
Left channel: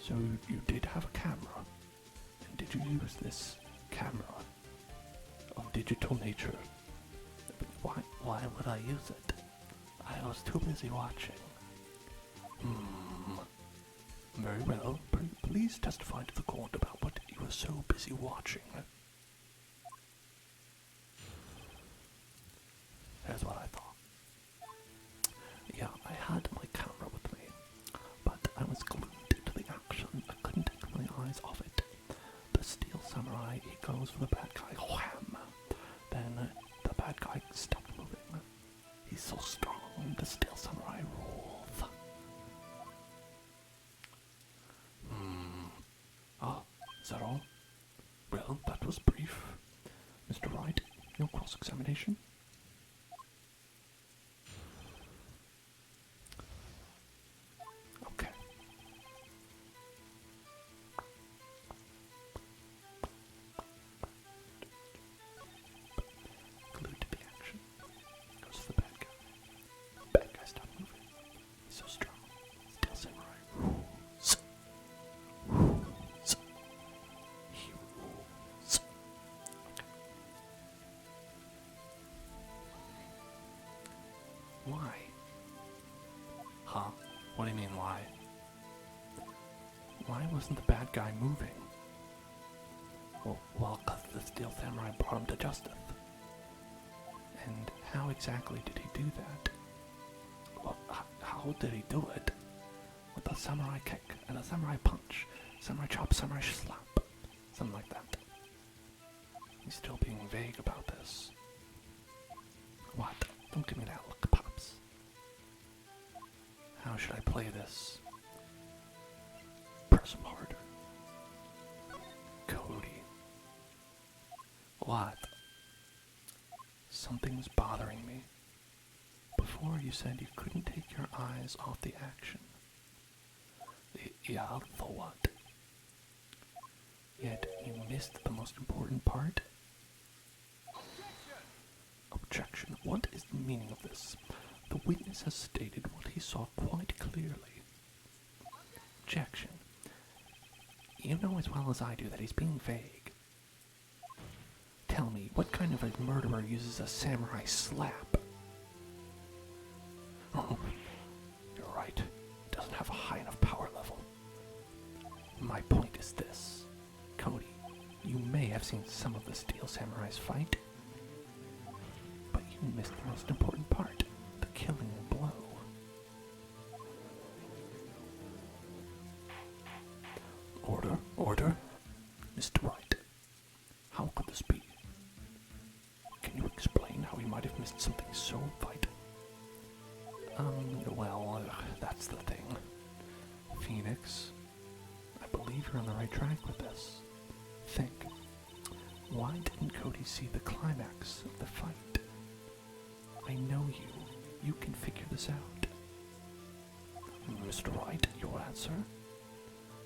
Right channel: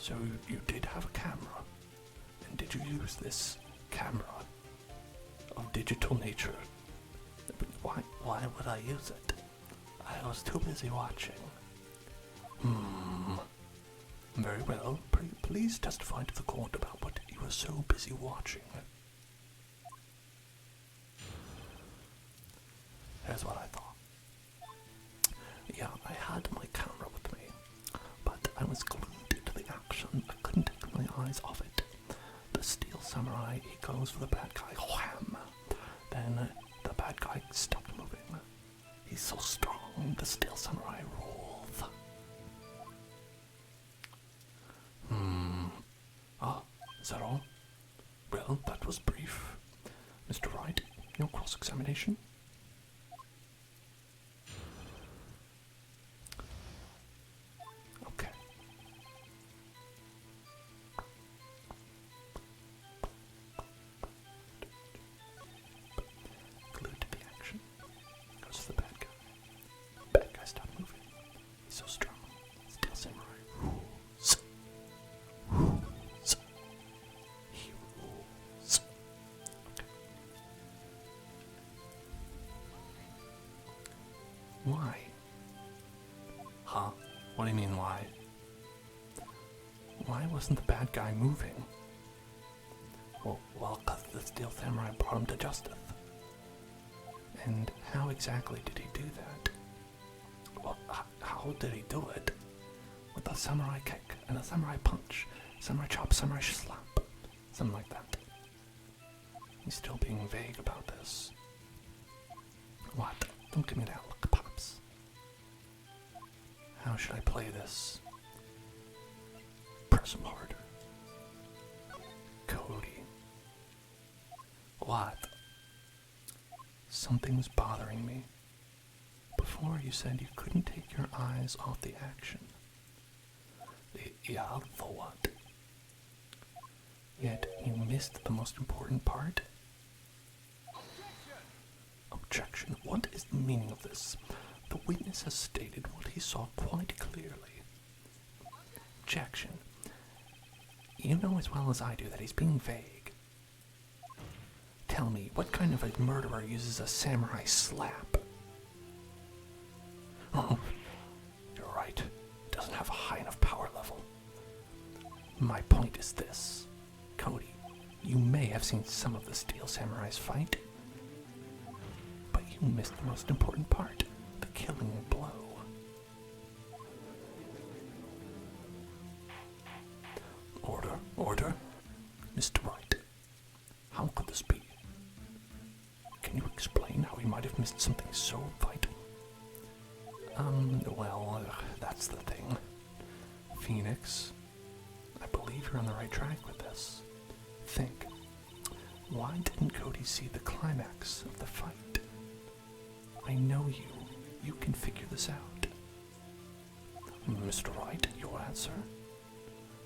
So you did have a camera, and did you use this camera of digital nature? Why would I use it? I was too busy watching. Very well. Please testify to the court about what you were so busy watching. Here's what I thought. Yeah, I had my camera with me, but I was glued to the action. I couldn't take my eyes off it. The steel samurai, he goes for the bad guy, wham! Then the bad guy stopped moving. He's so strong, the steel samurai rules. Is that all? Well, that was brief. Mr. Wright, no cross-examination? Okay. Glued to the action. Goes to the bad guy. Bad guy stopped moving. He's so strong. Steel samurai rules. Rules. He rules. Okay. Why? Huh? What do you mean, why? Why wasn't the bad guy moving? Well, 'cause the steel samurai brought him to justice. And how exactly did he do that? Well, how did he do it? With a samurai kick and a samurai punch, samurai chop, samurai slap, something like that. He's still being vague about this. What? Don't give me that look, Pops. How should I play this? Press him harder. Cody. What? Something's bothering me. Before you said you couldn't take your eyes off the action. Yeah, for what? Yet you missed the most important part. Objection. What is the meaning of this? The witness has stated what he saw quite clearly. Objection. You know as well as I do that he's being vague. Tell me, what kind of a murderer uses a samurai slap? Oh, you're right. Doesn't have a high enough power level. My point is this. Cody, you may have seen some of the steel samurais fight, but you missed the most important part, the killing blow. Order. Mr. Wright, how could this be? Can you explain how he might have missed something so vital? Well, that's the thing. Phoenix, I believe you're on the right track with this. Think, why didn't Cody see the climax of the fight? I know you can figure this out. Mr. Wright, your answer?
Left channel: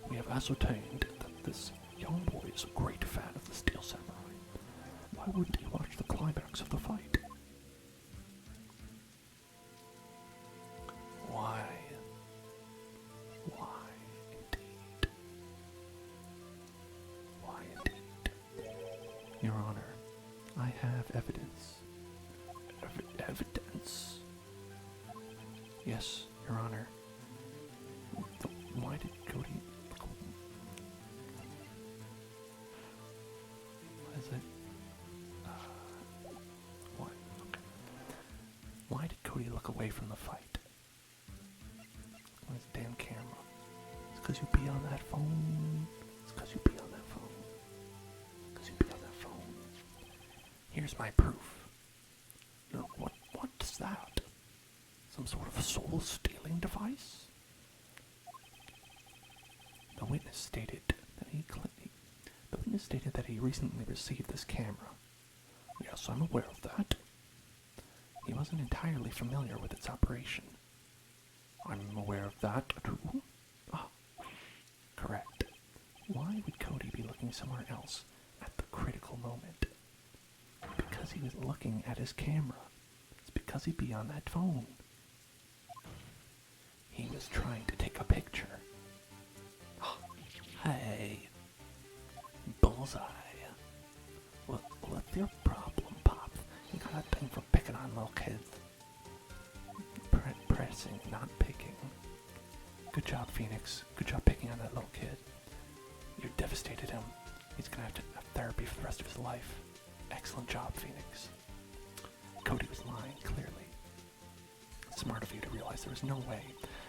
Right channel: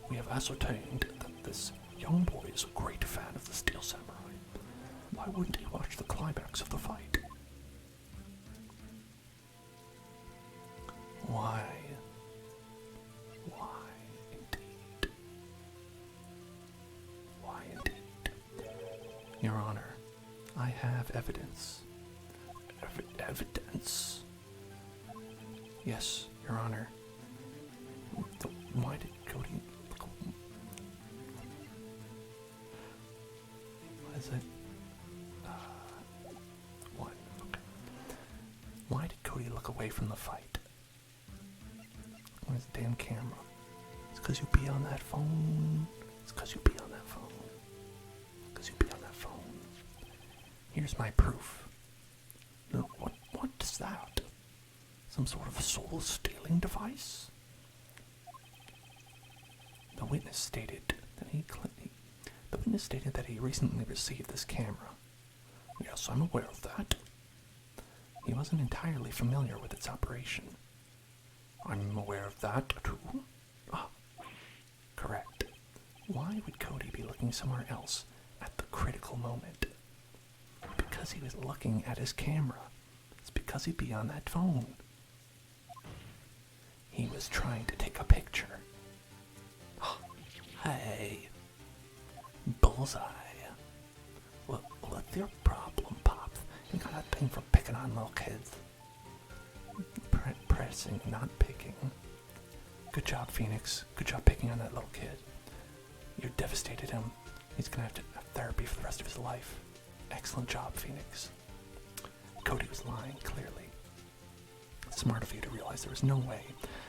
We have ascertained that this young boy is a great fan of the Steel Samurai. Why wouldn't he watch the climax of the fight? Why? evidence. Evidence? Yes, Your Honor. Why did Cody... What is it? What? Okay. Why did Cody look away from the fight? Where's the damn camera? It's because you be on that phone. It's because you be on that phone. Because you be on that phone. Here's my proof. What is that? Some sort of soul-stealing device? The witness stated that he recently received this camera. Yes, I'm aware of that. He wasn't entirely familiar with its operation. I'm aware of that, too. Ah, correct. Why would Cody be looking somewhere else at the critical moment? Because he was looking at his camera. It's because he'd be on that phone. He was trying to take a picture. Hey, bullseye. What's your problem, Pops? You got a thing for picking on little kids. Pressing, not picking. Good job, Phoenix. Good job picking on that little kid. You devastated him. He's gonna have to have therapy for the rest of his life. Excellent job, Phoenix. Cody was lying, clearly. Smart of you to realize there was no way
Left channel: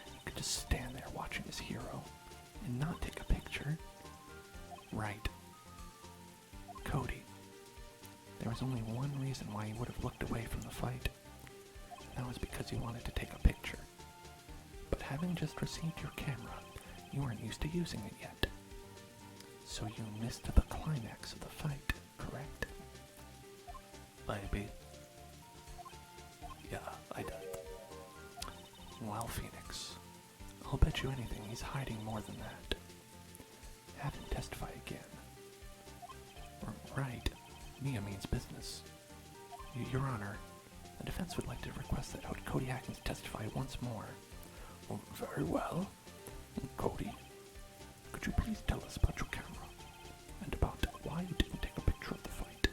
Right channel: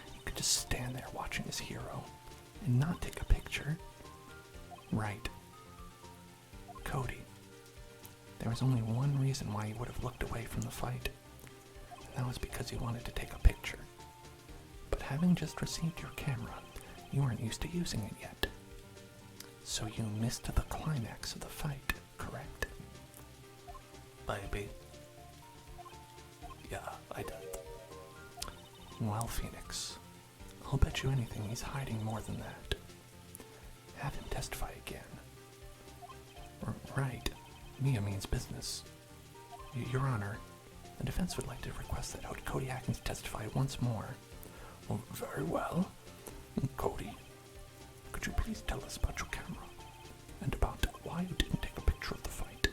you could just stand there watching his hero and not take a picture. Right. Cody. There was only one reason why he would have looked away from the fight. And that was because he wanted to take a picture. But having just received your camera, you weren't used to using it yet. So you missed the climax of the fight, correct? Maybe. Yeah, I did. Well, Phoenix, I'll bet you anything he's hiding more than that. Have him testify again. Right. Mia means business. Your Honor, the defense would like to request that Cody Atkins testify once more. Well, very well. Cody, could you please tell us about your camera? And about why you didn't take a picture of the fight?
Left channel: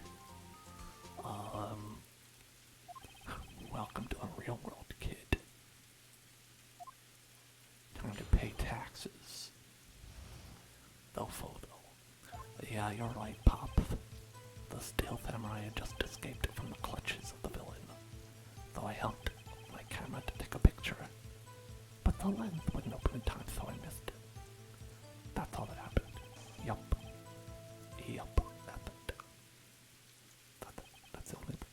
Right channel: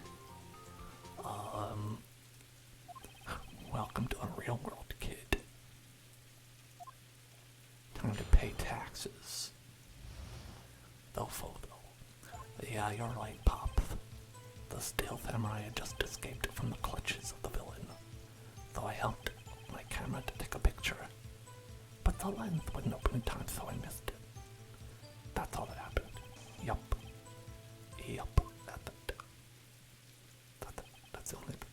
Welcome to the real world, kid. Time to pay taxes. No photo. Yeah, you're right, Pop. The stealth samurai had just escaped from the clutches of the villain. Though I helped my camera to take a picture. But the lens wouldn't open in time, so I missed it. That's all that happened. Yup. That's the only thing.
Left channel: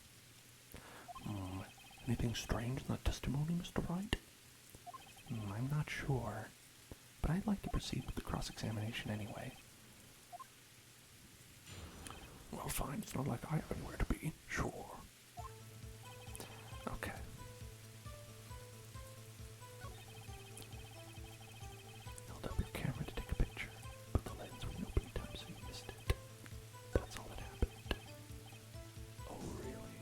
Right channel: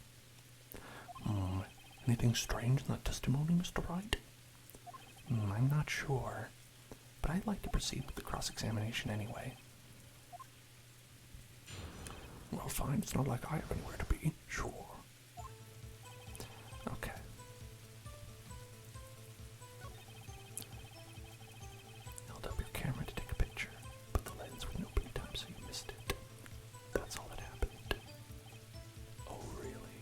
Anything strange in that testimony, Mr. Wright? I'm not sure. But I'd like to proceed with the cross-examination anyway. Well, fine. It's not like I have anywhere to be. Sure. Okay. Held up your camera to take a picture, but the lens wouldn't open in time, so you missed it. That's all that happened. Oh, really?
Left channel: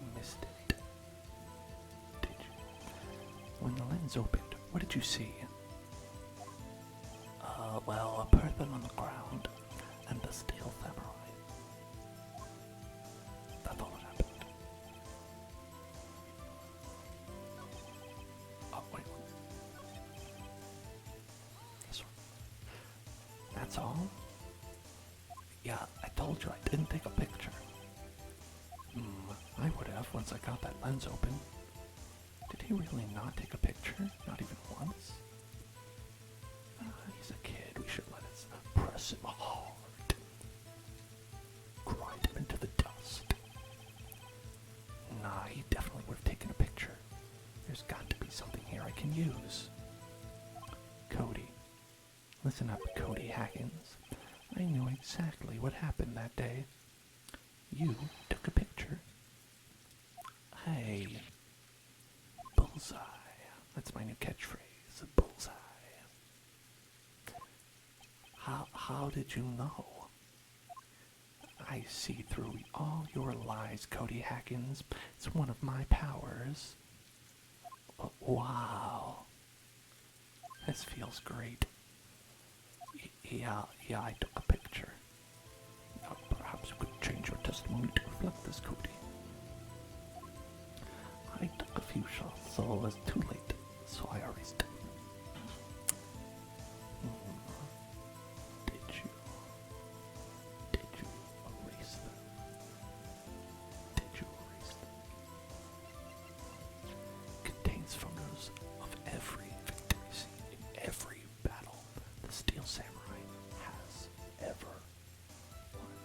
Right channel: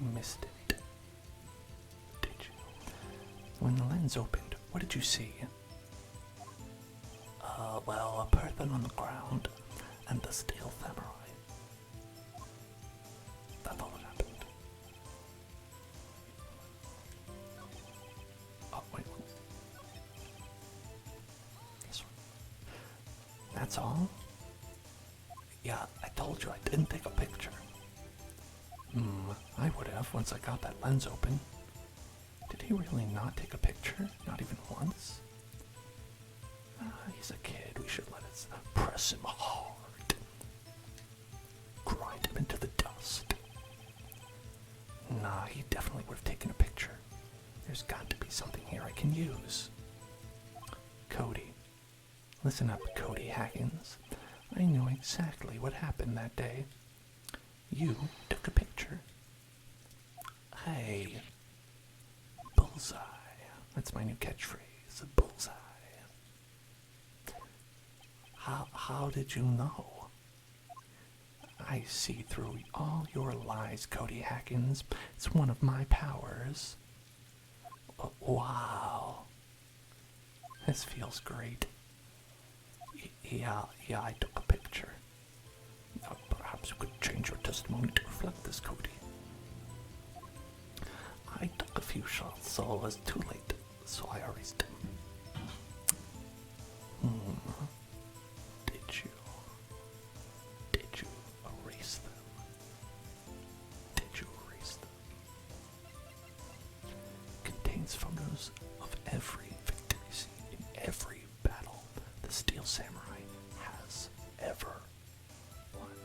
You missed it. Did you? When the lens opened, what did you see? Well, a person on the ground and the steel samurai. That's all that happened. Oh, wait. This one. That's all? Yeah, I told you I didn't take a picture. I would have once I got that lens open. Did he really not take a picture? Not even once? He's a kid. We should let us press him hard. Grind him into the dust. Nah, he definitely would have taken a picture. There's got to be something here I can use. Cody. Listen up, Cody Haggins. I know exactly what happened that day. You took a picture. Hey. Bullseye. That's my new catchphrase. Bullseye. How did you know? I see through all your lies, Cody Haggins. It's one of my powers. Wow. This feels great. Yeah, I took a picture. Perhaps you could change your testimony to reflect this, Cody. I took a few shots, so it was too late, so I erased them. Did you erase them? Did you erase them? Contains photos of every victory scene in every battle the Steel Samurai has ever won.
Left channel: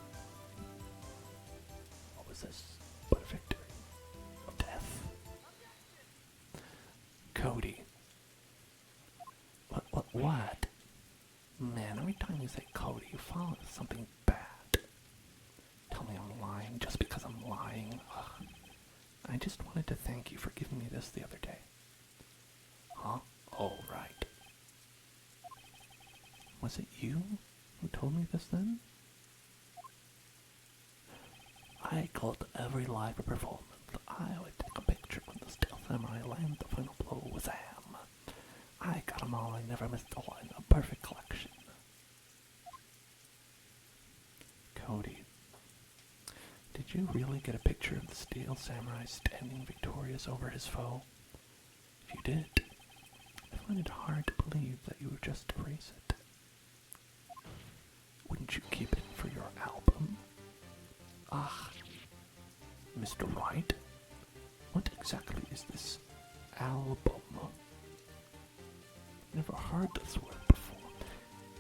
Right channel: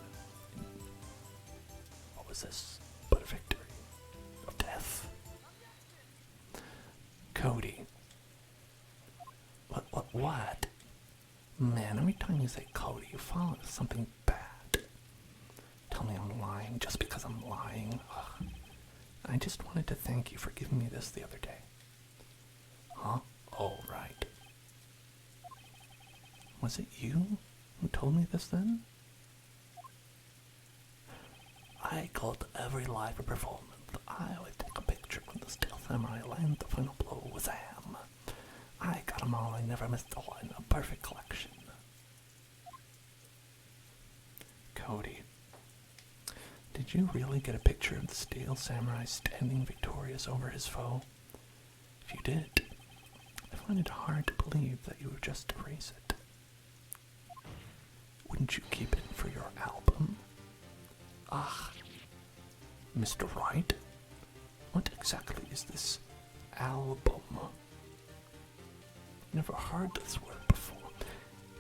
What was this but a victory of death? Cody. What? Man, every time you say Cody, you follow with something bad. Tell me I'm lying just because I'm lying. Ugh. I just wanted to thank you for giving me this the other day. Huh? Oh, right. Was it you who told me this then? I called every live performance. I would take a picture when the Steel Samurai landed the final blow with a ham. I got them all, I never missed one. A perfect collection. Cody, did you really get a picture of the Steel Samurai standing victorious over his foe? If you did, I find it hard to believe that you would just erase it. Wouldn't you keep it for your album? Ah, Mr. Wright, what exactly is this album? Never heard this word before.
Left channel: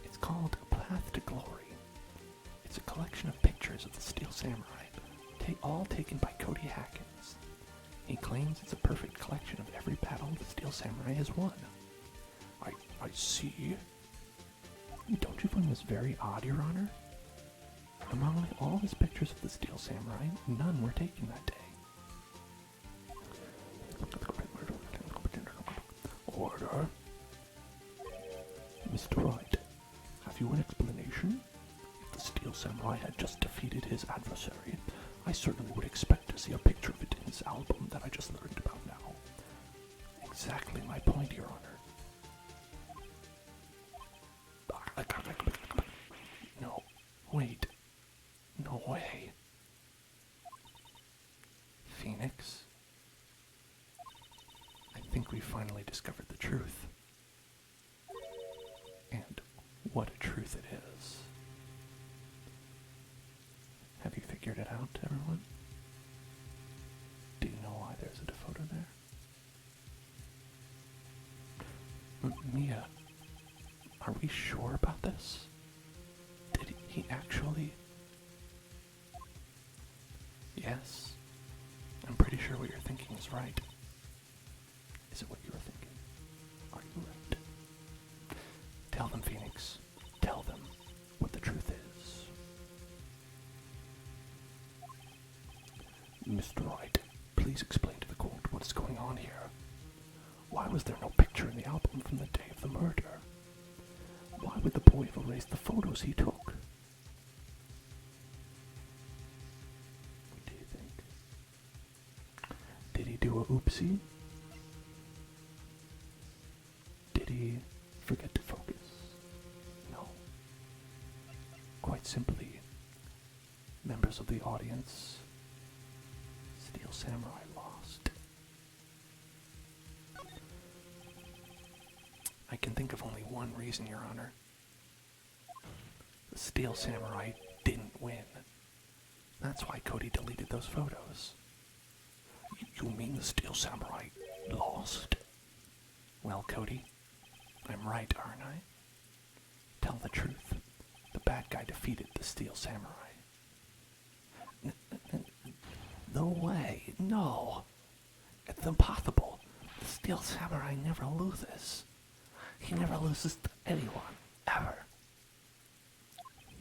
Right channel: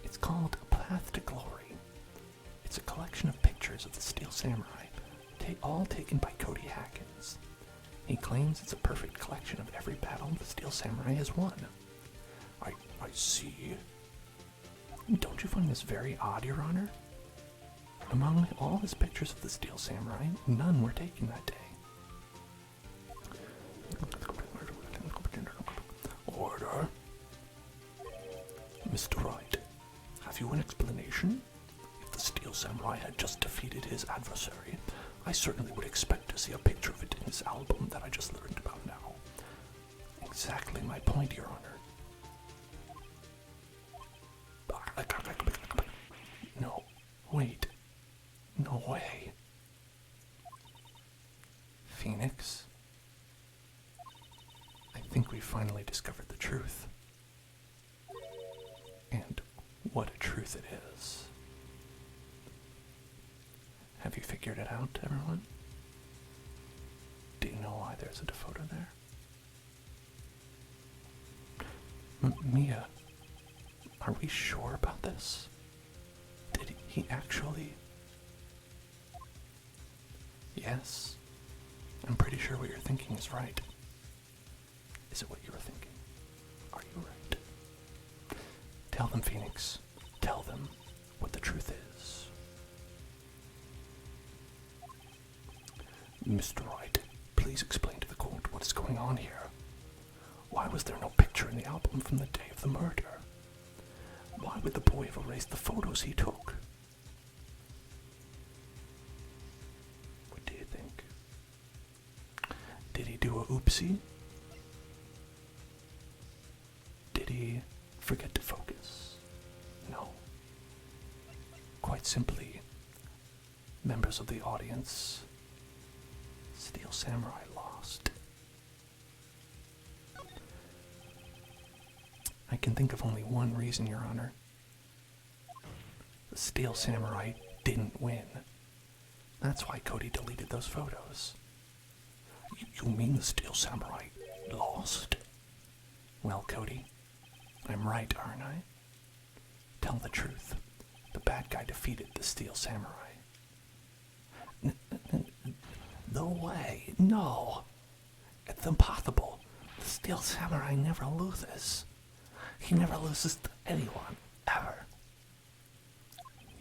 It's called A Path to Glory. It's a collection of pictures of the Steel Samurai, all taken by Cody Hackins. He claims it's a perfect collection of every battle the Steel Samurai has won. I see. Don't you find this very odd, Your Honor? Among all his pictures of the Steel Samurai, none were taken that day. Order. Mr. Wright, have you an explanation? If the Steel Samurai had just defeated his adversary, I certainly would expect to see a picture of it in his album that I just learned about now. Exactly my point, Your Honor. No, wait. No way. Phoenix? I think we finally discovered the truth. And what a truth it is. Have you figured it out, everyone? Do you know why there's a photo there? Mia, are we sure about this? Did he actually? Yes. I'm pretty sure what you're thinking is right. Is it what you were thinking? Are you right? Tell them, Phoenix. Tell them what the truth is. Mr. Wright, please explain to the court what is going on here. Why was there no picture in the album from the day of the murder? Why would the boy have erased the photos he took? What do you think? Did he do a oopsie? Did he forget to focus? No. Quite simply, members of the audience, Steel Samurai lost. I can think of only one reason, Your Honor. The Steel Samurai didn't win. That's why Cody deleted those photos. You mean the Steel Samurai lost? Well, Cody, I'm right, aren't I? Tell the truth. The bad guy defeated the Steel Samurai. No way. No. It's impossible. The Steel Samurai never loses. He never loses to anyone, ever.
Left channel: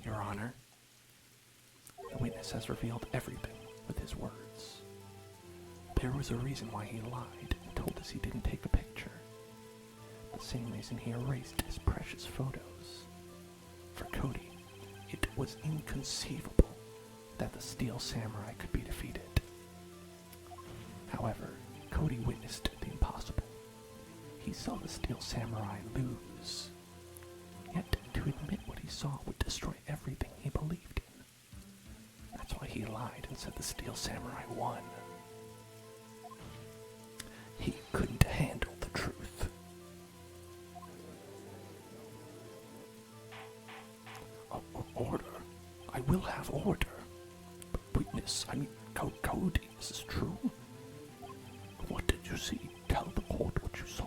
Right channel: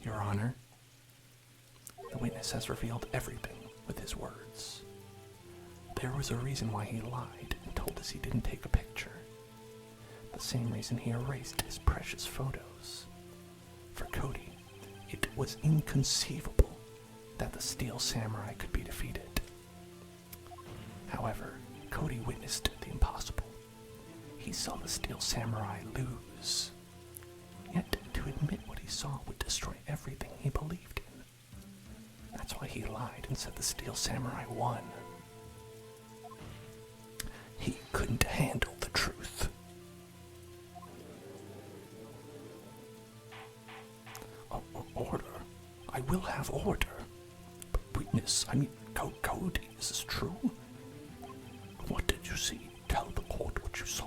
Your Honor, the witness has revealed everything with his words. There was a reason why he lied and told us he didn't take a picture. The same reason he erased his precious photos. For Cody, it was inconceivable that the Steel Samurai could be defeated. However, Cody witnessed the impossible. He saw the Steel Samurai lose. Yet to admit what he saw would destroy everything he believed in. That's why he lied and said the Steel Samurai won. He couldn't handle the truth. Order. I will have order. But witness, Cody, is this true? What did you see? Tell the court what you saw.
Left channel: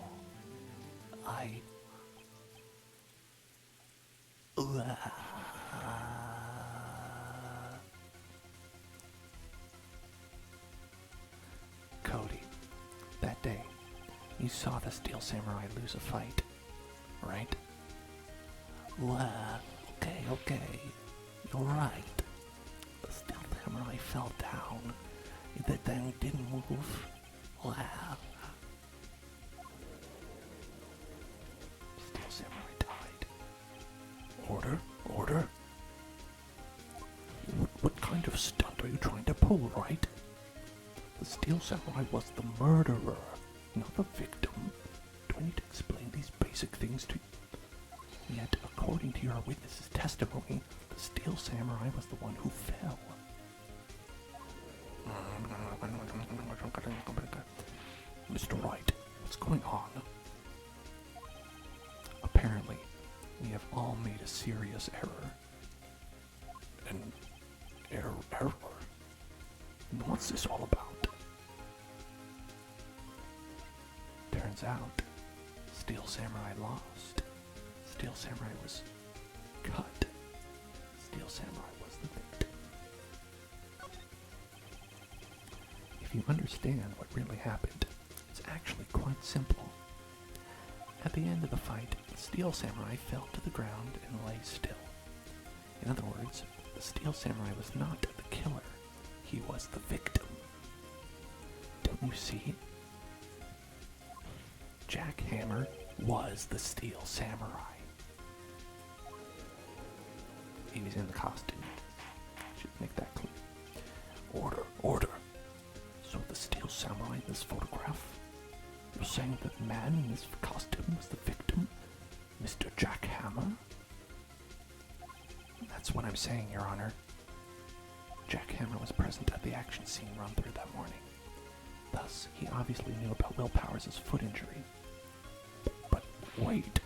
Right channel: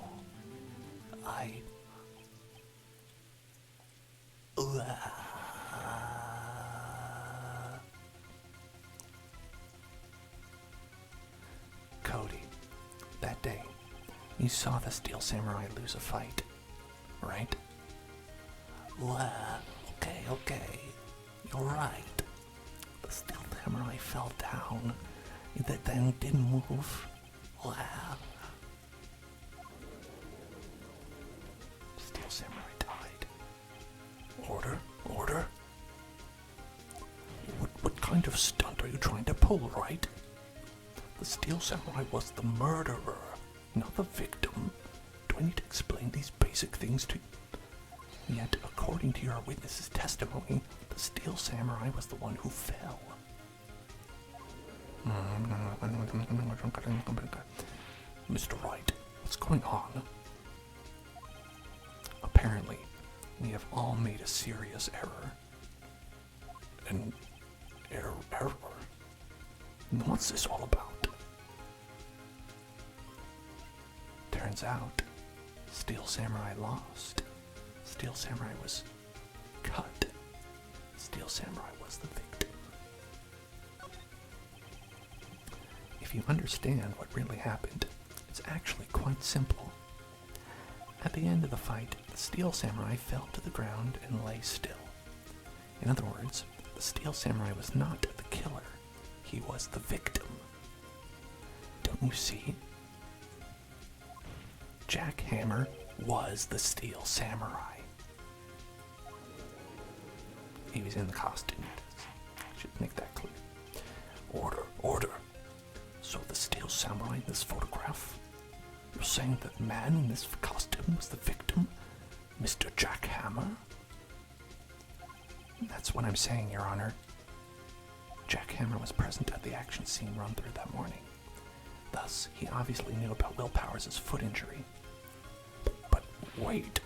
Cody, that day, you saw the Steel Samurai lose a fight, right? Okay, you're right. The Steel Samurai fell down, then didn't move. Steel Samurai died. Order? What kind of stunt are you trying to pull, right? The Steel Samurai was the murderer, not the victim. Do I need to explain these basic things to you? Yet, according to your witness's testimony, the Steel Samurai was the one who fell. Mr. Wright, what's going on? Apparently, we have all made a serious error. An error? What's this all about? Turns out, Steel Samurai lost. Steel Samurai was cut. Steel Samurai was the victim. If you understand what really happened, it's actually quite simple. At the end of the fight, the Steel Samurai fell to the ground and lay still. In other words, the Steel Samurai was not the killer. He was the victim. Don't you see? Jack Hammer was the Steel Samurai. He was in the costume. Should make that clear. Order. So the Steel Samurai in this photograph, you're saying that the man in this costume was the victim? Mr. Jack Hammer? That's what I'm saying, Your Honor. Jack Hammer was present at the action scene run-through that morning. Thus, he obviously knew about Willpower's foot injury. But wait,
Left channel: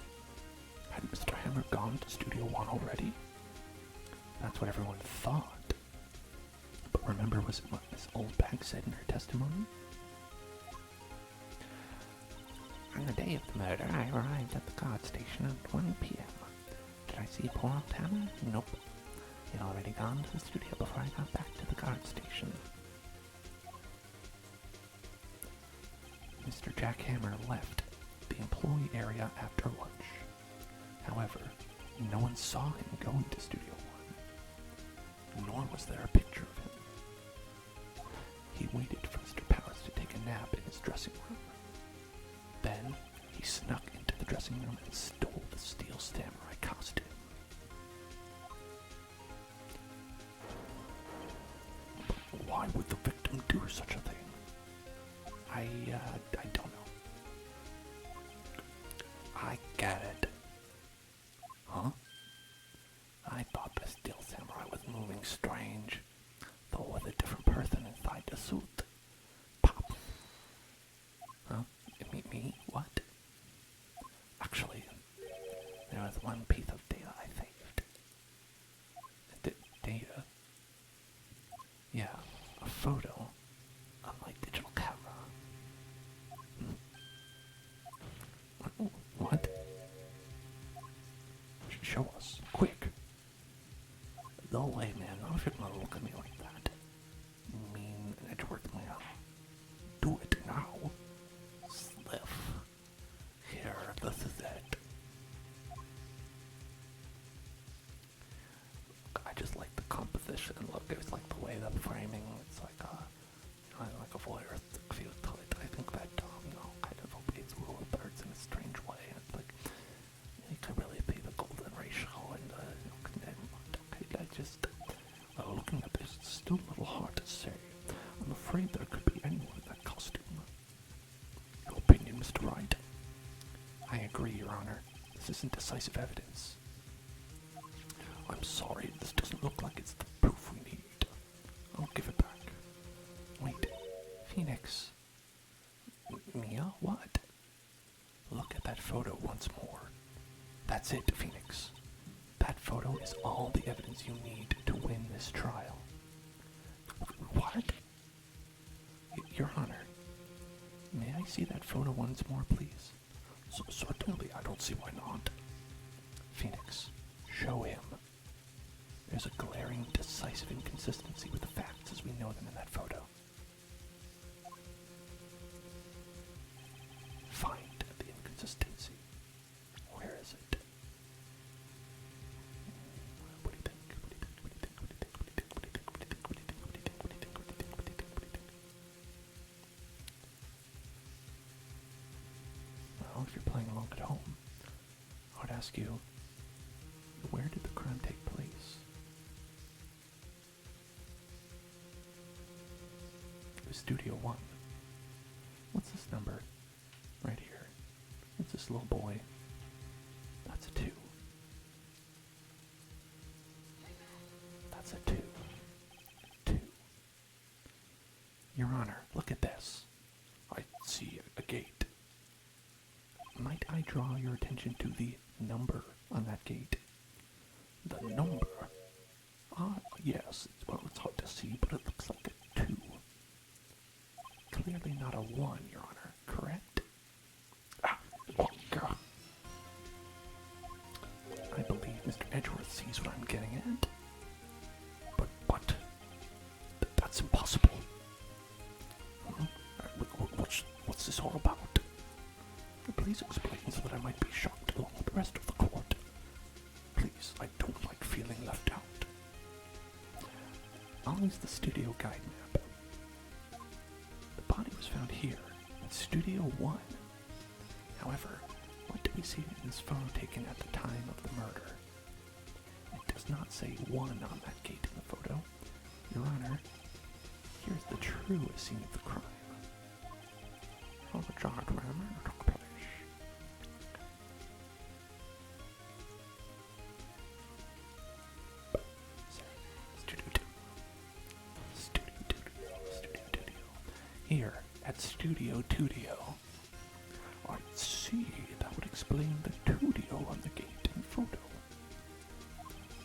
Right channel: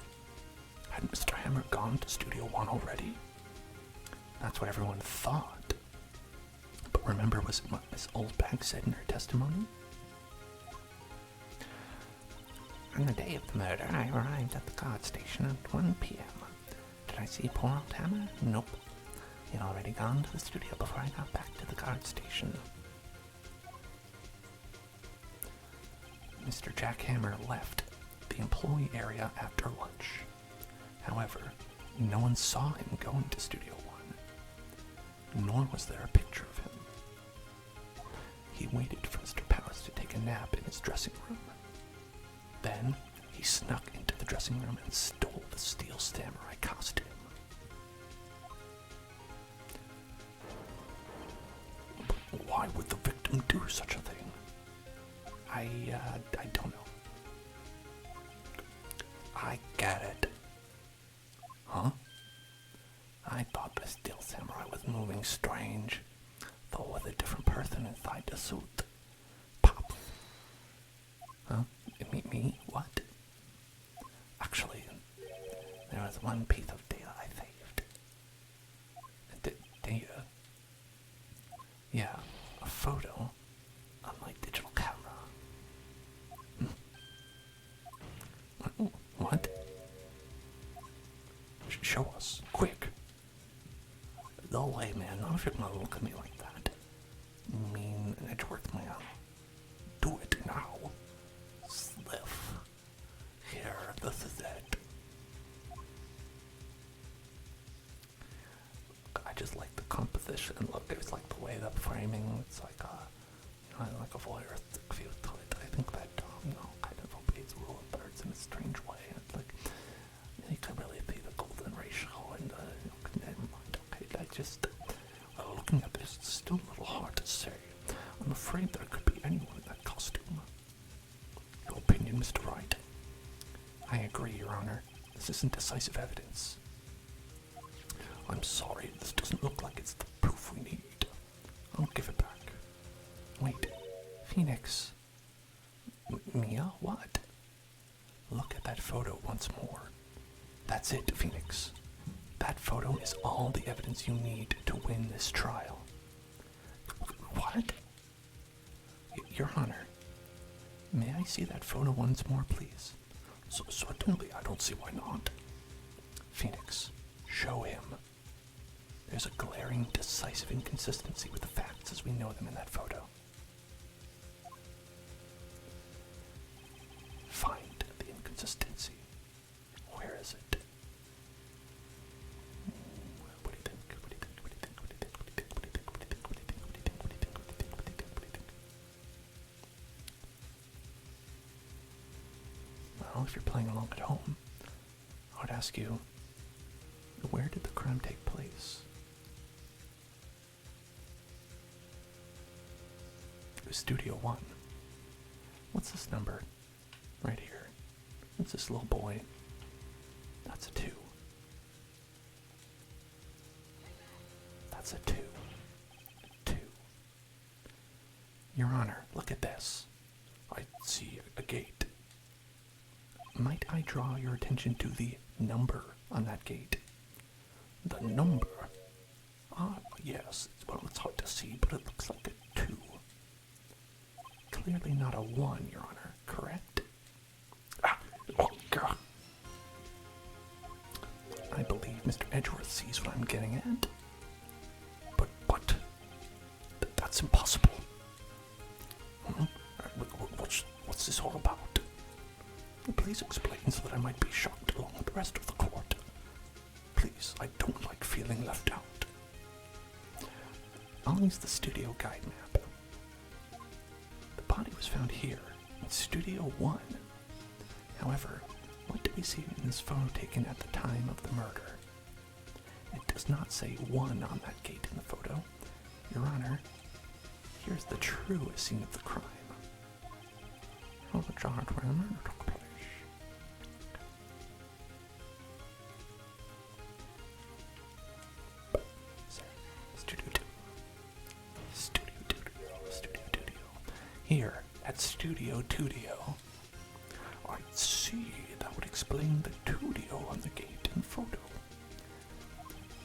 had Mr. Hammer gone to Studio One already? That's what everyone thought. But remember what Miss Oldbag said in her testimony? On the day of the murder, I arrived at the guard station at 1 p.m. Did I see poor old Hammer? Nope. He'd already gone to the studio before I got back to the guard station. Mr. Jack Hammer left the employee area after lunch. However, no one saw him going to Studio One, nor was there a picture of him. He waited for Mr. Powers to take a nap in his dressing room. Then, he snuck into the dressing room and stole the Steel Samurai costume. Why would the victim do such a thing? I don't know. I get it. Huh? I thought the Steel Samurai was moving strange, though with a different person inside the suit. Pop. Huh? Me? What? Actually, there was one piece of data I saved. Data? Yeah, a photo on my digital camera. What? Show us, quick. No way, man. Not if you're gonna look at me like that. Mean Edgeworth, man. Do it now. Sliff. Here, this is it. I just like the composition. Look, it's like the way the framing. It's like a voyeuristic feel to it. I think that kind of obeys the rule of birds in a strange way. It's like you can really see the golden ratio and looking at this, it's still a little hard to say. I'm afraid there could be anyone in that costume. Your opinion, Mr. Wright? I agree, Your Honor. This isn't decisive evidence. I'm sorry, this doesn't look like it's the proof we need. I'll give it back. Wait, Phoenix. Mia, what? Look at that photo once more. That's it, Phoenix. That photo is all the evidence you need to win this trial. What? Your Honor, may I see that photo once more, please? Certainly, I don't see why not. Phoenix, show him. There's a glaring, decisive inconsistency with the facts as we know them in that photo. Find the inconsistency. Where is it? What do you think? What do you think? What do you think? What do you think? What do you think? What do you think? What do you think? What do you think? What do you think? What do you think? What do you think? What do you think? What do you think? Well, if you're playing along at home, I would ask you, where did the crime take place? It was Studio 1. What's this number? Right here. What's this little boy? That's a 2. That's a 2. 2. Your Honor, look at this. I see a gate. Might I draw your attention to the number on that gate? The number? Yes. Well, it's hard to see, but it looks like a 2. Clearly not a 1, Your Honor, correct? God. I believe Mr. Edgeworth sees what I'm getting at. But what? That's impossible. What's this all about? Please explain so that I might be shocked along with the rest of the court. Please, I don't like feeling left out. I'll use the studio guide map. The body was found here, in Studio 1. However, what do we see in this photo taken at the time of the murder? It does not say 1 on that gate in the photo. Your Honor, here's the truest scene of the crime. Oh, the charge where the murder took place. Studio 2. Studio 2. Studio 2. Here, at Studio 2. I see. That would explain the studio on the gate and photo.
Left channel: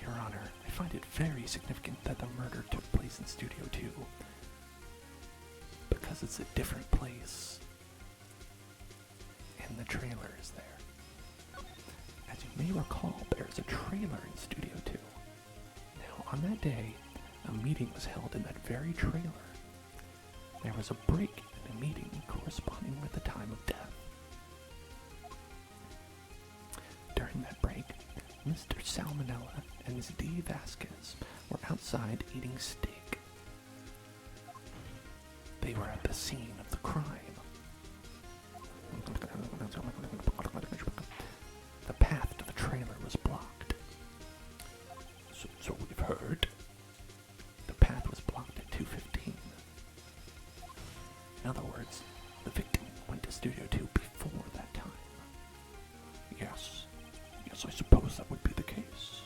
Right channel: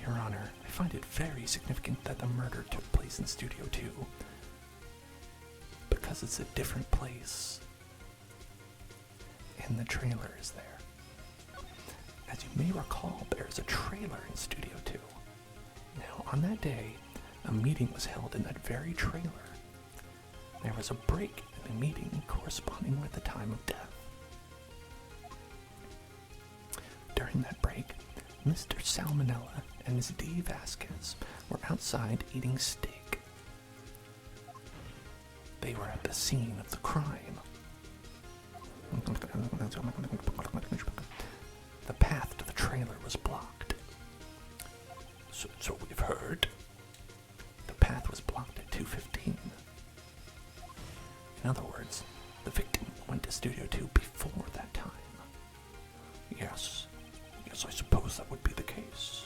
Your Honor, I find it very significant that the murder took place in Studio 2. Because it's a different place. And the trailer is there. As you may recall, there's a trailer in Studio 2. Now, on that day, a meeting was held in that very trailer. There was a break in the meeting corresponding with the time of death. During that break, Mr. Salmonella and Ms. D. Vasquez were outside eating steak. They were at the scene of the crime. The path to the trailer was blocked. So we've heard. The path was blocked at 2:15. In other words, the victim went to Studio 2 before that time. Yes, I suppose that would be the case.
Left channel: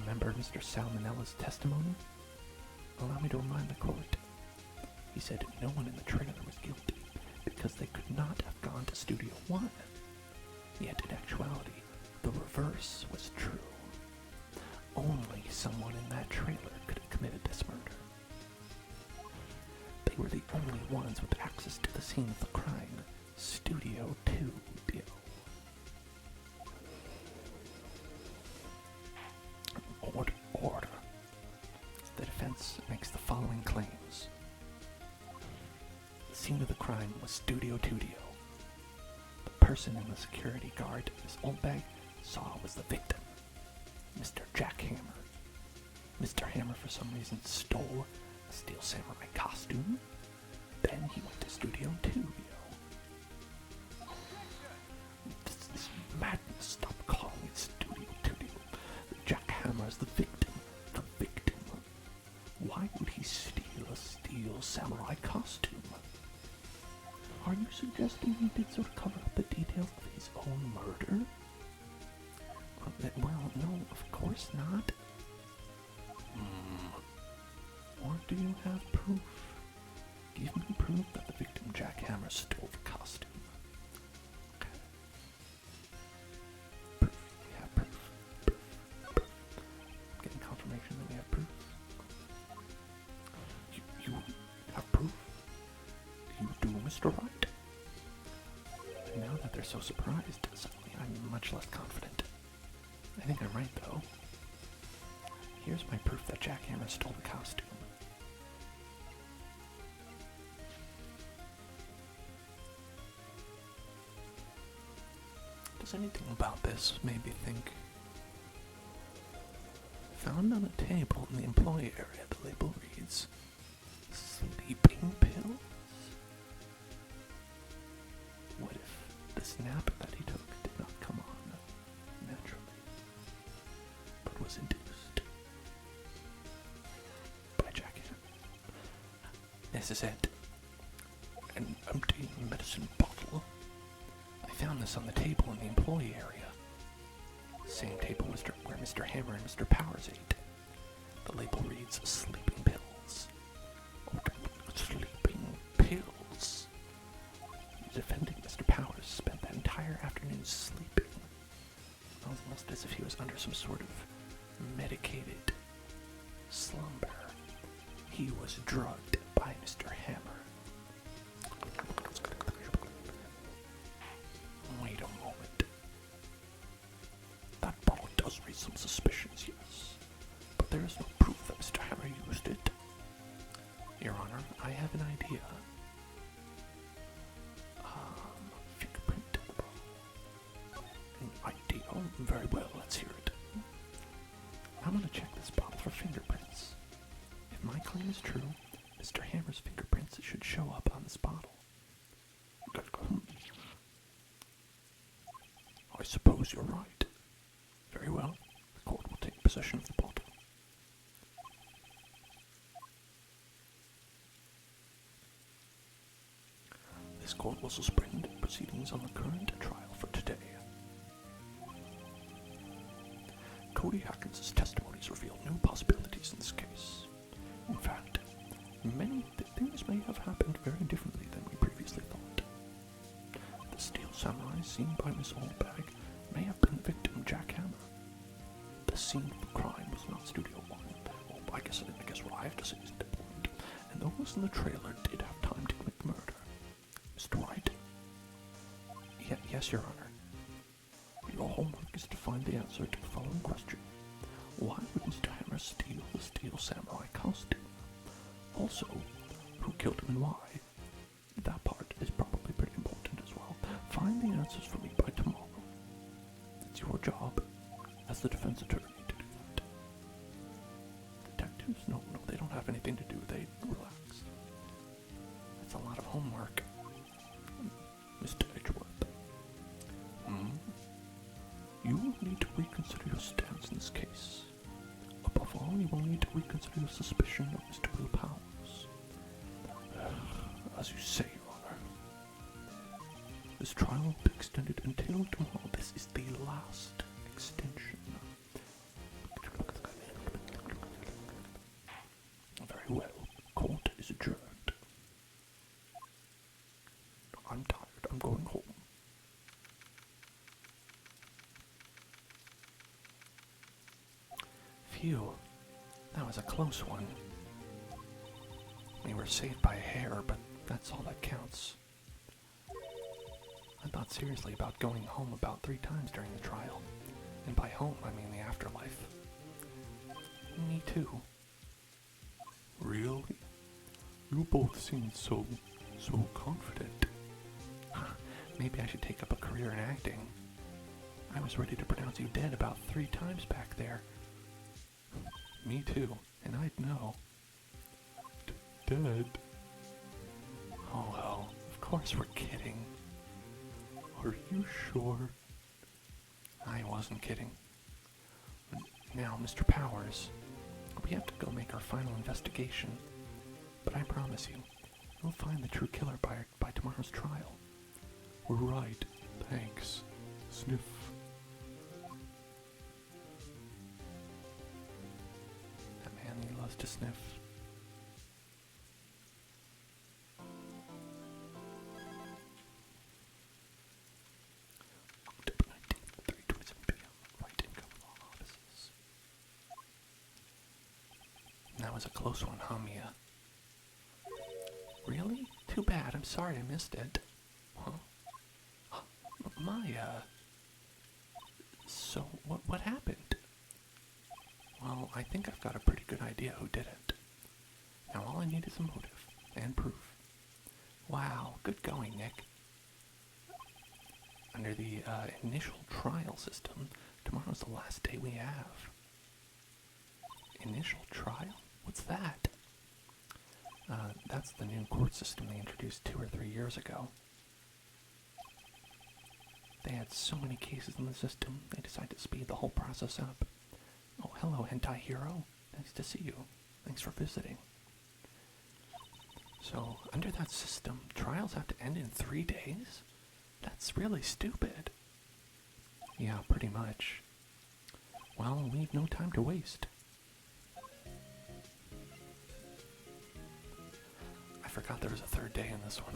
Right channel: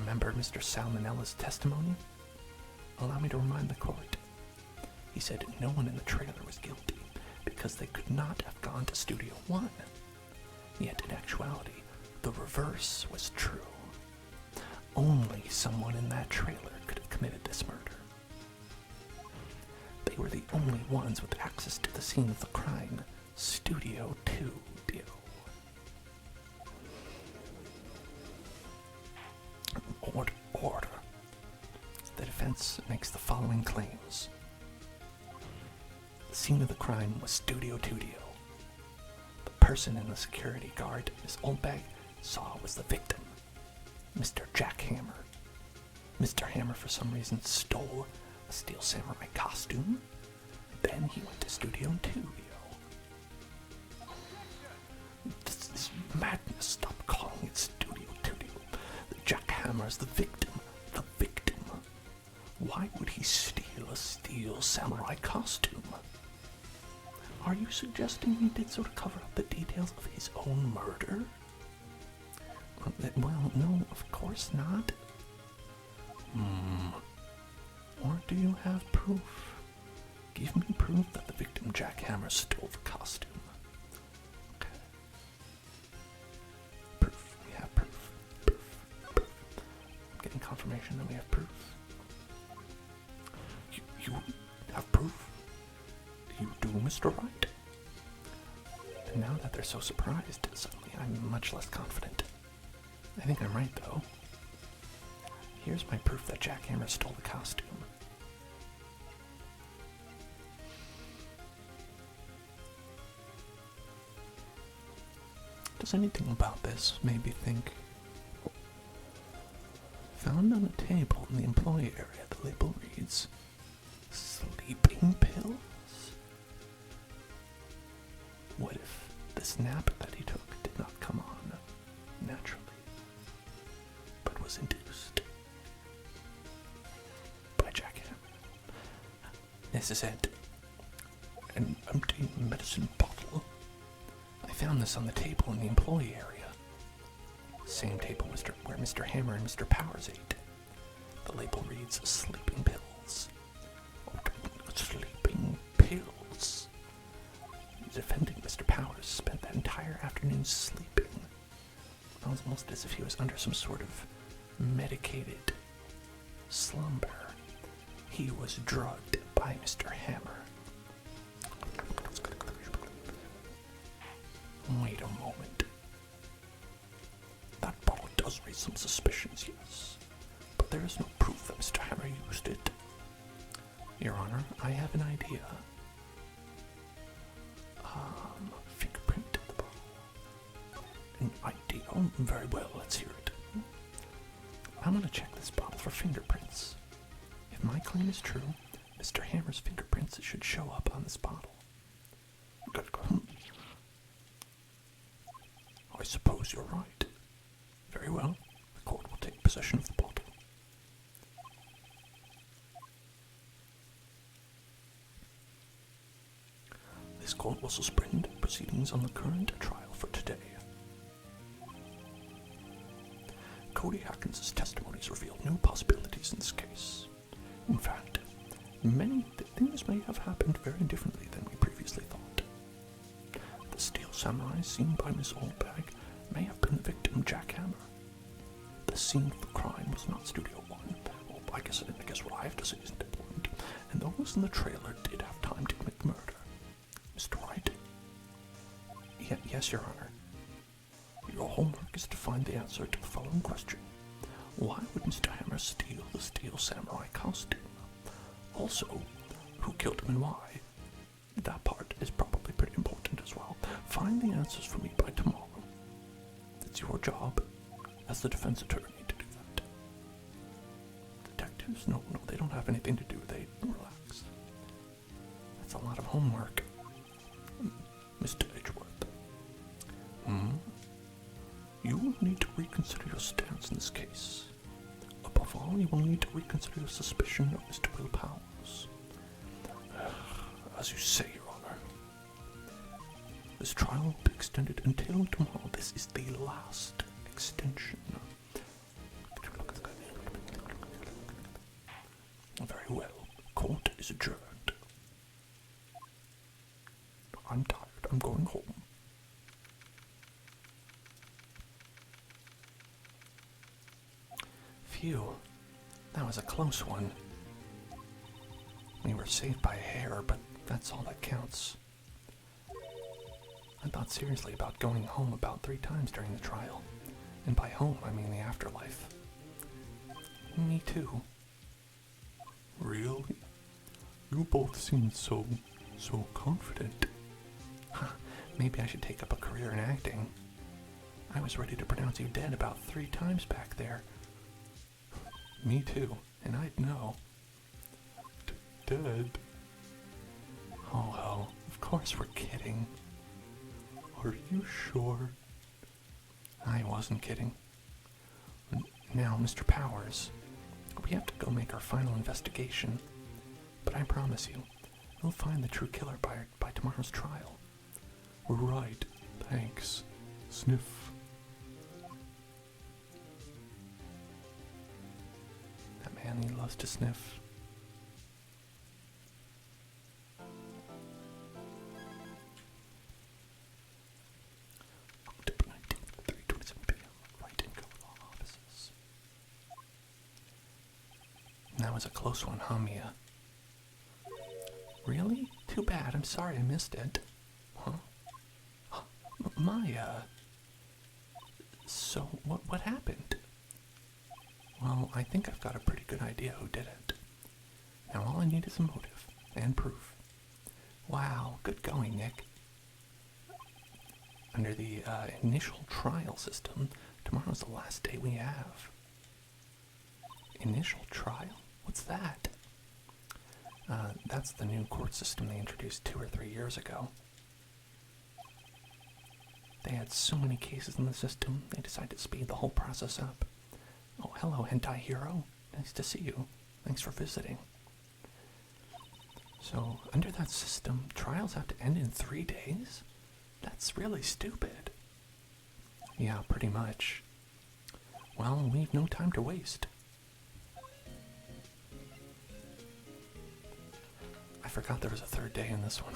Remember Mr. Salmonella's testimony? Allow me to remind the court. He said no one in the trailer was guilty because they could not have gone to Studio 1. Yet in actuality, the reverse was true. Only someone in that trailer could have committed this murder. They were the only ones with access to the scene of the crime, Studio 2. Order. The defense makes the following claims. The scene of the crime was Studio 2. The person in the security guard Miss Oldbag saw was the victim, Mr. Jack Hammer. Mr. Hammer, for some reason, stole a Steel Samurai costume. Then he went to Studio 2. This is madness. Stop calling it Studio 2. Jack Hammer is the victim. The victim. Why would he steal a Steel Samurai costume? Are you suggesting he did so to cover up the details of his own murder? No, of course not. Or do you have proof? Give me proof that the victim jackhammer stole the costume. Okay. Proof. We have proof. Proof. Getting confirmation that we have proof. You have proof? You do, Mr. Wright? And now that they're so surprised, suddenly I'm much less confident. I think I'm right, though. Here's my proof that jackhammer stole the costume. Does anything about this make me think? Found on a table in the employee area, the label reads, sleeping pills? What if the snap that he took did not come on naturally, but was induced by jackhammer? This is it. An empty medicine bottle. I found this on the table in the employee area. Same table where Mr. Hammer and Mr. Powers ate. The label reads sleeping pills. Sleeping pills. Defending Mr. Powers spent that entire afternoon sleeping. It was almost as if he was under some sort of medicated slumber. He was drugged by Mr. Hammer. Wait a moment. That bottle does raise some suspicions, yes. But there is no proof that Mr. Hammer used it. Your Honor, I have an idea. Fingerprint in the bottle. An idea? Oh, very well, let's hear it. I'm gonna check this bottle for fingerprints. If my claim is true, Mr. Hammer's fingerprints should show up on this bottle. I suppose you're right. Very well. The court will take possession of the bottle. This court will suspend proceedings on the current trial for today. Cody Atkins' testimonies revealed new possibilities in this case. In fact, many things may have happened very differently than we previously thought. The steel samurai seen by Miss Oldbag may have been the victim jackhammer. The scene of the crime was not Studio One. Well, I guess what I have to say isn't important. And those in the trailer did have time to commit the murder. Mr. Wright? Yes, Your Honor. Your homework is to find the answer to the following question. Why would Mr. Hammer steal the steel samurai costume? Also, who killed him and why? That part is probably pretty important as well. Find the answers for me by tomorrow. It's your job as the defense attorney to do that. Detectives, no, they don't have anything to do. They relax. That's a lot of homework. Mr. Edgeworth. You will need to reconsider your stance in this case. Above all, you will need to reconsider your suspicion of Mr. Willpower's. As you say, Your Honor, this trial will be extended until tomorrow. This is the last extension. Very well. Court is adjourned. I'm tired. I'm going home. Phew. That was a close one. We were saved by a hair, but that's all that counts. I thought seriously about going home about 3 times during the trial. And by home, I mean the afterlife. Me too. Really? You both seem so confident. Maybe I should take up a career in acting. I was ready to pronounce you dead about 3 times back there. Me too, and I'd know. Dead? Oh well, of course we're kidding. Are you sure? I wasn't kidding. Now, Mr. Powers, we have to go make our final investigation. But I promise you, we'll find the true killer by tomorrow's trial. We're right. Thanks. Sniff. That was a close one, huh, Mia? Really? Too bad. I'm sorry I missed it. Huh? Maya. So, what happened? Well, I think I've got a pretty good idea who did it. Now all I need is a motive and proof. Wow, good going, Nick. Under the initial trial system, tomorrow's the last day we have. Initial trial? What's that? That's the new court system they introduced 2 or 3 years ago. They had so many cases in the system, they decided to speed the whole process up. Oh, hello, hentai hero. Nice to see you. Thanks for visiting. So, under that system, trials have to end in 3 days? That's really stupid. Yeah, pretty much. Well, we've no time to waste. I forgot there was a 3rd day in this one.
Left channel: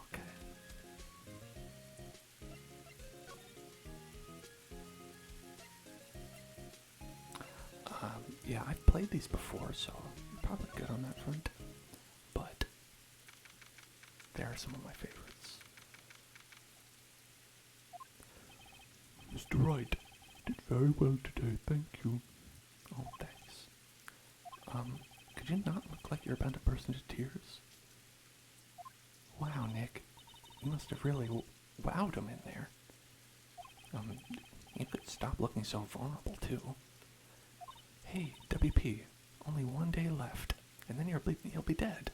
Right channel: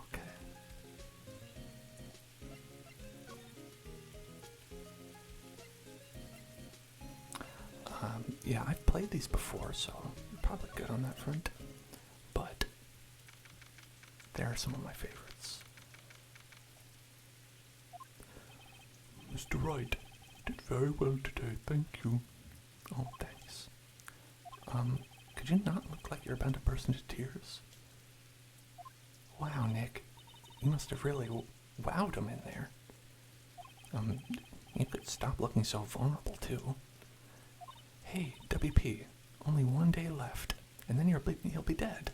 Okay. Yeah, I've played these before, so you're probably good on that front. But they are some of my favorites. Mr. Wright did very well today, thank you. Oh, thanks. Could you not look like you're about to burst into tears? Wow, Nick. You must have really wowed him in there. You could stop looking so vulnerable, too. Hey, WP, only 1 day left, and then he'll be dead.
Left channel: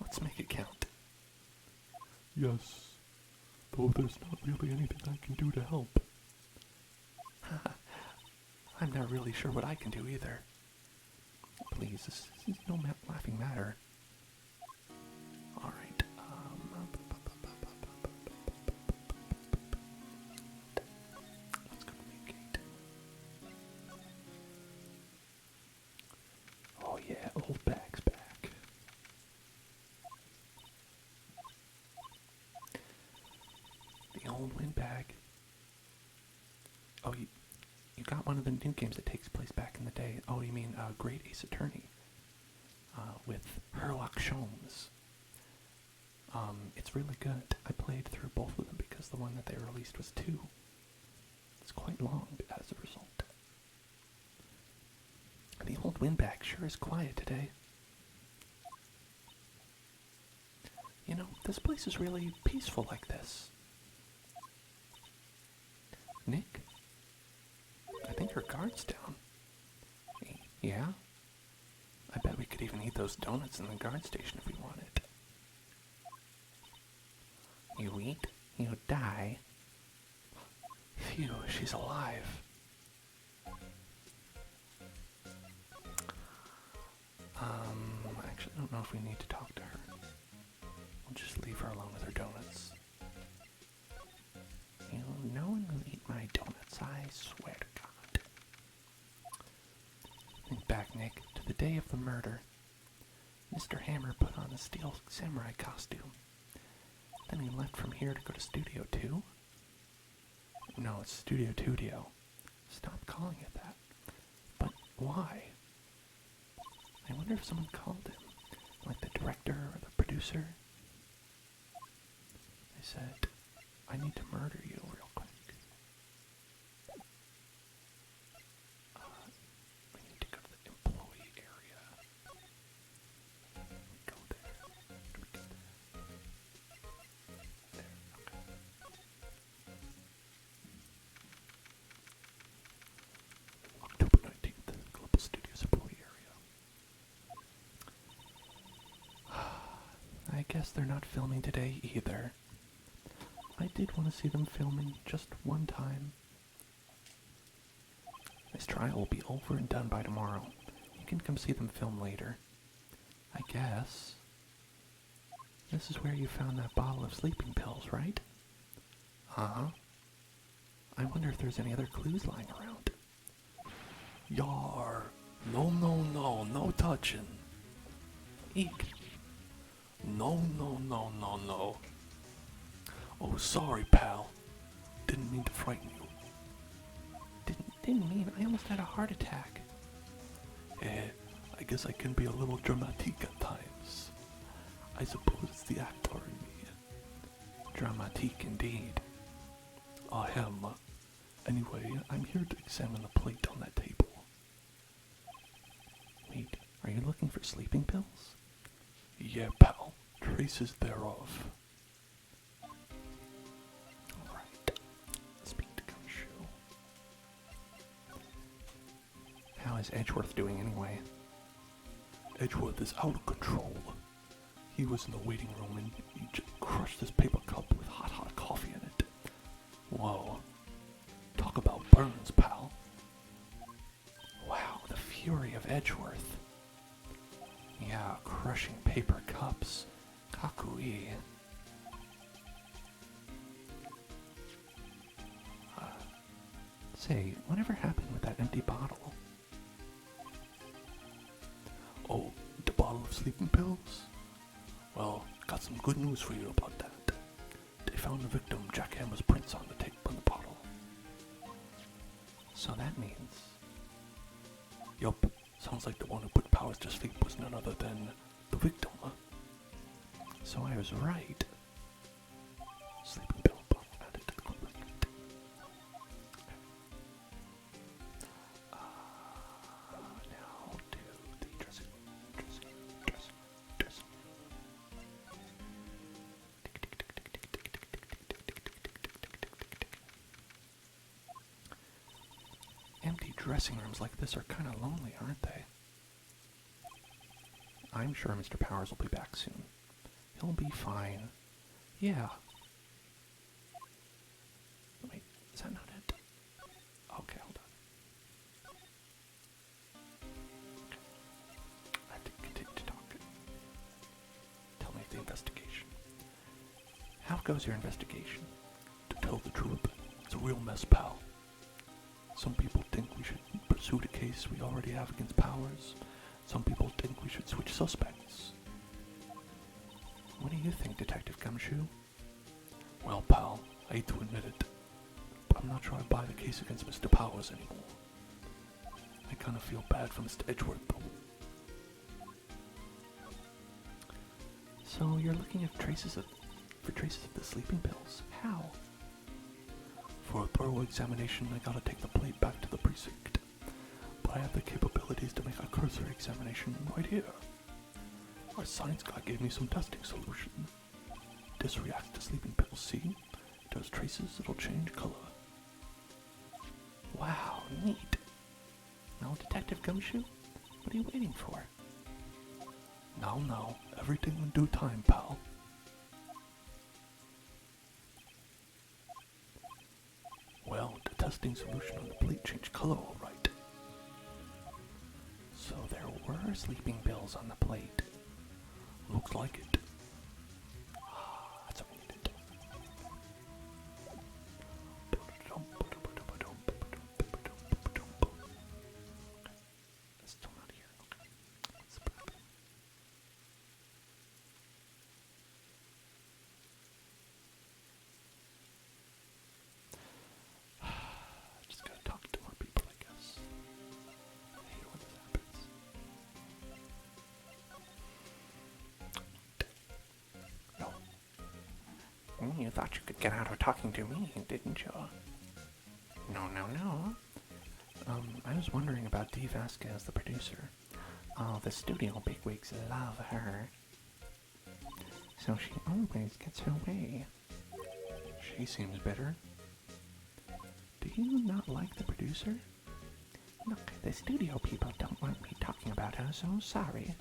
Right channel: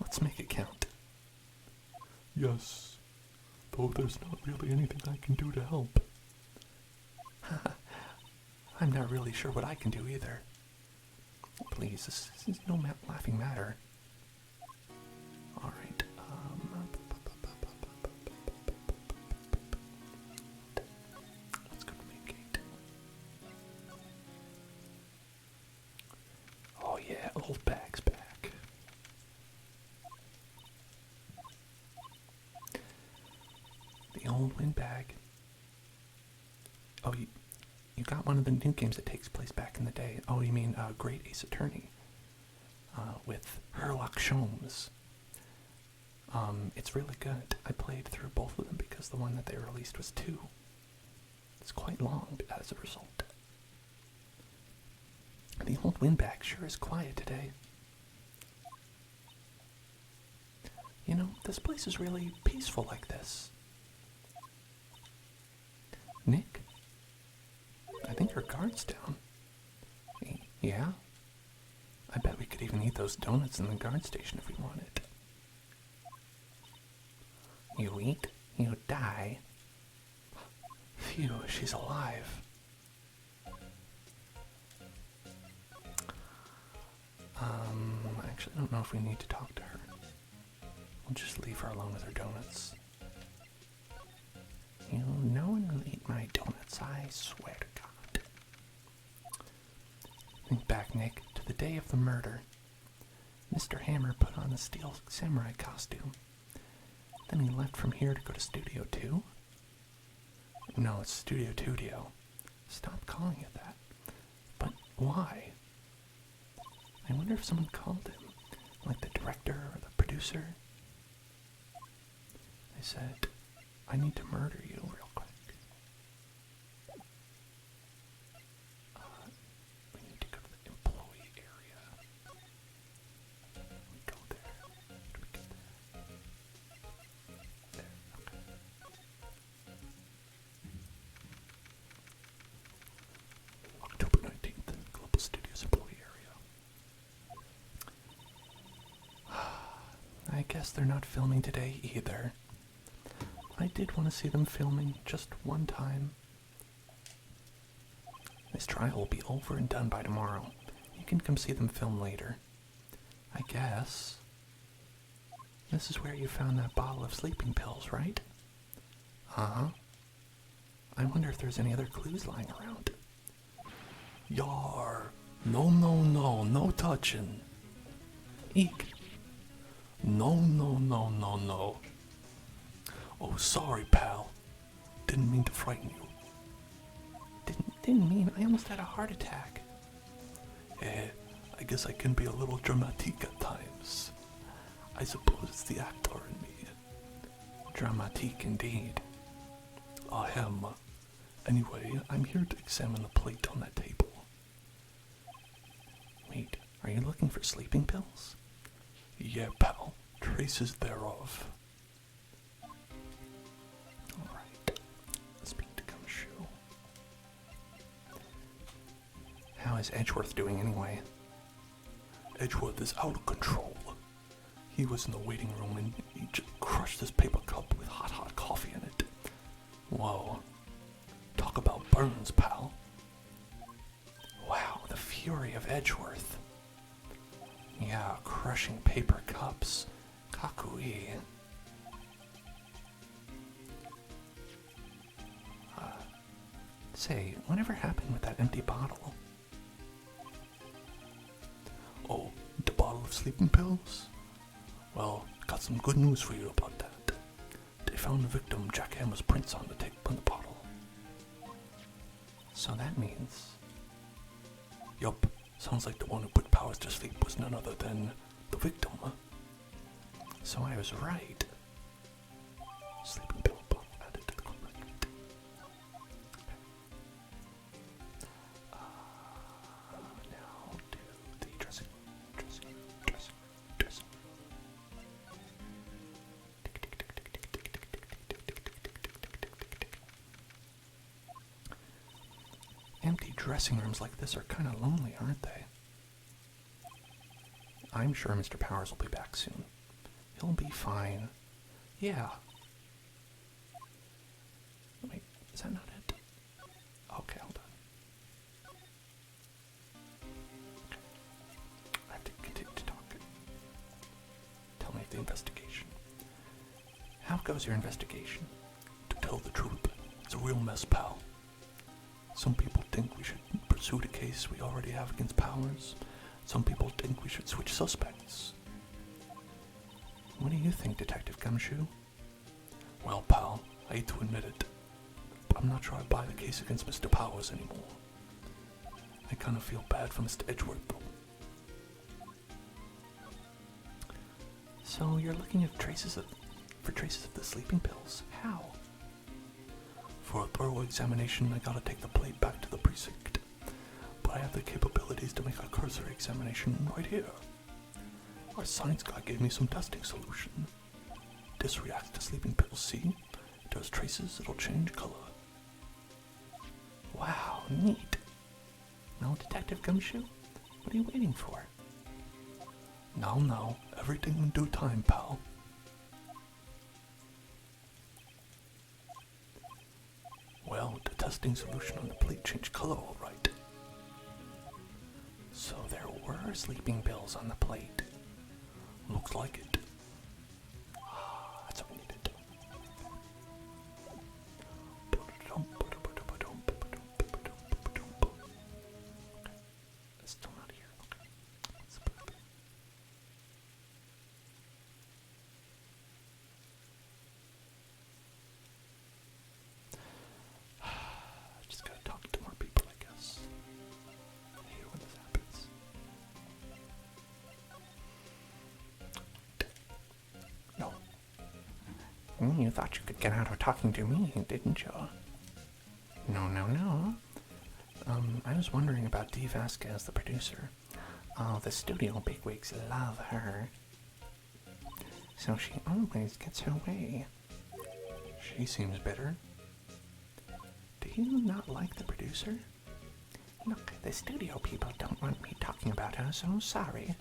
Let's make it count. Yes, though there's not really anything I can do to help. I'm not really sure what I can do either. Please, this is no laughing matter. Alright, let's go communicate. Oh yeah, old bag's back. The old windbag. Oh, you got one of the new games that takes place back in the day. Oh, you mean Great Ace Attorney with Sherlock Holmes. It's really good. I played through both of them because the one that they released was 2. It's quite long as a result. The old windbag sure is quiet today. You know, this place is really peaceful like this. Nick? I think her guard's down. Yeah? I bet we could even eat those donuts in the guard station if we wanted. You eat, you die. Phew, she's alive. Actually, I don't know if we need to talk to her. We'll just leave her alone with her donuts. You know, no one will eat my donuts, I swear to God. Think back, Nick, to the day of the murder. Mr. Hammer put on the steel samurai costume. Then he left from here to go to Studio 2? No, it's Studio 2. Stop calling it that. But why? I wonder if someone called him, like the director or the producer. They said, I need to murder you real quick. We need to go to the employee area. Go there. Do we get there? There, okay. October 19th, Global Studios employee area. I guess they're not filming today either. I did want to see them filming just one time. This trial will be over and done by tomorrow. You can come see them film later. I guess. This is where you found that bottle of sleeping pills, right? Uh-huh. I wonder if there's any other clues lying around. Yar! No touching. Eek. No. Oh, sorry, pal. Didn't mean to frighten you. Didn't mean. I almost had a heart attack. I guess I can be a little dramatique at times. I suppose it's the actor in me. Dramatique indeed. I am. Anyway, I'm here to examine the plate on that table. Wait, are you looking for sleeping pills? Yeah, pal. Traces thereof. Alright. Speak to Gumshoe. How is Edgeworth doing anyway? Edgeworth is out of control. He was in the waiting room and he just crushed this paper cup with hot coffee in it. Whoa. Talk about burns, pal. Wow, the fury of Edgeworth. Yeah, crushing paper cups. Kakui. Say, whatever happened with that empty bottle? Oh, the bottle of sleeping pills? Well, got some good news for you about that. They found the victim Jack Hammer's prints on the tape on the bottle. So that means... Yup, sounds like the one who put Powers to sleep was none other than the victim. So I was right. Sleeping pill bottle added to the collection. Now to the dressing. Empty dressing rooms like this are kind of lonely, aren't they? I'm sure Mr. Powers will be back soon. He'll be fine. Yeah. Wait, is that not it? Okay, hold on. I have to continue to talk. Tell me the investigation. How goes your investigation? To tell the truth, it's a real mess, pal. Some people think we should pursue the case we already have against Powers. Some people think we should switch suspects. What do you think, Detective Gumshoe? Well, pal, I hate to admit it, but I'm not sure I buy the case against Mr. Powers anymore. I kind of feel bad for Mr. Edgeworth, though. So you're looking at traces of the sleeping pills. How? For a thorough examination, I gotta take the plate back to the precinct. But I have the capabilities to make a cursory examination right here. Our science guy gave me some testing solution. This reacts to sleeping pills, see? It does traces, it'll change color. Wow, neat. Well, Detective Gumshoe, what are you waiting for? Now, everything in due time, pal. Well, the testing solution on the plate changed color, all right. So there were sleeping pills on the plate. Looks like it. That's what we needed. It's still not here. Just gotta talk to more people, I guess. I hate it when this happens. No. You thought you could get out of talking to me, didn't you? No. I was wondering about Dee Vasquez, the producer. Oh, the studio bigwigs love her. So she always gets her way. She seems bitter. Do you not like the producer? Look, the studio people don't want me talking about her, so sorry.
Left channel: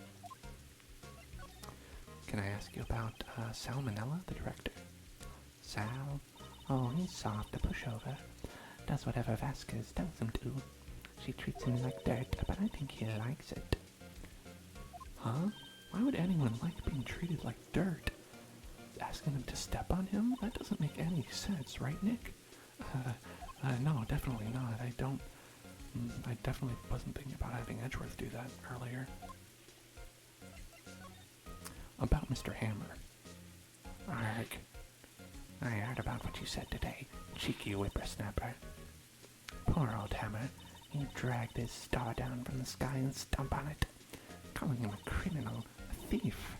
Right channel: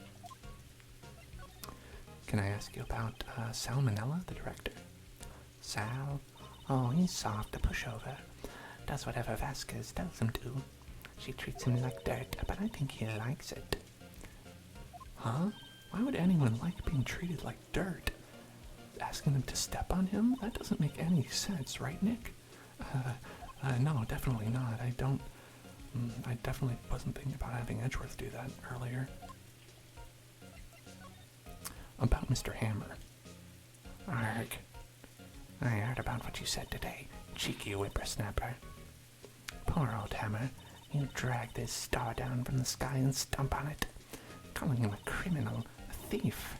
Can I ask you about Sal Manella, the director? Sal? Oh, he's soft to push over. Does whatever Vasquez tells him to. She treats him like dirt, but I think he likes it. Huh? Why would anyone like being treated like dirt? Asking him to step on him? That doesn't make any sense, right, Nick? No, definitely not. I definitely wasn't thinking about having Edgeworth do that earlier. About Mr. Hammer. Arg. I heard about what you said today, cheeky whippersnapper. Poor old Hammer. You drag this star down from the sky and stomp on it, calling him a criminal, a thief.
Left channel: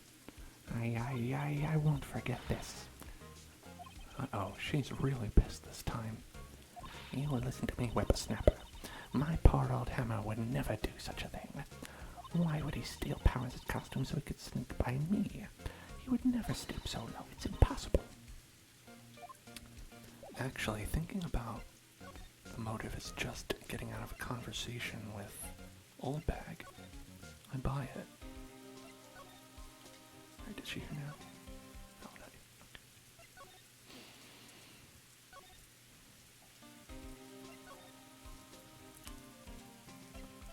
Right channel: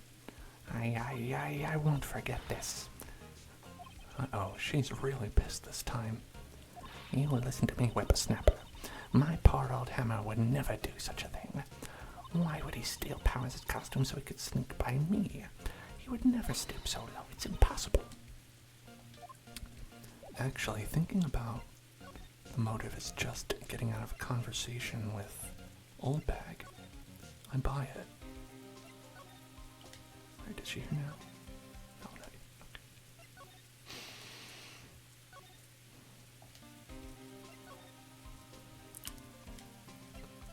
I won't forget this. Uh-oh, she's really pissed this time. You would listen to me, whippersnapper. My poor old hammer would never do such a thing. Why would he steal Powers' costume so he could sneak by me? He would never stoop so low. It's impossible. Actually, thinking about the motive is just getting out of a conversation with Old Bag, I buy it. Where did she hear now? Oh, no. Okay.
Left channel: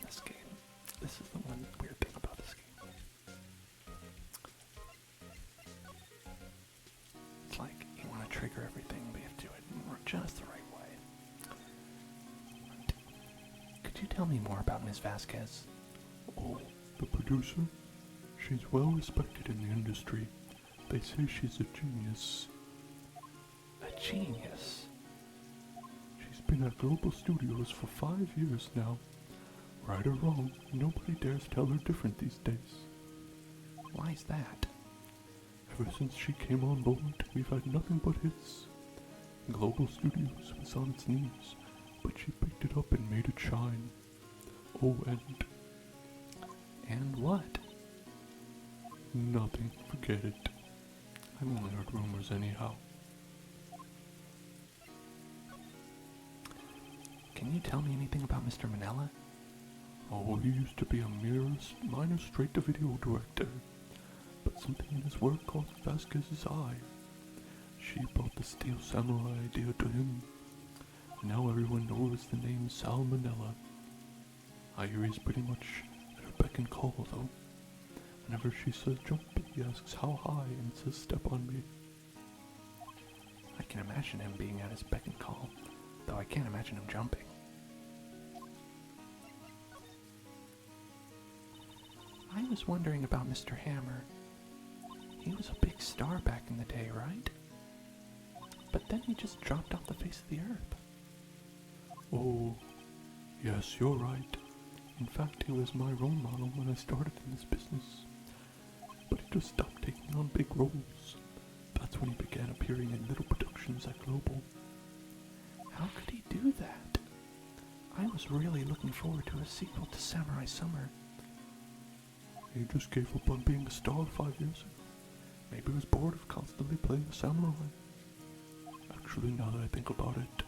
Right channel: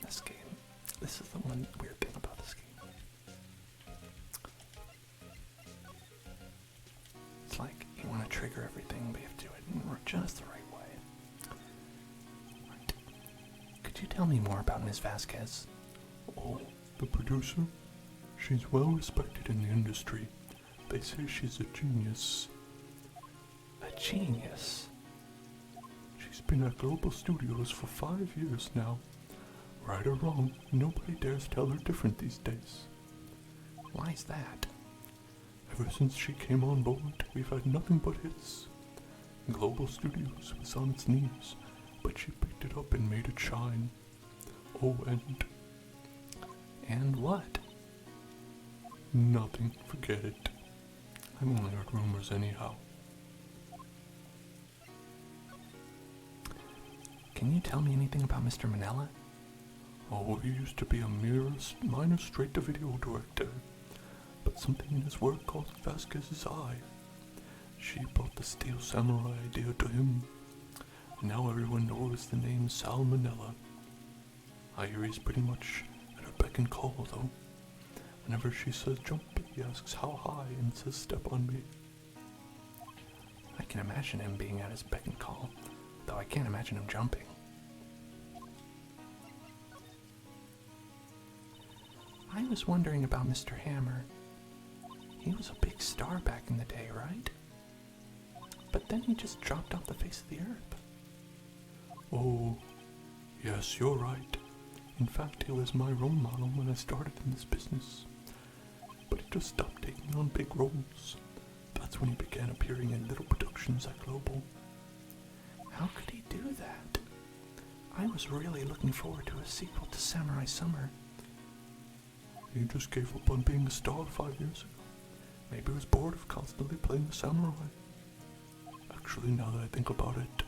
This game. This is the one weird thing about this game. It's like you want to trigger everything, but you have to do it in just the right way. Could you tell me more about Miss Vasquez? Oh, the producer? She's well respected in the industry. They say she's a genius. A genius? She's been at Global Studios for 5 years now. Right or wrong, nobody dares tell her different these days. Why's that? Ever since she came on board, we've had nothing but hits. Global Studios was on its knees, but she picked it up and made it shine. Oh, And what? nothing. Forget it. I've only heard rumors anyhow. Can you tell me anything about Mr. Manella? Oh, he used to be a minor straight-to-video director, but something in his work caught Vasquez's eye. She brought the Steel Samurai idea to him. Now everyone knows the name Sal Manella. I hear he's pretty much at her beck and call, though. Whenever she says jump, he asks how high and says step on me. I can imagine him being at his beck and call, though I can't imagine him jumping. I was wondering about Mr. Hammer. He was a big star back in the day, right? But then he just dropped off the face of the earth. Oh, yes, you're right. In fact, he was my role model when I started in this business. But he just stopped taking on big roles. That's when he began appearing in little productions at Global. How could he do that? I was really looking forward to a sequel to Samurai Summer. He just gave up on being a star 5 years ago. Maybe he was bored of constantly playing a samurai. Actually, now that I think about it,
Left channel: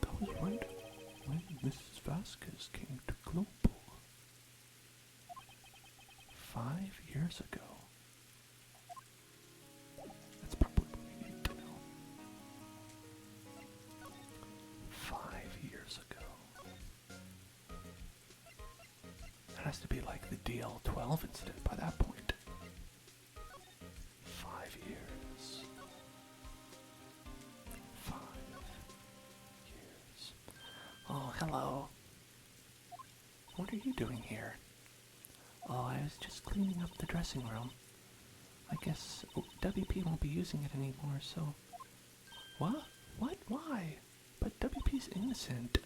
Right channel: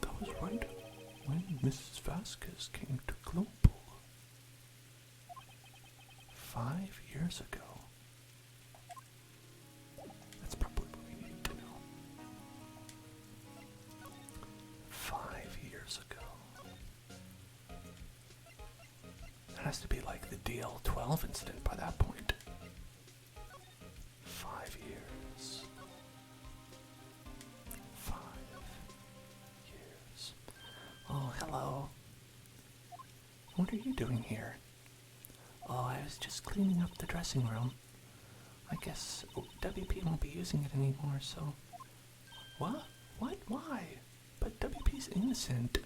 that was right when Mrs. Vasquez came to Global. 5 years ago. That's probably what we need to know. 5 years ago. That has to be like the DL-12 incident by that point. 5 years. 5 years. Oh, hello. What are you doing here? Oh, I was just cleaning up the dressing room. I guess WP won't be using it anymore, so... What? What? Why? But WP's innocent.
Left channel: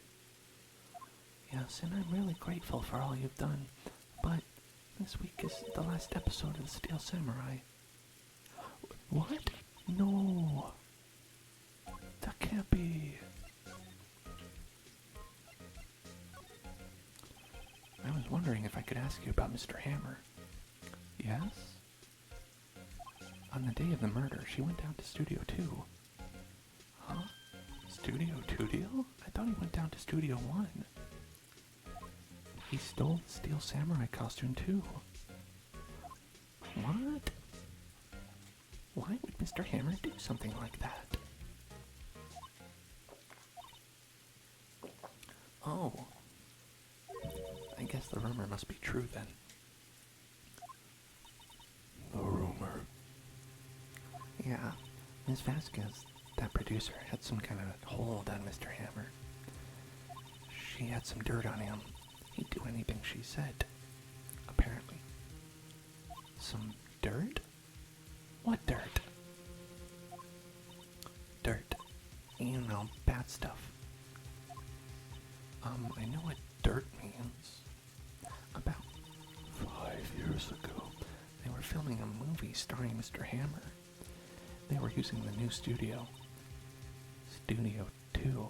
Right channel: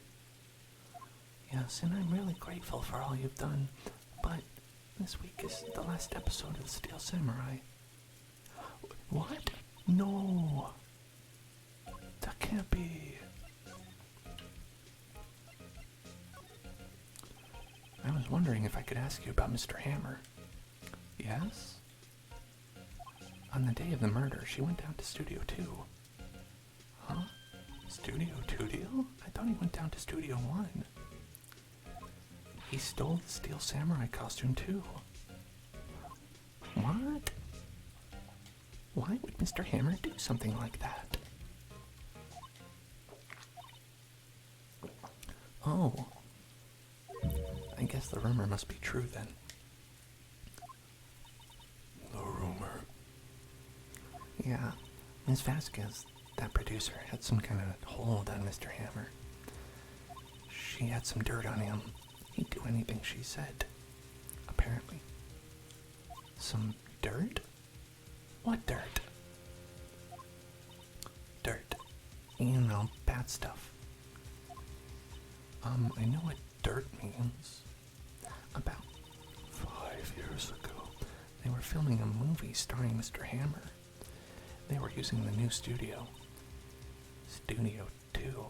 Yes, and I'm really grateful for all you've done, but this week is the last episode of the Steel Samurai. What? No. That can't be. I was wondering if I could ask you about Mr. Hammer. Yes? On the day of the murder, she went down to Studio 2. Huh? Studio 2 deal? I thought he went down to Studio 1. He stole the Steel Samurai costume too. What? Why would Mr. Hammer do something like that? Oh. I guess the rumor must be true then. The rumor. Yeah, Ms. Vasquez, that producer, had some kind of hold on Mr. Hammer. She had some dirt on him. He'd do anything she said. Apparently. Some dirt? What dirt? Dirt. You know, bad stuff. I know what dirt means. About 5 years ago, they were filming a movie starring Mr. Hammer. They were using the new Studio 2.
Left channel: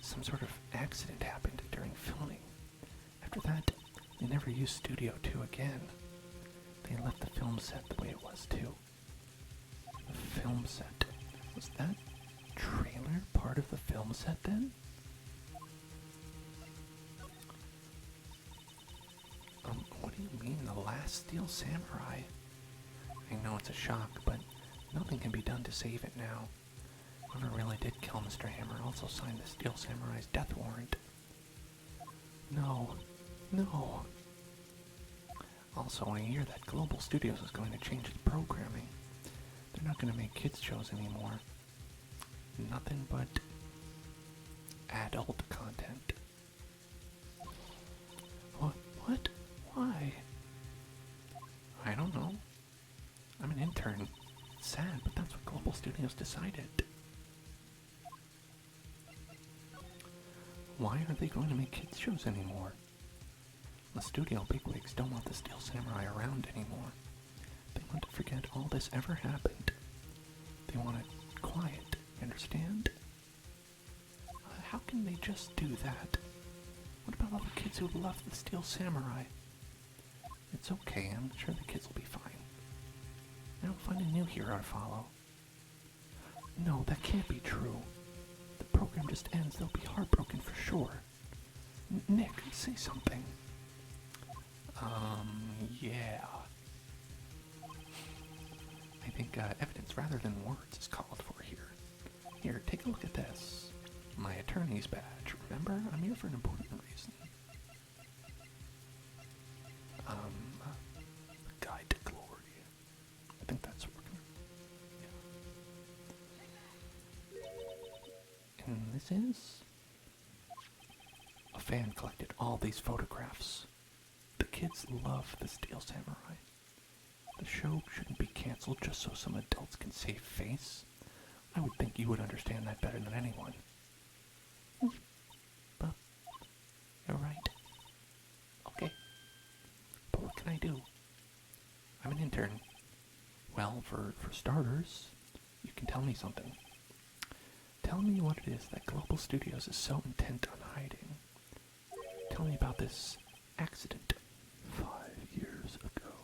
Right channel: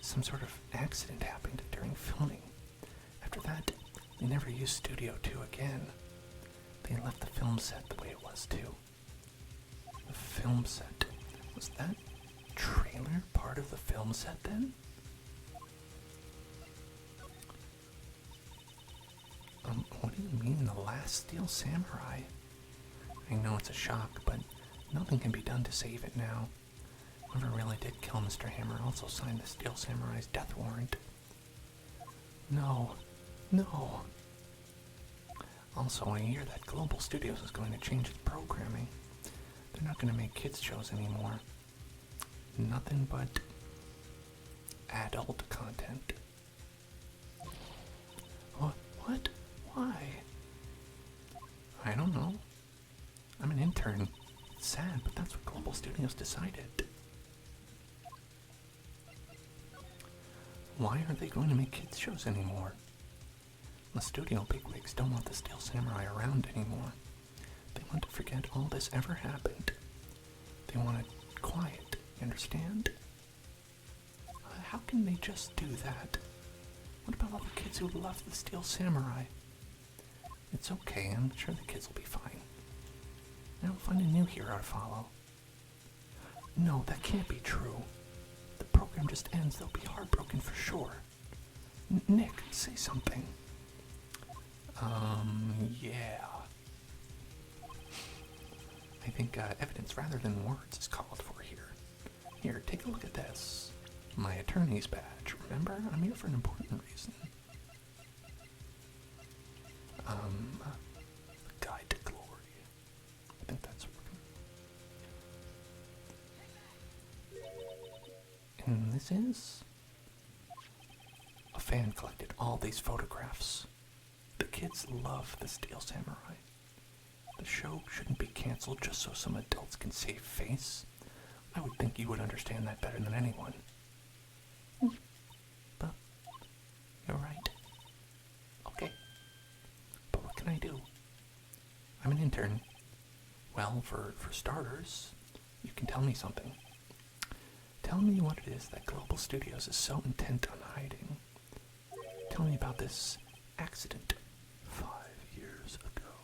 Some sort of accident happened during filming. After that, they never used Studio 2 again. They left the film set the way it was too. The film set? Was that trailer part of the film set then? What do you mean, the last Steel Samurai? I know it's a shock, but nothing can be done to save it now. Whoever really did kill Mr. Hammer also signed the Steel Samurai's death warrant. No. Also, I hear that Global Studios is going to change the programming. They're not going to make kids shows anymore. Nothing but adult content. What? Why? I don't know. I'm an intern. It's sad, but that's what Global Studios decided. Why aren't they going to make kids shows anymore? The studio bigwigs don't want the Steel Samurai around anymore. They want to forget all this ever happened. They want it quiet, understand? How can they just do that? What about all the kids who love the Steel Samurai? It's okay, I'm sure the kids will be fine. Now find a new hero to follow. No, that can't be true. The program just ends, they'll be heartbroken for sure. Nick, say something. Yeah. I think evidence rather than words is called for here. Here, take a look at this. My attorney's badge. Remember, I'm here for an important reason. Guide to Glory. I think that's what we're gonna... And this is... A fan collected all these photographs. The kids love the Steel Samurai. The show shouldn't be canceled just so some adults can save face. I would think you would understand that better than anyone. But you're right. Okay. But what can I do? I'm an intern. Well, for starters, you can tell me something. Tell me what it is that Global Studios is so intent on hiding. Tell me about this accident 5 years ago.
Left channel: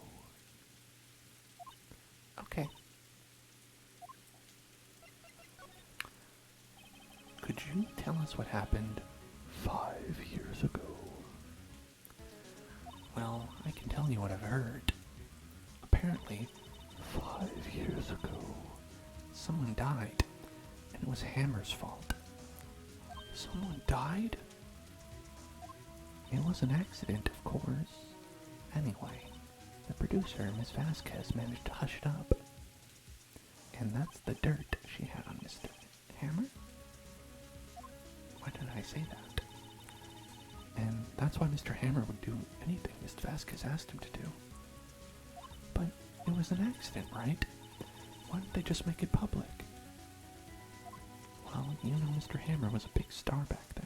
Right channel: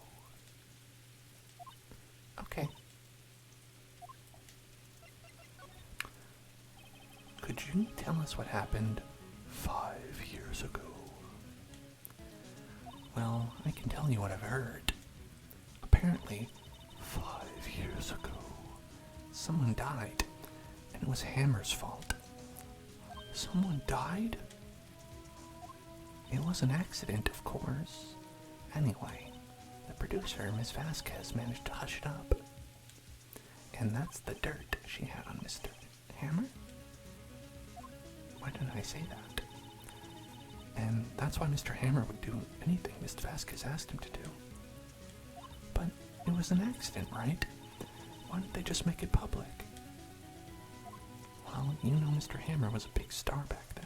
Okay. Could you tell us what happened 5 years ago? Well, I can tell you what I've heard. Apparently, 5 years ago, someone died, and it was Hammer's fault. Someone died? It was an accident, of course. Anyway, the producer, Miss Vasquez, managed to hush it up. And that's the dirt she had on Mr. Hammer? Why did I say that? And that's why Mr. Hammer would do anything Miss Vasquez asked him to do. But it was an accident, right? Why didn't they just make it public? Well, you know Mr. Hammer was a big star back then.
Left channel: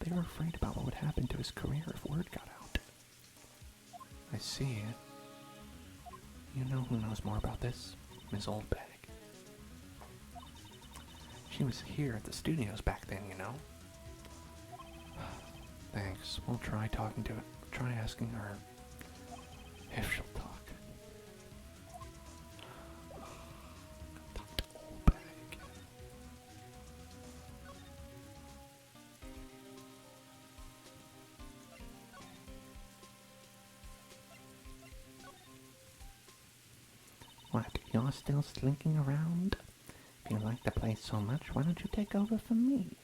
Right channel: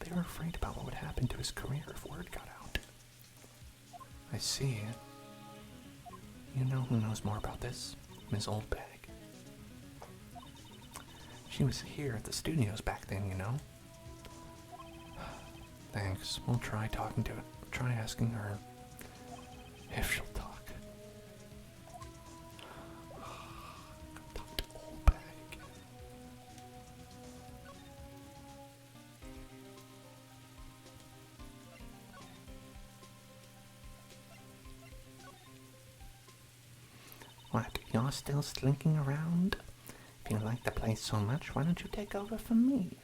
They were afraid about what would happen to his career if word got out. I see. You know who knows more about this? Miss Oldbag. She was here at the studios back then, you know? Thanks. We'll try talking to her. Try asking her if she'll talk. Talk to Oldbag. What, you're still slinking around? If you like the place so much, why don't you take over for me?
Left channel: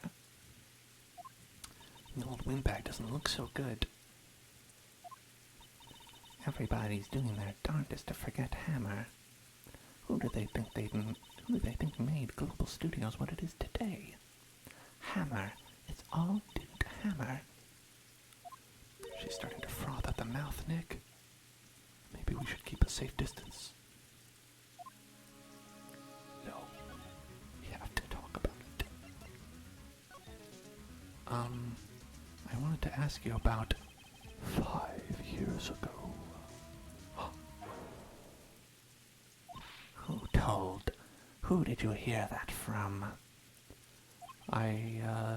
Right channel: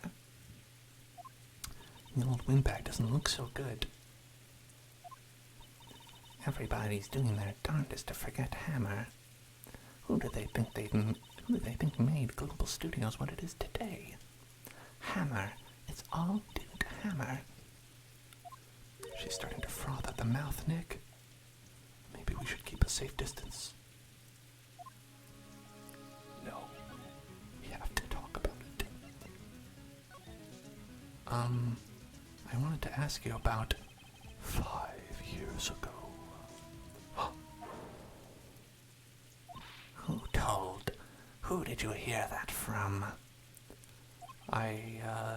The old windbag doesn't look so good. Everybody's doing their darndest to forget Hammer. Who do they think made Global Studios what it is today? Hammer. It's all due to Hammer. She's starting to froth at the mouth, Nick. Maybe we should keep a safe distance. No. We have to talk about it. want to ask you about 5 years ago. Who told? Who did you hear that from? Huh?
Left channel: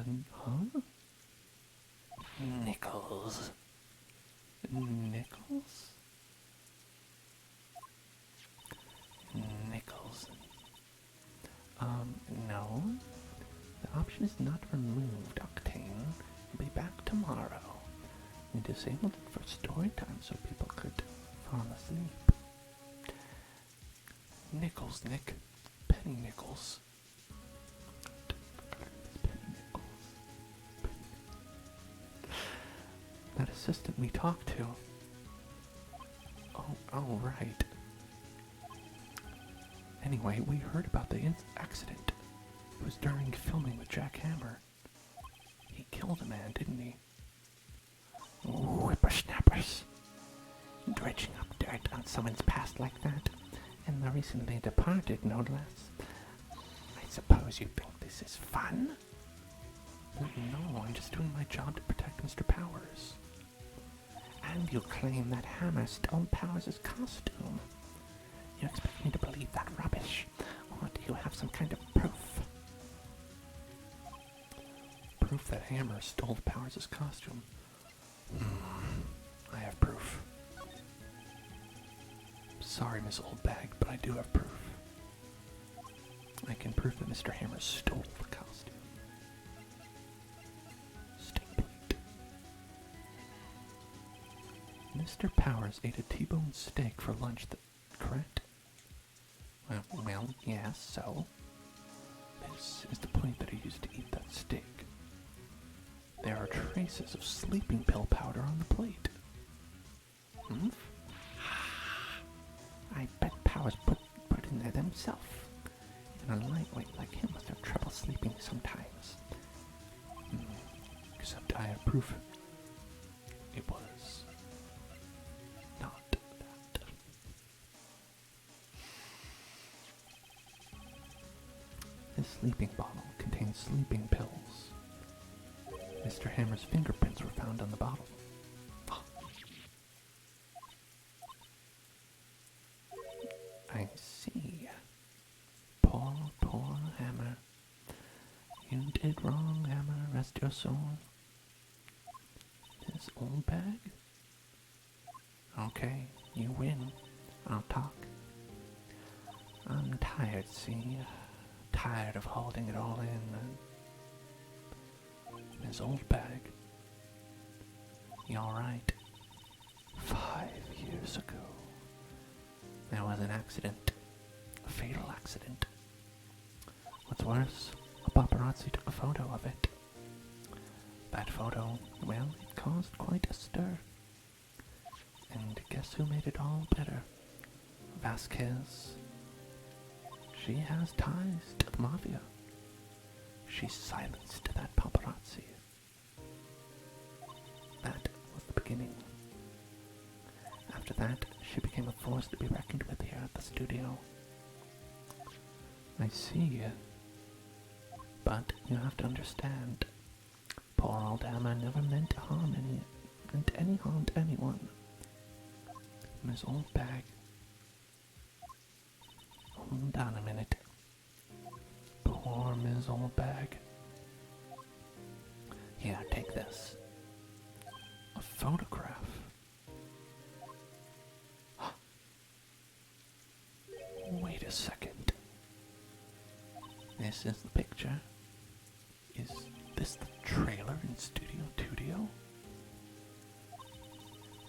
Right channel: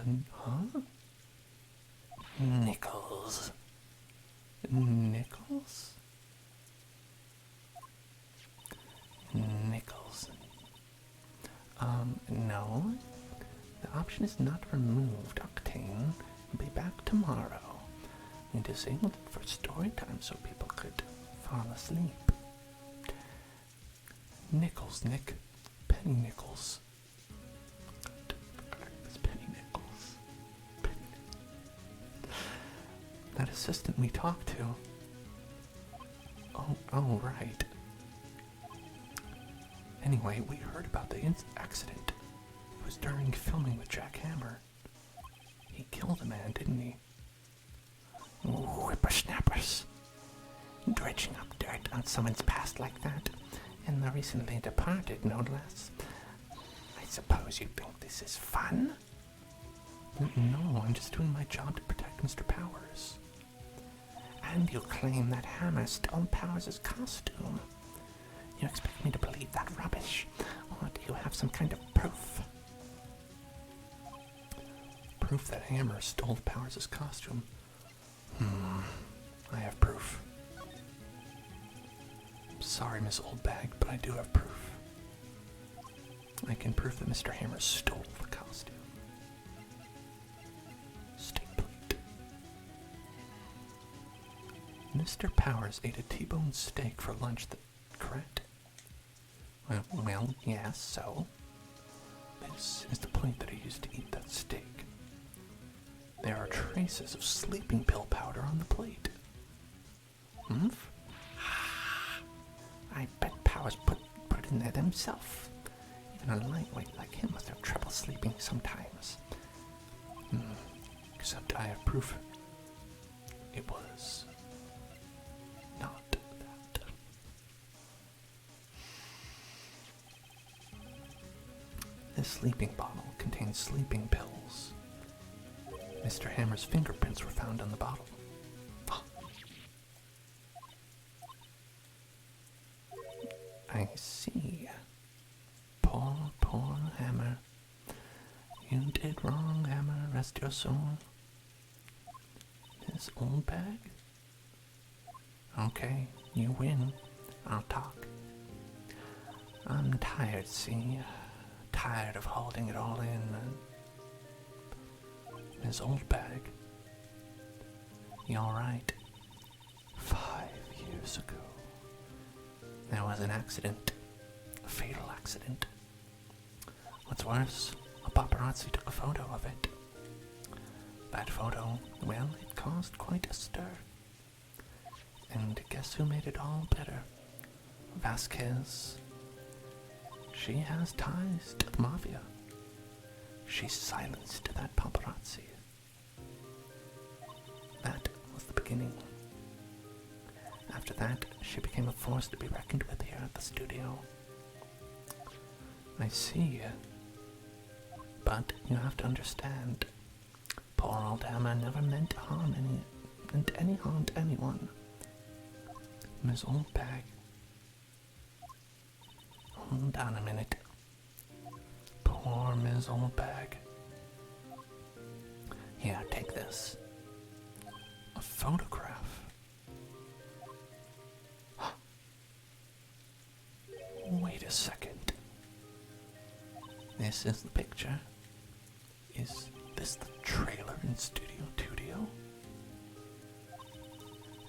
Nichols. Nichols? Nichols. No. The option is not removed, Octane. Be back tomorrow. We disabled it for story time so people could fall asleep. Nichols, Nick. Penny Nichols. It's Penny Nichols. That assistant we talked to. Oh, right. Anyway, we heard about the accident. It was during filming with Jack Hammer. He killed a man, didn't he? Whippersnappers. Dredging up dirt on someone's past like that. And the recently departed, no less. I suppose you think this is fun? No, I'm just doing my job to protect Mr. Powers. And you claim that Hammer stole Powers' costume. You expect me to believe that rubbish? Or do you have some kind of proof? Proof that Hammer stole Powers' costume? I have proof. Sorry, Miss Oldbag, but I do have proof. I can prove that Mr. Hammer stole the costume. Steak plate. Mr. Powers ate a T-bone steak for lunch, correct? Well, yes, so? This is the plate that he used to eat that steak. There are traces of sleeping pill powder on the plate. I bet Powers put in there himself. And a lightweight like him must have trouble sleeping sometimes. Except I have proof. It was not that. This sleeping bottle contains sleeping pills. Mr. Hammer's fingerprints were found on the bottle. I see. Poor Hammer. You did wrong, Hammer. Rest your soul. This old bag? Okay, you win. I'll talk. I'm tired, see? Tired of holding it all in. His old bag. You alright? 5 years ago. There was an accident. A fatal accident. What's worse, a paparazzi took a photo of it. That photo, well, it caused quite a stir. And guess who made it all better? Vasquez. She has ties to the mafia. She silenced that paparazzi. That was the beginning. After that, she became a force to be reckoned with here at the studio. I see. But you have to understand, poor old Emma never meant to harm anyone. Miss Old Bag. Hold on a minute. Poor Miss Old Bag. Here, take this. A photograph. Wait a second. This is the picture. Is this the trailer in Studio Tudio?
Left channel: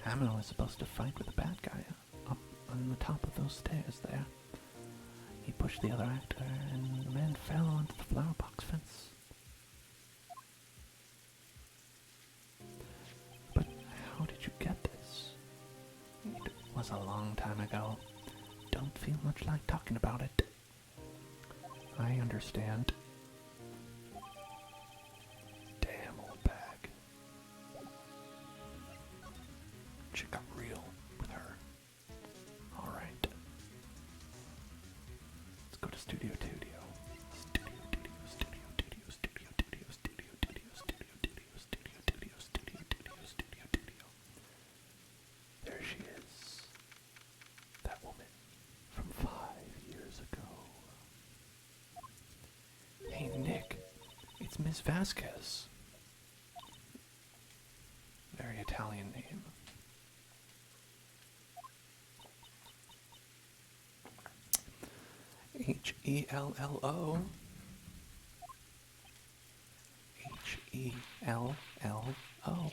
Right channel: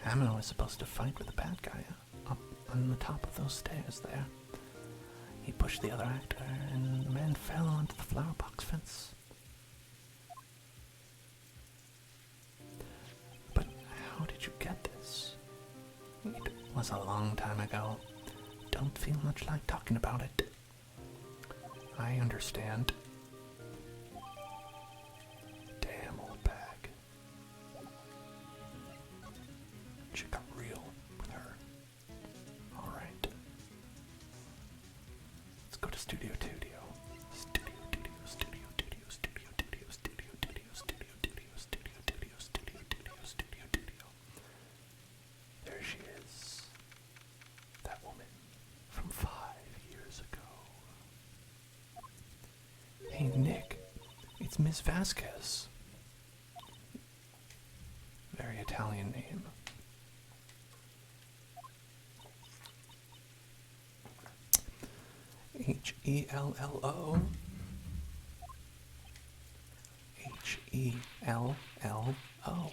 Hammer was supposed to fight with the bad guy up on the top of those stairs there. He pushed the other actor, and the man fell onto the flower box fence. But how did you get this? It was a long time ago. Don't feel much like talking about it. I understand. Damn old bag. She got real with her. Alright. Let's go to Studio Tudio. Studio Tudio, Studio Tudio, Studio Tudio, Studio Tudio, Studio Tudio, Studio Tudio, Studio Tudio, Hey, Nick, it's Miss Vasquez. Very Italian name. Hello. Hello.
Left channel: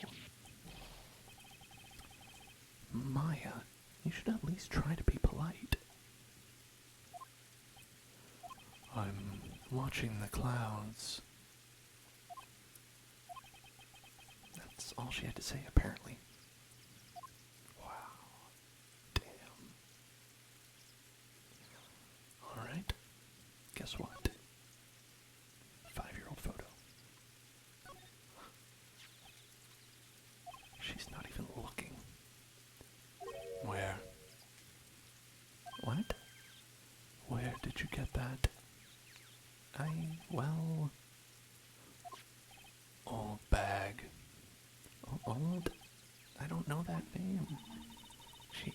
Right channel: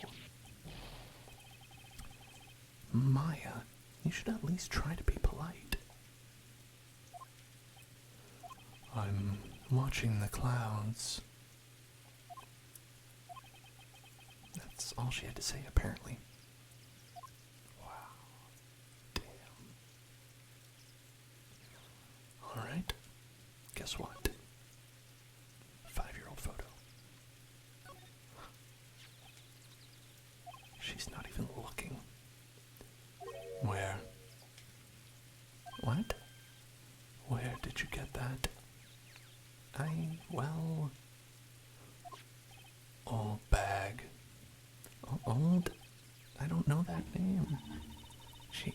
Maya, you should at least try to be polite. I'm watching the clouds. That's all she had to say, apparently. Wow. Damn. Alright. Guess what? 5-year-old photo. She's not even looking. Where? What? Where did you get that? Old bag. Old? I don't know that name. She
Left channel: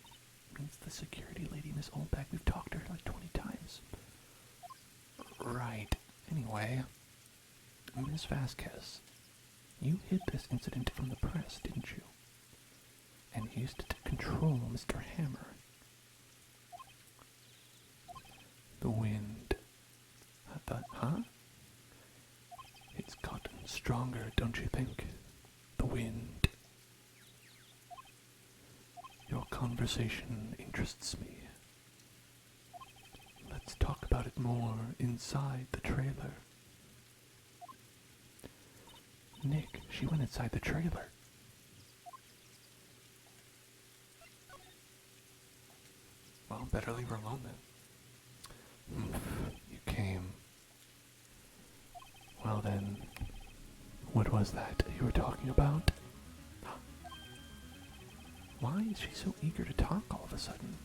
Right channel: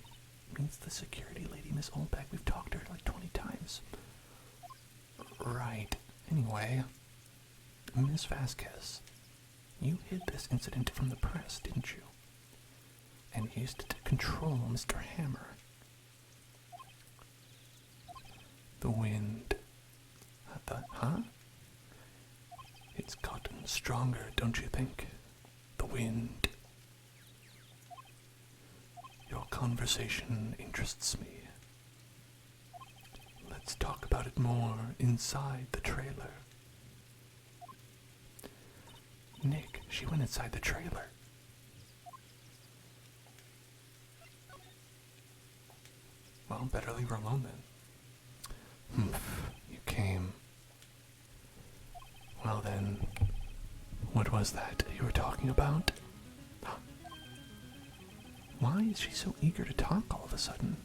means the security lady, Miss Oldbag. We've talked to her like 20 times. Right. Anyway, Miss Vasquez, you hid this incident from the press, didn't you? And used it to control Mr. Hammer. The wind. Huh? It's gotten stronger, don't you think? The wind. Your conversation interests me. Let's talk about it more inside the trailer. Nick, she went inside the trailer. Well, better leave her alone then. You came. Well then, what was that you were talking about? Why is she so eager to talk all of a sudden?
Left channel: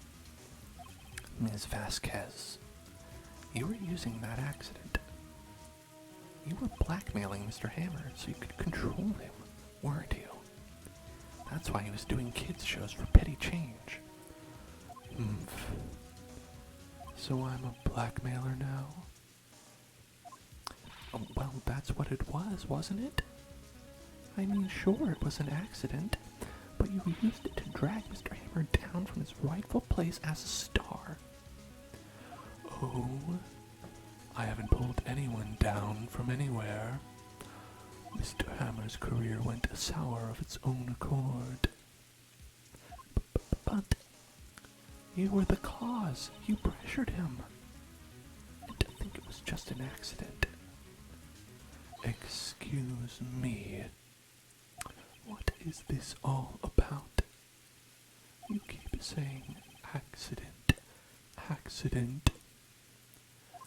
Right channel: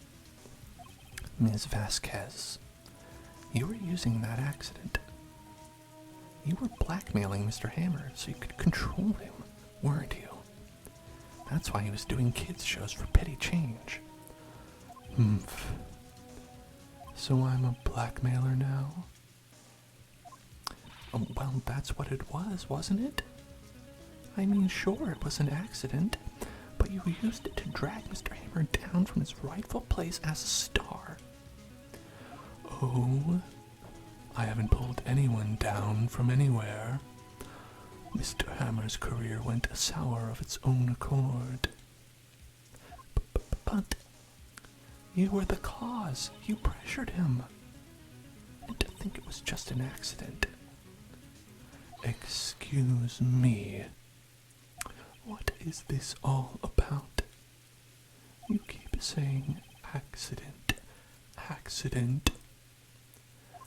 Ms. Vasquez, you were using that accident. You were blackmailing Mr. Hammer so you could control him, weren't you? That's why he was doing kids' shows for petty change. So I'm a blackmailer now? Oh, well, that's what it was, wasn't it? I mean, sure, it was an accident, but you used it to drag Mr. Hammer down from his rightful place as a star. Oh, I haven't pulled anyone down from anywhere. Mr. Hammer's career went sour of its own accord. But you were the cause. You pressured him. And to think it was just an accident. Excuse me. What is this all about? You keep saying accident.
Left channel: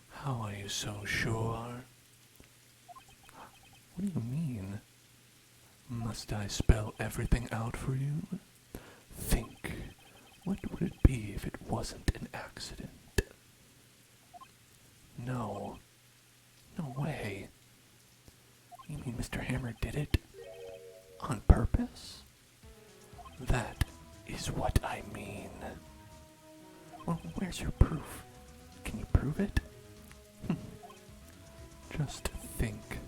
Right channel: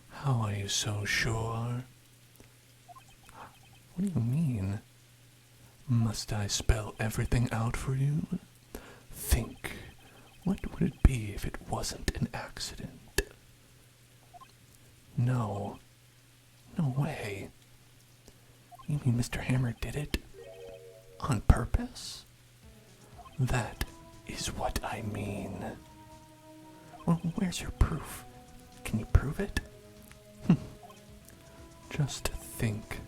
How are you so sure? What do you mean? Must I spell everything out for you? Think. What would it be if it wasn't an accident? No. No way. You mean Mr. Hammer did it? On purpose? That is what I mean. Well, where's your proof? Can you prove it? Just think.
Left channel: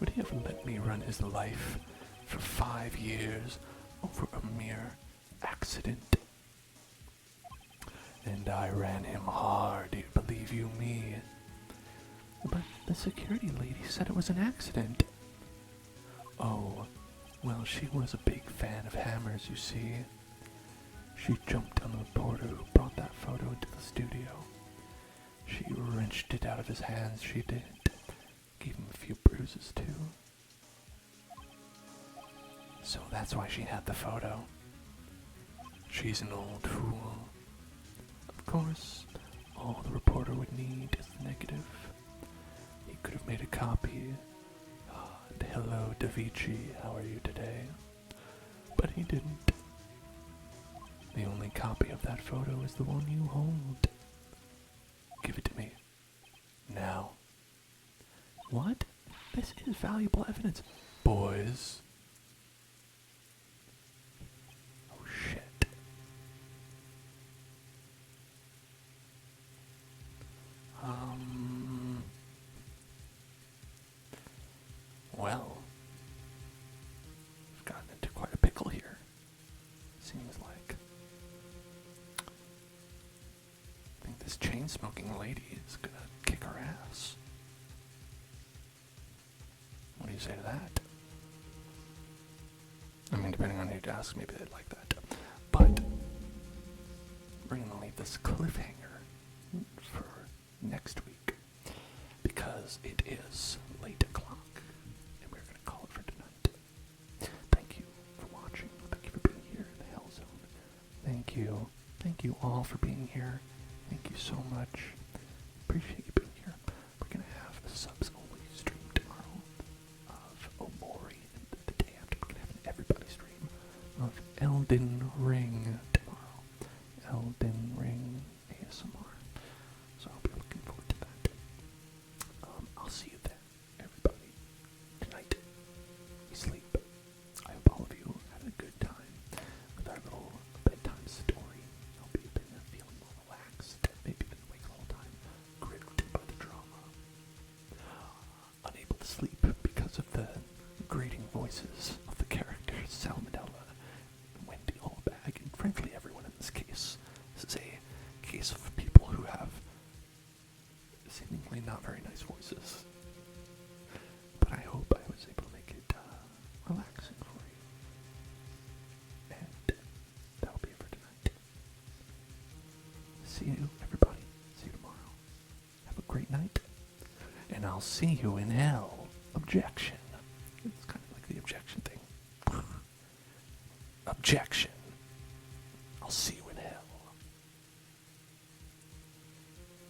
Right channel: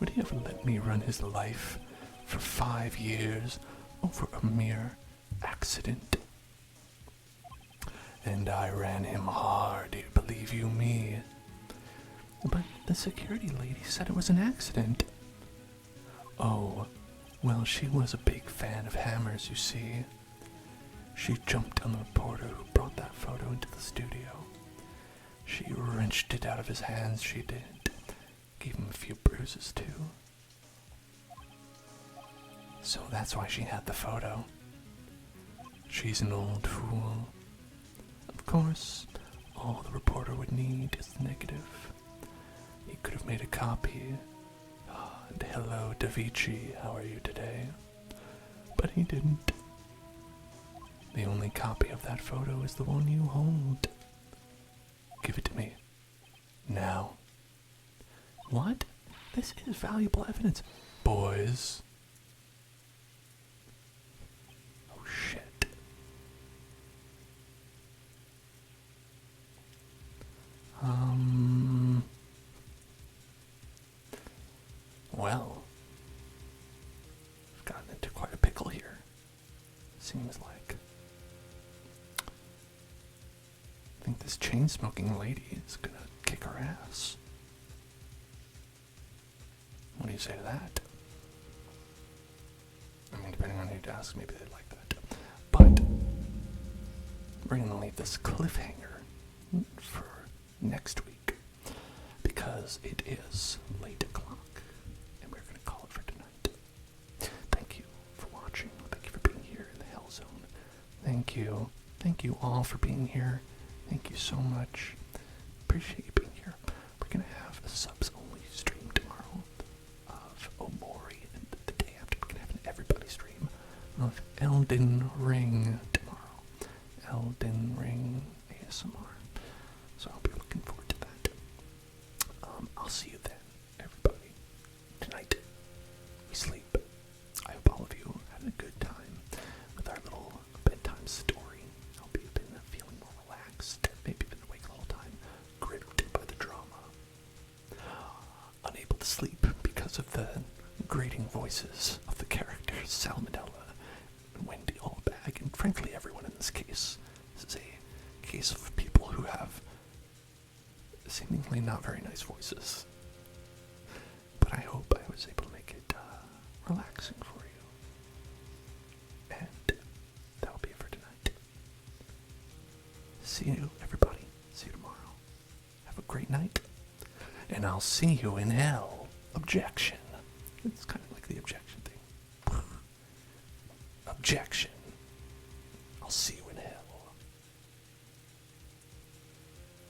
Would he have let me run his life for 5 years over a mere accident? And I ran him hard, believe you me. But the security lady said it was an accident. Oh, well, she was a big fan of Hammer's, you see. She jumped on the reporter who brought that photo into the studio. She wrenched it out of his hands, she did. Gave him a few bruises, too. So that's why she had the photo. She's an old fool. Of course, all the reporter would need is the negative. He could have made a copy. Hello, Da Vinci, how are you today? But he didn't. The only copy of that photo is the one you hold. Give it to me. Now. What? This is valuable evidence. Boys. Oh, shit. this chain-smoking lady is gonna kick her ass. What do you say to that? I mean, depending on who you ask, maybe they'd like that. But we're gonna leave this cliffhanger for next week because it is late o'clock and we're gonna call it for tonight. Thank you for watching. Thank you for being here in the Hell Zone. Thank you. Thank you all for being here. Thank you so much. Appreciate you being here. We're gonna have a subs-only stream tomorrow of Omori, and the day after we're gonna have an everybody stream of Elden Ring tomorrow. Elden Ring ASMR. So I'll be looking forward to that. I'll see you then, everybody. Tonight, we sleep. I hope all of you had a good time with our little bedtime story. I hope you've been feeling more relaxed, maybe been awake the whole time, gripped by the drama. Unable to sleep because of the grating voices of the characters Salmonella and Wendy Allbag, and frankly everyone in this case. This is a case of people who have seemingly not very nice voices. But I hope I was able to make it relaxing for you. And that'll be it for tonight. See you, everybody. See you tomorrow. Have a great night. And I'll see you in hell. Objection. It's kind of like the objection thing. Objection. I'll see you